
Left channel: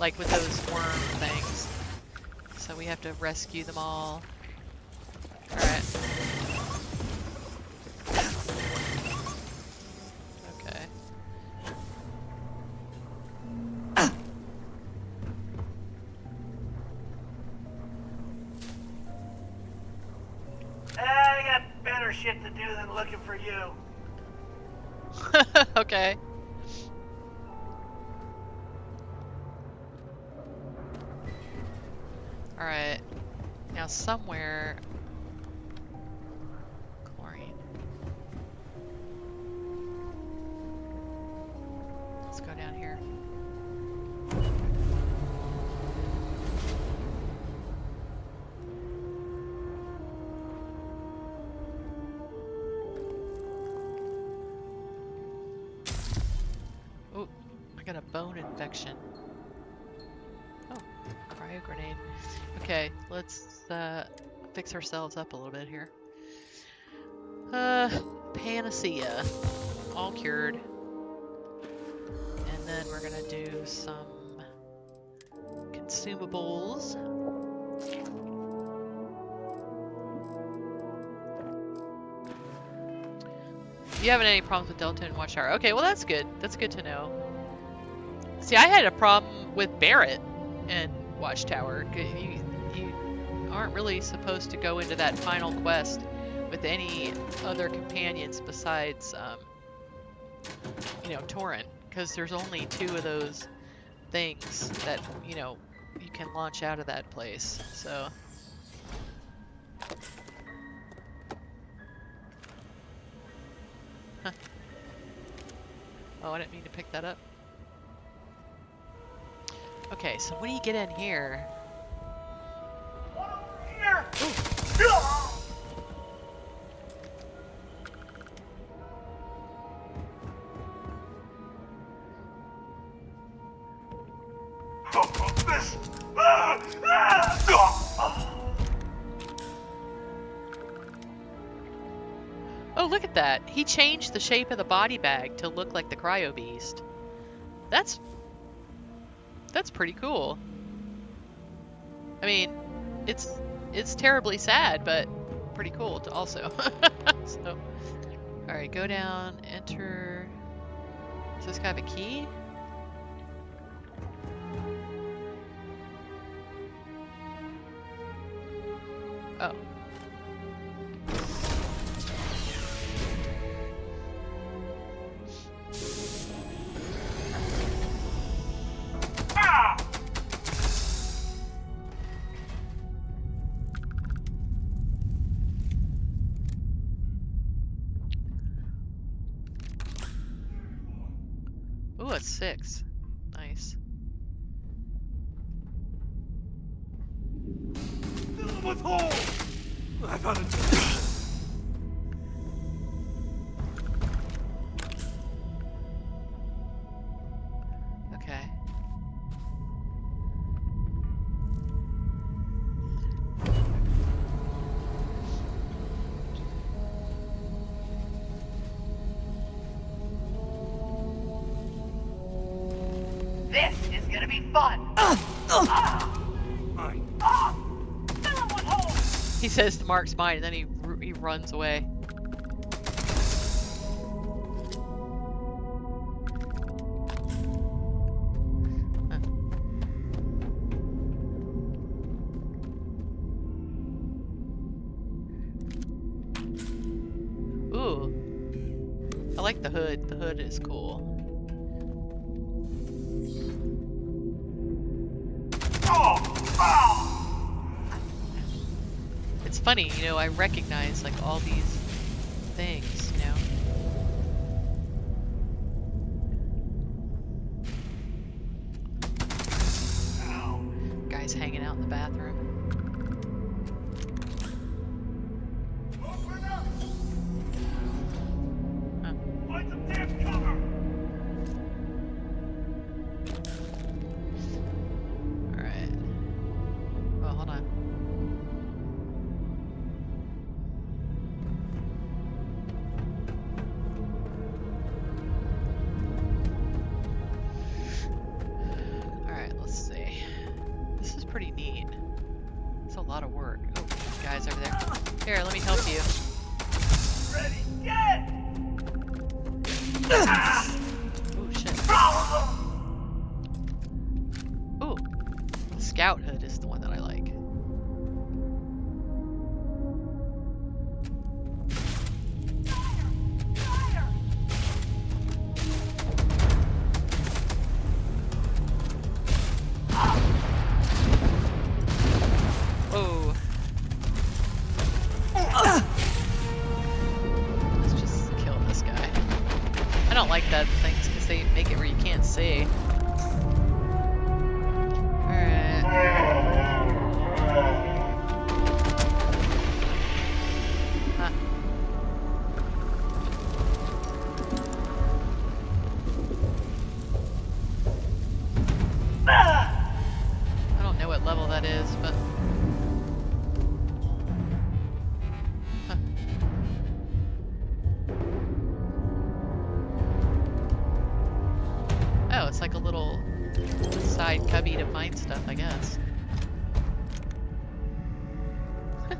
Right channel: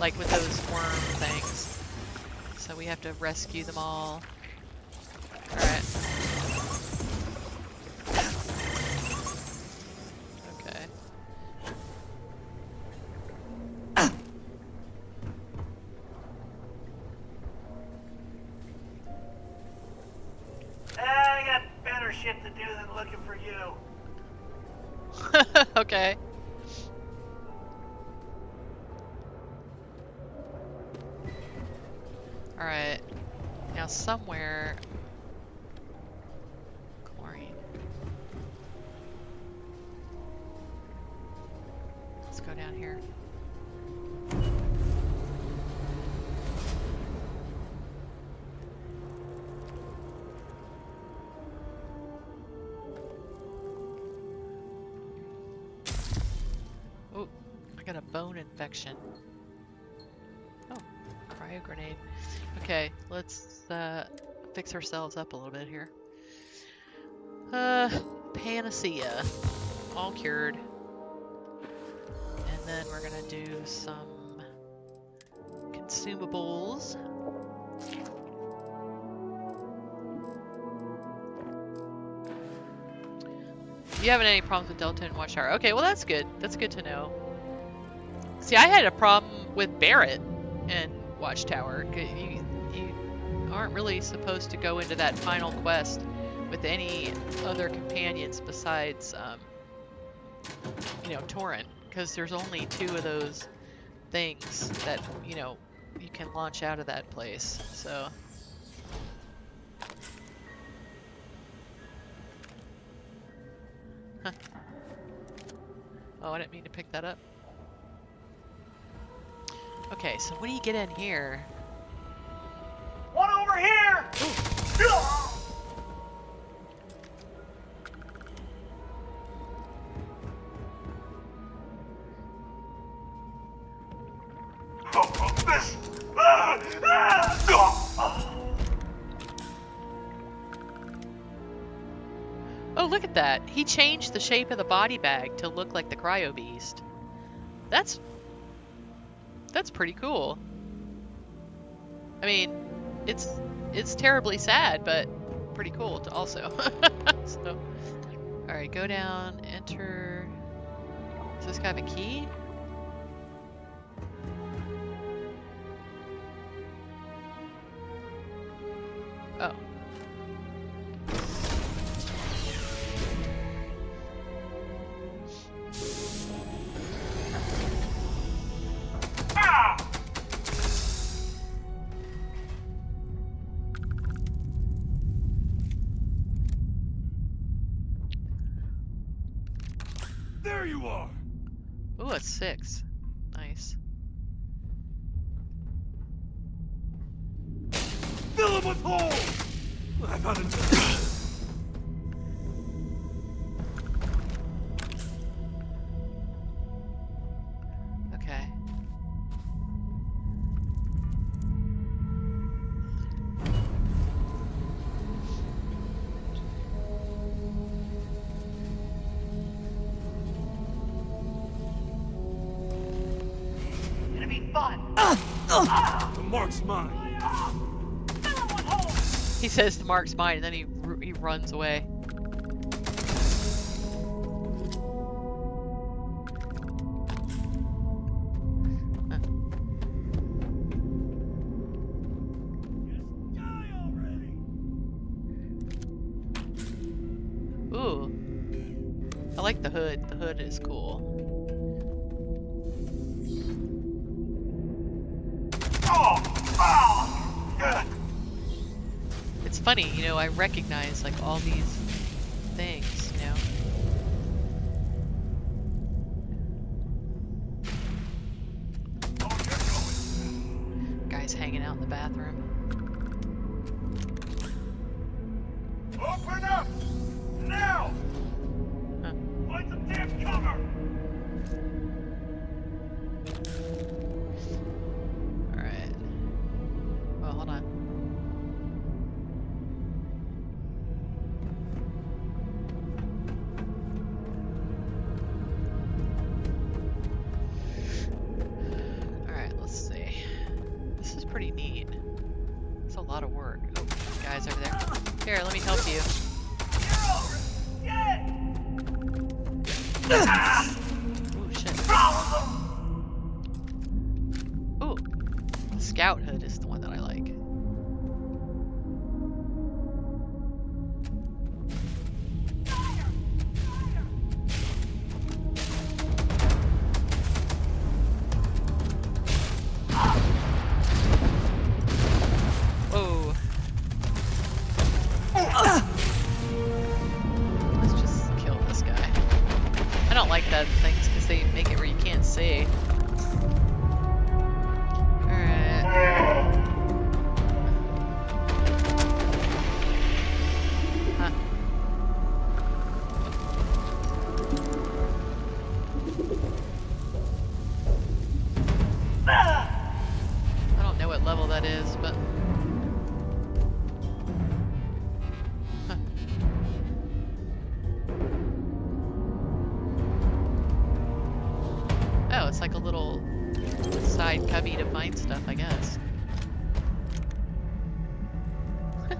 Like with those worm things. So we have to rescue them all. Alright. Okay. I got better shit to do than looking for you. Okay. Alright. Now somewhere... chlorine. Let's go down here. bone infection. Oh, cryo grenade. Okay, let's fix ourselves up a little bit here. Panacea. All cured. And then we're gonna do some consumables. You haven't any problems with Delta and Watchtower. Okay, well that's good. That's good to know. See, I had a problem with Barrett and Watchtower. You aren't really supposed to go into that final quest with any other companions besides, you know, Torrent, because there's only 2 of those things that, you know, you can launch out of that place. So. Huh. Oh, I didn't mean to pick that up. Okay, so what do you get in here? One over here! This! Oh, look at that. He changed the shape of the body bag to look like the Cryo Beast. That's pretty cool. I mean, it's terribly sad, but pretty cool to also. So, all right, go down, enter. Does this guy have a key? Oh. There you are. Ooh, a 6. Nice. Fill him with holes. I found a. Okay. This is gonna be fun! The mark's mine. Fill him with holes! He says the mark's mine, and then he runs away. Huh. Ooh. I like the hood. The hood is cool. It's funny, you know, I recognize like all these things, you know. Guys hanging out in the bathroom. Open up! Now! Huh. Find some damn cover! Alright. Well, hold on. Alright, let's see. This is pretty neat. It's a lot of work. Oh, guys over there. Here, let me help you. Already dead! Oh, shit. Ooh. The scout hood is the one that I like. Whoa. Let's just kill this guy. I don't like that things because they make it where you can't see. Alright. Huh. like a little side cubby to find stuff, I guess. My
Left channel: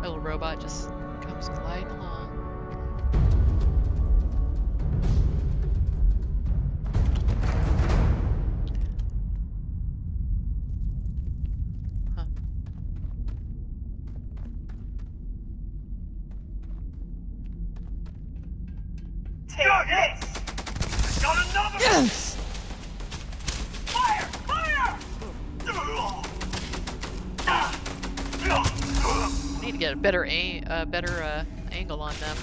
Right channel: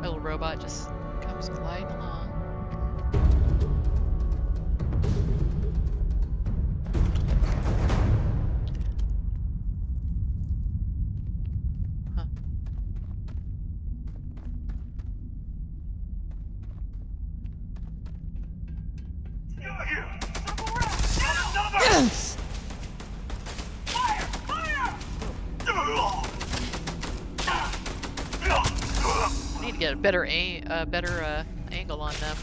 little robot just comes gliding along. Huh. Got another! Yes! Fire! Fire! I need to get a better angle on them.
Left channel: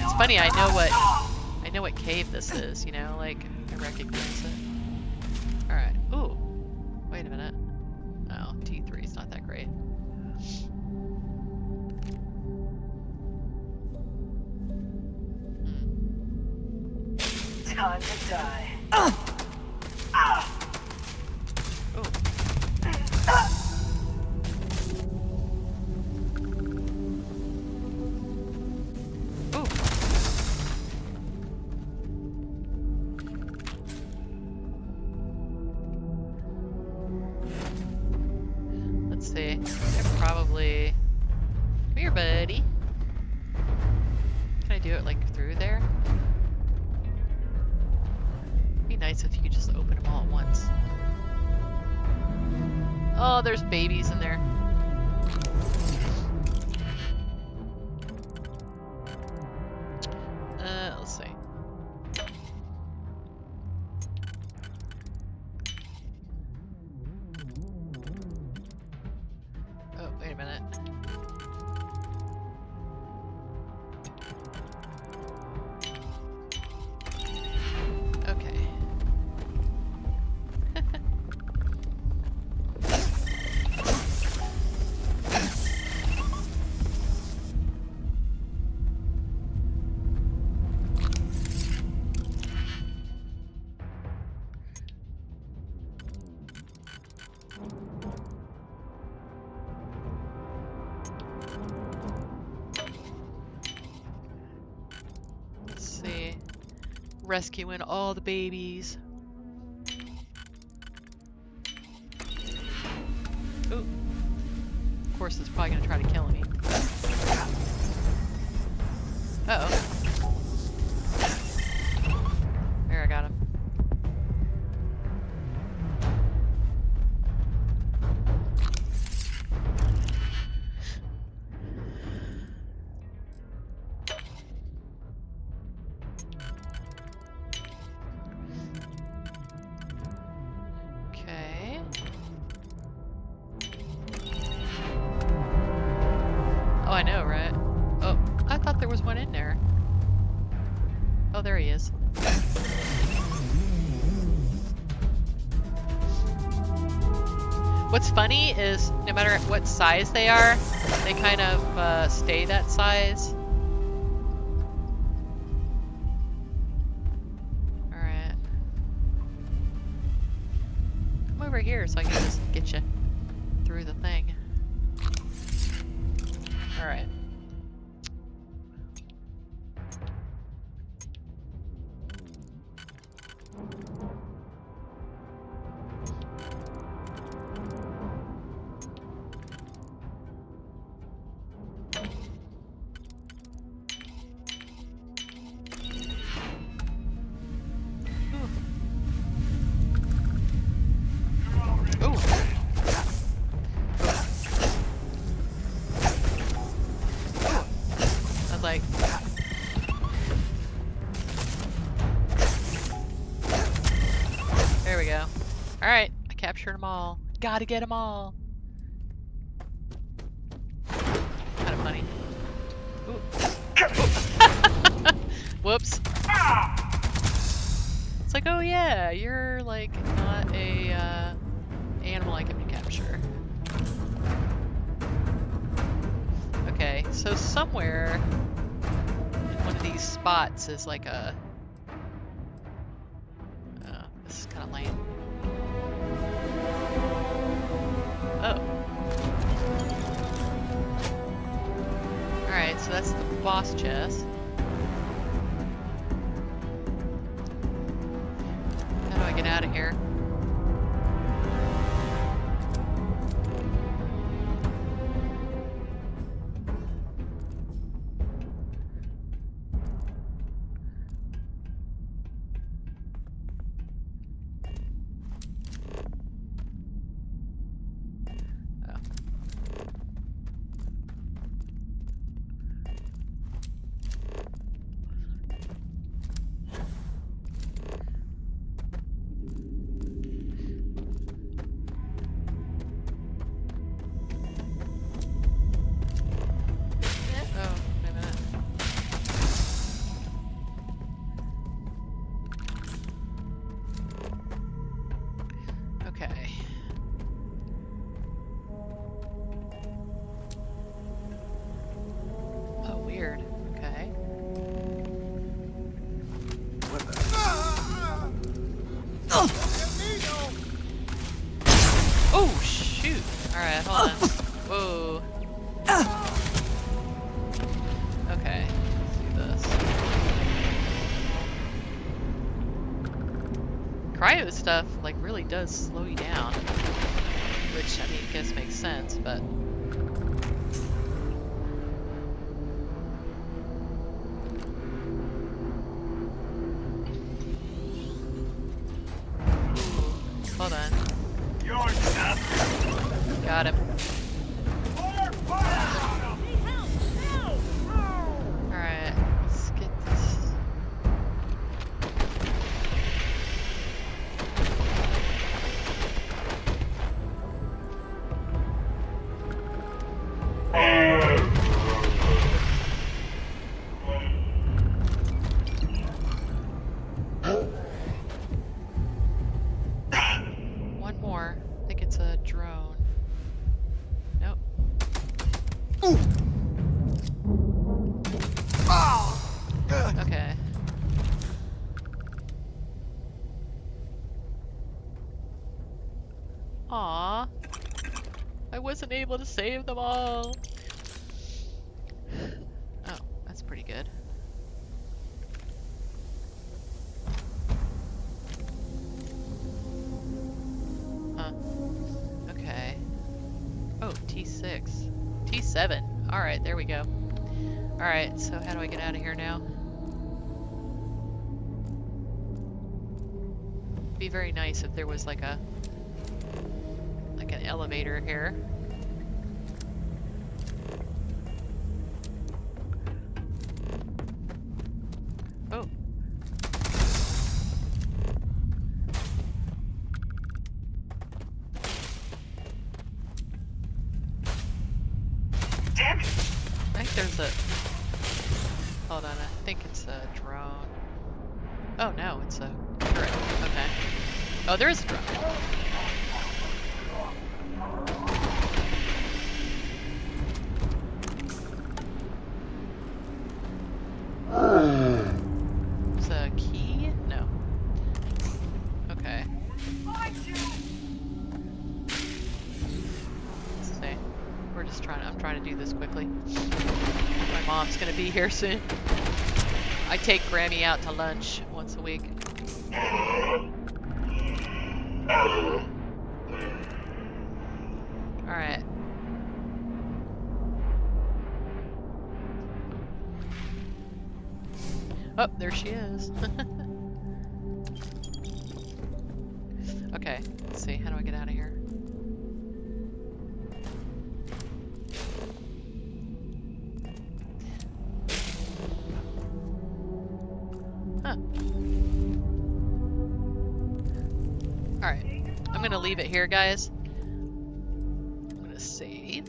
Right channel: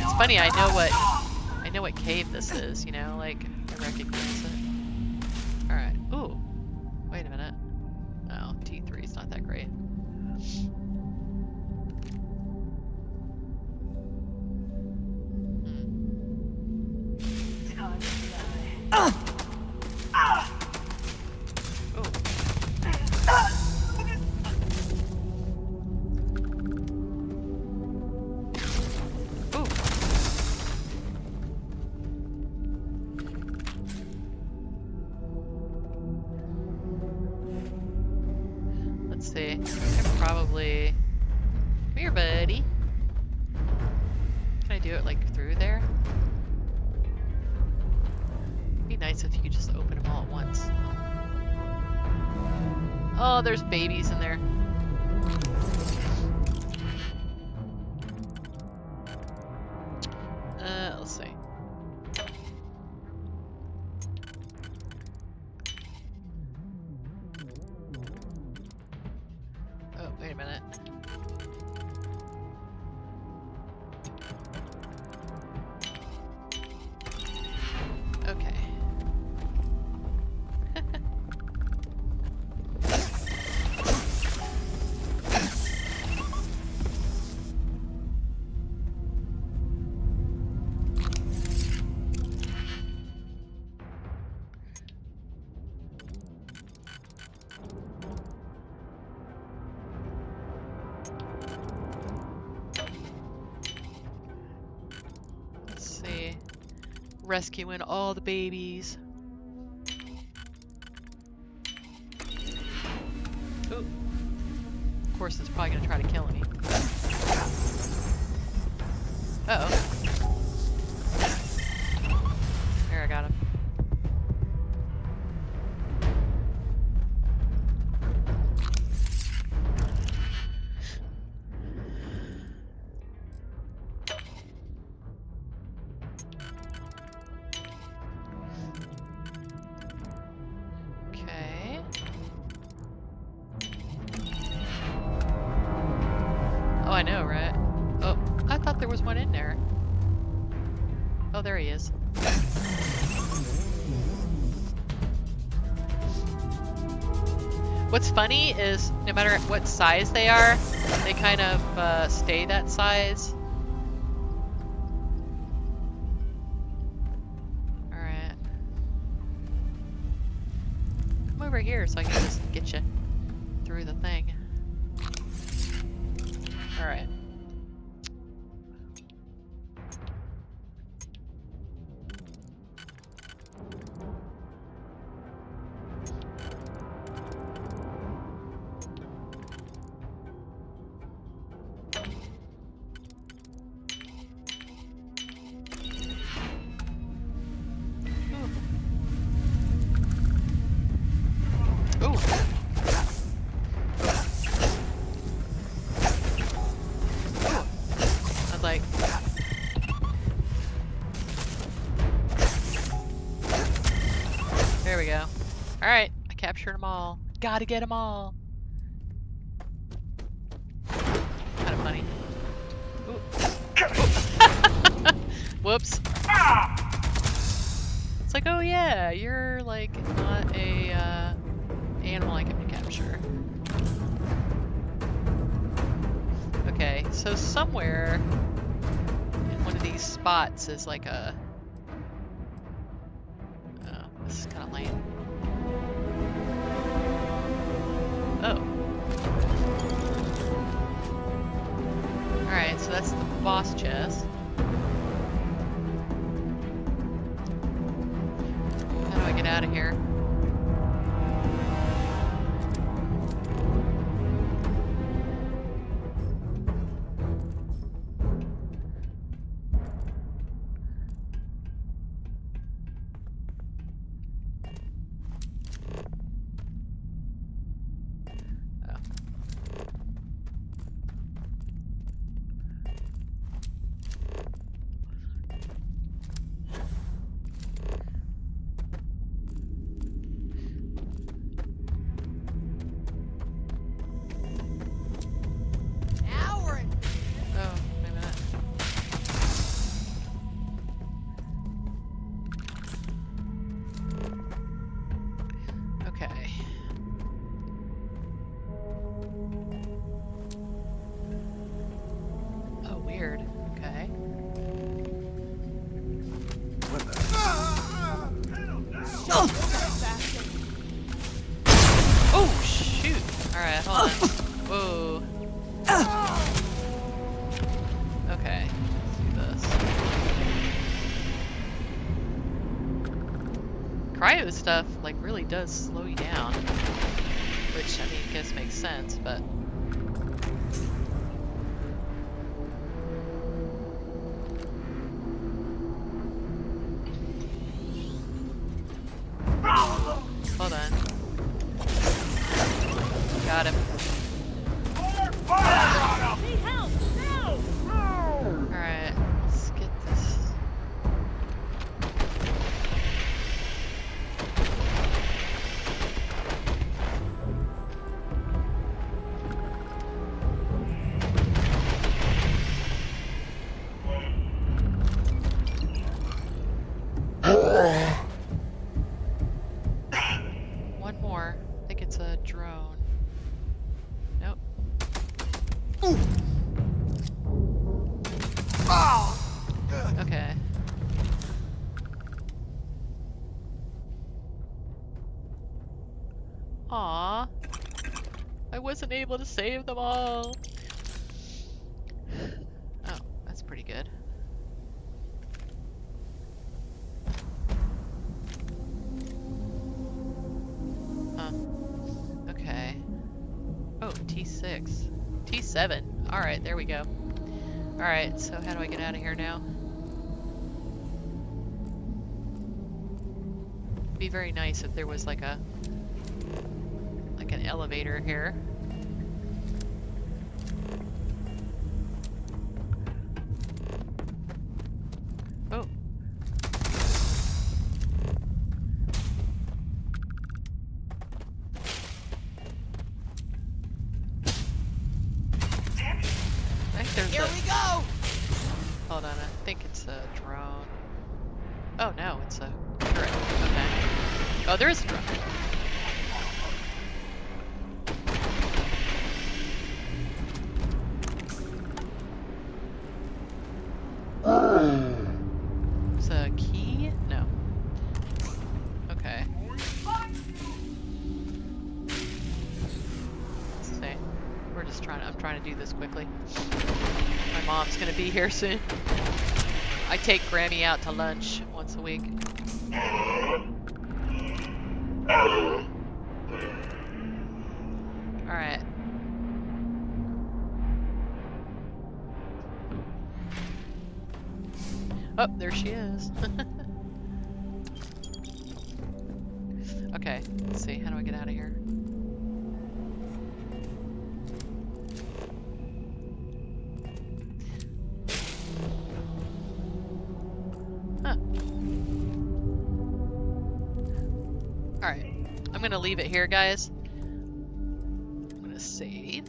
It's funny, I know what cave this is, you know, like I recognize it. Alright. Ooh. Wait a minute. No, T3 is not that great. Time to die. Ooh. Ooh. Let's see. I could probably... Come here, buddy. Can I do it like through there? It'd be nice if you could just open them all at once. Oh, there's babies in there. Let's see. Oh, wait a minute. Okay. Let's see. Rescuing all the babies. Ooh. Of course, it's probably gonna try to kill me. Uh-oh. There, I got him. Okay. Oh, I know, right? Oh, I thought there was one in there. Oh, there he is. What's funny is no matter what size they are, they kind of stay that size. Alright. Come over here so I can just get you through the thing. Alright. Ooh. I was like... There we go. Alright, I captured them all. Gotta get them all. Kind of funny. Ooh. Whoops. It's like, oh yeah, you're like not a animal I can capture. Okay, so somewhere in one of these spots is like a... this is kind of lame. Oh. Alright, so that's the boss chest. out of here. Weird. Okay. What the? Oh, shoot. Alright, hold on. Whoa. Okay. Let's do this. Cryo stuff, like, really does slow you down. Which, I mean, I guess makes sense, but... Hold on. Got him. Alright, let's get this. One more. I think it's a drone. Nope. Okay. Aw. I wasn't able to save them all. Oh, that's pretty good. Huh. Okay. Oh, T6. T7. Alright, there we go. Alright, so how do I get out of here now? It'd be very nice if there was like an elevator here. Oh. Damn it! I think there's a... Hold on, I think it's a drone. Oh no, it's a turret. Okay. Oh, there is a drone. It's a key? No. Okay. Let's see. We're just I'm trying to do this quickly. My mom's gonna be here soon. I take Grammy out to lunch once a week. Alright. Oh, there she is. Okay, let's see. How do I get out of here? Huh. Alright. I'm gonna leave it here, guys. I'm gonna save.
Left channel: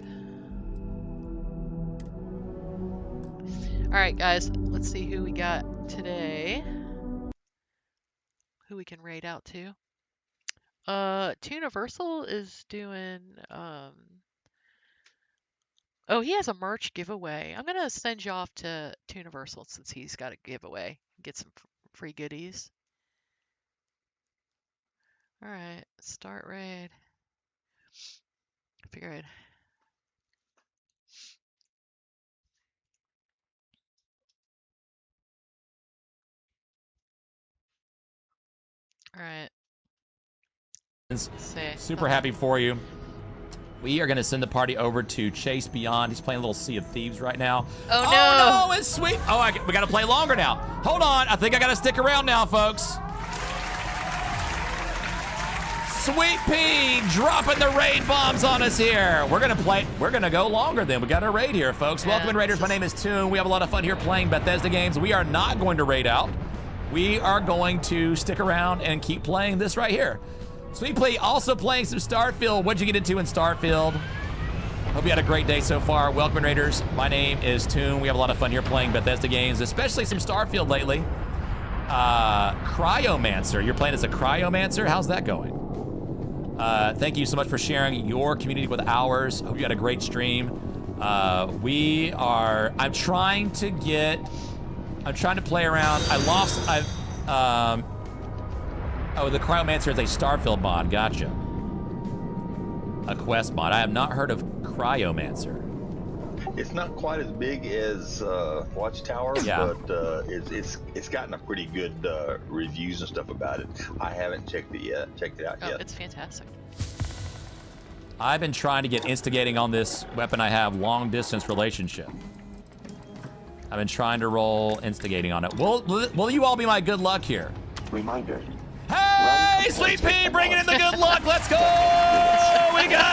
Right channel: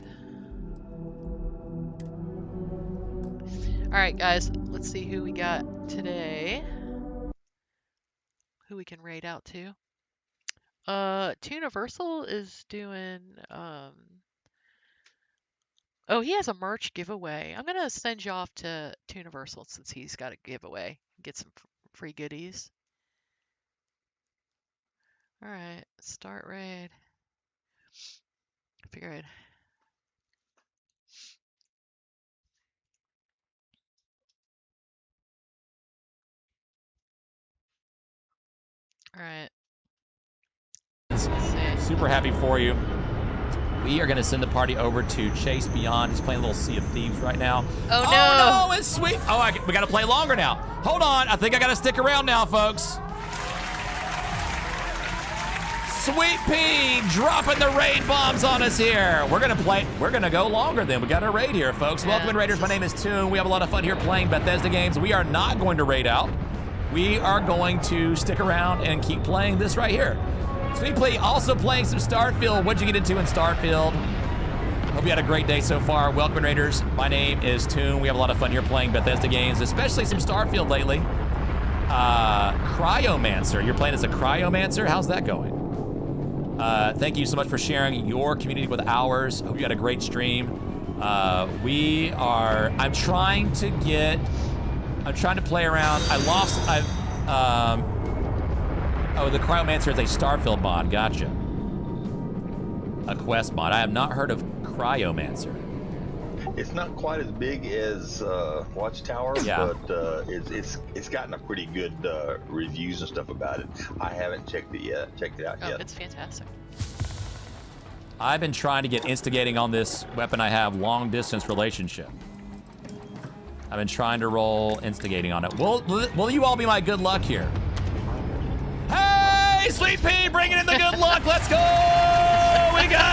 Alright, guys. Let's see who we got today. Who we can raid out to. Universal is doing, oh, he has a merch giveaway. I'm gonna send you off to Universal since he's got a giveaway. Get some free goodies. Alright, start raid. Figured. Alright. Congratulations. Super happy for you. We are going to send the party over to Chase Beyond. He's playing a little Sea of Thieves right now. Oh, no. Oh, no, it's sweet. Oh, we got to play longer now. Hold on. I think I got to stick around now, folks. Sweet Pea dropping the raid bombs on us here. We're going to play. We're going to go longer then. We got our raid here, folks. Yeah. Welcome in, Raiders. My name is Toon. We have a lot of fun here playing Bethesda games. We are not going to raid out. We are going to stick around and keep playing this right here. Sweet Pea also playing some Starfield. What'd you get into in Starfield? Hope you had a great day so far. Welcome, Raiders. My name is Toon. We have a lot of fun here playing Bethesda games, especially some Starfield lately. Cryomancer. You're playing as a Cryomancer? How's that going? Thank you so much for sharing your community with ours. Hope you had a great stream. I'm trying to play around. Oh, the Cryomancer is a Starfield mod. Gotcha. A quest mod. I have not heard of Cryomancer. It's not quite as big as Watchtower, yeah. but it's gotten a pretty good reviews and stuff about it. I haven't checked it out yet. It's fantastic. I've been trying to get instigating on this weapon I have, long distance relationship. I've been trying to roll instigating on it. Will you all be my good luck here? Reminder. Hey, Sweet Pea, bringing in the good luck. Let's go. We got